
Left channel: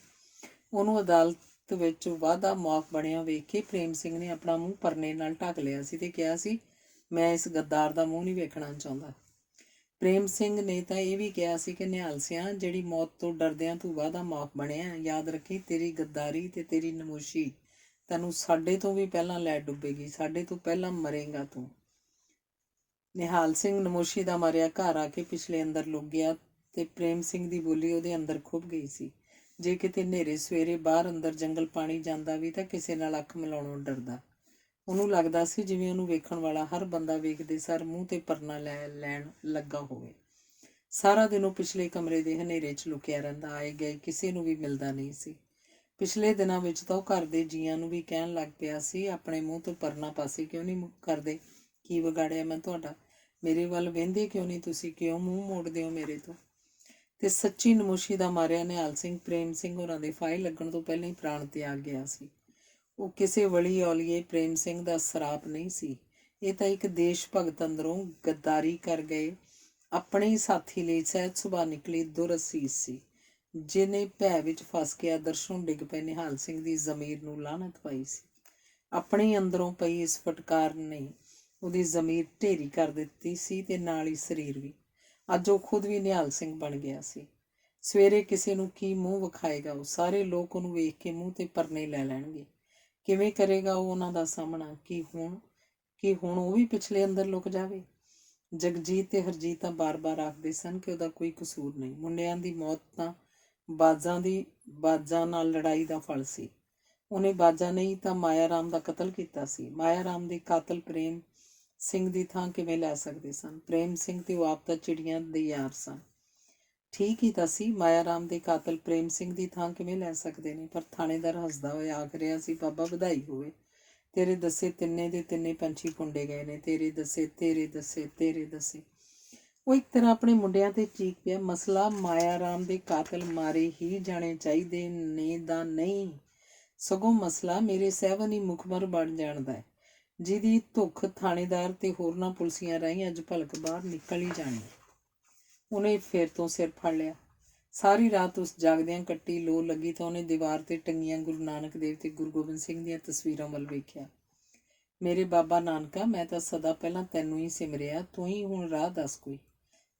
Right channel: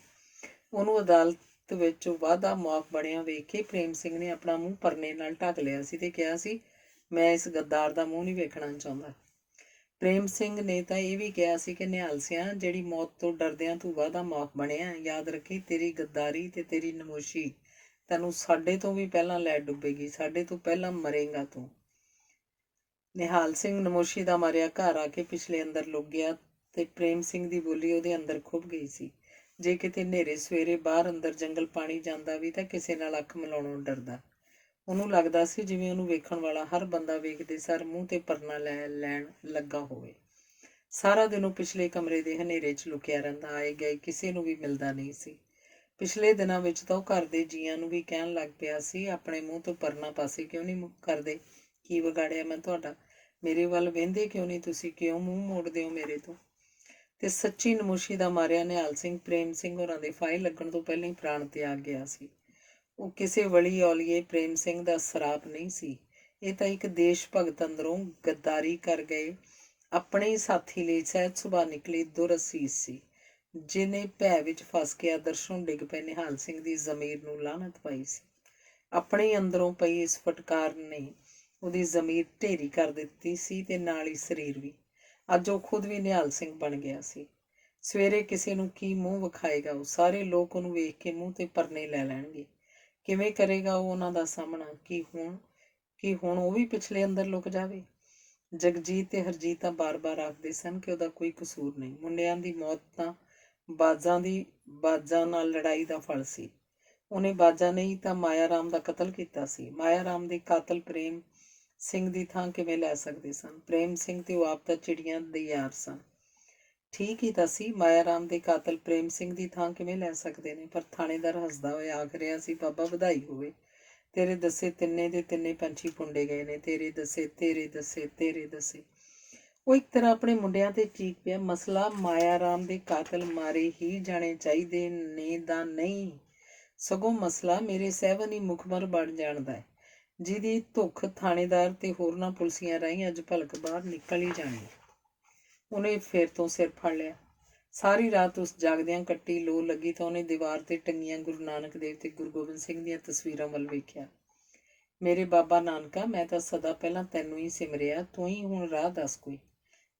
ਉਹਨੂੰ ਅਦਾਲਤ ਵਿੱਚ ਵਾਅਦਾ ਮਾਫ ਬਣਿਆ ਵੇਖ ਕੇ ਪ੍ਰੇਮ ਸਿੰਘ ਨੇ ਆਪਣਾ ਮੂੰਹ ਪਰਨੇ ਨਾਲ ਢੱਕ ਲਿਆ ਸੀ ਤੇ ਕਿਹਾ ਸੀ, ਮੈਂ ਇਸ ਗੱਦਾਰ ਦਾ ਮੂੰਹ ਨਹੀਂ ਵੇਖਣਾ ਚਾਹੁੰਦਾ। ਪ੍ਰੇਮ ਸਿੰਘ ਨੇ ਤਾਂ ਇਹ ਵੀ ਕਿਹਾ ਸੀ ਕਿ ਨਿਹਾਲ ਸਿਆਂ, ਜਿਹੜੀ ਮੌਤ ਤੋਂ ਡਰਦਿਆਂ ਤੂੰ ਵਾਅਦਾ ਮਾਫ ਬਣਿਆ, ਯਾਦ ਰੱਖੀ ਤੇਰੀ ਗੱਦਾਰੀ ਤੇ ਤੇਰੀ ਨਮੋਸ਼ੀ ਤੈਨੂੰ ਸਾਡੇ ਤੋਂ ਵੀ ਪਹਿਲਾਂ ਲੈ ਡੁੱਬੇਗੀ। ਸਾਡੇ ਤੋਂ ਪਹਿਲਾਂ ਮਰੇਗਾ ਤੂੰ। ਨਿਹਾਲ ਸਿੰਘ ਨਮੋਸ਼ੀ ਦਾ ਮਾਰਿਆ ਘਰ ਆ ਕੇ ਪਿਛਲੇ ਅੰਦਰ ਲੁਕ ਗਿਆ ਤੇ ਪ੍ਰੇਮ ਸਿੰਘ ਦੀ ਬੋਲੀ ਉਹਦੇ ਅੰਦਰ ਖੁੱਭ ਗਈ ਸੀ। ਜੇ ਕਿਤੇ ਹਨੇਰੇ ਸਵੇਰੇ ਬਾਹਰ ਅੰਦਰ ਜੰਗਲ ਪਾਣੀ ਜਾਂਦਾ ਵੀ ਤਾਂ ਕਿਸੇ ਨਾਲ ਅੱਖ ਮਿਲਾਉਣੋਂ ਡਰਦਾ। ਉਹਨੂੰ ਲੱਗਦਾ ਸੀ ਜਿਵੇਂ ਉਹਨੂੰ ਵੇਖਣ ਵਾਲਾ ਹਰ ਬੰਦਾ ਵੇਖਦੇ ਸਾਰ ਮੂੰਹ ਤੇ ਪਰਨਾ ਲੈਣ ਲੱਗਾ ਹੋਵੇ। ਸਾਰਾ ਦਿਨ ਉਹ ਪਿਛਲੇ ਕਮਰੇ ਦੇ ਹਨੇਰੇ 'ਚ ਲੁਕਿਆ ਰਹਿੰਦਾ। ਆਏ ਗਏ ਕਿਸੇ ਨੂੰ ਵੀ ਮਿਲਦਾ ਨਹੀਂ ਸੀ। ਪਿਛਲੇ ਦਿਨਾਂ ਵਿੱਚ ਤਾਂ ਉਹ ਘਰ ਦੇ ਜੀਆਂ ਨੂੰ ਵੀ ਕਹਿਣ ਲੱਗ ਪਿਆ ਸੀ, ਆਪਣੇ ਮੂੰਹ ਤੋਂ ਪਰਨਾ ਪਾਸੇ ਕਿਉਂ ਨਹੀਂ ਕਰਦੇ? ਕੀ ਵਿਗਾੜਿਆ ਮੈਂ ਤੁਹਾਡਾ? ਮੇਰੇ ਵੱਲ ਵਹਿੰਦੇ ਕਿਉਂ ਨਹੀਂ ਤੁਸੀਂ? ਕਿਉਂ ਮੂੰਹ ਮੋੜਦੇ ਹੋ ਮੇਰੇ ਤੋਂ? ਤੇ ਸੱਚੀ ਨਮੋਸ਼ੀ ਦਾ ਮਾਰਿਆ ਨਿਹਾਲ ਸਿੰਘ ਪ੍ਰੇਮ ਸਿੰਘ ਹੋਰਾਂ ਦੇ ਫਾਹੇ ਲੱਗਣ ਤੋਂ ਪਹਿਲਾਂ ਹੀ ਪ੍ਰਾਣ ਤਿਆਗ ਗਿਆ ਸੀ। ਉਹ ਕਿਸੇ ਵਲੀ ਔਲੀਏ ਪ੍ਰੇਮ ਸਿੰਘ ਦਾ ਸਰਾਪ ਨਹੀਂ ਸੀ। ਇਹ ਤਾਂ ਇੱਕ ਦੇਸ਼ ਭਗਤ ਅੰਦਰੋਂ ਗੱਦਾਰੀ ਕਰ ਗਏ ਆਪਣੇ ਹੀ ਸਾਥੀ ਲਈ ਸਹਿਜ ਸੁਭਾਅ ਨਿਕਲੀ ਦੁਰਅਸੀਸ ਸੀ, ਜਿਹਨੇ ਭੈ ਵਿੱਚ ਫਸ ਕੇ ਆਦਰਸ਼ੋਂ ਡਿੱਗ ਪਏ ਨਿਹਾਲ ਸਿੰਘ ਦੀ ਜ਼ਮੀਰ ਨੂੰ ਲਾਹਨਤ ਪਾਈ ਸੀ। ਆਪਣੇ ਅੰਦਰੋਂ ਪਈ ਇਸ ਫਟਕਾਰ ਨੇ ਉਹਦੀ ਜ਼ਮੀਰ ਢੇਰੀ ਕਰ ਦਿੱਤੀ ਸੀ ਤੇ ਨਾਲ ਹੀ ਸਰੀਰ ਵੀ। ਅੱਜ ਉਹ ਖੁਦ ਵੀ ਨਿਹਾਲ ਸਿੰਘ ਬਣ ਗਿਆ ਸੀ। ਸਵੇਰੇ ਕਿਸੇ ਨੂੰ ਕੀ ਮੂੰਹ ਵਿਖਾਏਗਾ ਉਹ? ਸਾਰੇ ਲੋਕ ਉਹਨੂੰ ਵੇਖ ਕੇ ਮੂੰਹ ਤੇ ਪਰਨੇ ਲੈ ਲੈਣਗੇ। ਕਿਵੇਂ ਕਰੇਗਾ ਉਹ ਉਹਨਾਂ ਦਾ ਸਾਹਮਣਾ? ਕੀ ਹੁਣ ਉਹ ਵੀ ਪਿਛਲੇ ਅੰਦਰ ਲੁਕ ਜਾਵੇ? ਜਗਜੀਤ ਤੇ ਹਰਜੀਤ ਤਾਂ ਬਾਰ-ਬਾਰ ਆਖਦੇ ਸਨ ਕਿ ਉਹਦਾ ਕੋਈ ਕਸੂਰ ਨਹੀਂ। ਮੁੰਡਿਆਂ ਦੀ ਮੌਤ ਤਾਂ ਬਾਜਾਂ ਨਾਲ ਲੜਾਈ ਦਾ ਫਲ ਸੀ। ਉਹਨੇ ਬਾਜਾਂ ਨਹੀਂ ਤਾਂ ਮਾਇਆ ਰਾਮ ਦਾ ਕਤਲ ਕੀਤਾ ਸੀ। ਮਾਇਆ ਰਾਮ ਦੇ ਕਾਤਲ ਪ੍ਰੇਮ ਸਿੰਘ ਦੀ ਥਾਂ ਕਿਵੇਂ ਲੈ ਸਕਦੇ ਸਨ? ਪ੍ਰੇਮ ਸਿੰਘ ਤੇ ਉਹ ਆਪ ਤਾਂ ਚਿੜੀਆਂ ਦੇ ਯਾਰ ਸਨ। ਠੀਕ ਹੀ ਤਾਂ ਸੀ, ਮਾਇਆ ਰਾਮ ਦੇ ਕਾਤਲ ਪ੍ਰੇਮ ਸਿੰਘ ਦੀ ਥਾਂ ਕਿਵੇਂ ਲੈ ਸਕਦੇ ਨੇ? ਪਰ ਥਾਣੇਦਾਰ ਹੱਸਦਾ ਹੋਇਆ ਆਖ ਰਿਹਾ ਸੀ, ਬਾਬਾ ਵਧਾਈ ਹੋਵੇ, ਤੇਰੇ ਦੱਸੇ ਤਿੰਨੇ ਦੇ ਤਿੰਨੇ ਪੰਛੀ ਪੁੰਡੇ ਗਏ ਨੇ। ਤੇਰੇ ਦੱਸੇ, ਤੇਰੇ ਦੱਸੇ, ਤੇਰੇ ਦੱਸੇ। ਉਹ ਇੱਕ ਤਰ੍ਹਾਂ ਆਪਣੇ ਮੁੰਡਿਆਂ ਤੇ ਚੀਕ ਪਿਆ। ਮਸਲਾ ਮਾਇਆ ਰਾਮ ਦੇ ਕਾਤਲ ਮਾਰੇ ਹੀ ਜਾਣੇ ਚਾਹੀਦੇ ਨੇ ਦਾ ਨਹੀਂ, ਸਗੋਂ ਮਸਲਾ ਮੇਰੇ ਸਹਿਬਨ ਹੀ ਮੁਖਬਰ ਬਣ ਜਾਣਦਾ ਹੈ, ਜਿਹਦੀ ਧੁੱਖ ਥਾਣੇਦਾਰ ਤੇ ਹੋਰਨਾਂ ਪੁਲਸੀਆਂ ਰਾਹੀਂ ਅੱਜ ਭਲਕ ਬਾਹਰ ਨਿਕਲ ਹੀ ਜਾਣੀ। ਉਹਨੇ ਫਿਰ ਤੋਂ ਸਿਰ ਫੜ ਲਿਆ। ਸਾਰੀ ਰਾਤ ਉਸ ਜਾਗਦਿਆਂ ਕੱਟੀ ਲੋ ਲੱਗੀ ਤਾਂ ਉਹਨੇ ਦੀਵਾਰ ਤੇ ਟੰਗੀਆਂ ਗੁਰੂ ਨਾਨਕ ਦੇਵ ਤੇ ਗੁਰੂ ਗੋਬਿੰਦ ਸਿੰਘ ਦੀਆਂ ਤਸਵੀਰਾਂ ਵੱਲ ਵੇਖਿਆ। ਮੇਰੇ ਬਾਬਾ ਨਾਨਕਾ, ਮੈਂ ਤਾਂ ਸਦਾ ਪਹਿਲਾਂ ਤੈਨੂੰ ਹੀ ਸਿਮਰਿਆ, ਤੂੰ ਹੀ ਹੁਣ ਰਾਹ ਦੱਸ ਕੋਈ।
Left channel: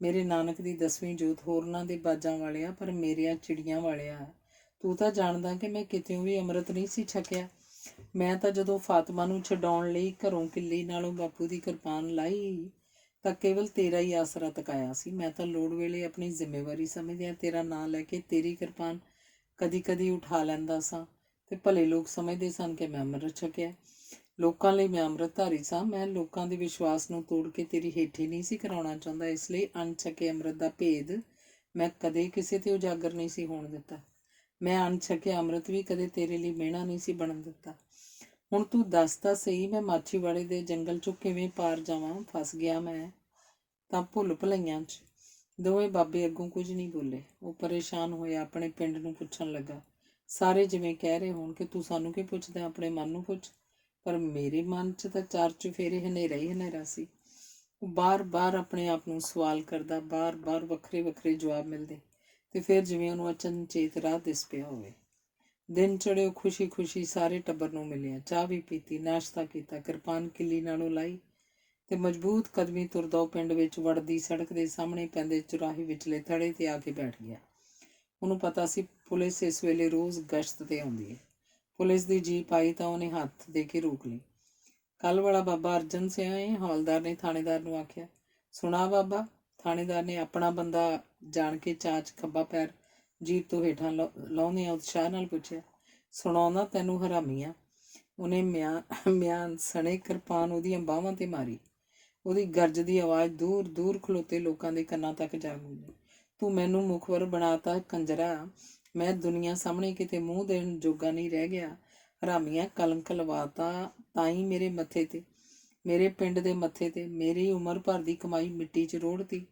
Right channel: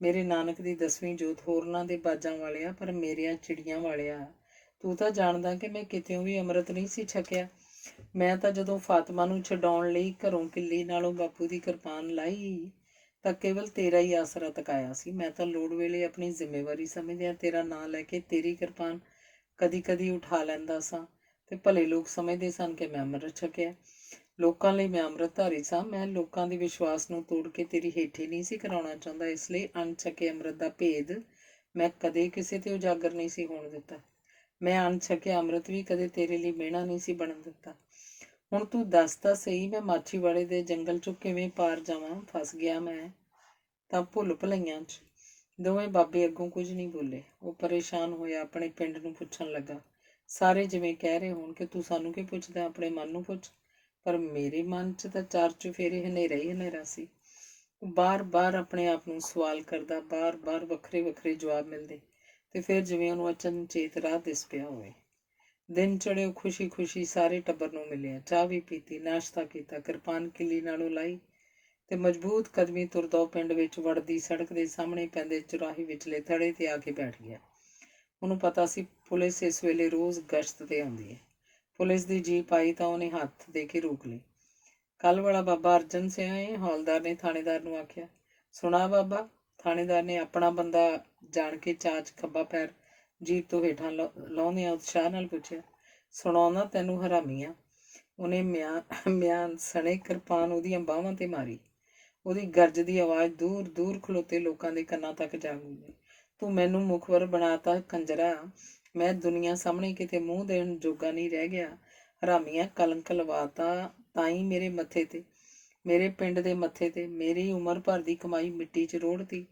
ਮੇਰੇ ਨਾਨਕ ਦੀ 10ਵੀਂ ਜੋਤ ਹੋਰਨਾਂ ਦੇ ਬਾਜਾਂ ਵਾਲਿਆ, ਪਰ ਮੇਰੀਆਂ ਚਿੜੀਆਂ ਵਾਲਿਆ, ਤੂੰ ਤਾਂ ਜਾਣਦਾ ਕਿ ਮੈਂ ਕਿਤਿਓਂ ਵੀ ਅੰਮ੍ਰਿਤ ਨਹੀਂ ਸੀ ਛਕਿਆ। ਮੈਂ ਤਾਂ ਜਦੋਂ ਫਾਤਮਾ ਨੂੰ ਛਡਾਉਣ ਲਈ ਘਰੋਂ ਕਿੱਲੀ ਨਾਲੋਂ ਬਾਪੂ ਦੀ ਕਿਰਪਾਨ ਲਾਈ ਤਾਂ ਕੇਵਲ ਤੇਰਾ ਹੀ ਆਸਰਾ ਤਕਾਇਆ ਸੀ। ਮੈਂ ਤਾਂ ਲੋੜ ਵੇਲੇ ਆਪਣੀ ਜ਼ਿੰਮੇਵਾਰੀ ਸਮਝਦਿਆਂ ਤੇਰਾ ਨਾਂ ਲੈ ਕੇ ਤੇਰੀ ਕਿਰਪਾਨ ਕਦੀ ਉਠਾ ਲੈਂਦਾ ਸਾਂ ਤੇ ਭਲੇ ਲੋਕ ਸਮਝਦੇ ਸਨ ਕਿ ਮੈਂ ਅੰਮ੍ਰਿਤ ਛਕਿਆ। ਲੋਕਾਂ ਲਈ ਮੈਂ ਅੰਮ੍ਰਿਤਧਾਰੀ ਸਾਂ। ਮੈਂ ਲੋਕਾਂ ਦੇ ਵਿਸ਼ਵਾਸ ਨੂੰ ਤੋੜ ਕੇ ਤੇਰੀ ਹੇਠੀ ਨਹੀਂ ਸੀ ਕਰਾਉਣਾ ਚਾਹੁੰਦਾ। ਇਸ ਲਈ ਅਣਛਕੇ ਅੰਮ੍ਰਿਤ ਦਾ ਭੇਦ ਮੈਂ ਕਦੇ ਕਿਸੇ ਤੇ ਉਜਾਗਰ ਨਹੀਂ ਸੀ ਹੋਣ ਦਿੱਤਾ। ਮੈਂ ਅਣਛਕਿਆ ਅੰਮ੍ਰਿਤ ਵੀ ਕਦੇ ਤੇਰੇ ਲਈ ਮਿਹਣਾ ਨਹੀਂ ਸੀ ਬਣਨ ਦਿੱਤਾ। ਹੁਣ ਤੂੰ ਦੱਸ ਤਾਂ ਸਹੀ, ਮੈਂ ਮਾਛੀਵਾੜੇ ਦੇ ਜੰਗਲ 'ਚੋਂ ਕਿਵੇਂ ਪਾਰ ਜਾਵਾਂ? ਫਸ ਗਿਆ ਮੈਂ ਤਾਂ ਭੁੱਲ ਭੁਲਈਆਂ 'ਚ। ਦੋਵੇਂ ਬਾਬੇ ਅੱਗੋਂ ਕੁਝ ਨਹੀਂ ਬੋਲੇ। ਉਹ ਪਰੇਸ਼ਾਨ ਹੋਇਆ ਆਪਣੇ ਪਿੰਡ ਨੂੰ ਪੁੱਛਣ ਲੱਗਾ। ਸਾਰੇ ਜਿਵੇਂ ਕਹਿ ਰਹੇ ਹੋਣ ਕਿ ਤੂੰ ਸਾਨੂੰ ਕੀ ਪੁੱਛਦਾ, ਆਪਣੇ ਮਨ ਨੂੰ ਪੁੱਛ। ਪਰ ਮੇਰੇ ਮਨ 'ਚ ਤਾਂ ਚਾਰ ਚੁਫੇਰੇ ਹਨੇਰਾ ਹੀ ਹਨੇਰਾ ਸੀ। ਉਹ ਬਾਰ-ਬਾਰ ਆਪਣੇ ਆਪ ਨੂੰ ਸਵਾਲ ਕਰਦਾ, ਬਾਰ-ਬਾਰ ਵੱਖਰੇ-ਵੱਖਰੇ ਜਵਾਬ ਮਿਲਦੇ ਤੇ ਫਿਰ ਜਿਵੇਂ ਉਹਨੂੰ ਅਚਨਚੇਤ ਰਾਹ ਦਿਸ ਪਿਆ ਹੋਵੇ। ਦਿਨ ਚੜ੍ਹੇ ਉਹ ਖੁਸ਼ੀ-ਖੁਸ਼ੀ ਸਾਰੇ ਟੱਬਰ ਨੂੰ ਮਿਲਿਆ, ਚਾਹ ਵੀ ਪੀਤੀ, ਨਾਸ਼ਤਾ ਕੀਤਾ, ਕਿਰਪਾਨ ਕਿੱਲੀ ਨਾਲੋਂ ਲਾਈ ਤੇ ਮਜ਼ਬੂਤ ਕਦਮੀ ਤੁਰਦਾ ਉਹ ਪਿੰਡ ਵਿੱਚ ਵੜਦੀ ਸੜਕ ਦੇ ਸਾਹਮਣੇ ਪੈਂਦੇ ਚੁਰਾਹੇ ਵਿਚਲੇ ਥੜੇ ਤੇ ਆ ਕੇ ਬੈਠ ਗਿਆ। ਉਹਨੂੰ ਪਤਾ ਸੀ ਪੁਲਿਸ ਇਸ ਵੇਲੇ ਰੋਜ਼ ਗਸ਼ਤ ਤੇ ਆਉਂਦੀ ਹੈ। ਪੁਲਿਸ ਦੀ ਜੀਪ ਆਈ ਤਾਂ ਉਹਨੇ ਹੱਥ ਦੇ ਕੇ ਰੋਕ ਲਈ। ਕੱਲ੍ਹ ਵਾਲਾ ਬਾਬਾ ਅਰਜਨ ਸਿੰਘ ਹੈ, ਹੌਲਦਾਰ ਨੇ ਥਾਣੇਦਾਰ ਨੂੰ ਆਖਿਆ। ਸੁਣਾ ਬਾਬਾ? ਥਾਣੇਦਾਰ ਨੇ ਆਪਣਾ ਬੰਦਾ ਜਾਣ ਕੇ ਚਾਚ ਖੱਬਾ ਪੈਰ ਜੀਪ ਤੋਂ ਹੇਠਾਂ ਲਾਉਂਦਿਆਂ ਉਤਸ਼ਾਹ ਨਾਲ ਪੁੱਛਿਆ। ਸੁਣਾਉਂਦਾ ਤੈਨੂੰ ਹਰਾਮੀਆਂ। ਉਹਨੇ ਮਿਆਨ ਸਣੇ ਕਿਰਪਾਨ ਉਹਦੀਆਂ ਬਾਹਾਂ ਤੇ ਮਾਰੀ। ਉਹਦੀ ਗਰਜ ਦੀ ਆਵਾਜ਼ ਦੂਰ ਦੂਰ ਖਲੋਤੇ ਲੋਕਾਂ ਦੇ ਕੰਨਾਂ ਤੱਕ ਜਾ ਗੂੰਜੀ। ਤੂੰ ਮੈਨੂੰ ਮੁਖਬਰ ਬਣਾਤਾ ਕੰਜਰਾ। ਮੈਂ ਦੁਨੀਆ ਸਾਹਮਣੇ ਕਿਤੇ ਮੂੰਹ ਦੇਣ ਜੋਗਾ ਨਹੀਂ ਰਹਿ ਗਿਆ। ਹਰਾਮੀਆਂ, ਕਲੰਕ ਲਵਾਤਾ ਤਾਂ ਹੀ ਮੇਰੇ ਮੱਥੇ ਤੇ, ਮੇਰੇ ਪਿੰਡ ਦੇ ਮੱਥੇ ਤੇ। ਮੇਰੀ ਉਮਰ ਭਰ ਦੀ ਕਮਾਈ ਮਿੱਟੀ 'ਚ ਰੋੜਤੀ।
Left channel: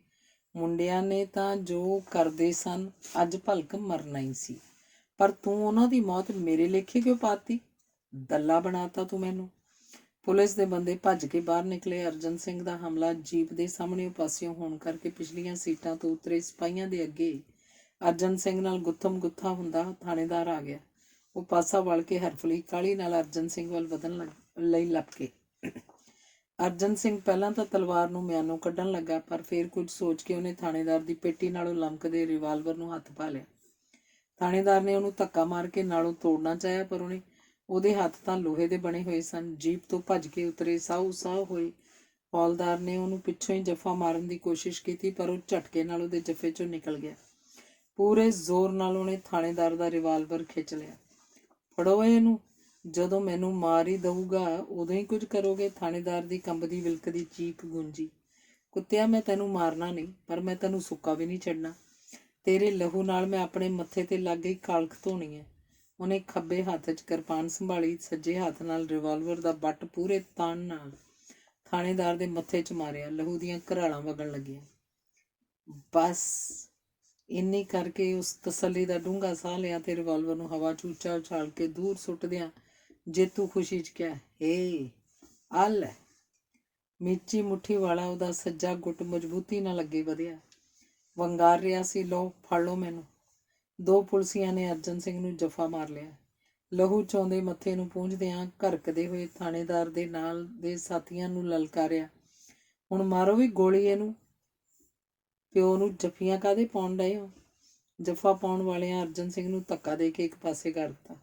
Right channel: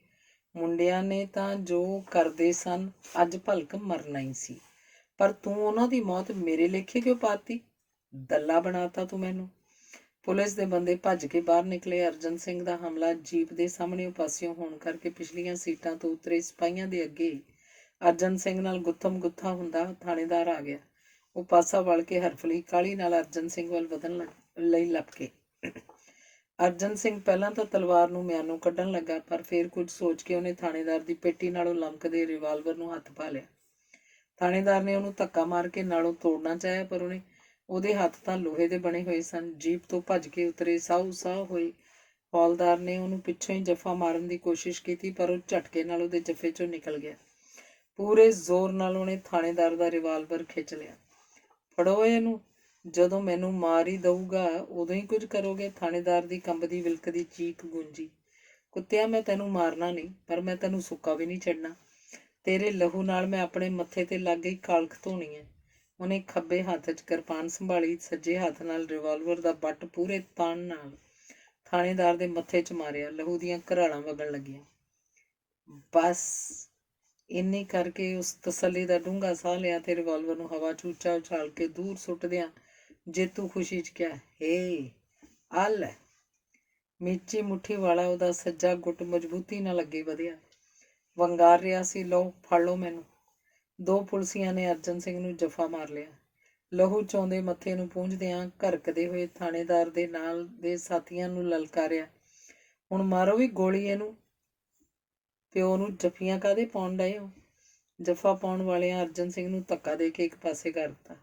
ਮੁੰਡਿਆਂ ਨੇ ਤਾਂ ਜੋ ਕਰਦੇ ਸਨ ਅੱਜ ਭਲਕ ਮਰਨਾ ਹੀ ਸੀ, ਪਰ ਤੂੰ ਉਹਨਾਂ ਦੀ ਮੌਤ ਮੇਰੇ ਲੇਖੇ ਕਿਉਂ ਪਾਤੀ? ਦੱਲਾ ਬਣਾਤਾ ਤੂੰ ਮੈਨੂੰ। ਪੁਲਿਸ ਦੇ ਬੰਦੇ ਭੱਜ ਕੇ ਬਾਹਰ ਨਿਕਲੇ। ਅਰਜਨ ਸਿੰਘ ਦਾ ਹਮਲਾ ਜੀਪ ਦੇ ਸਾਹਮਣੇ ਪਾਸਿਓਂ ਹੋਣ ਕਰਕੇ ਪਿਛਲੀਆਂ ਸੀਟਾਂ ਤੋਂ ਉਤਰੇ ਸਿਪਾਹੀਆਂ ਦੇ ਅੱਗੇ ਅਰਜਨ ਸਿੰਘ ਨਾਲ ਗੁੱਥਮ ਗੁੱਥਾ ਹੁੰਦਾ ਥਾਣੇਦਾਰ ਆ ਗਿਆ। ਉਹ ਪਾਸਾ ਵਲ ਕੇ ਹਰਫਲੀ ਕਾਹਲੀ ਨਾਲ ਅਰਜਨ ਸਿੰਘ ਵੱਲ ਵਧਣ ਲਈ ਲੱਪਕੇ। ਅਰਜਨ ਸਿੰਘ ਪਹਿਲਾਂ ਤਾਂ ਤਲਵਾਰ ਨੂੰ ਮਿਆਨੋਂ ਕੱਢਣ ਲੱਗਾ, ਪਰ ਫਿਰ ਕੁਝ ਸੋਚ ਕੇ ਉਹਨੇ ਥਾਣੇਦਾਰ ਦੀ ਪੇਟੀ ਨਾਲੋਂ ਲਮਕਦੇ ਰਿਵਾਲਵਰ ਨੂੰ ਹੱਥ ਪਾ ਲਿਆ। ਥਾਣੇਦਾਰ ਨੇ ਉਹਨੂੰ ਧੱਕਾ ਮਾਰ ਕੇ ਨਾਲੋਂ ਤੋੜਨਾ ਚਾਹਿਆ, ਪਰ ਉਹਦੇ ਹੱਥ ਤਾਂ ਲੋਹੇ ਦੇ ਬਣੇ ਹੋਏ ਸਨ। ਜੀਪ ਤੋਂ ਭੱਜ ਕੇ ਉਤਰੇ ਸਾਹੂ ਸਾਹ ਹੋਏ ਹੌਲਦਾਰ ਨੇ ਉਹਨੂੰ ਪਿੱਛੋਂ ਹੀ ਜੱਫਾ ਮਾਰਨ ਦੀ ਕੋਸ਼ਿਸ਼ ਕੀਤੀ, ਪਰ ਉਹ ਝਟਕੇ ਨਾਲ ਉਹਦੇ ਜੱਫੇ 'ਚੋਂ ਨਿਕਲ ਗਿਆ। ਪੂਰੇ ਜ਼ੋਰ ਨਾਲ ਉਹਨੇ ਥਾਣੇਦਾਰ ਦਾ ਰਿਵਾਲਵਰ ਖਿੱਚ ਲਿਆ। ਫੜੋ ਇਹਨੂੰ, ਜਦੋਂ ਮੈਨੂੰ ਮਾਰ ਹੀ ਦਊਗਾ ਉਦੋਂ ਹੀ ਕੁਝ ਕਰੋਗੇ। ਥਾਣੇਦਾਰ ਦੀ ਕੰਬਦੀ ਵਿਲਕਦੀ ਚੀਕ ਗੂੰਜੀ। ਕੁੱਤਿਆ, ਮੈਂ ਤੈਨੂੰ ਮਾਰਨਾ ਨਹੀਂ, ਪਰ ਮੈਂ ਤੈਨੂੰ ਸੁੱਕਾ ਵੀ ਨਹੀਂ ਛੱਡਣਾ। ਤੇਰੇ ਲਹੂ ਨਾਲ ਮੈਂ ਆਪਣੇ ਮੱਥੇ ਤੇ ਲੱਗ ਗਈ ਕਾਲਖ ਧੋਣੀ ਹੈ। ਉਹਨੇ ਖੱਬੇ ਹੱਥ 'ਚ ਕਿਰਪਾਨ ਸੰਭਾਲੀ, ਸੱਜੇ ਹੱਥ ਨਾਲ ਰਿਵਾਲਵਰ ਦਾ ਬੱਟ ਪੂਰੇ ਤਾਣ ਨਾਲ ਥਾਣੇਦਾਰ ਦੇ ਮੱਥੇ 'ਚ ਮਾਰਿਆ। ਲਹੂ ਦੀਆਂ ਘਰਾਲਾਂ ਵਗਣ ਲੱਗੀਆਂ। ਬਸ ਇੰਨੀ ਕਰਕੇ ਉਸ ਤਸੱਲੀ ਦਾ ਡੂੰਘਾ ਸਾਹ ਲਿਆ ਤੇ ਰਿਵਾਲਵਰ ਨੂੰ ਹਵਾ 'ਚ ਉੱਚਾ ਉਛਾਲ ਕੇ ਦੂਰ ਸੁੱਟਦਿਆਂ ਜੇਤੂ ਖੁਸ਼ੀ 'ਚ ਕਿਹਾ, ਹੇ ਆ ਲੈ। ਮੀਚੀ ਮੁੱਠੀ ਵਾਲਾ ਉਹਦਾ ਸੱਜਾ ਗੁੱਟ ਮਜ਼ਬੂਤੀ ਨਾਲ ਅੱਗੇ ਵਧਿਆ, ਵੰਗਾਰ ਰਿਹਾ ਸੀ, ਲਓ ਫੜ ਲਓ ਮੈਨੂੰ। ਦੋ ਪੁਲਸੀਆਂ ਨੇ ਅਰਜਨ ਸਿੰਘ ਨੂੰ ਜੱਫਾ ਮਾਰ ਲਿਆ। ਲਹੂ ਚੋਂਦੇ ਮੱਥੇ ਨੂੰ ਪੂੰਝਦਿਆਂ ਘਰਕਦੇ ਹੋਏ ਥਾਣੇਦਾਰ ਦੇ ਨਾਲ ਦੇ ਸਾਥੀਆਂ ਨੂੰ ਲਲਕਾਰਿਆ, ਹੁਣ ਮਾਰੋ ਵੀ ਗੋਲੀ ਇਹਨੂੰ। ਪਿਓ ਨੂੰ ਜੱਫੀਆਂ ਕਾਹਦੇ ਪਾਉਣ ਡਏ ਹੋ? ਜੱਫਾ ਪਾਉਣ ਵਾਲਿਆਂ ਅਰਜਨ ਸਿੰਘ ਨੂੰ ਧੱਕਾ ਦੇ ਕੇ ਇੱਕ ਪਾਸੇ ਕਰ ਦਿੱਤਾ।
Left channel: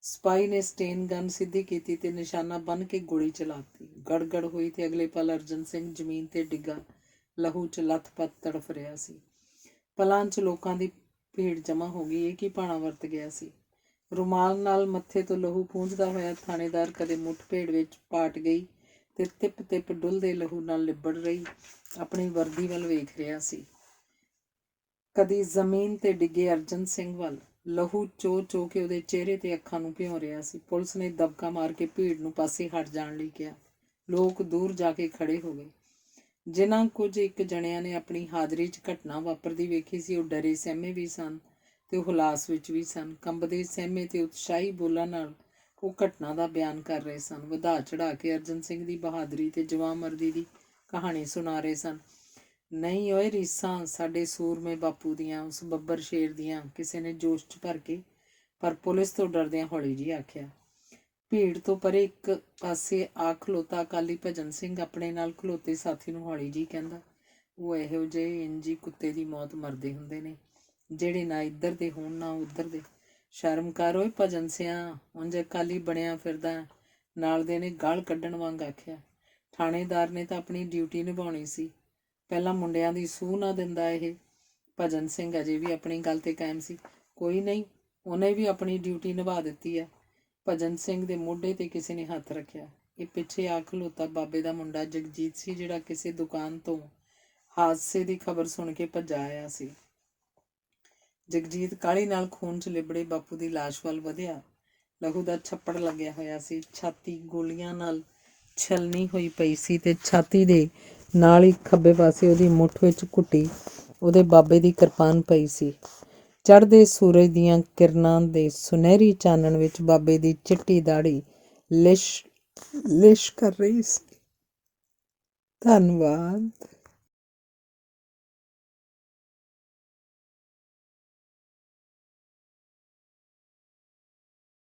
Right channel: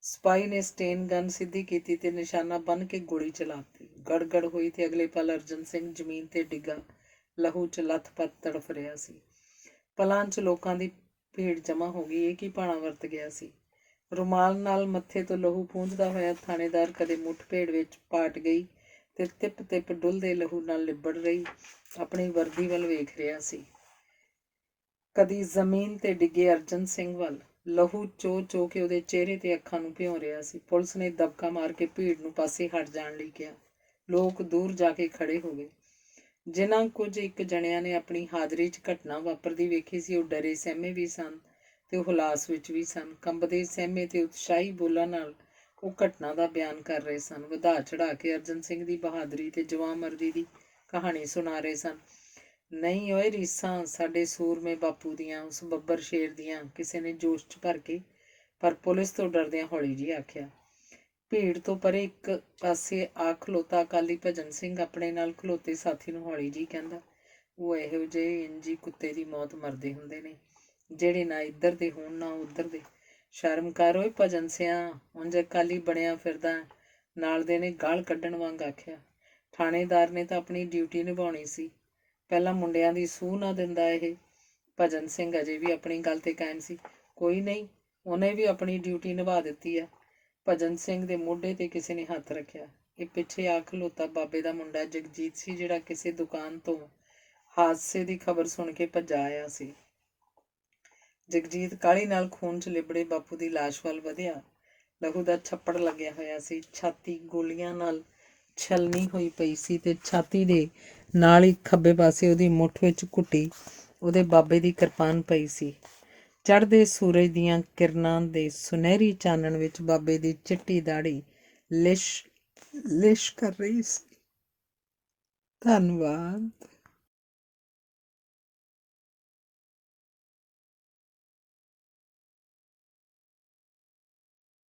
ਸਿਪਾਹੀ ਨੇ ਸਟੇਨ ਗਨ ਸਿੱਧੀ ਕੀਤੀ ਤੇ ਨਿਸ਼ਾਨਾ ਬੰਨ੍ਹ ਕੇ ਗੋਲੀ ਚਲਾਤੀ। ਗੜਗੜ ਹੋਈ ਤੇ ਅਗਲੇ ਪਲ ਅਰਜਨ ਸਿੰਘ ਜ਼ਮੀਨ ਤੇ ਡਿੱਗਾ, ਲਹੂ 'ਚ ਲੱਥ-ਪੱਥ ਤੜਫ ਰਿਹਾ ਸੀ। ਪਲਾਂ 'ਚ ਲੋਕਾਂ ਦੀ ਭੀੜ ਜਮ੍ਹਾਂ ਹੋ ਗਈ। ਇਹ ਕੀ ਭਾਣਾ ਵਰਤ ਗਿਆ ਸੀ? ਰੁਮਾਲ ਨਾਲ ਮੱਥੇ ਤੋਂ ਲਹੂ ਪੂੰਝਦਾ ਹੋਇਆ ਥਾਣੇਦਾਰ ਕਦੇ ਮੁੱਠ-ਭੇੜ ਵਿੱਚ ਪਾਟ ਗਈ ਤੇ ਤਿਪ-ਤਿਪ ਡੁੱਲਦੇ ਲਹੂ ਨਾਲ ਲਿਬੜ ਰਹੀ ਆਪਣੀ ਵਰਦੀ ਵੱਲ ਵੇਖ ਰਿਹਾ ਸੀ। ਕਦੀ ਜ਼ਮੀਨ ਤੇ ਡਿੱਗੇ ਅਰਜਨ ਸਿੰਘ ਵੱਲ, ਲਹੂ ਚੋ ਕੇ ਉਹਦੇ ਚਿਹਰੇ ਤੇ ਅੱਖਾਂ ਨੂੰ ਭਿਉਂ ਰਿਹਾ ਸੀ। ਪੁਲਿਸ ਨੇ ਦਬਕਾ ਮਾਰ ਕੇ ਭੀੜ ਨੂੰ ਪਾਸੇ ਹਟ ਜਾਣ ਲਈ ਕਿਹਾ। ਲੋਕ ਦੂਰ ਜਾ ਕੇ ਖੜੇ ਹੋ ਗਏ। ਜਿਨ੍ਹਾਂ ਕੁਝ ਇੱਕ ਜਣਿਆਂ ਨੇ ਆਪਣੀ ਹਾਜ਼ਰੀ 'ਚ ਘਟਨਾ ਵਾਪਰਦੀ ਵੇਖੀ ਸੀ, ਉਹ ਡਰੇ ਸਹਿਮੇ ਵੀ ਸਨ ਤੇ ਉਹ ਹੁਲਾਸ ਵਿੱਚ ਵੀ ਸਨ। ਕੰਬਦੇ ਸਹਿਮੇ ਤੇ ਉਤਸ਼ਾਹੀ ਬੋਲਾਂ ਨਾਲ ਉਹ ਘਟਨਾ ਦਾ ਬਿਆਨ ਕਰ ਰਹੇ ਸਨ, ਵਧਾ ਚੜ੍ਹਾ ਕੇ ਅਰਜਨ ਸਿੰਘ ਦੀ ਬਹਾਦਰੀ ਤੇ ਜਵਾਂਮਰਦੀ ਦੀ ਕਹਾਣੀ ਸੁਣਾ ਰਹੇ ਸਨ। ਨਹੀਂ ਓਏ ਰੀਸਾਂ ਸਾਡੇ ਸੂਰਮੇ ਬਾਪੂ ਦੀਆਂ, ਉਸ ਬੱਬਰ ਸ਼ੇਰ ਦੀਆਂ, ਕਿਸੇ ਨੇ ਜੋਸ਼ 'ਚ ਭਰ ਕੇ, ਪਰ ਪੁਲਿਸ ਤੋਂ ਡਰਦਿਆਂ ਹੌਲੀ ਜਿਹੀ ਆਖਿਆ। ਭੀੜ ਤੋਂ ਪਰੇ ਇੱਕ ਪਾਸੇ ਆ ਖਲੋਤਾ ਅਕਾਲੀ ਭਜਨ ਸਿੰਘ ਆਪਣੇ ਨਾਲ ਖਲੋਤੇ ਸਾਥੀ ਨੂੰ ਹੌਲੀ ਜਿਹੀ ਕਹਿੰਦਾ, ਉਹ ਇਹੋ ਜਿਹੇ ਇੰਜੀ ਕੁੱਤੇ ਦੀ ਮੌਤ ਮਰਦੇ ਹੁੰਦੇ ਨੇ ਜਿਹੜੇ ਨਾ ਇੱਧਰ ਦੇ ਹੋਣ ਨਾ ਉੱਧਰ ਦੇ। ਸ਼ਰਮ ਕਰ ਓਏ ਭਜਨ ਸਿਆਂ, ਉਂਝ ਅਕਾਲੀ ਬਣਿਆ ਫਿਰਦਾ। ਨਾਲ ਦੇ ਨੇ ਗਾਲ ਕੱਢਣ ਵਾਂਗ ਆਖਿਆ। ਥਾਣੇਦਾਰ ਨੇ ਤਾਂ ਆਪਣੀ ਡਿਊਟੀ ਨਿਭਾਉਣੀ ਸੀ, ਪਹਿਲਾਂ ਮੁੰਡਿਆਂ ਦੀ ਸੂਹ ਨਾ ਦਿੰਦਾ ਇਹ। ਭਜਨ ਸਿੰਘ ਅਜੇ ਵੀ ਆਪਣੀ ਗੱਲ ਤੇ ਕਾਇਮ ਸੀ। ਕੋਈ ਨਹੀਂ, ਉਹਨੇ ਵੀ ਆਪਣੀ ਡਿਊਟੀ ਨਿਭਾ ਦਿੱਤੀ ਆ। ਭਜਨ ਸਿੰਘ ਦੇ ਮੋਢੇ ਤੇ ਕਿਸੇ ਨੇ ਹੱਥ ਰੱਖਿਆ। ਇਹ ਪਿੱਛੇ ਆ ਖਲੋਤਾ ਬਾਬੇ ਦਾ ਮੁੰਡਾ ਜਗਜੀਤ ਸੀ, ਜਿਹੜਾ ਕਿਸੇ ਦੁਕਾਨ ਤੋਂ ਹਾਦਸੇ ਦੀ ਖਬਰ ਸੁਣ ਕੇ ਭੱਜਾ ਆਇਆ ਸੀ। ਜਗਜੀਤ ਕਾਹਲੀ ਨਾਲ ਖੂਨ 'ਚ ਲਿਬੜੇ ਬਾਪੂ ਦੀ ਲਾਸ਼ ਵੱਲ ਵਧਿਆ। ਲਹੂ ਦਾ ਛੱਪੜ ਲੱਗਿਆ ਹੋਇਆ ਸੀ। ਛਾਤੀ ਗੋਲੀਆਂ ਨਾਲ ਛਲਣੀ ਹੋਈ ਪਈ ਸੀ ਤੇ ਛਾਤੀ ਦੇ ਨਾਲ ਹੀ ਖੱਬੇ ਪਾਸੇ ਉਹਦੀ ਮੁੱਠ ਵਿੱਚ ਘੁੱਟੀ ਉਹਦੇ ਬਾਬੇ ਦੀ ਕਿਰਪਾਨ ਪਈ ਸੀ। ਚੜ੍ਹਦੇ ਸੂਰਜ ਦੀਆਂ ਕਿਰਨਾਂ ਦੇ ਸੁਨਹਿਰੀ ਚਾਨਣ ਵਿੱਚ ਬਾਬੇ ਦੀ ਚਿੱਟੀ ਦਾੜੀ ਲਿਸ਼ ਕਰ ਰਹੀ ਸੀ। ਧੰਨਵਾਦ।